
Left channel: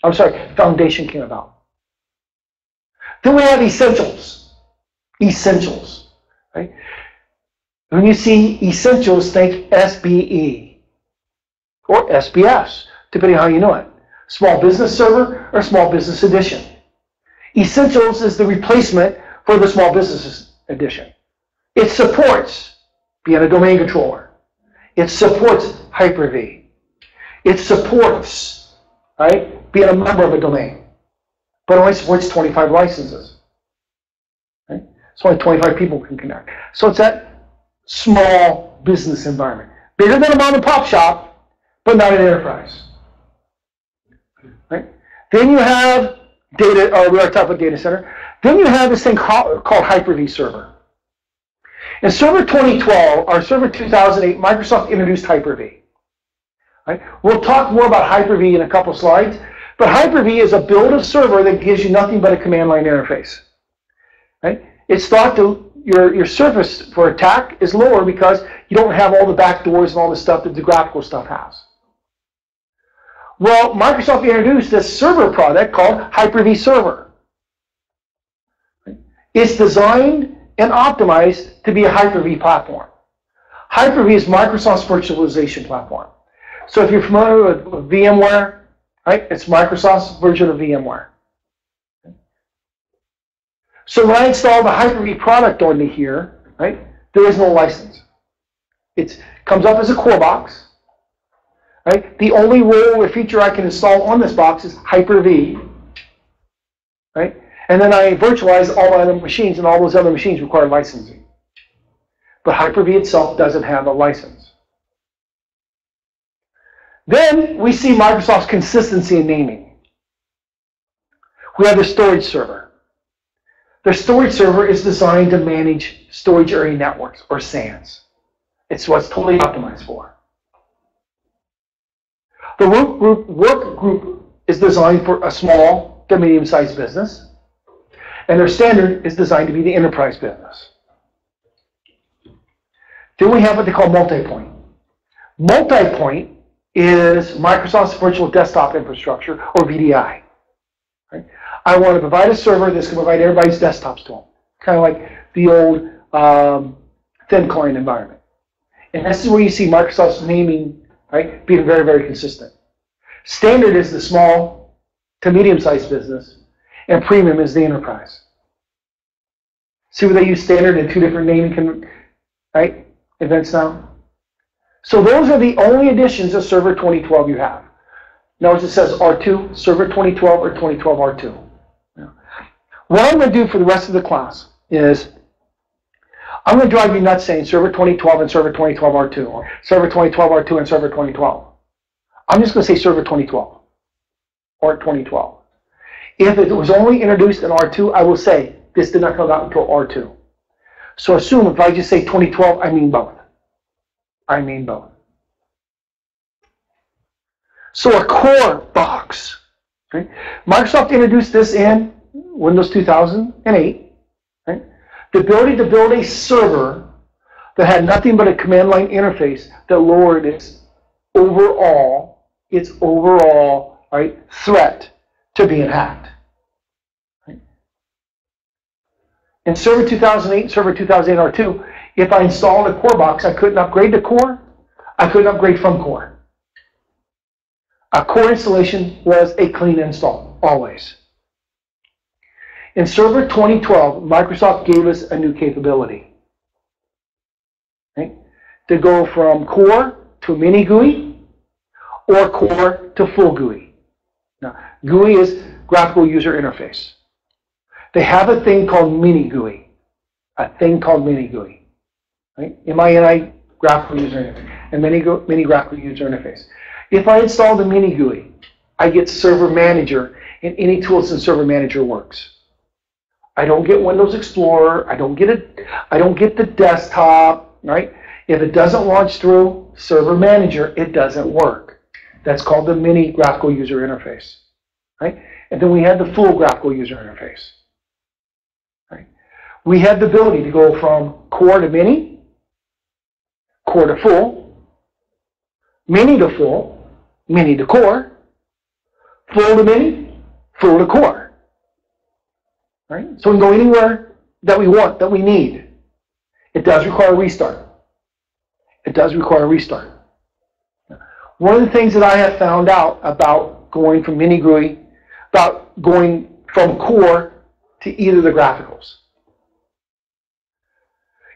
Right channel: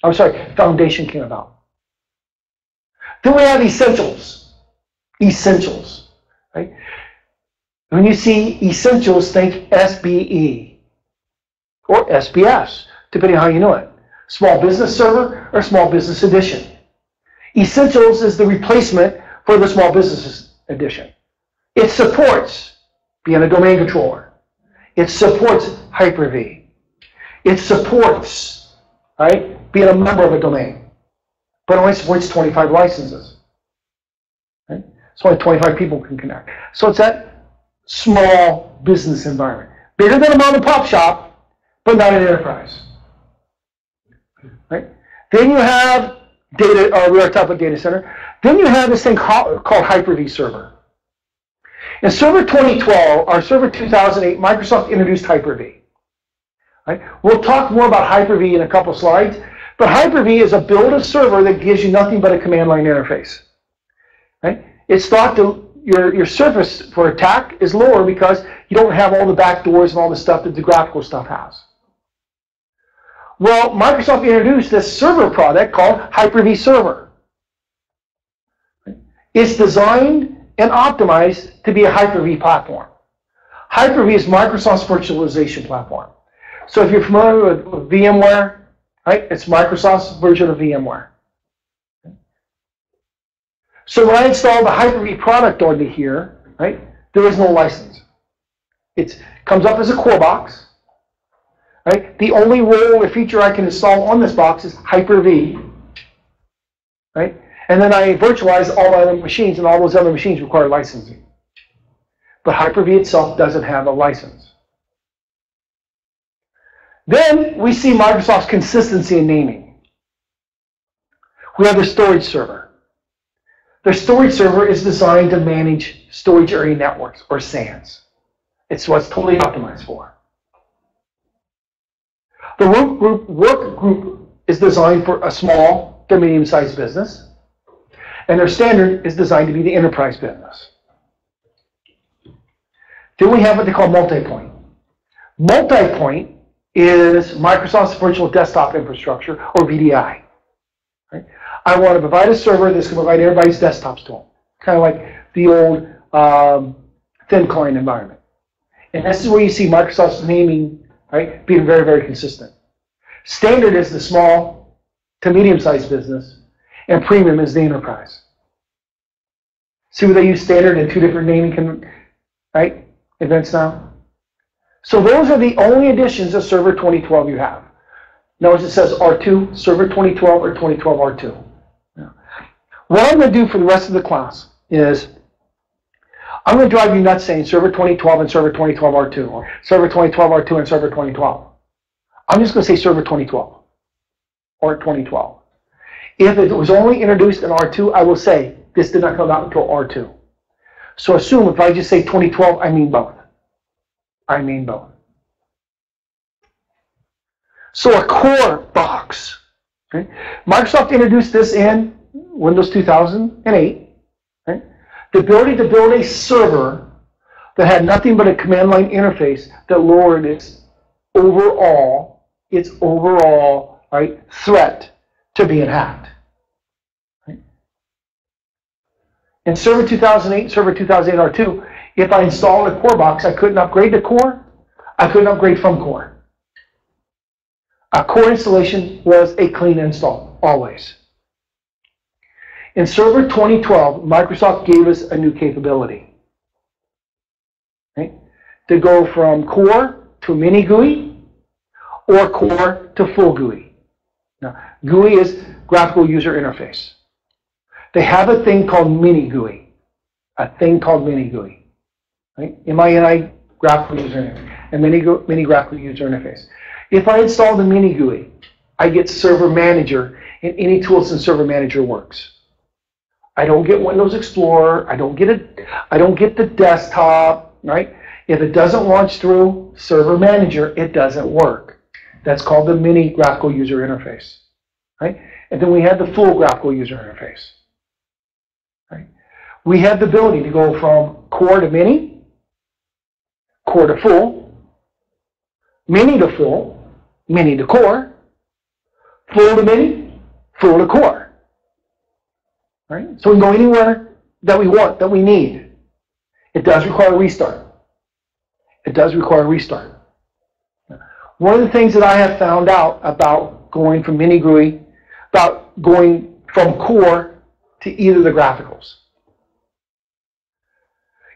I'm sorry, Foundation came about. Then we have Essentials. Essentials. Right? When you see Essentials, think SBE or SBS, depending on how you know it. Small Business Server or Small Business Edition. Essentials is the replacement for the small business edition. It supports being a domain controller. It supports Hyper-V. It supports, right, being a member of a domain. But only supports 25 licenses. Right? So only 25 people can connect. So it's that small business environment. Bigger than a mom and pop shop, but not an enterprise. Right? Then you have data, or we are talking about data center. Then you have this thing called Hyper-V Server. In Server 2012, or Server 2008, Microsoft introduced Hyper-V. Right? We'll talk more about Hyper-V in a couple slides, but Hyper-V is a build of server that gives you nothing but a command line interface. Right? It's thought to, your surface for attack is lower because you don't have all the backdoors and all the stuff that the graphical stuff has. Well, Microsoft introduced this server product called Hyper-V Server. It's designed and optimized to be a Hyper-V platform. Hyper-V is Microsoft's virtualization platform. So if you're familiar with VMware, right, it's Microsoft's version of VMware. So when I install the Hyper-V product onto here, right, there is no license. It comes up as a core box. Right? The only role or feature I can install on this box is Hyper-V. Right? And then I virtualize all my other machines, and all those other machines require licensing. But Hyper-V itself doesn't have a license. Then we see Microsoft's consistency in naming. We have the storage server. The storage server is designed to manage storage area networks, or SANs. It's what's totally optimized for. The work group is designed for a small to medium-sized business, and their standard is designed to be the enterprise business. Then we have what they call multi-point. Multi-point is Microsoft's virtual desktop infrastructure, or VDI. Right? I want to provide a server that's going to provide everybody's desktops to them, kind of like the old thin client environment. And this is where you see Microsoft's naming, right, being very, very consistent. Standard is the small to medium-sized business, and premium is the enterprise. See where they use standard in two different naming events now? So those are the only additions of Server 2012 you have. Notice it says R2, Server 2012 or 2012 R2. Now, what I'm going to do for the rest of the class is I'm going to drive you nuts saying Server 2012 and Server 2012 R2, or Server 2012 R2 and Server 2012. I'm just going to say Server 2012 or 2012. If it was only introduced in R2, I will say this did not come out until R2. So assume if I just say 2012, I mean both. I mean both. So a core box. Okay? Microsoft introduced this in Windows 2008. Right? The ability to build a server that had nothing but a command line interface that lowered its overall right, threat to being hacked. Right? In Server 2008, Server 2008 R2, if I installed a core box, I couldn't upgrade to core. I couldn't upgrade from core. A core installation was a clean install, always. In Server 2012, Microsoft gave us a new capability. Right? To go from core to mini GUI or core to full GUI. Now, GUI is graphical user interface. They have a thing called mini GUI. A thing called mini GUI. Right? MINI, graphical user interface. And mini graphical user interface. If I install the mini GUI, I get Server Manager, and any tools in Server Manager works. I don't get Windows Explorer. I don't get the desktop. Right? If it doesn't launch through Server Manager, it doesn't work. That's called the mini graphical user interface. Right? And then we have the full graphical user interface. Right? We have the ability to go from core to mini, core to full, mini to full, mini to core, full to mini, full to core. Right? So we can go anywhere that we want, that we need. It does require a restart. It does require a restart. One of the things that I have found out about going from mini GUI, about going from core to either of the graphics.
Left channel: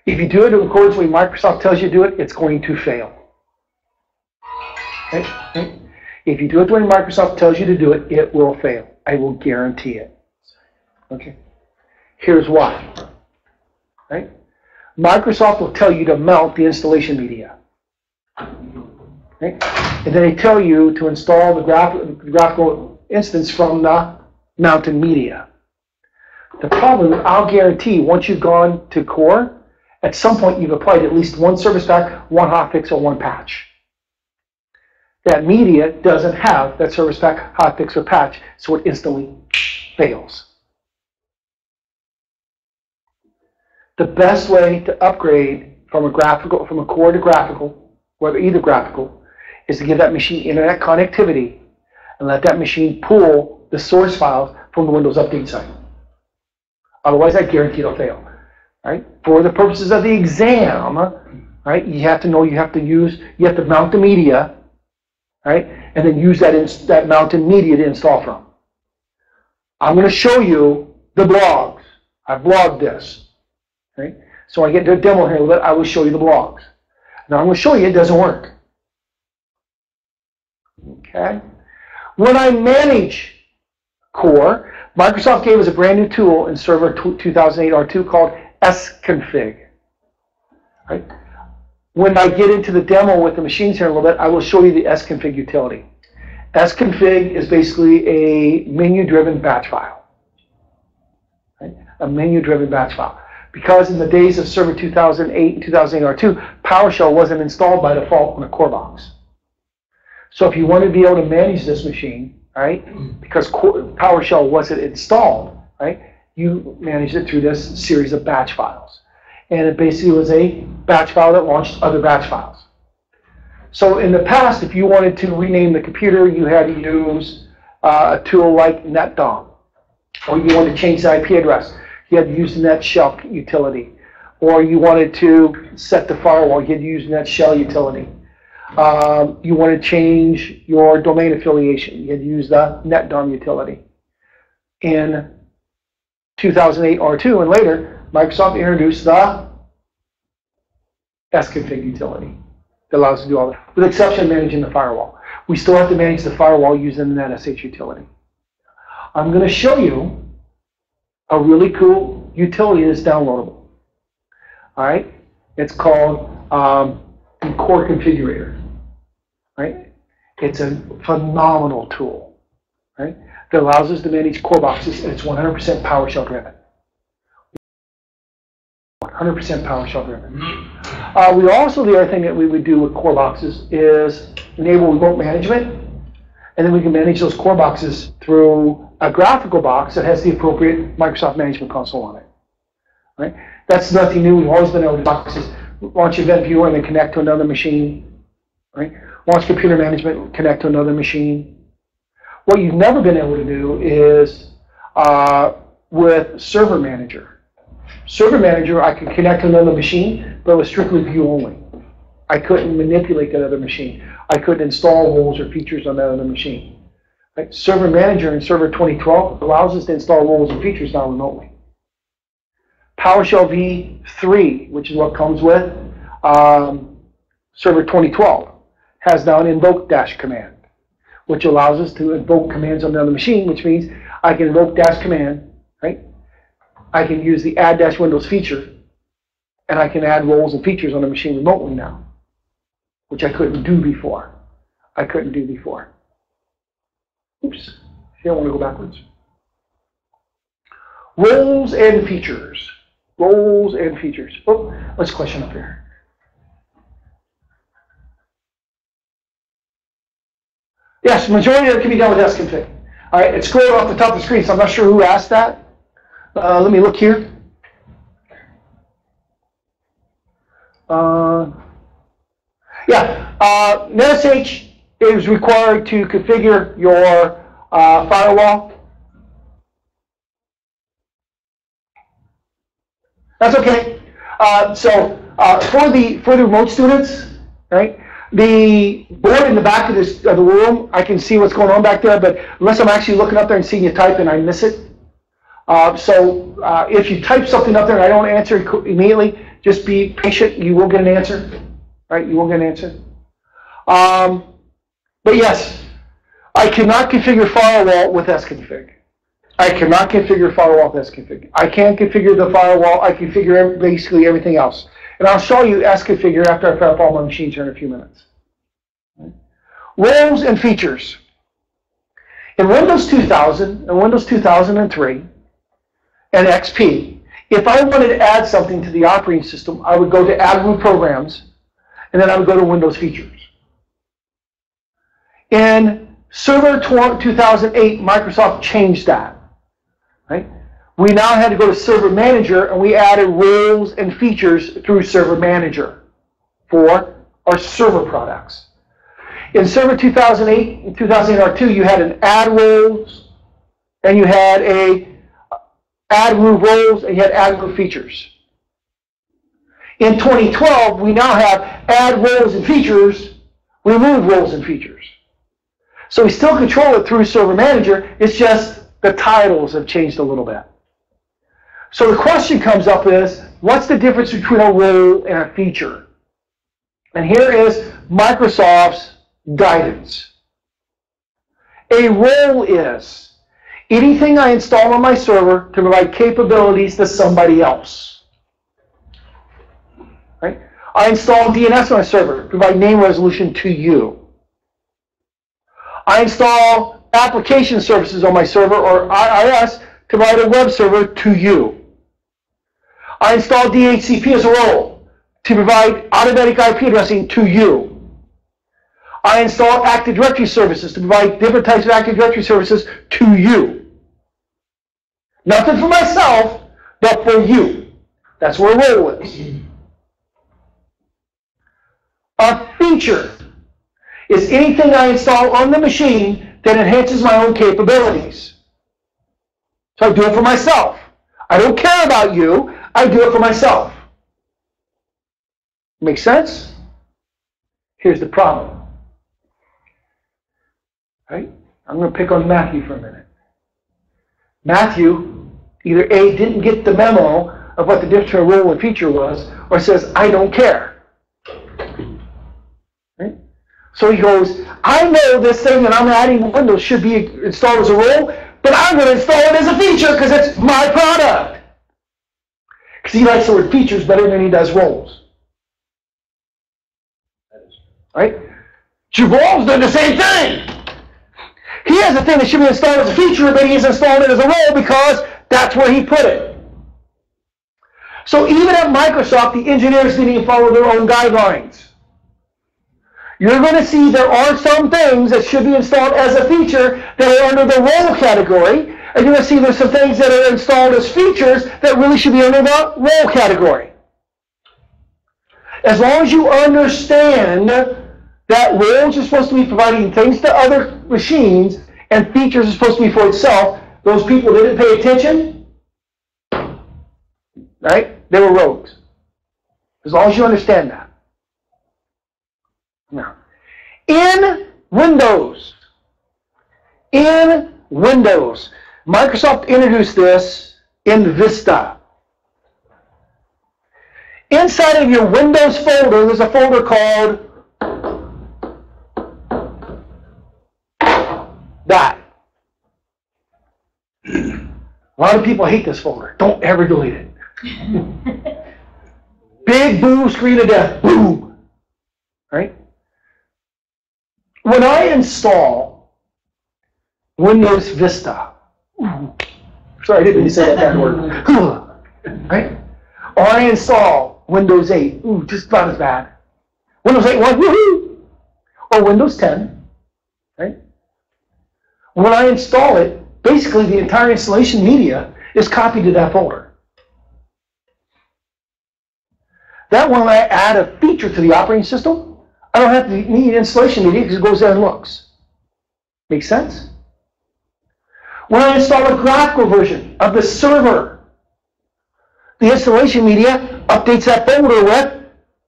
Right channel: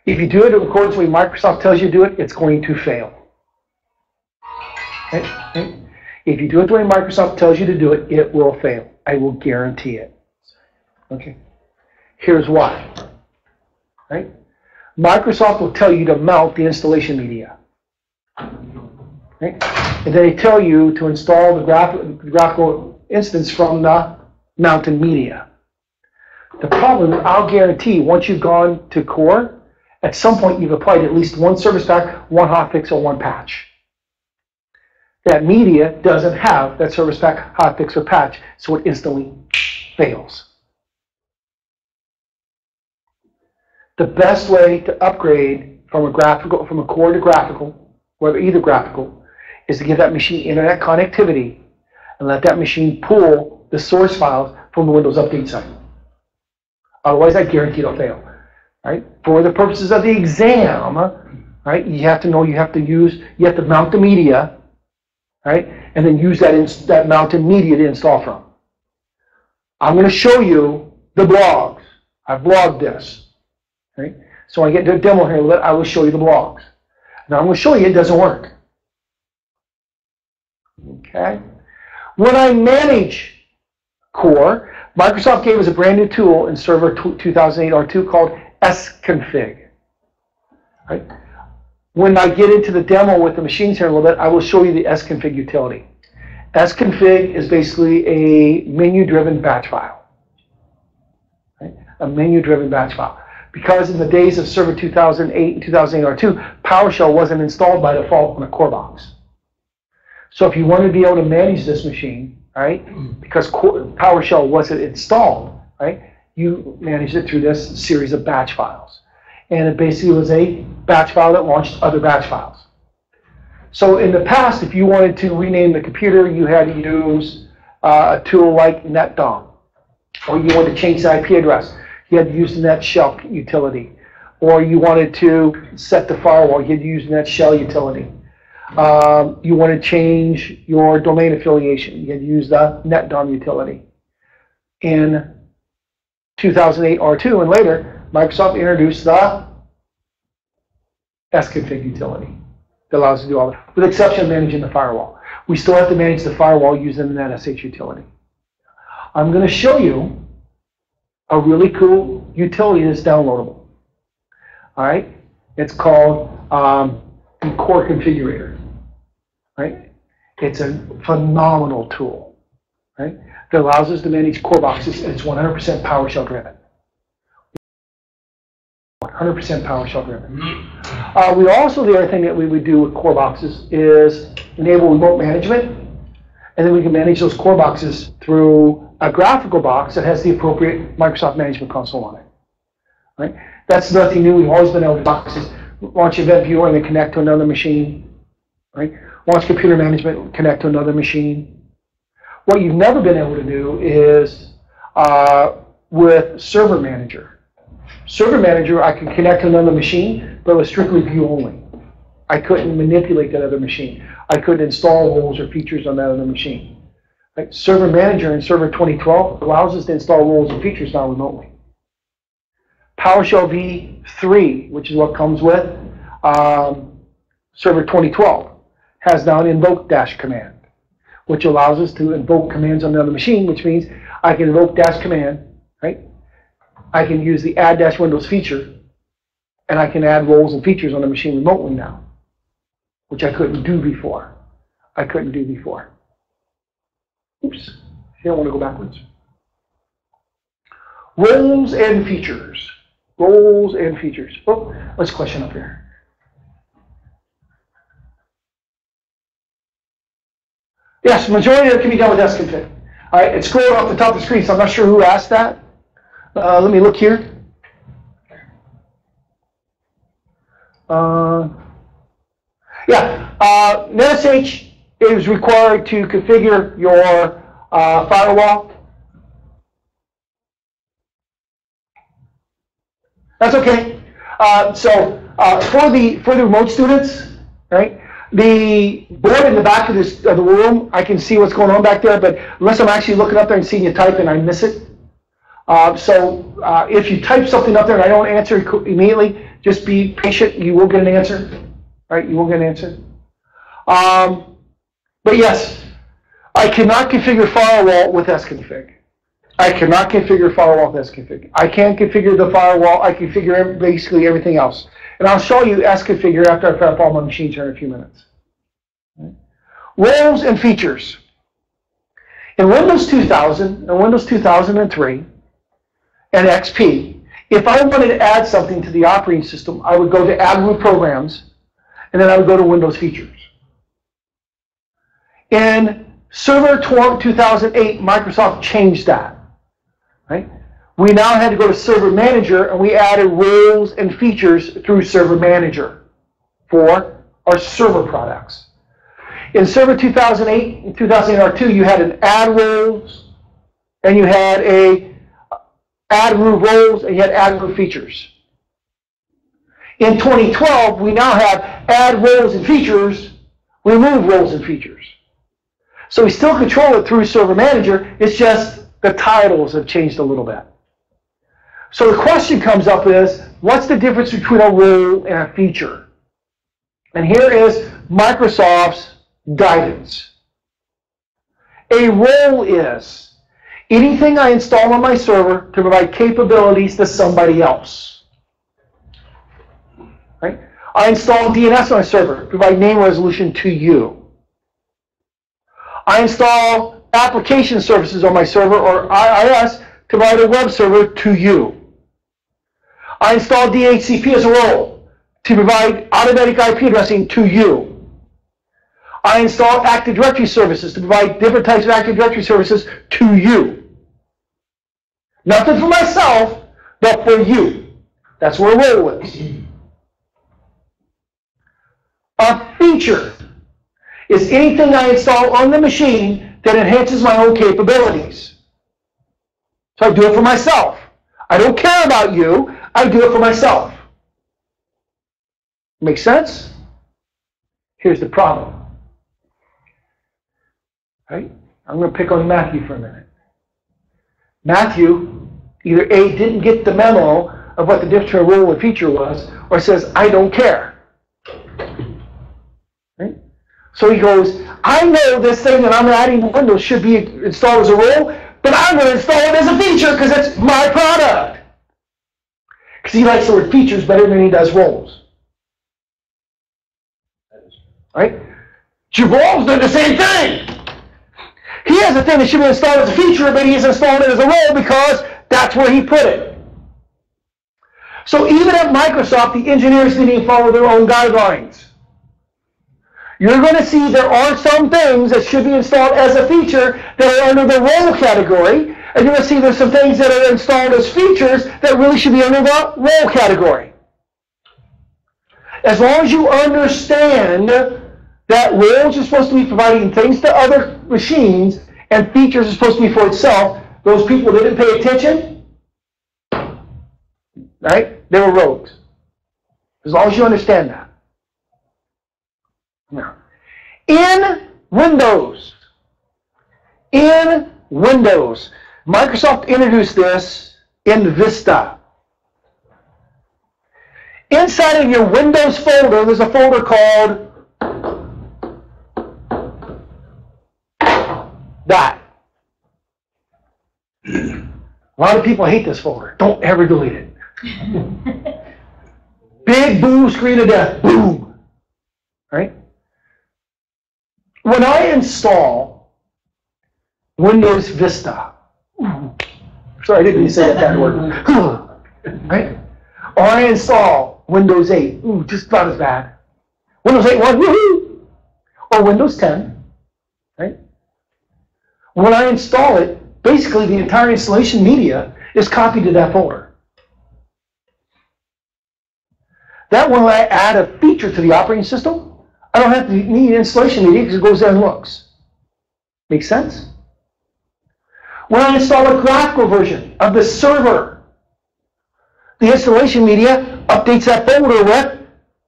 If you do it in accordance with what Microsoft tells you to do it, it's going to fail. Right? Right? If you do it the way Microsoft tells you to do it, it will fail. I will guarantee it. Okay. Here's why. Right? Microsoft will tell you to mount the installation media. Right? And they tell you to install the graphical instance from the mounted media. The problem is, I'll guarantee, once you've gone to core, at some point you've applied at least one service pack, one hotfix, or one patch. That media doesn't have that service pack, hotfix, or patch, so it instantly fails. The best way to upgrade from a core to graphical, whether either graphical, is to give that machine internet connectivity and let that machine pull the source files from the Windows Update site. Otherwise, I guarantee it'll fail. Right? For the purposes of the exam, right, you have to know you have to mount the media, right, and then use that mounted media to install from. I'm going to show you the blogs. I blogged this. Right? So when I get to a demo here, I will show you the blogs. Now I'm going to show you it doesn't work. Okay? When I manage core, Microsoft gave us a brand new tool in Server 2008 R2 called sconfig. Right? When I get into the demo with the machines here in a little bit, I will show you the sconfig utility. Sconfig is basically a menu-driven batch file. Right? A menu-driven batch file. Because in the days of Server 2008 and 2008 R2, PowerShell wasn't installed by default on a core box. So if you want to be able to manage this machine, right, because PowerShell wasn't installed, right, you managed it through this series of batch files. And it basically was a batch file that launched other batch files. So in the past, if you wanted to rename the computer, you had to use a tool like NetDom. Or you wanted to change the IP address, you had to use the NetShell utility. Or you wanted to set the firewall, you had to use the NetShell utility. You want to change your domain affiliation, you had to use the NetDom utility. In 2008 R2 and later, Microsoft introduced the sconfig utility that allows us to do all that, with the exception of managing the firewall. We still have to manage the firewall using the NetSH utility. I'm going to show you a really cool utility that's downloadable. All right? It's called the Core Configurator. Right? It's a phenomenal tool, right, that allows us to manage core boxes, and it's 100% PowerShell driven. 100% PowerShell driven. We also, the other thing that we would do with core boxes is enable remote management, and then we can manage those core boxes through a graphical box that has the appropriate Microsoft Management Console on it. Right? That's nothing new. We've always been able to boxes, launch Event Viewer and then connect to another machine. Right? Launch Computer Management, connect to another machine. What you've never been able to do is with Server Manager. Server Manager, I could connect to another machine, but it was strictly view only. I couldn't manipulate that other machine. I couldn't install roles or features on that other machine. Right? Server Manager in Server 2012 allows us to install roles and features now remotely. PowerShell v3, which is what comes with Server 2012, has now an invoke dash command, which allows us to invoke commands on another machine, which means I can invoke dash command, right? I can use the add dash Windows feature, and I can add roles and features on a machine remotely now, which I couldn't do before. Oops, I don't want to go backwards. Roles and features. Roles and features. Oh, let's question up here. Yes, majority of it can be done with sconfig. All right, it's scrolled off the top of the screen, so I'm not sure who asked that. Let me look here. NetSH is required to configure your firewall. That's okay. For the remote students, right? The board in the back of the room, I can see what's going on back there, but unless I'm actually looking up there and seeing you type, then I miss it. If you type something up there and I don't answer immediately, Just be patient. You will get an answer. Right? You will get an answer. But yes, I cannot configure firewall with sconfig. I cannot configure firewall with sconfig. I can't configure the firewall. I configure basically everything else. And I'll show you sconfigure after I fire up all my machines here in a few minutes. Right? Roles and features. In Windows 2000 and Windows 2003 and XP, if I wanted to add something to the operating system, I would go to Add New Programs, and then I would go to Windows Features. In Server 2008, Microsoft changed that. Right? We now had to go to Server Manager, and we added roles and features through Server Manager for our server products. In Server 2008 and 2008 R2, you had an add roles, and you had a add remove roles, and you had add remove features. In 2012, we now have add roles and features, remove roles and features. So we still control it through Server Manager, it's just the titles have changed a little bit. So the question comes up is, what's the difference between a role and a feature? And here is Microsoft's guidance. A role is anything I install on my server to provide capabilities to somebody else. Right? I install DNS on my server to provide name resolution to you. I install application services on my server, or IIS, to provide a web server to you. I install DHCP as a role to provide automatic IP addressing to you. I install Active Directory services to provide different types of Active Directory services to you. Nothing for myself, but for you. That's where a role is. A feature is anything I install on the machine that enhances my own capabilities. So I do it for myself. I don't care about you. I do it for myself. Make sense? Here's the problem. Right? I'm going to pick on Matthew for a minute. Matthew either A, didn't get the memo of what the difference between a role and feature was, or says, I don't care. Right? So he goes, I know this thing that I'm adding to Windows should be installed as a role, but I'm going to install it as a feature because it's my product. Because he likes the word features better than he does roles. Right? Jabal's done the same thing. He has a thing that should be installed as a feature, but he's installed it as a role because that's where he put it. So even at Microsoft, the engineers didn't even follow their own guidelines. You're going to see there are some things that should be installed as a feature that are under the role category, and you're going to see there's some things that are installed as features that really should be under the role category. As long as you understand that roles are supposed to be providing things to other machines and features are supposed to be for itself, those people didn't pay attention, right? They were rogues. As long as you understand that. Now, in Windows, Microsoft introduced this in Vista. Inside of your Windows folder, there's a folder called that. A lot of people hate this folder. Don't ever delete it. Big boom, screen of death. Boom. Right? When I install Windows Vista, sorry, I didn't mean to say that word. Right? Or I install Windows 8, just not as bad. Windows 8.1, woohoo! Or Windows 10, right? When I install it, basically the entire installation media is copied to that folder. That when I add a feature to the operating system, I don't have to need installation media because it goes there and looks. Make sense? When I install a graphical version of the server, the installation media updates that folder with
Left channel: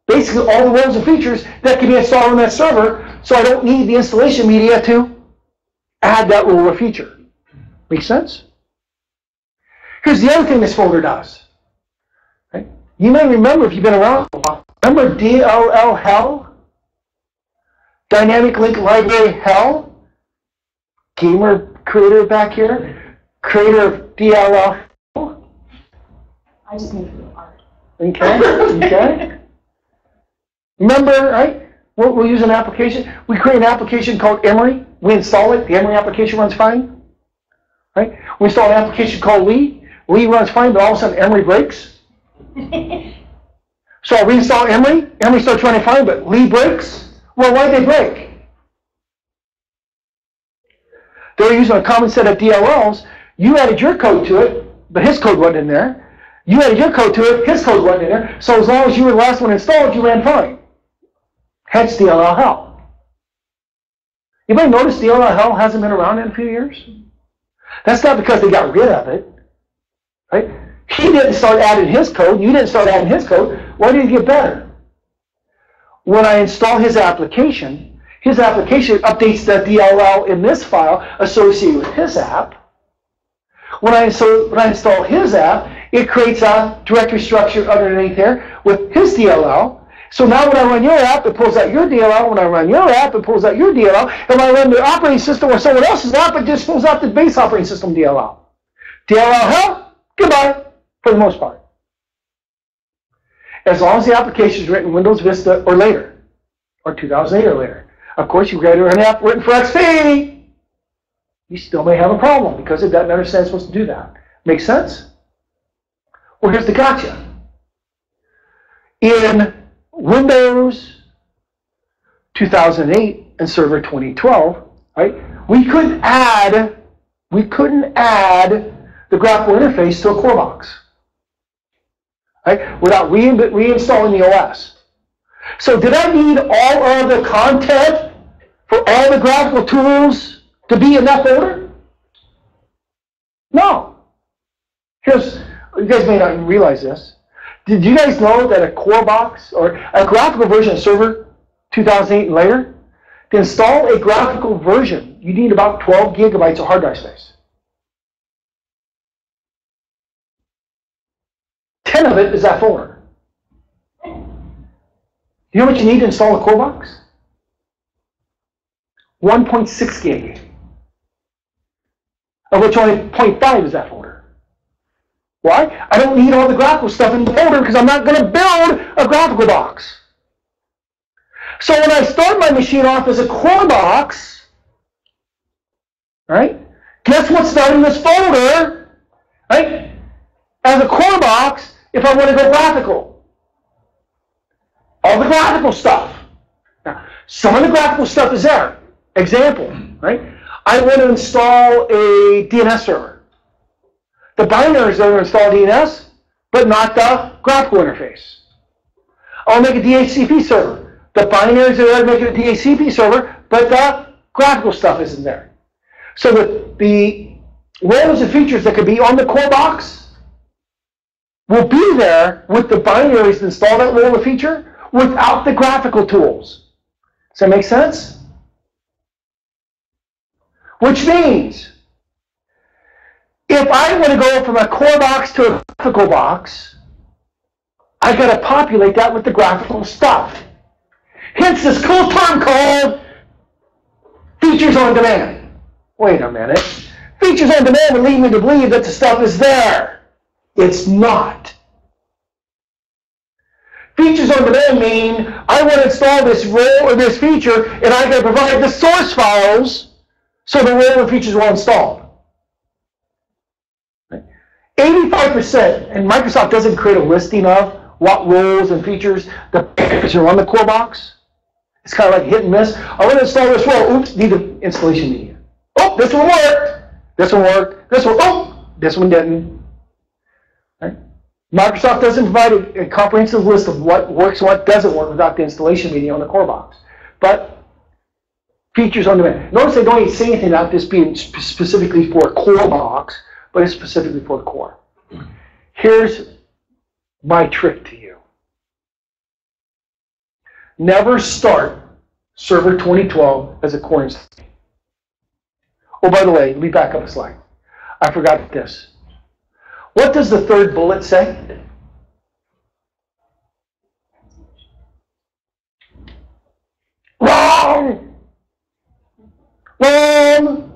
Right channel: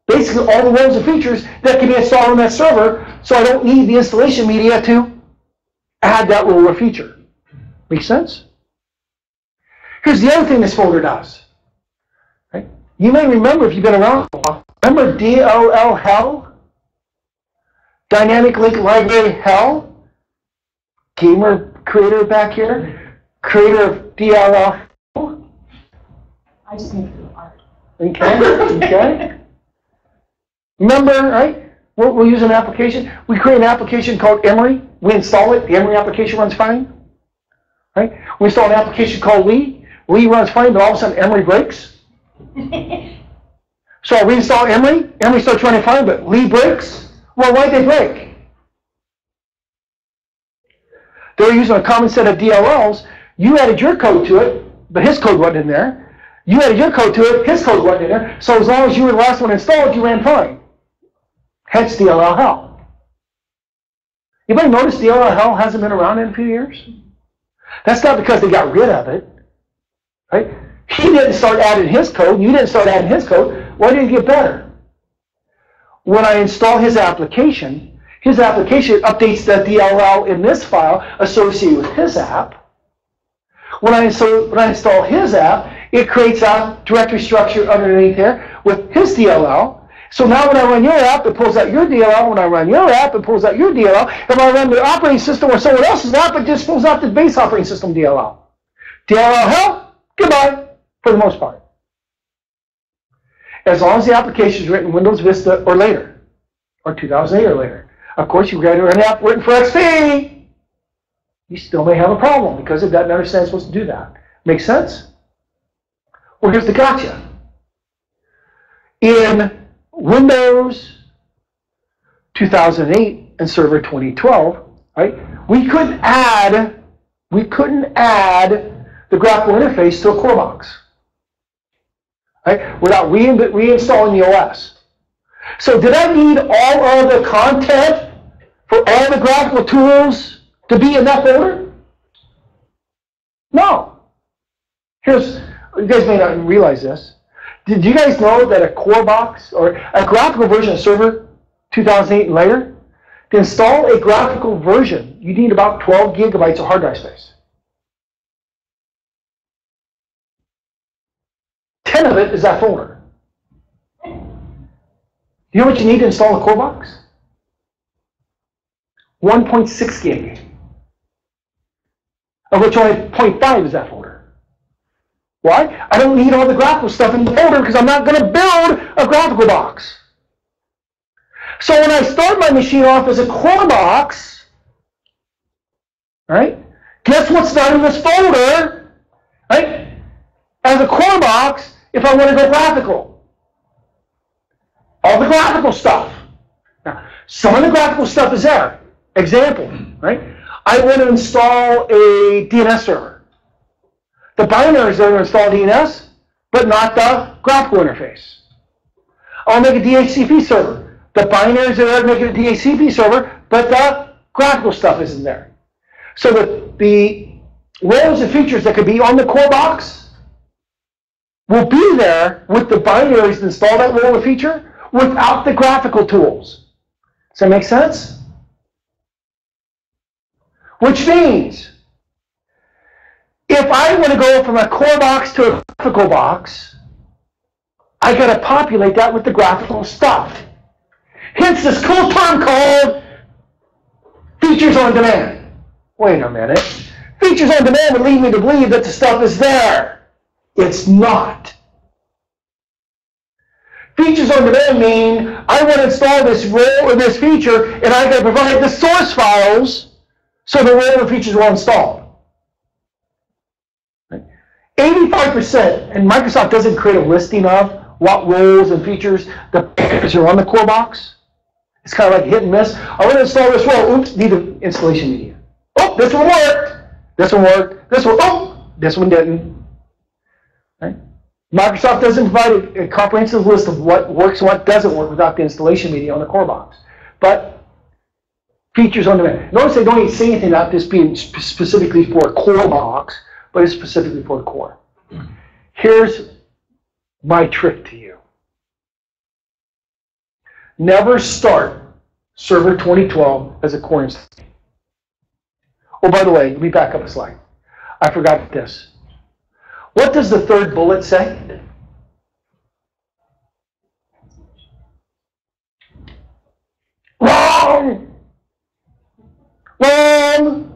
basically all the roles and features that can be installed on that server, so I don't need the installation media to add that role or feature. Make sense? Here's the other thing this folder does. Right? You may remember, if you've been around for a while, remember DLL Hell? Dynamic Link Library Hell? Gamer creator back here? Creator of DLL Hell? I just make the art. Okay. Remember, right? We'll use an application. We create an application called Emory. We install it. The Emory application runs fine. Right? We install an application called Lee. Lee runs fine, but all of a sudden Emory breaks. So I reinstall Emory. Emory starts running fine, but Lee breaks. Well, why did they break? They were using a common set of DLLs. You added your code to it, but his code wasn't in there. You added your code to it, his code wasn't in there. So as long as you were the last one installed, you ran fine. Hence DLL Hell. Anybody notice DLL Hell hasn't been around in a few years? That's not because they got rid of it. Right? He didn't start adding his code. You didn't start adding his code. Why did it get better? When I install his application updates the DLL in this file associated with his app. When I install his app, it creates a directory structure underneath there with his DLL. So now when I run your app, it pulls out your DLL. When I run your app, it pulls out your DLL. And when I run the operating system or someone else's app, it just pulls out the base operating system DLL. DLL Hell, goodbye, for the most part. As long as the application is written in Windows Vista or later, or 2008 or later. Of course, you've got to run an app written for XP. You still may have a problem because it doesn't understand it's supposed to do that. Make sense? Well, here's the gotcha. In Windows 2008 and Server 2012, right? We couldn't add the graphical interface to a core box, right? Without reinstalling the OS. So did I need all of the content for all the graphical tools to be in that folder? No. You guys may not realize this. Did you guys know that a core box or a graphical version of Server 2008 and later, to install a graphical version, you need about 12 gigabytes of hard drive space. 10 of it is that folder. You know what you need to install a core box? 1.6 gig, of which only 0.5 is that folder. Why? I don't need all the graphical stuff in the folder because I'm not going to build a graphical box. So when I start my machine off as a core box, right? Guess what's not in this folder? Right? As a core box, if I want to go graphical. All the graphical stuff. Now, some of the graphical stuff is there. Example, right? I want to install a DNS server. The binaries are to install DNS, but not the graphical interface. I'll make a DHCP server. The binaries are there to make it a DHCP server, but the graphical stuff isn't there. So the roles and features that could be on the core box will be there with the binaries to install that role or feature without the graphical tools. Does that make sense? Which means, if I want to go from a core box to a graphical box, I got to populate that with the graphical stuff. Hence this cool term called features on demand. Wait a minute. Features on demand would lead me to believe that the stuff is there. It's not. Features on demand mean I want to install this role or this feature, and I got to provide the source files so the role and features are installed. 85%, and Microsoft doesn't create a listing of what roles and features are on the core box. It's kind of like hit and miss. I want to install this role. Oops, need the installation media. Oh, this one worked. This one worked. This one, oh, this one didn't. Right? Microsoft doesn't provide a comprehensive list of what works and what doesn't work without the installation media on the core box. But features on demand. Notice they don't even say anything about this being specifically for a core box, but it's specifically for the core. Here's my trick to you. Never start Server 2012 as a core install. Oh, by the way, let me back up a slide. I forgot this. What does the third bullet say? Wrong! Wrong!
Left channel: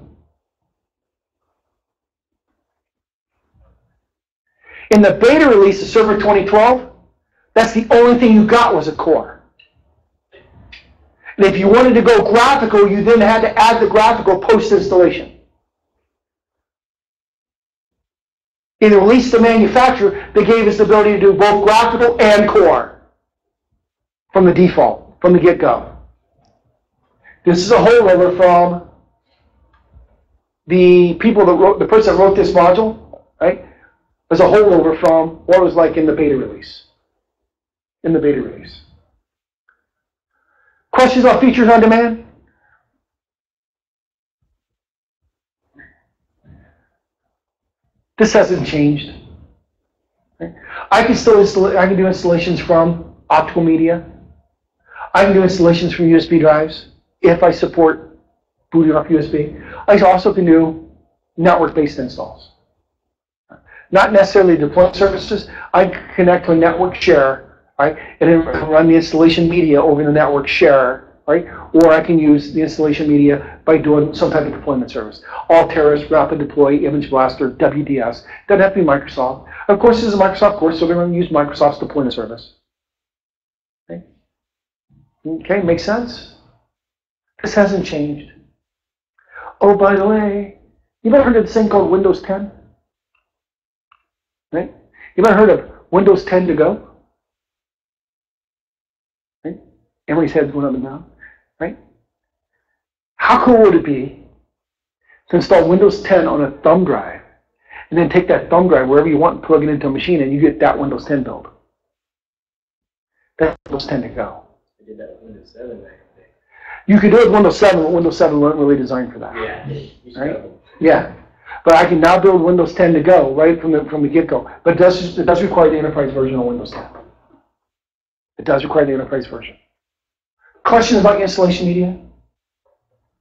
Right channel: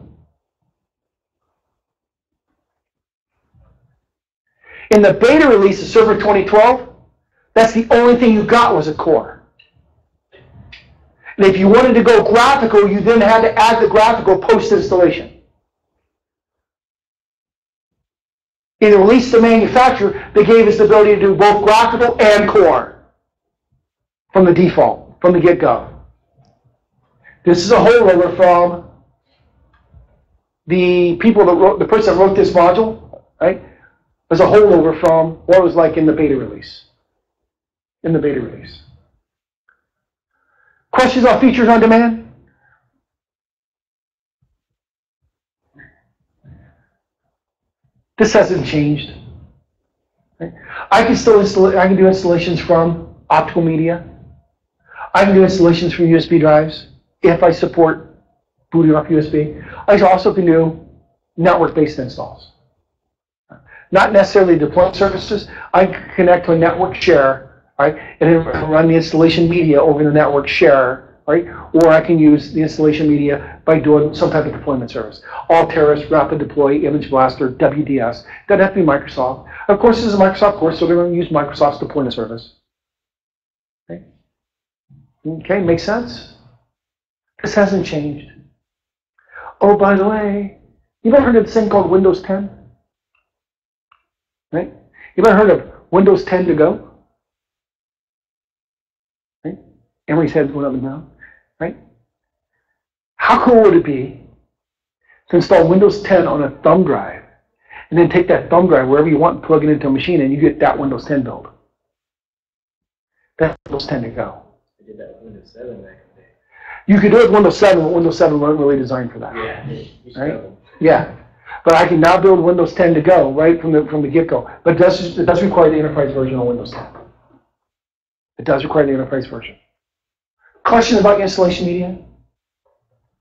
In the beta release of Server 2012, that's the only thing you got was a core. And if you wanted to go graphical, you then had to add the graphical post-installation. In the release to manufacturer, they gave us the ability to do both graphical and core from the default, from the get-go. This is a holdover from the people that wrote, the person that wrote this module, right? Was a holdover from what it was like in the beta release. In the beta release. Questions on features on demand? This hasn't changed. I can still I can do installations from optical media. I can do installations from USB drives if I support booting off USB. I also can do network-based installs. Not necessarily deployment services. I can connect to a network share, right, and then run the installation media over the network share, right? Or I can use the installation media by doing some type of deployment service. All-Terrace, Rapid Deploy, Image Blaster, WDS. Doesn't have to be Microsoft. Of course, this is a Microsoft course, so we're going to use Microsoft's deployment service. Okay, okay, makes sense? This hasn't changed. Oh, by the way, you ever heard of this thing called Windows 10? Right? You ever heard of Windows 10 to go? Right? Emery's head went up and down. Right? How cool would it be to install Windows 10 on a thumb drive and then take that thumb drive wherever you want and plug it into a machine and you get that Windows 10 build? That's Windows 10 to go. I did that with Windows 7 back in the day. You could do it with Windows 7, but Windows 7 wasn't really designed for that. Yeah. Right? Yeah. But I can now build Windows 10 to go right from the get-go. But it does require the enterprise version of Windows 10. It does require the enterprise version. Questions about installation media?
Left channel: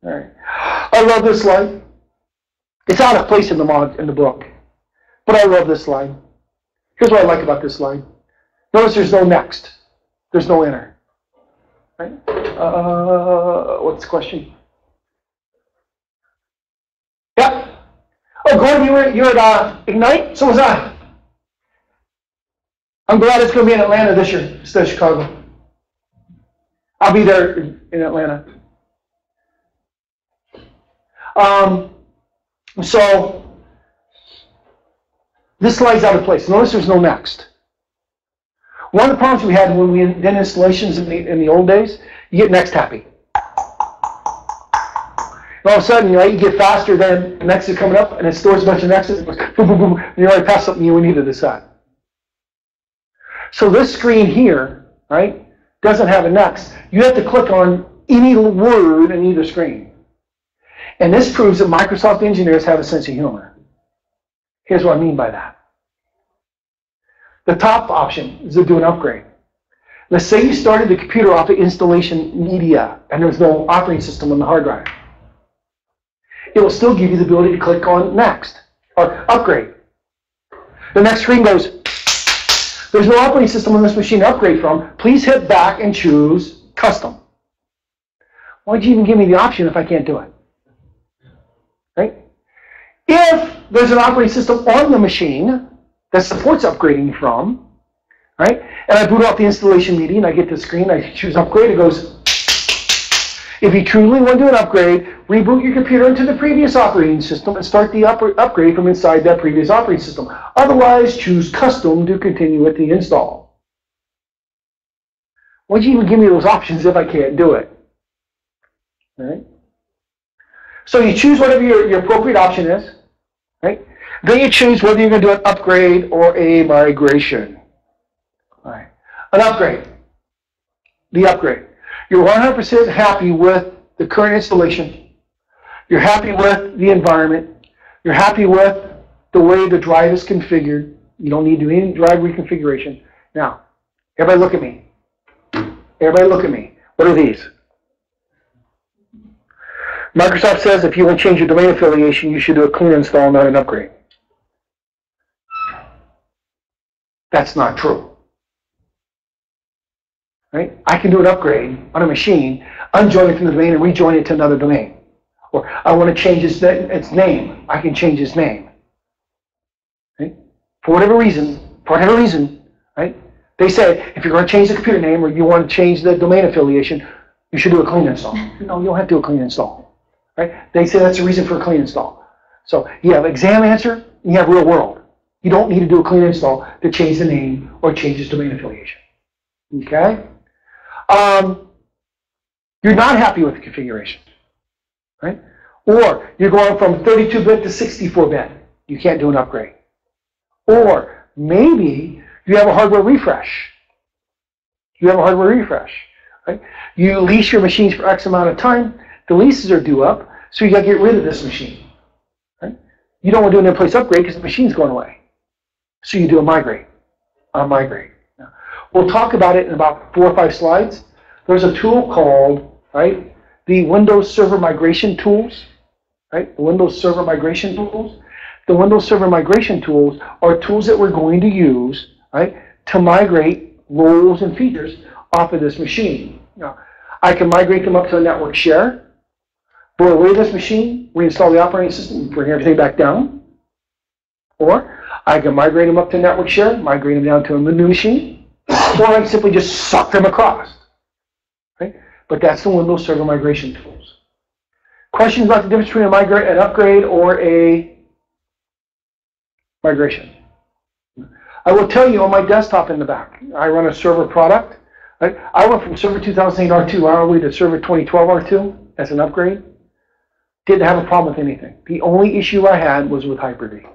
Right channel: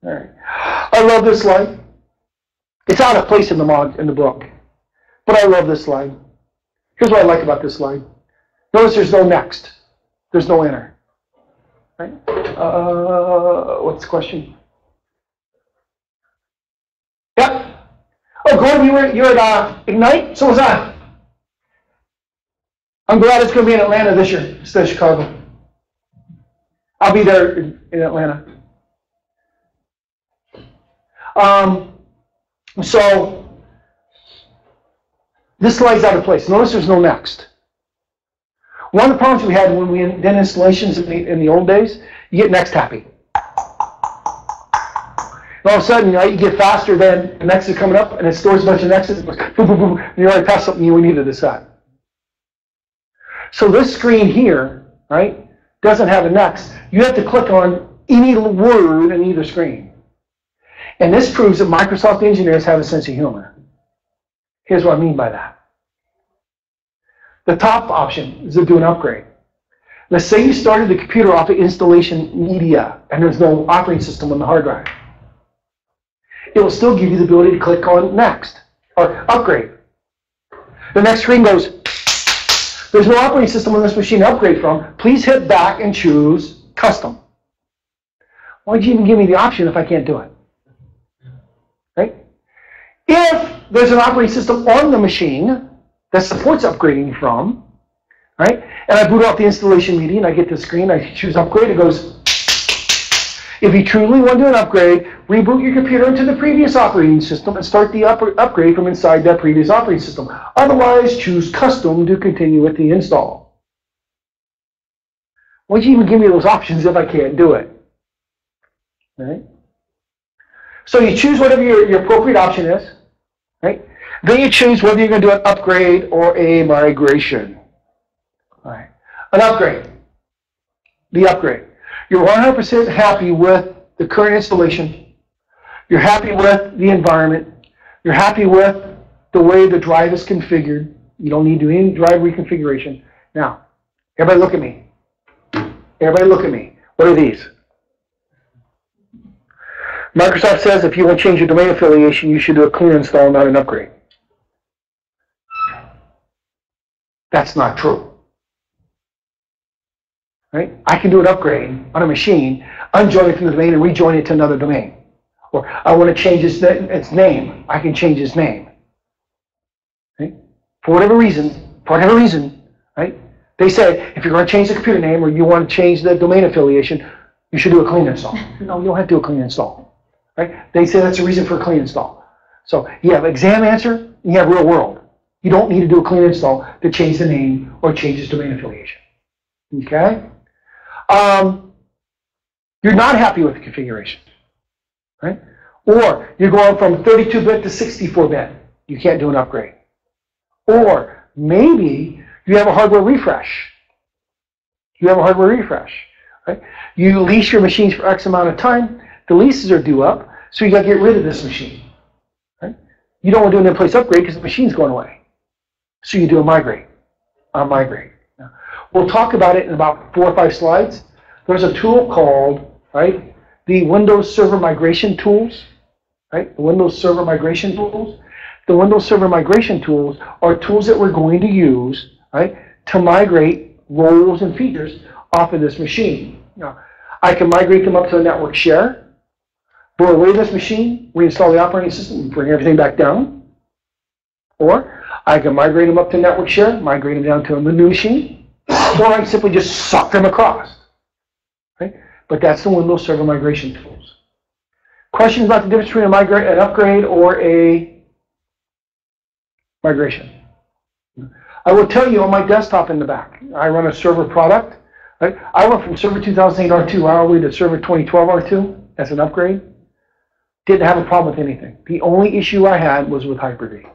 All right. I love this slide. It's out of place in the book, but I love this slide. Here's what I like about this slide. Notice there's no next. There's no enter. Right? What's the question? Yeah. Oh, Gordon, you're at Ignite? So was I. I'm glad it's going to be in Atlanta this year instead of Chicago. I'll be there in Atlanta. So this slide's out of place. Notice there's no next. One of the problems we had when we did installations in the old days, you get next happy. And all of a sudden, you get faster than the next is coming up, and it stores a bunch of nexts, boom, boom, boom, and you already passed something you needed to set. So this screen here, right, doesn't have a next. You have to click on any word in either screen. And this proves that Microsoft engineers have a sense of humor. Here's what I mean by that. The top option is to do an upgrade. Let's say you started the computer off of installation media, and there's no operating system on the hard drive. It will still give you the ability to click on next, or upgrade. The next screen goes, there's no operating system on this machine to upgrade from. Please hit back and choose custom. Why'd you even give me the option if I can't do it? Right? If there's an operating system on the machine that supports upgrading from, right? And I boot off the installation media and I get to the screen, I choose upgrade, it goes, if you truly want to do an upgrade, reboot your computer into the previous operating system and start the upgrade from inside that previous operating system. Otherwise, choose custom to continue with the install. Why'd you even give me those options if I can't do it? All right? So you choose whatever your appropriate option is, right? Then you choose whether you're going to do an upgrade or a migration. All right. An upgrade. The upgrade. You're 100% happy with the current installation. You're happy with the environment. You're happy with the way the drive is configured. You don't need to do any drive reconfiguration. Now, everybody look at me. Everybody look at me. What are these? Microsoft says if you want to change your domain affiliation, you should do a clean install, not an upgrade. That's not true. right? I can do an upgrade on a machine, unjoin it from the domain and rejoin it to another domain. Or I want to change its name. I can change its name. Right? For whatever reason, right? They say if you're going to change the computer name or you want to change the domain affiliation, you should do a clean install. No, you don't have to do a clean install. Right? They say that's the reason for a clean install. So you have exam answer and you have real world. You don't need to do a clean install to change the name or change its domain affiliation. Okay? You're not happy with the configuration. Right? Or you're going from 32-bit to 64-bit. You can't do an upgrade. Or maybe you have a hardware refresh. Right? You lease your machines for X amount of time. The leases are due up, so you got to get rid of this machine. Right? You don't want to do an in-place upgrade because the machine's going away. So you do a migrate. Now, we'll talk about it in about 4 or 5 slides. There's a tool called, right, the Windows Server Migration Tools. Right? The Windows Server Migration Tools. The Windows Server Migration Tools are tools that we're going to use, right, to migrate roles and features off of this machine. Now, I can migrate them up to a network share, blow away this machine, reinstall the operating system, and bring everything back down. Or I can migrate them up to network share, migrate them down to a new machine, or I can simply just suck them across. Right? But that's the Windows Server Migration Tools. Questions about the difference between an upgrade or a migration? I will tell you on my desktop in the back, I run a server product. Right? I went from Server 2008 R2 all the way to Server 2012 R2 as an upgrade. Didn't have a problem with anything. The only issue I had was with Hyper-V.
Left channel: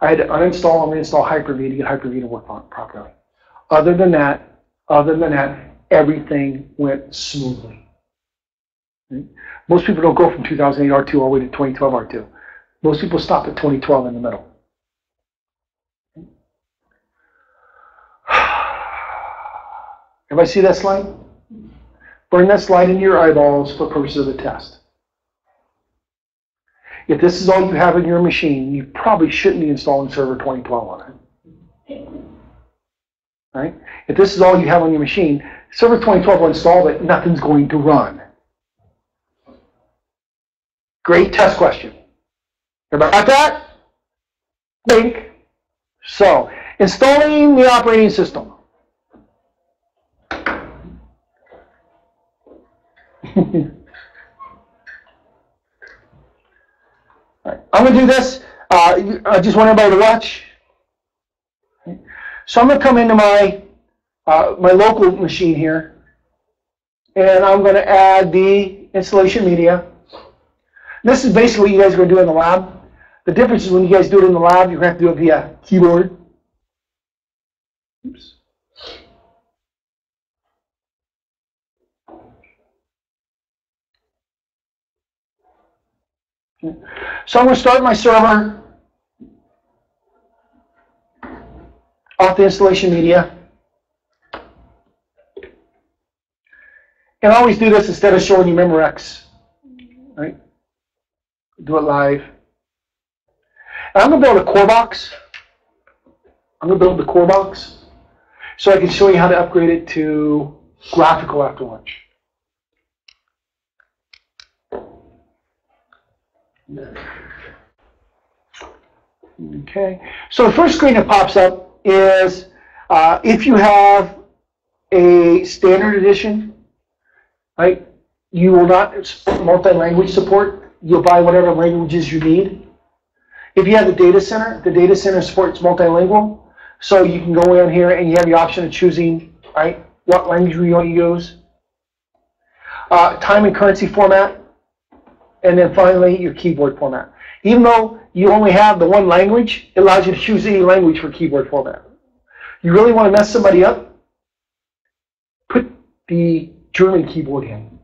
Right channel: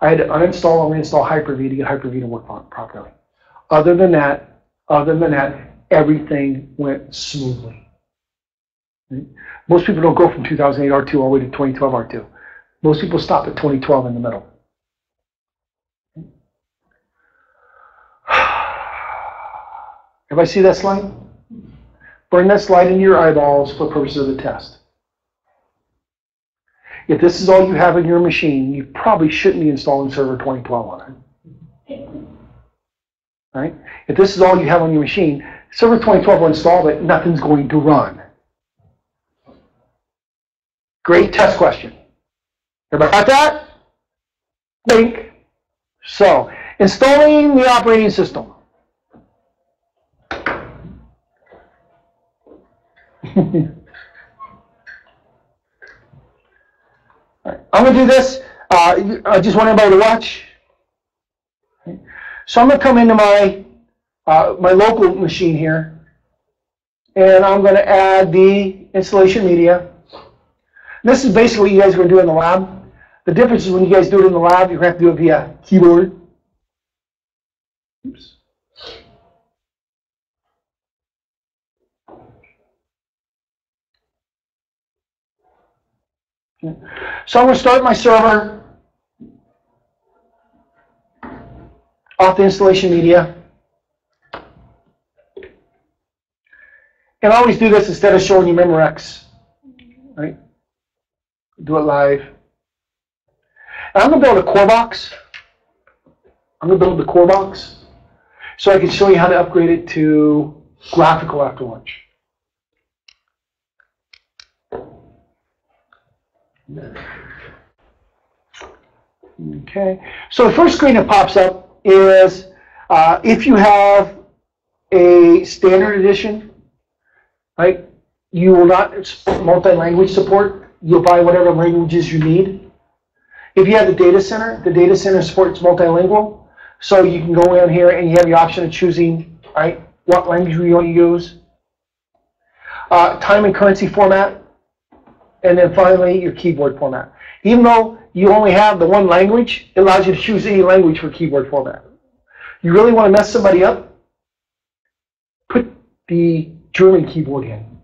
I had to uninstall and reinstall Hyper-V to get Hyper-V to work properly. Other than that, everything went smoothly. Right? Most people don't go from 2008 R2 all the way to 2012 R2. Most people stop at 2012 in the middle. Everybody see that slide? Burn that slide into your eyeballs for purposes of the test. If this is all you have in your machine, you probably shouldn't be installing Server 2012 on it. Right? If this is all you have on your machine, Server 2012 will install, but nothing's going to run. Great test question. Everybody got that? Think. So, installing the operating system. Right. I'm going to do this. I just want everybody to watch. Okay. So I'm going to come into my my local machine here, and I'm going to add the installation media. This is basically what you guys are going to do in the lab. The difference is when you guys do it in the lab, you're going to have to do it via keyboard. Oops. So I'm going to start my server off the installation media. And I always do this instead of showing you Memorex. Right? Do it live. And I'm going to build a core box. I'm going to build the core box so I can show you how to upgrade it to graphical after lunch. Okay, so the first screen that pops up is if you have a standard edition, right, you will not support multi-language support. You'll buy whatever languages you need. If you have the data center supports multilingual, so you can go in here and you have the option of choosing, right, what language you want to use. Time and currency format, and then finally your keyboard format. Even though you only have the one language, it allows you to choose any language for keyboard format. You really want to mess somebody up? Put the German keyboard in.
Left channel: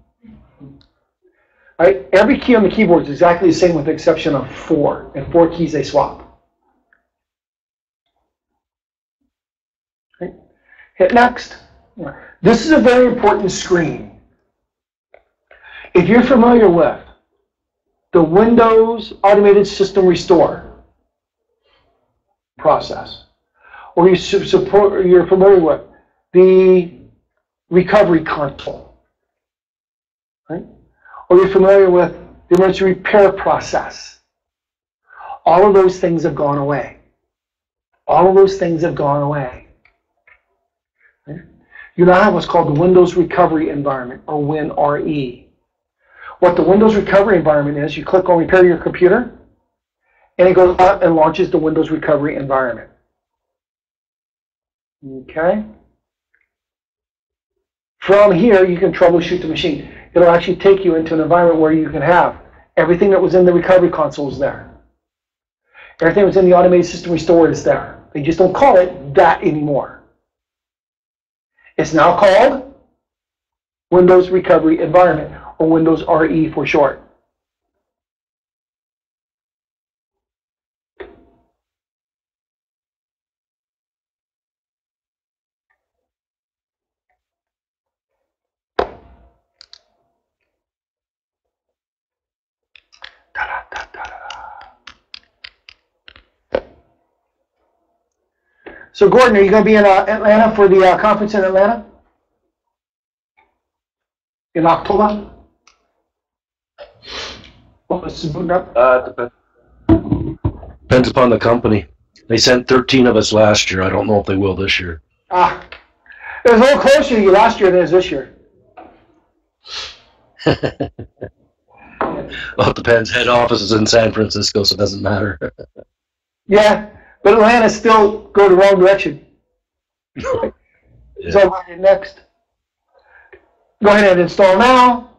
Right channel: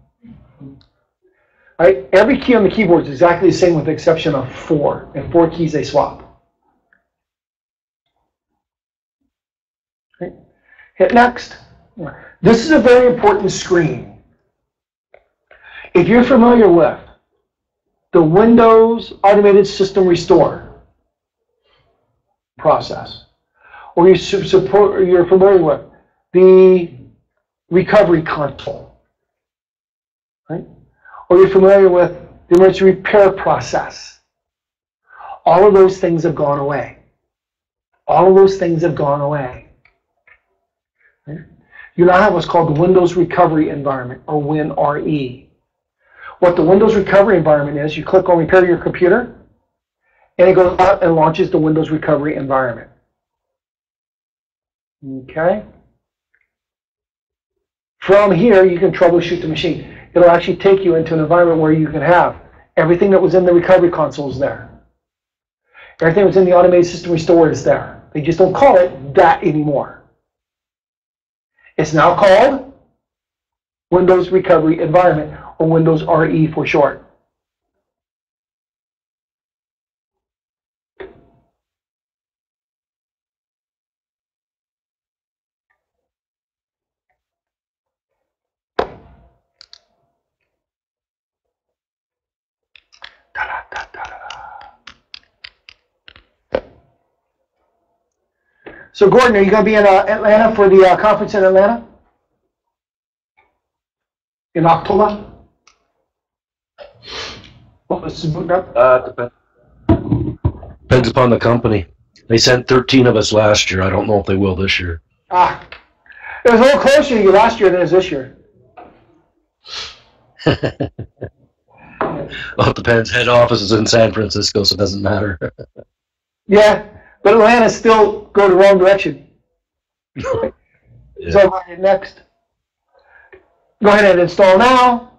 Right? Every key on the keyboard is exactly the same with the exception of 4. And 4 keys they swap. Okay. Hit next. This is a very important screen. If you're familiar with the Windows Automated System Restore process, or you're familiar with the recovery console. Right? Or you're familiar with the emergency repair process. All of those things have gone away. All of those things have gone away. Right? You now have what's called the Windows Recovery Environment, or WinRE. What the Windows Recovery Environment is, you click on Repair Your Computer, and it goes out and launches the Windows Recovery Environment. Okay? From here, you can troubleshoot the machine. It'll actually take you into an environment where you can have everything that was in the recovery console is there. Everything that was in the automated system restore is there. They just don't call it that anymore. It's now called Windows Recovery Environment, or Windows RE for short. So Gordon, are you going to be in Atlanta for the conference in Atlanta? In October? Well, this is moving up. Depends upon the company. They sent 13 of us last year. I don't know if they will this year. It was a little closer to you last year than it is this year. Well, it depends. Head office is in San Francisco, so it doesn't matter. Yeah, but Atlanta still go the wrong direction. Yeah. So next, go ahead and install now.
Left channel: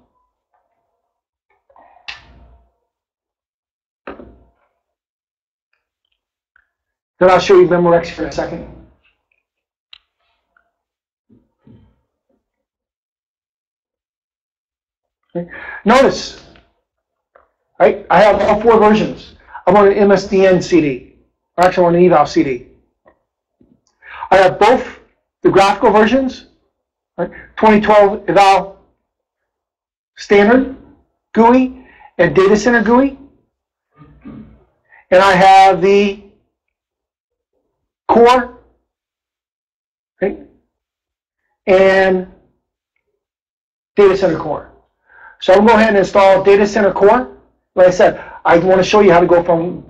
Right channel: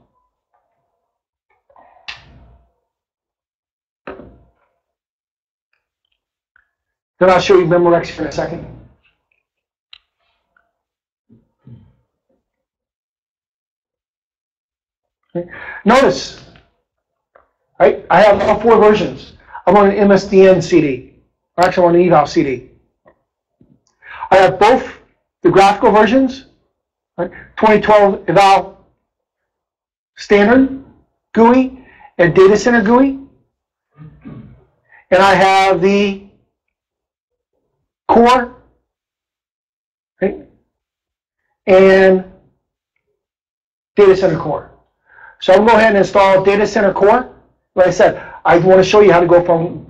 Then I'll show you Memorex for a second. Okay. Notice, right? I have all 4 versions. I'm on an MSDN CD, or actually on an eval CD. I have both the graphical versions, right? 2012 eval standard GUI and data center GUI, and I have the core, right? And data center core. So I'm going to go ahead and install data center core. Like I said, I want to show you how to go from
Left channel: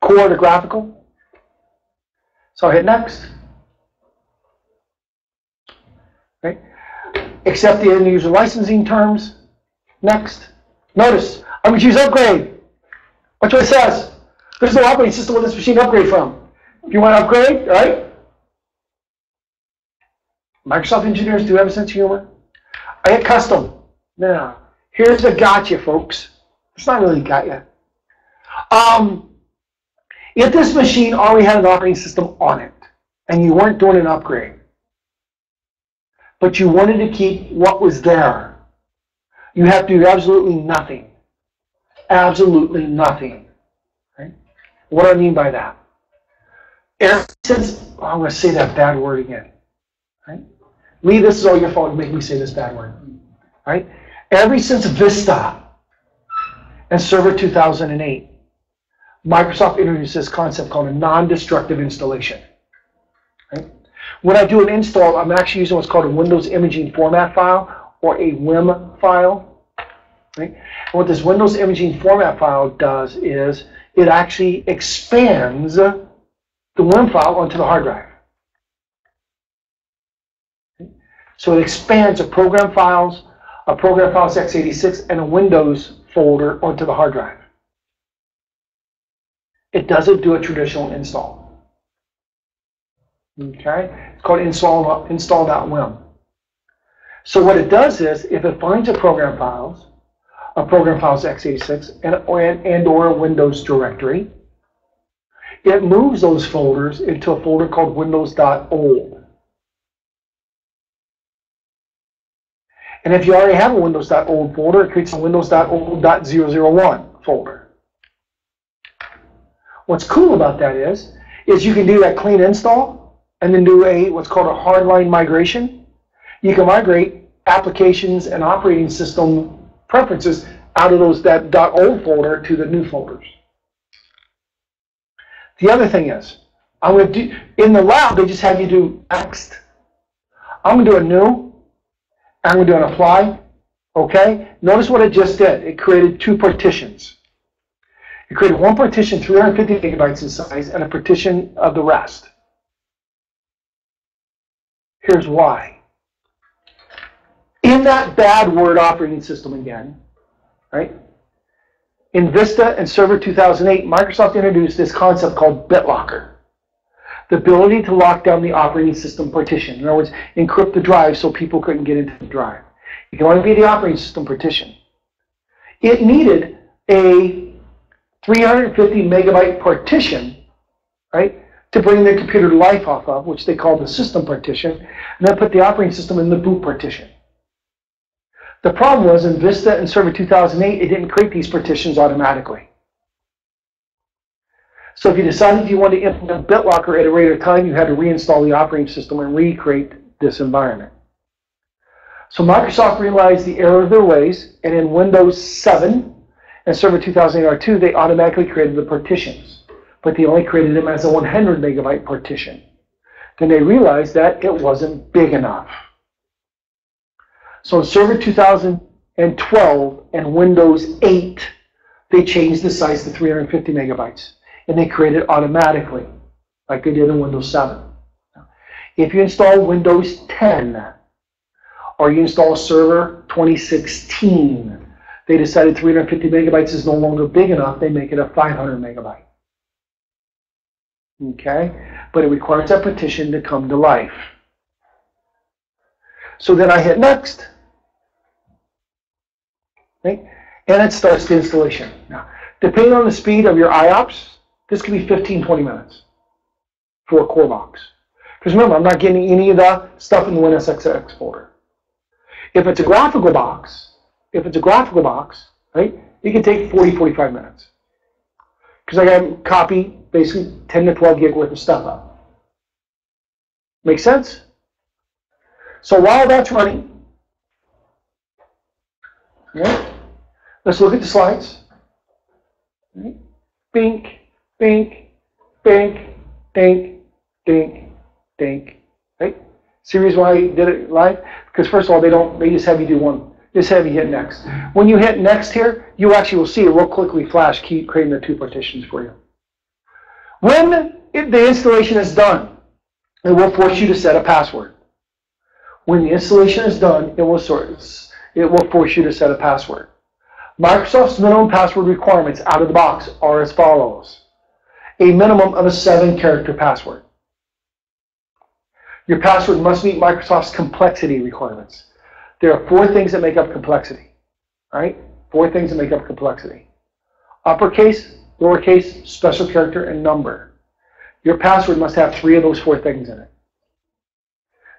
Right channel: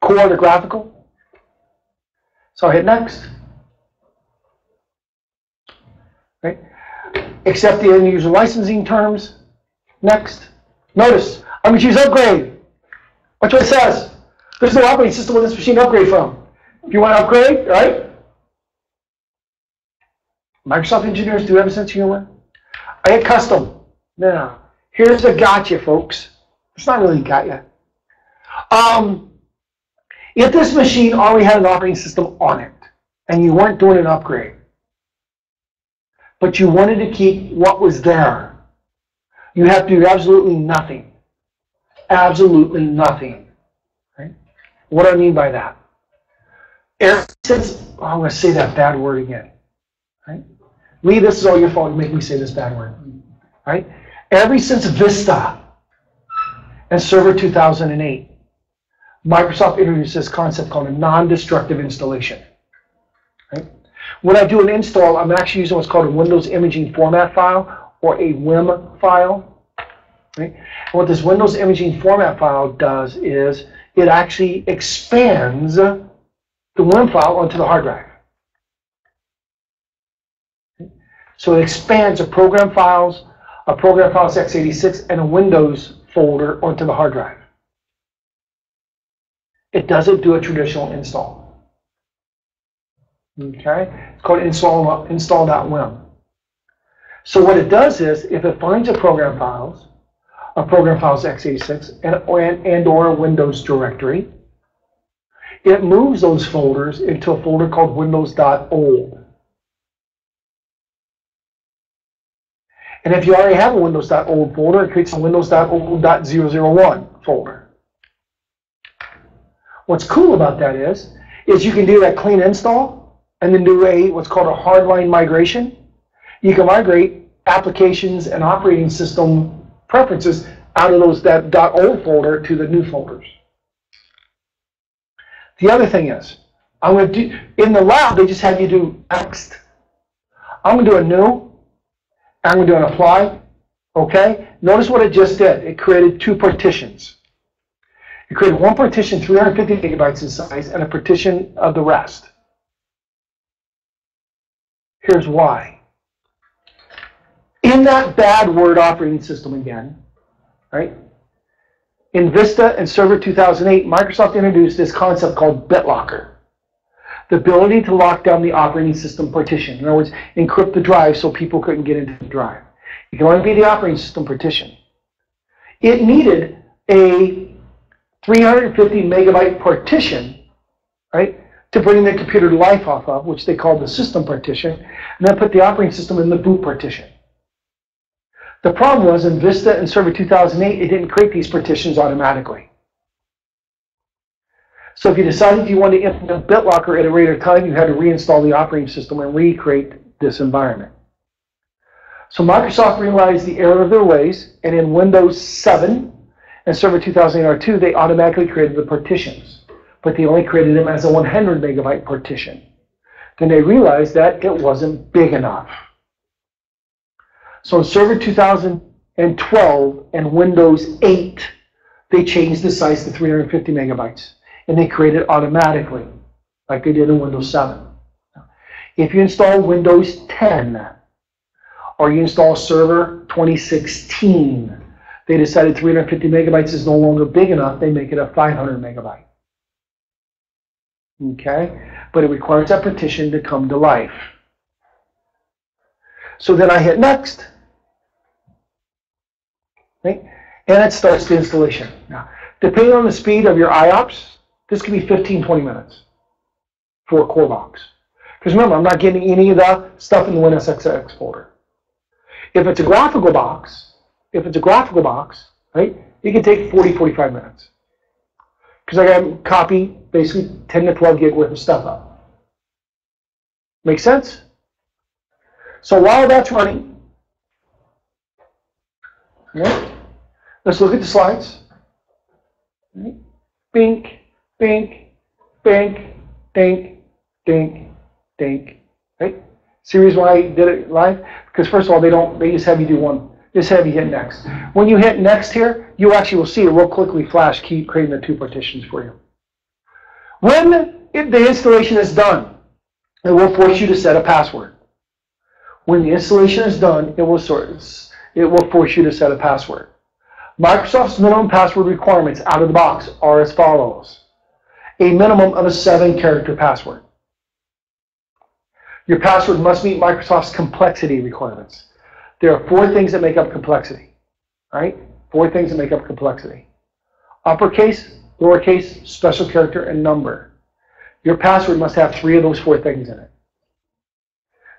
core to graphical. So I'll hit next. Right? Accept the end user licensing terms. Next. Notice, I'm going to choose upgrade. Watch what it says. There's no operating system where this machine upgrade from. If you want to upgrade, right? Microsoft engineers do have a sense of humor. I hit custom. Now, here's the gotcha, folks. It's not really got you. If this machine already had an operating system on it, and you weren't doing an upgrade, but you wanted to keep what was there, you have to do absolutely nothing. Absolutely nothing. Right? What do I mean by that? Since, I'm going to say that bad word again. Right? Lee, this is all your fault. You make me say this bad word. Right? Ever since Vista and Server 2008, Microsoft introduced this concept called a non-destructive installation. Right? When I do an install, I'm actually using what's called a Windows Imaging Format file, or a WIM file. Right? And what this Windows Imaging Format file does is it actually expands the WIM file onto the hard drive. Okay? So it expands a program files x86, and a Windows folder onto the hard drive. It doesn't do a traditional install. Okay? It's called install.wim. So what it does is, if it finds a program files x86, and or a Windows directory, it moves those folders into a folder called windows.old. And if you already have a windows.old folder, it creates a windows.old.001 folder. What's cool about that is you can do that clean install and then do what's called a hardline migration. You can migrate applications and operating system preferences out of that .old folder to the new folders. The other thing is, I'm going to do, in the lab, they just have you do next. I'm going to do a new, I'm going to do an apply. Okay? Notice what it just did. It created two partitions. It created one partition 350 megabytes in size and a partition of the rest. Here's why. In that bad Word operating system again, right? In Vista and Server 2008, Microsoft introduced this concept called BitLocker. The ability to lock down the operating system partition. In other words, encrypt the drive so people couldn't get into the drive. It can only be the operating system partition. It needed a 350 megabyte partition, right, to bring the computer to life off of, which they call the system partition, and then put the operating system in the boot partition. The problem was in Vista and Server 2008, it didn't create these partitions automatically. So if you decided you wanted to implement BitLocker at a later time, you had to reinstall the operating system and recreate this environment. So Microsoft realized the error of their ways, and in Windows 7 and Server 2008 R2, they automatically created the partitions, but they only created them as a 100 megabyte partition. Then they realized that it wasn't big enough. So in Server 2012 and Windows 8, they changed the size to 350 megabytes, and they created it automatically, like they did in Windows 7. If you install Windows 10, or you install Server 2016, they decided 350 megabytes is no longer big enough, they make it a 500 megabyte. Okay? But it requires that partition to come to life. So then I hit next. Right? And it starts the installation. Now, depending on the speed of your IOPS, this could be 15, 20 minutes for a core box. Because remember, I'm not getting any of the stuff in the WinSXX folder. If it's a graphical box, right, it can take 40, 45 minutes. Because I got to copy basically 10 to 12 gig worth of stuff up. Make sense? So while that's running, right, let's look at the slides. Right. Bink, bink, bink, dink, dink, dink. Right? See the reason why I did it live? Because first of all, they just have you do one. Just have you hit next. When you hit next here, you actually will see it real quickly flash, keep creating the two partitions for you. When the installation is done, it will force you to set a password. When the installation is done, it will force you to set a password. Microsoft's minimum password requirements out of the box are as follows. A minimum of a 7-character password. Your password must meet Microsoft's complexity requirements. There are 4 things that make up complexity. Right? 4 things that make up complexity. Uppercase, lowercase, special character, and number. Your password must have 3 of those 4 things in it.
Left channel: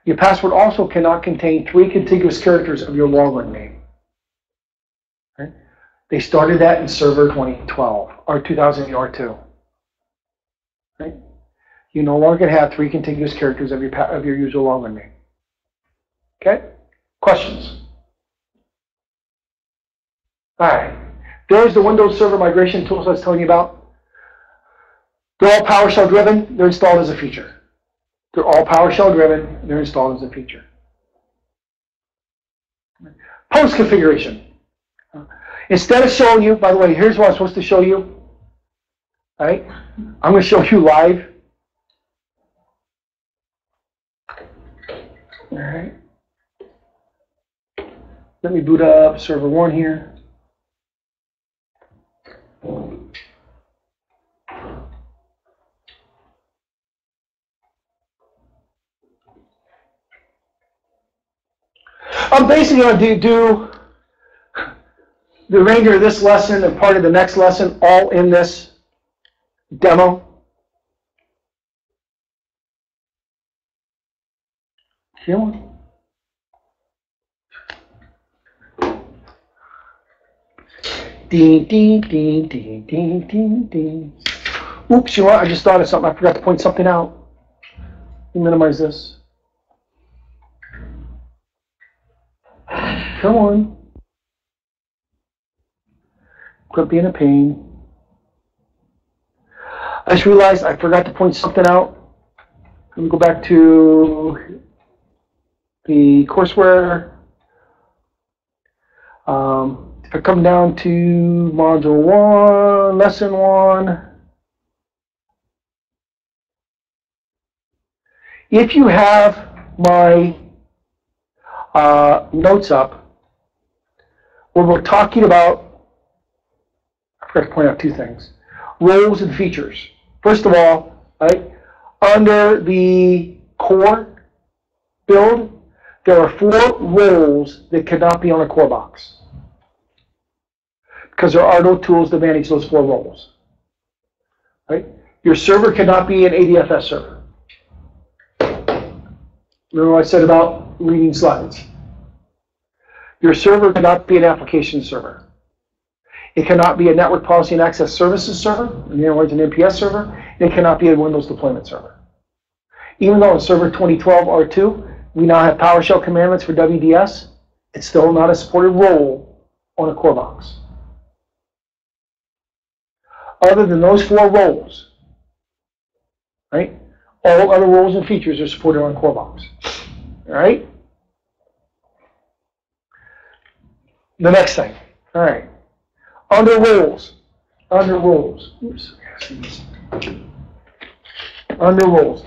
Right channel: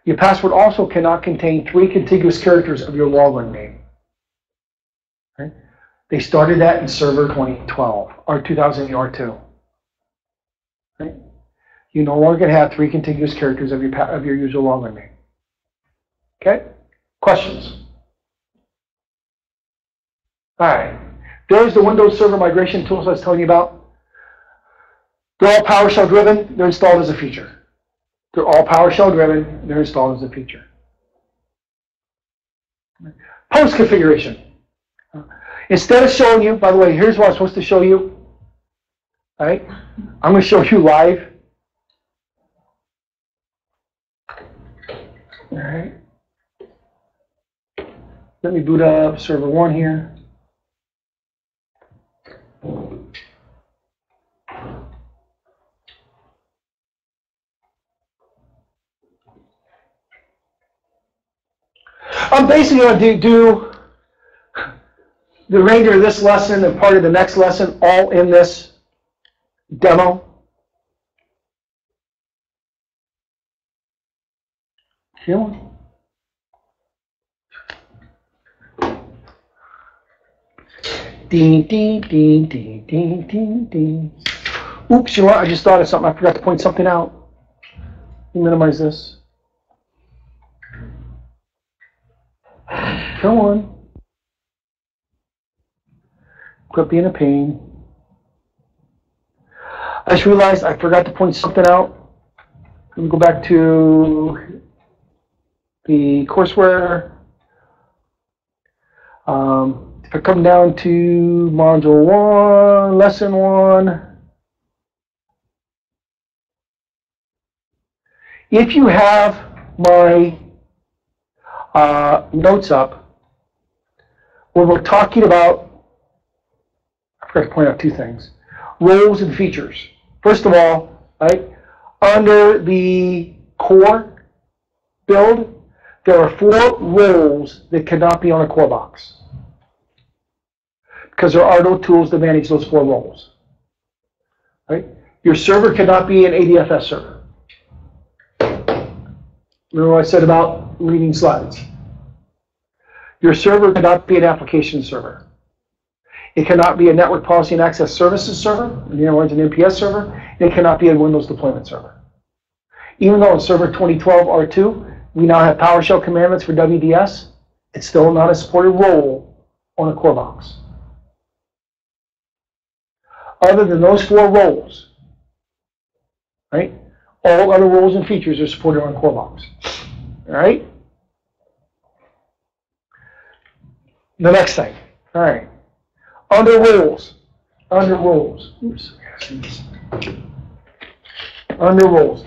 Your password also cannot contain 3 contiguous characters of your login name. Right? They started that in Server 2012 or 2008 R2. Right? You no longer have 3 contiguous characters of your user login name. Okay? Questions? All right. There's the Windows Server migration tools I was telling you about. They're all PowerShell driven. They're installed as a feature. They're all PowerShell driven. They're installed as a feature. Post configuration. Instead of showing you, by the way, here's what I'm supposed to show you. All right? I'm going to show you live. All right. Let me boot up server 1 here. I'm basically going to do the remainder of this lesson and part of the next lesson all in this demo. Come on. Ding, ding, ding, ding, ding, ding, ding. Oops, you know what? I just thought of something. I forgot to point something out. Let me minimize this. Come on. Quit being a pain. I just realized I forgot to point something out. Let me go back to the courseware. If I come down to module 1, lesson 1, if you have my notes up, where we're talking about, I forgot to point out two things, roles and features. First of all, right, under the core build, there are 4 roles that cannot be on a core box, because there are no tools to manage those 4 roles. Right? Your server cannot be an ADFS server. Remember what I said about reading slides? Your server cannot be an application server. It cannot be a network policy and access services server, in other words, an NPS server, and it cannot be a Windows deployment server. Even though in Server 2012 R2, we now have PowerShell commandlets for WDS, it's still not a supported role on a core box. Other than those 4 roles, right, all other roles and features are supported on a core box. All right? The next thing, all right, under roles, oops, under roles.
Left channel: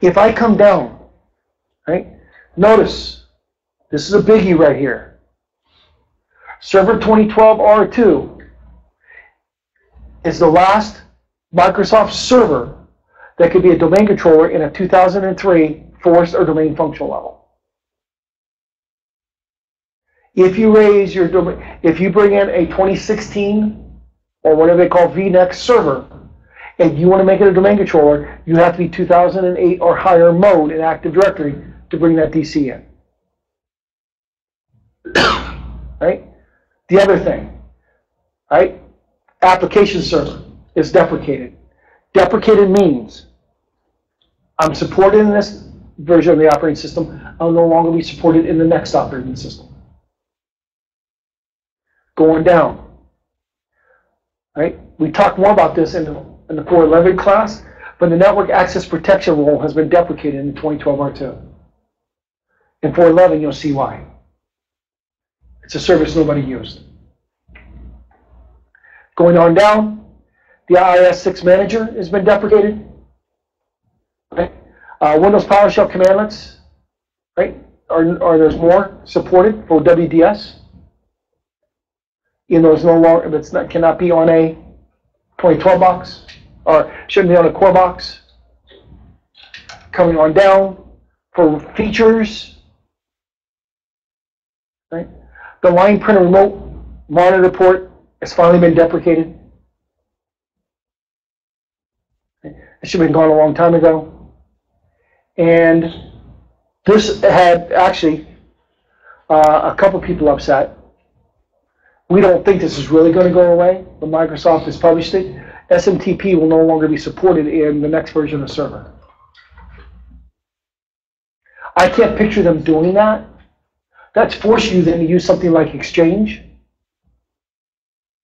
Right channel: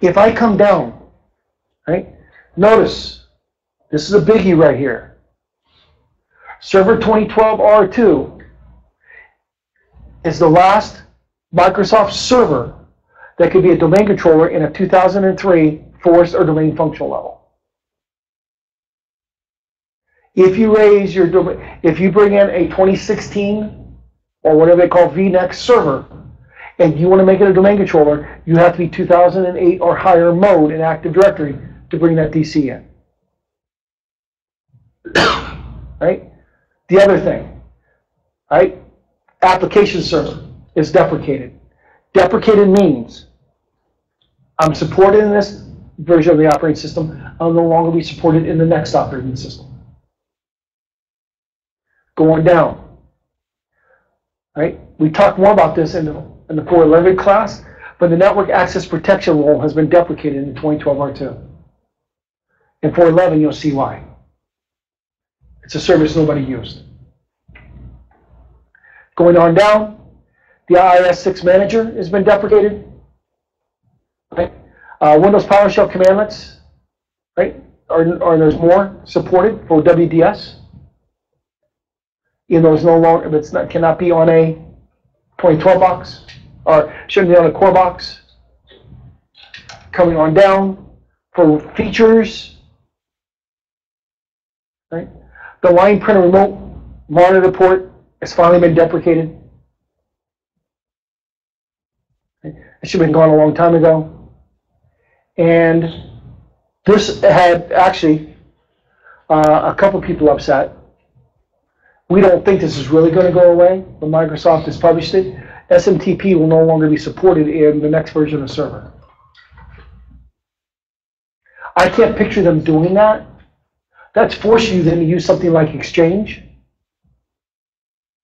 If I come down, right, notice, this is a biggie right here. Server 2012 R2 is the last Microsoft server that could be a domain controller in a 2003 forced or domain functional level. If you raise your domain, if you bring in a 2016 or whatever they call VNext server, and you want to make it a domain controller, you have to be 2008 or higher mode in Active Directory to bring that DC in. Right? The other thing, right? Application server is deprecated. Deprecated means I'm supported in this version of the operating system. I'll no longer be supported in the next operating system. Going down, right? We talked more about this in the 411 class, but the network access protection role has been deprecated in 2012 R2. In 411, you'll see why. It's a service nobody used. Going on down, the IIS6 manager has been deprecated. Right? Windows PowerShell commandlets, right? Or there's more supported for WDS. Even though it's no longer, it's not, cannot be on a 2012 box, or shouldn't be on a core box. Coming on down for features, right? The line printer remote monitor port has finally been deprecated. It should have been gone a long time ago. And this had actually a couple people upset. We don't think this is really going to go away, but Microsoft has published it. SMTP will no longer be supported in the next version of server. I can't picture them doing that. That's forcing you then to use something like Exchange.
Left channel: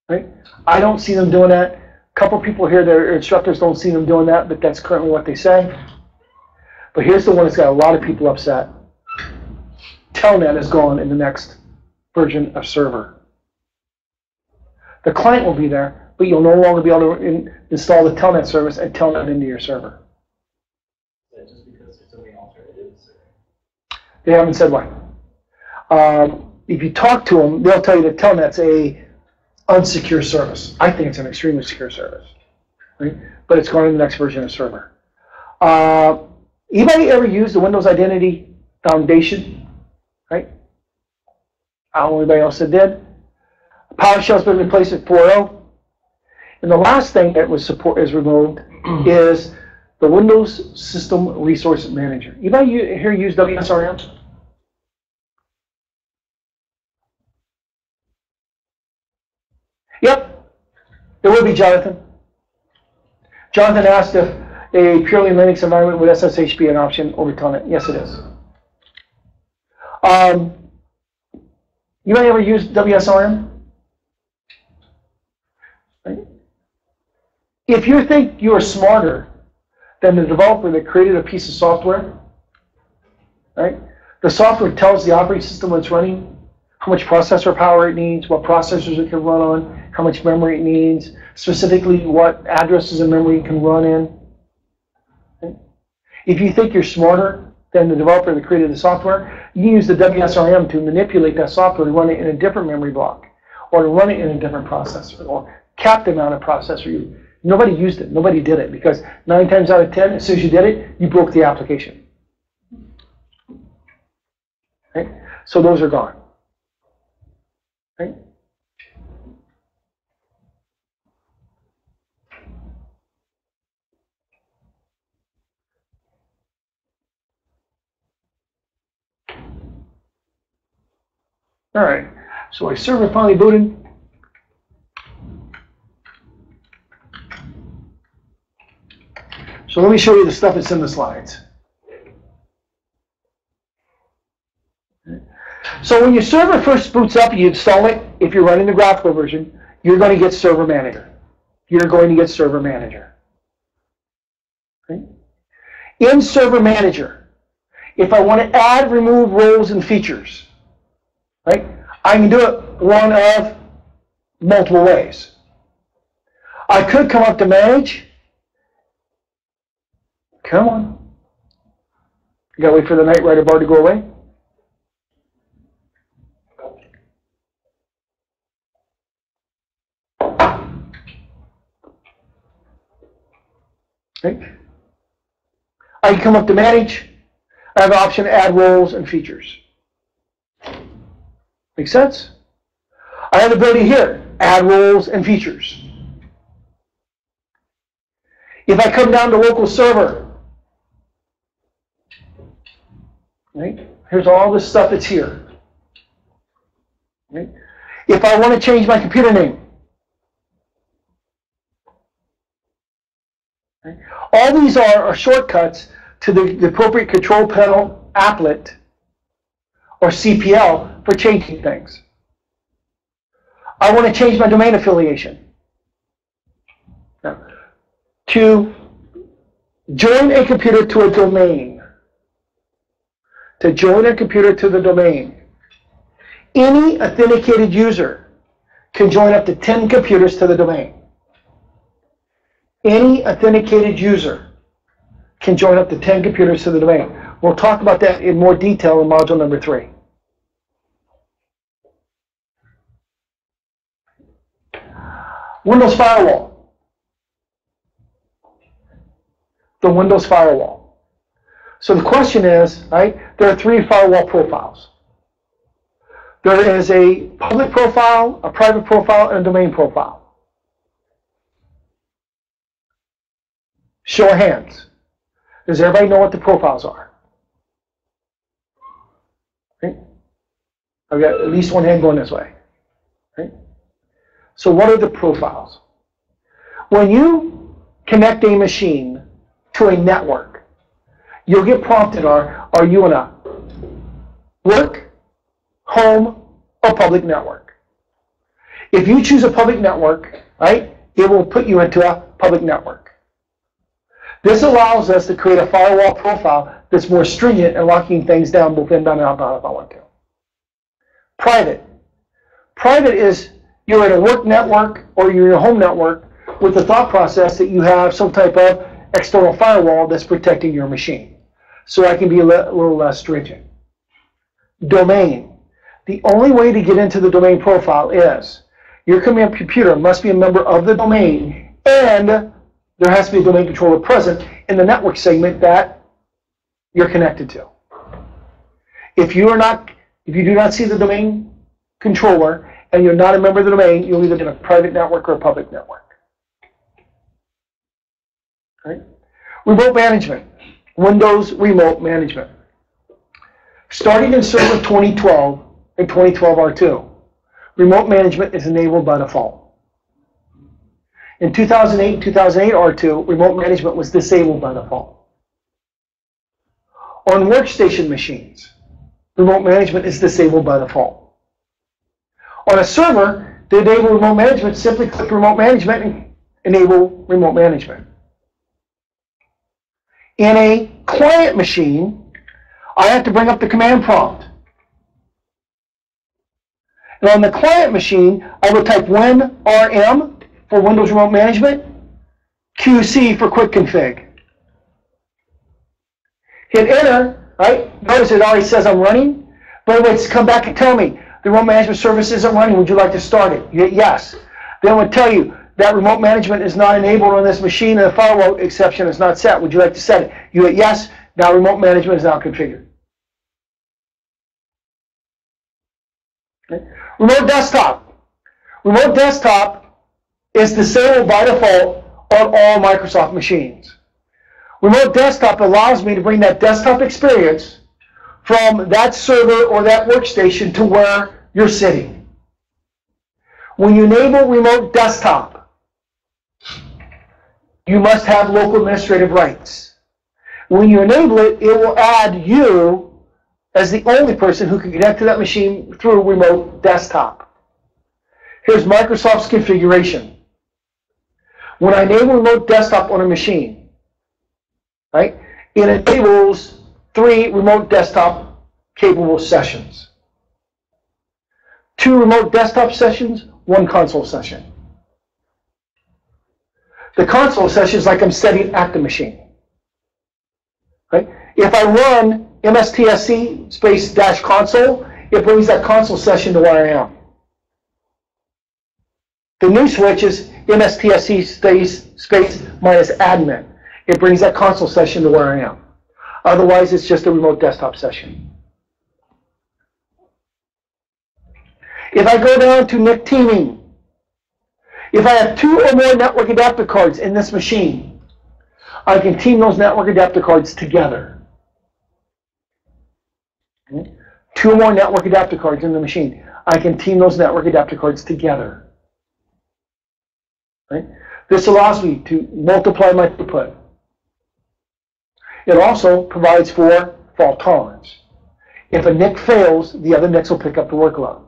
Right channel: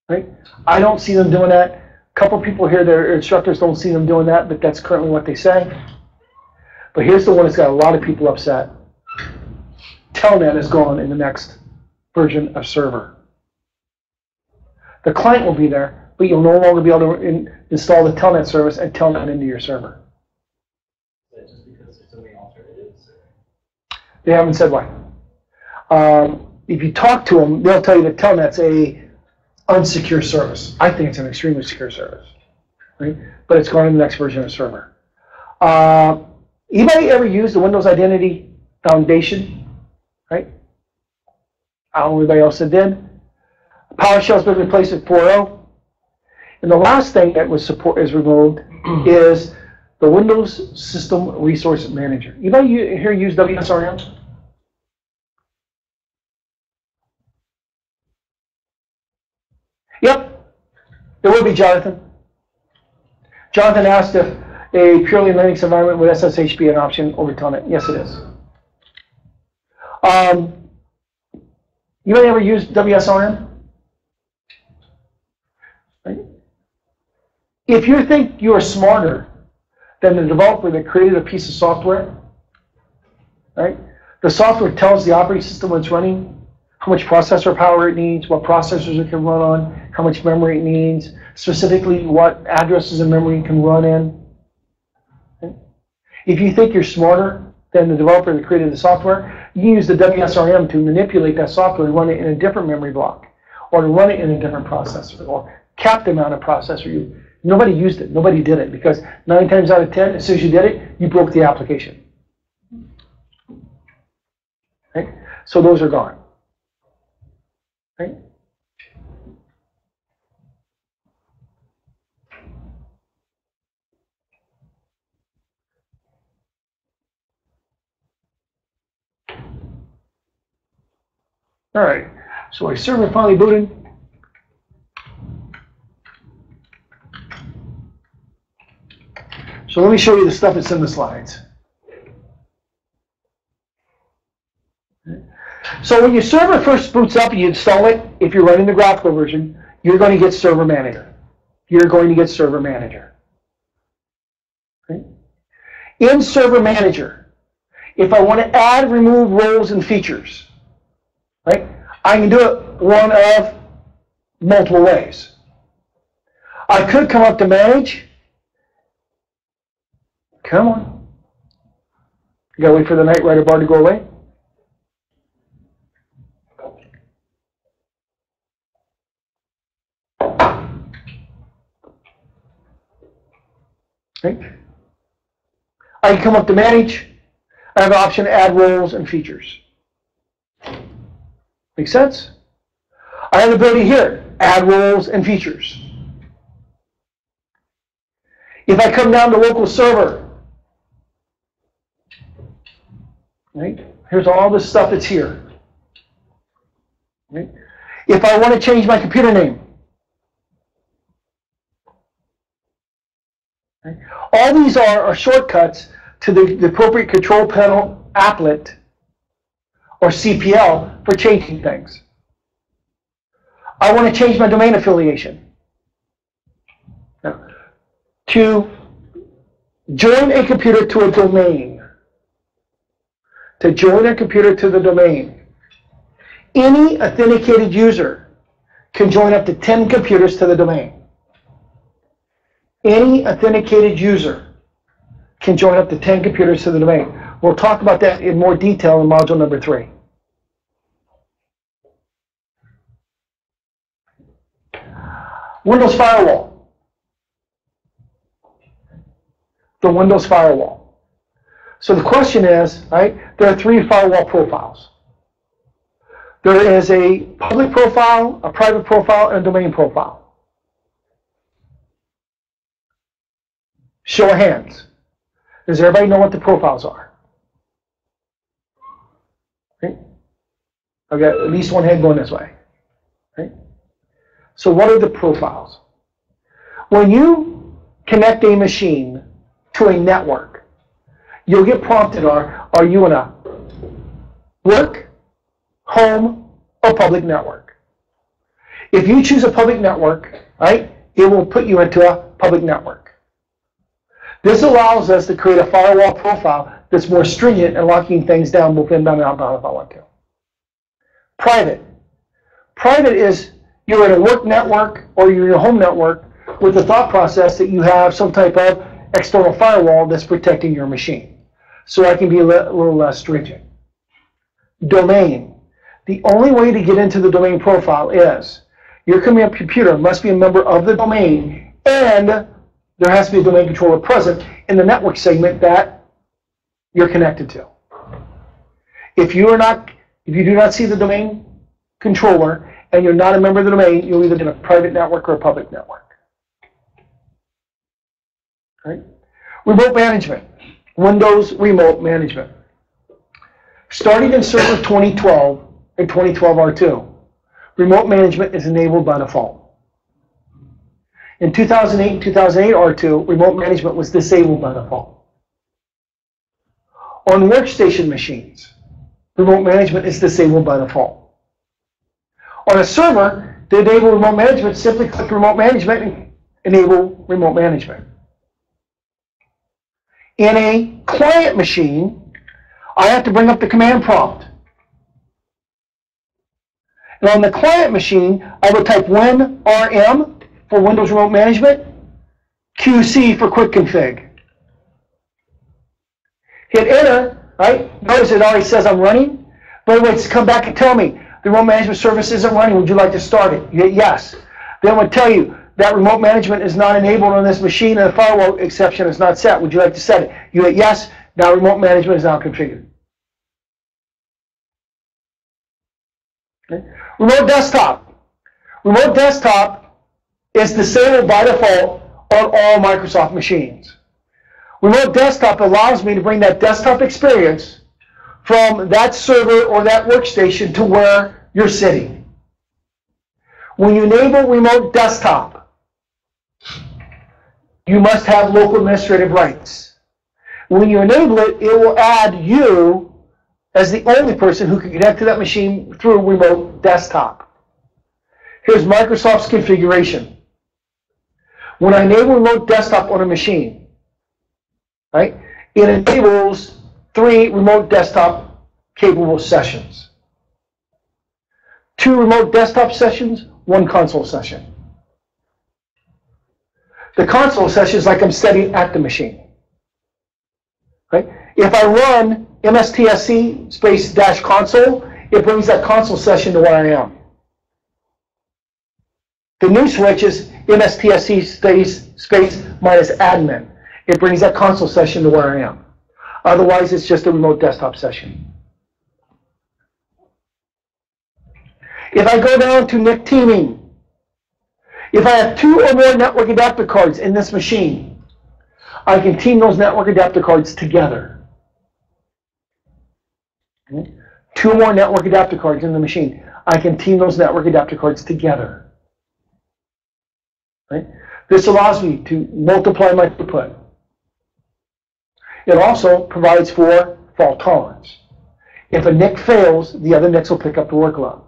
Right? I don't see them doing that. A couple people here, their instructors don't see them doing that, but that's currently what they say. But here's the one that's got a lot of people upset. Telnet is gone in the next version of server. The client will be there, but you'll no longer be able to install the Telnet service and Telnet into your server. Is that just because there's so many alternatives? They haven't said why. If you talk to them, they'll tell you that Telnet's a unsecure service. I think it's an extremely secure service, right? But it's going to the next version of server. Anybody ever used the Windows Identity Foundation? Right? I don't know anybody else that did. PowerShell's been replaced with 4.0. And the last thing that was is removed is the Windows System Resource Manager. Anybody here use WSRM? Yep, it would be Jonathan. Jonathan asked if a purely Linux environment with SSH be an option over Telnet. Yes, it is. You may ever use WSRM? Right? If you think you are smarter than the developer that created a piece of software, right? The software tells the operating system when it's running how much processor power it needs, what processors it can run on, how much memory it needs, specifically what addresses of memory it can run in. Okay? If you think you're smarter than the developer that created the software, you can use the WSRM to manipulate that software and run it in a different memory block, or to run it in a different processor, or cap the amount of processor. Nobody used it. Nobody did it, because 9 times out of 10, as soon as you did it, you broke the application. Okay? So those are gone. Okay? All right, so our server finally booted. So let me show you the stuff that's in the slides. So when your server first boots up, you install it. If you're running the graphical version, you're going to get Server Manager. You're going to get Server Manager. Okay? In Server Manager, if I want to add, remove roles and features, right, I can do it one of multiple ways. I could come up to Manage. Come on. You got to wait for the Knight Rider bar to go away. Okay. I can come up to Manage. I have an option to add roles and features. Make sense? I have the ability here, add roles and features. If I come down to local server, right, here's all this stuff that's here. Right? If I want to change my computer name, right, all these are shortcuts to the appropriate control panel applet or CPL for changing things. I want to change my domain affiliation. Now, to join a computer to a domain, to join a computer to the domain, any authenticated user can join up to 10 computers to the domain. Any authenticated user can join up to 10 computers to the domain. We'll talk about that in more detail in module number 3. Windows Firewall. The Windows Firewall. So the question is, right, there are 3 firewall profiles. There is a public profile, a private profile, and a domain profile. Show of hands. Does everybody know what the profiles are? Okay. I've got at least one hand going this way. Okay. So what are the profiles? When you connect a machine to a network, you'll get prompted, are you in a work, home, or public network? If you choose a public network, right, it will put you into a public network. This allows us to create a firewall profile that's more stringent and locking things down both inbound and outbound if I want to. Private. Private is you're in a work network or you're in a home network with the thought process that you have some type of external firewall that's protecting your machine. So I can be a little less stringent. Domain. The only way to get into the domain profile is your computer must be a member of the domain, and there has to be a domain controller present in the network segment that you're connected to. If you do not see the domain controller and you're not a member of the domain, you'll either be in a private network or a public network. Right? Remote management. Windows Remote Management. Starting in Server 2012 and 2012 R2, remote management is enabled by default. In 2008 and 2008 R2, remote management was disabled by default. On workstation machines, remote management is disabled by default. On a server, to enable remote management, simply click Remote Management and enable remote management. In a client machine, I have to bring up the command prompt. But on the client machine, I would type WinRM for Windows Remote Management, QC for Quick Config. Hit enter, right? Notice it already says I'm running, but it would come back and tell me the remote management service isn't running. Would you like to start it? You hit yes. Then it would tell you that remote management is not enabled on this machine and the firewall exception is not set. Would you like to set it? You hit yes. Now remote management is now configured. Okay. Remote desktop. Remote desktop is disabled by default on all Microsoft machines. Remote desktop allows me to bring that desktop experience from that server or that workstation to where you're sitting. When you enable remote desktop, you must have local administrative rights. When you enable it, it will add you as the only person who can connect to that machine through remote desktop. Here's Microsoft's configuration. When I enable remote desktop on a machine, right, it enables 3 remote desktop capable sessions. 2 remote desktop sessions, 1 console session. The console session is like I'm sitting at the machine. Right? If I run mstsc space dash console, it brings that console session to where I am. The new switch is mstsc space minus admin. It brings that console session to where I am. Otherwise, it's just a remote desktop session. If I go down to NIC teaming, if I have 2 or more network adapter cards in this machine, I can team those network adapter cards together. Okay. 2 or more network adapter cards in the machine, I can team those network adapter cards together. Right? This allows me to multiply my throughput. It also provides for fault tolerance. If a NIC fails, the other NICs will pick up the workload.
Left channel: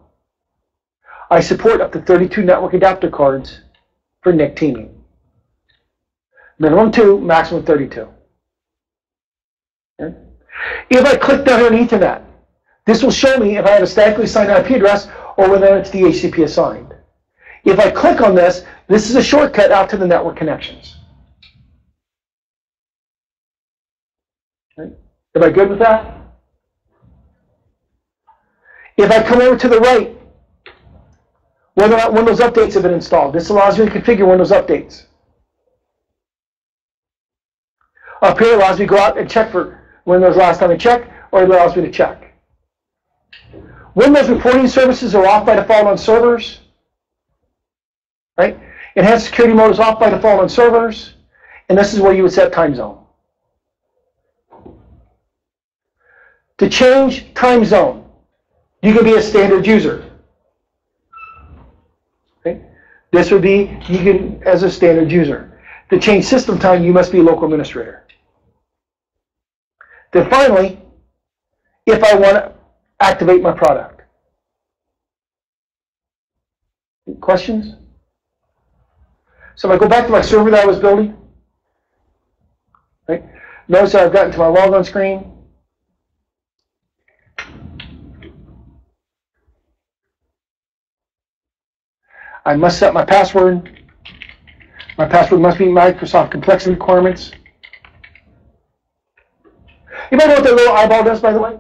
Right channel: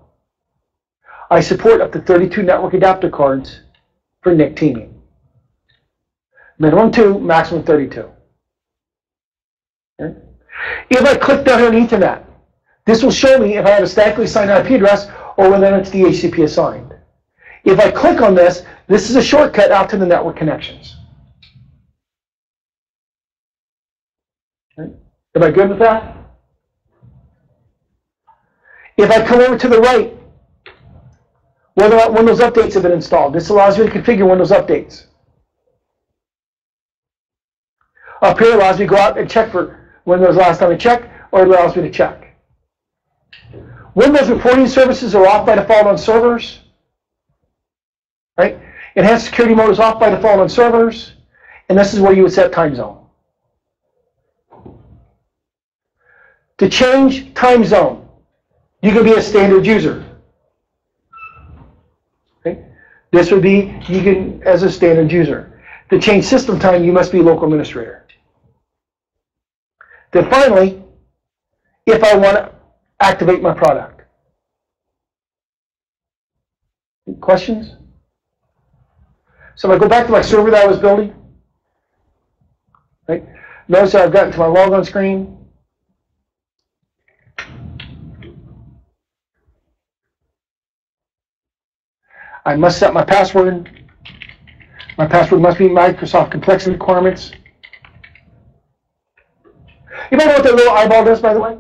I support up to 32 network adapter cards for NIC teaming. Minimum 2, maximum 32. Okay. If I click down here on Ethernet, this will show me if I have a statically assigned IP address or whether it's DHCP assigned. If I click on this, this is a shortcut out to the network connections. Okay. Am I good with that? If I come over to the right, whether or not Windows updates have been installed, this allows me to configure Windows updates. Up here allows me to go out and check for when was the last time I checked, or it allows me to check. Windows reporting services are off by default on servers. Right? Enhanced security mode is off by default on servers, and this is where you would set time zone. To change time zone, you can be a standard user. Okay? This would be you can as a standard user. To change system time, you must be a local administrator. Then finally, if I want to activate my product. Questions? So if I go back to my server that I was building, right? Notice that I've gotten to my logon screen. I must set my password. My password must meet Microsoft complexity requirements. You might know what that little eyeball does, by the way?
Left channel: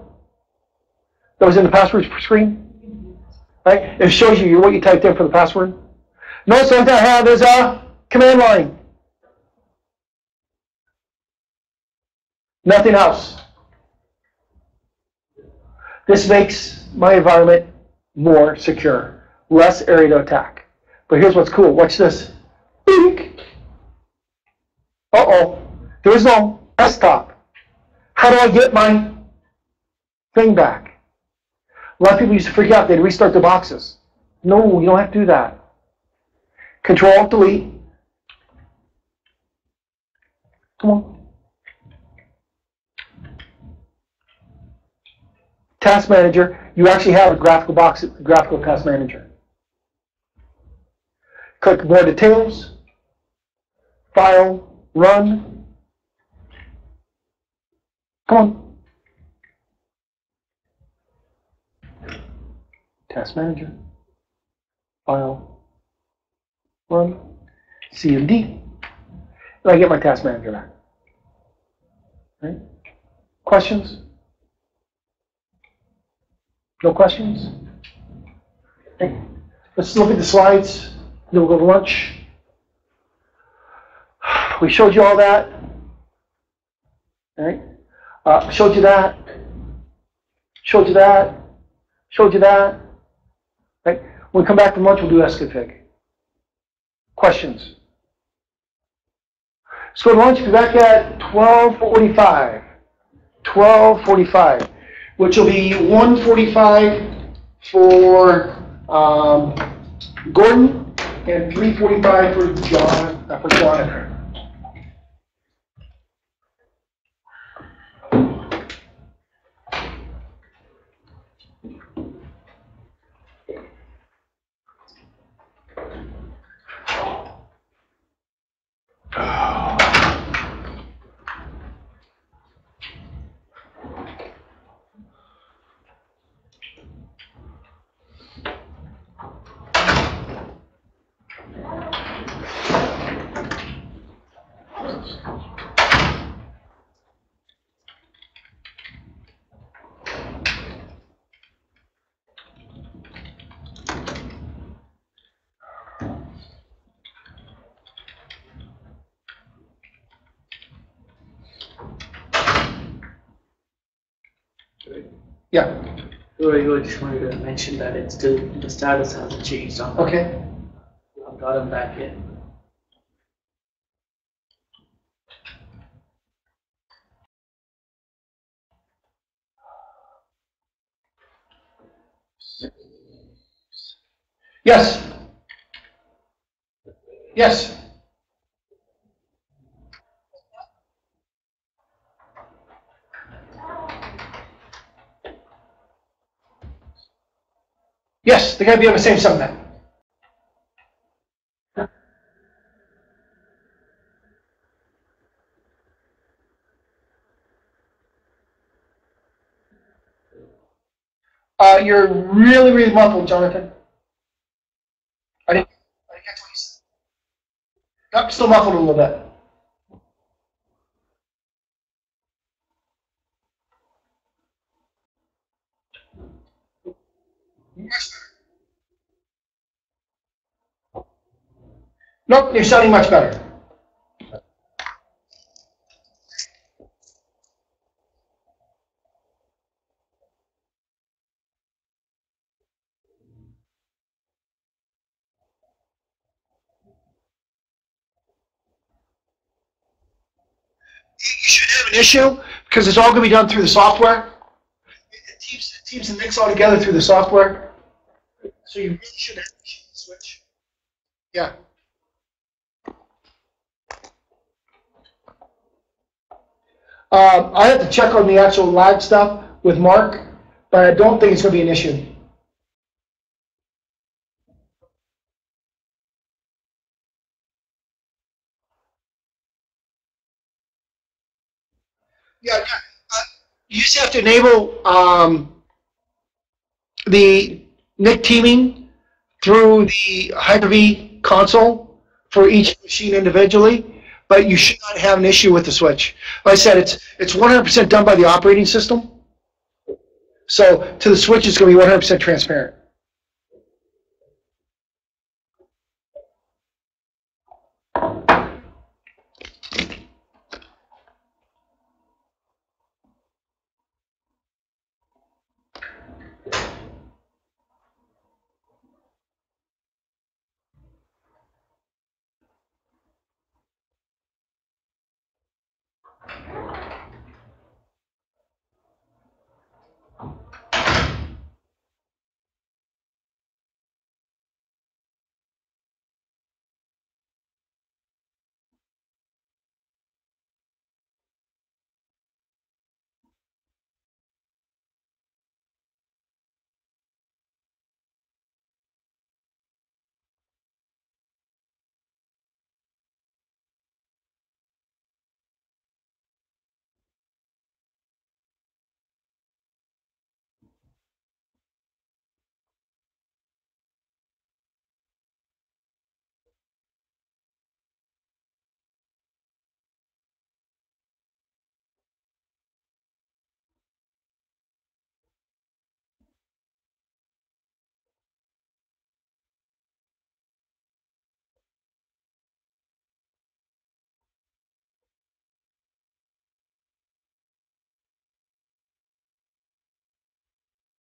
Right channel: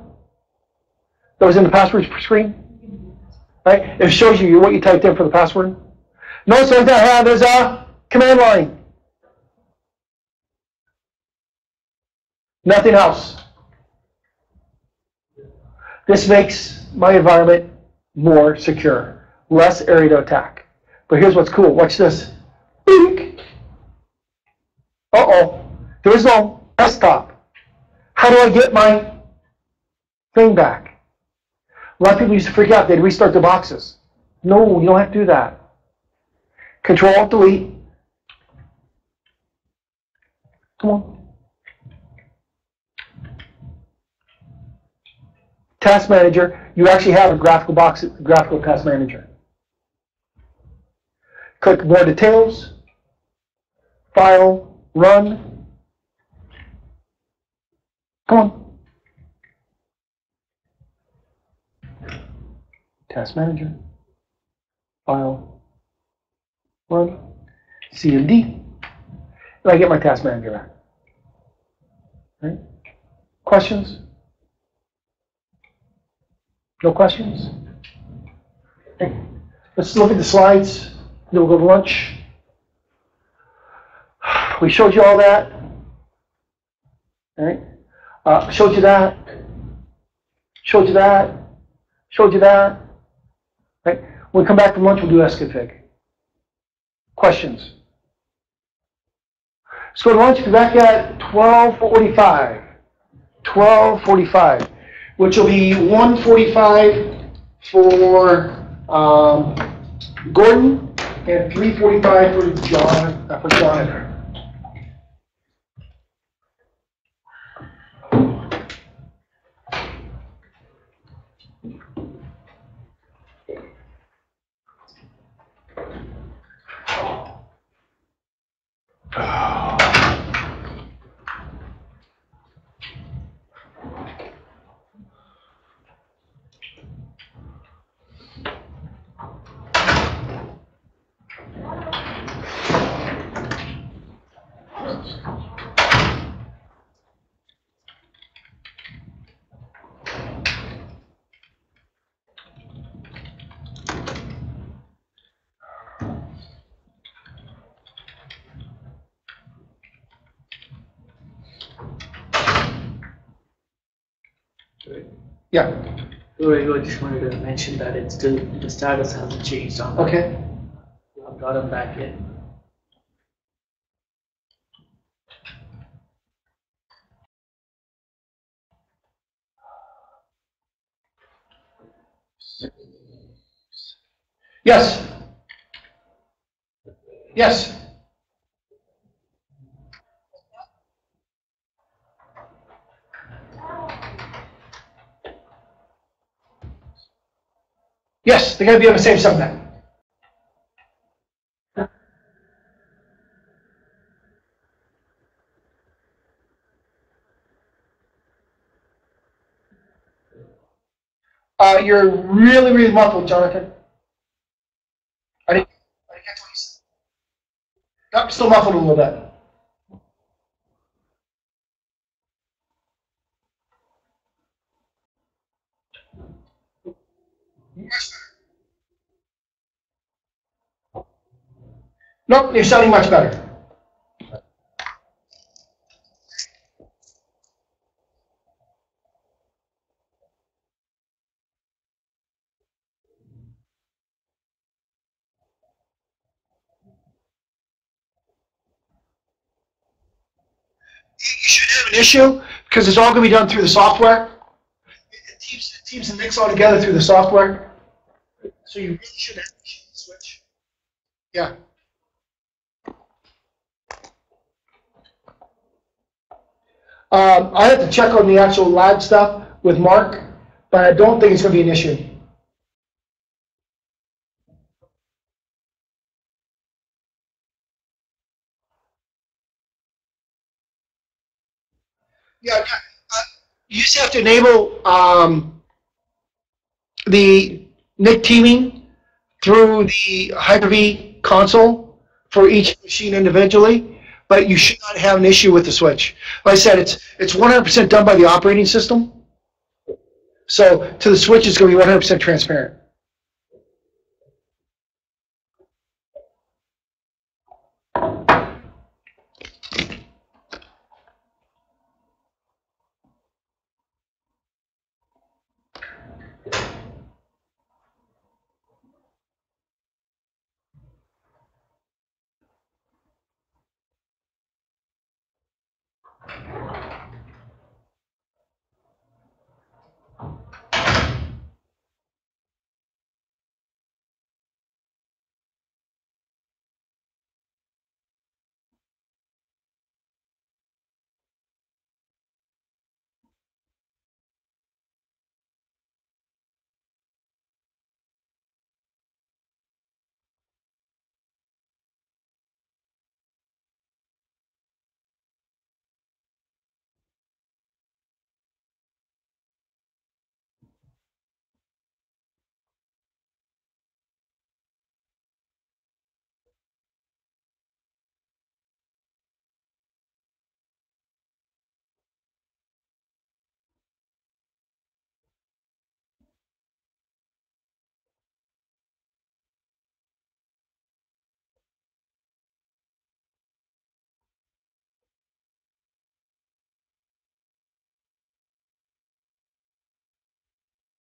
That was in the password screen? Right? It shows you what you typed in for the password. Notice what I have is a command line. Nothing else. This makes my environment more secure, less area to attack. But here's what's cool. Watch this. Bink. Uh-oh. There's no desktop. How do I get my thing back? A lot of people used to freak out. They'd restart their boxes. No, you don't have to do that. Control-Alt-Delete. Come on. Task Manager. You actually have a graphical task manager. Click More Details. File. Run. Come on. Task Manager. file 1, C and D, and I get my task manager back. Right? Questions? No questions? Okay. Let's look at the slides, then we'll go to lunch. We showed you all that. All right? Showed you that. Showed you that. Showed you that. Right? When we come back from lunch, we'll do SConfig. Questions? Let's go to lunch. We'll be back at 12:45. 12:45, which will be 1:45 for Gordon and 3:45 for Jonathan. Yeah. I just wanted to mention that it's still, the status hasn't changed on that. Okay. I've got him back in. Yes. Yes. Yes, they're going to be on the same subnet. You're really, really muffled, Jonathan. I didn't catch what you said. Yep, still muffled a little bit. Nope, you're sounding much better. You should have an issue because it's all going to be done through the software. It teams and mix all together through the software. So you really should have an issue with the switch. Yeah. I have to check on the actual live stuff with Mark, but I don't think it's going to be an issue. Yeah, you just have to enable the NIC teaming through the Hyper-V console for each machine individually, but you should not have an issue with the switch. Like I said, it's 100% done by the operating system, so to the switch it's going to be 100% transparent.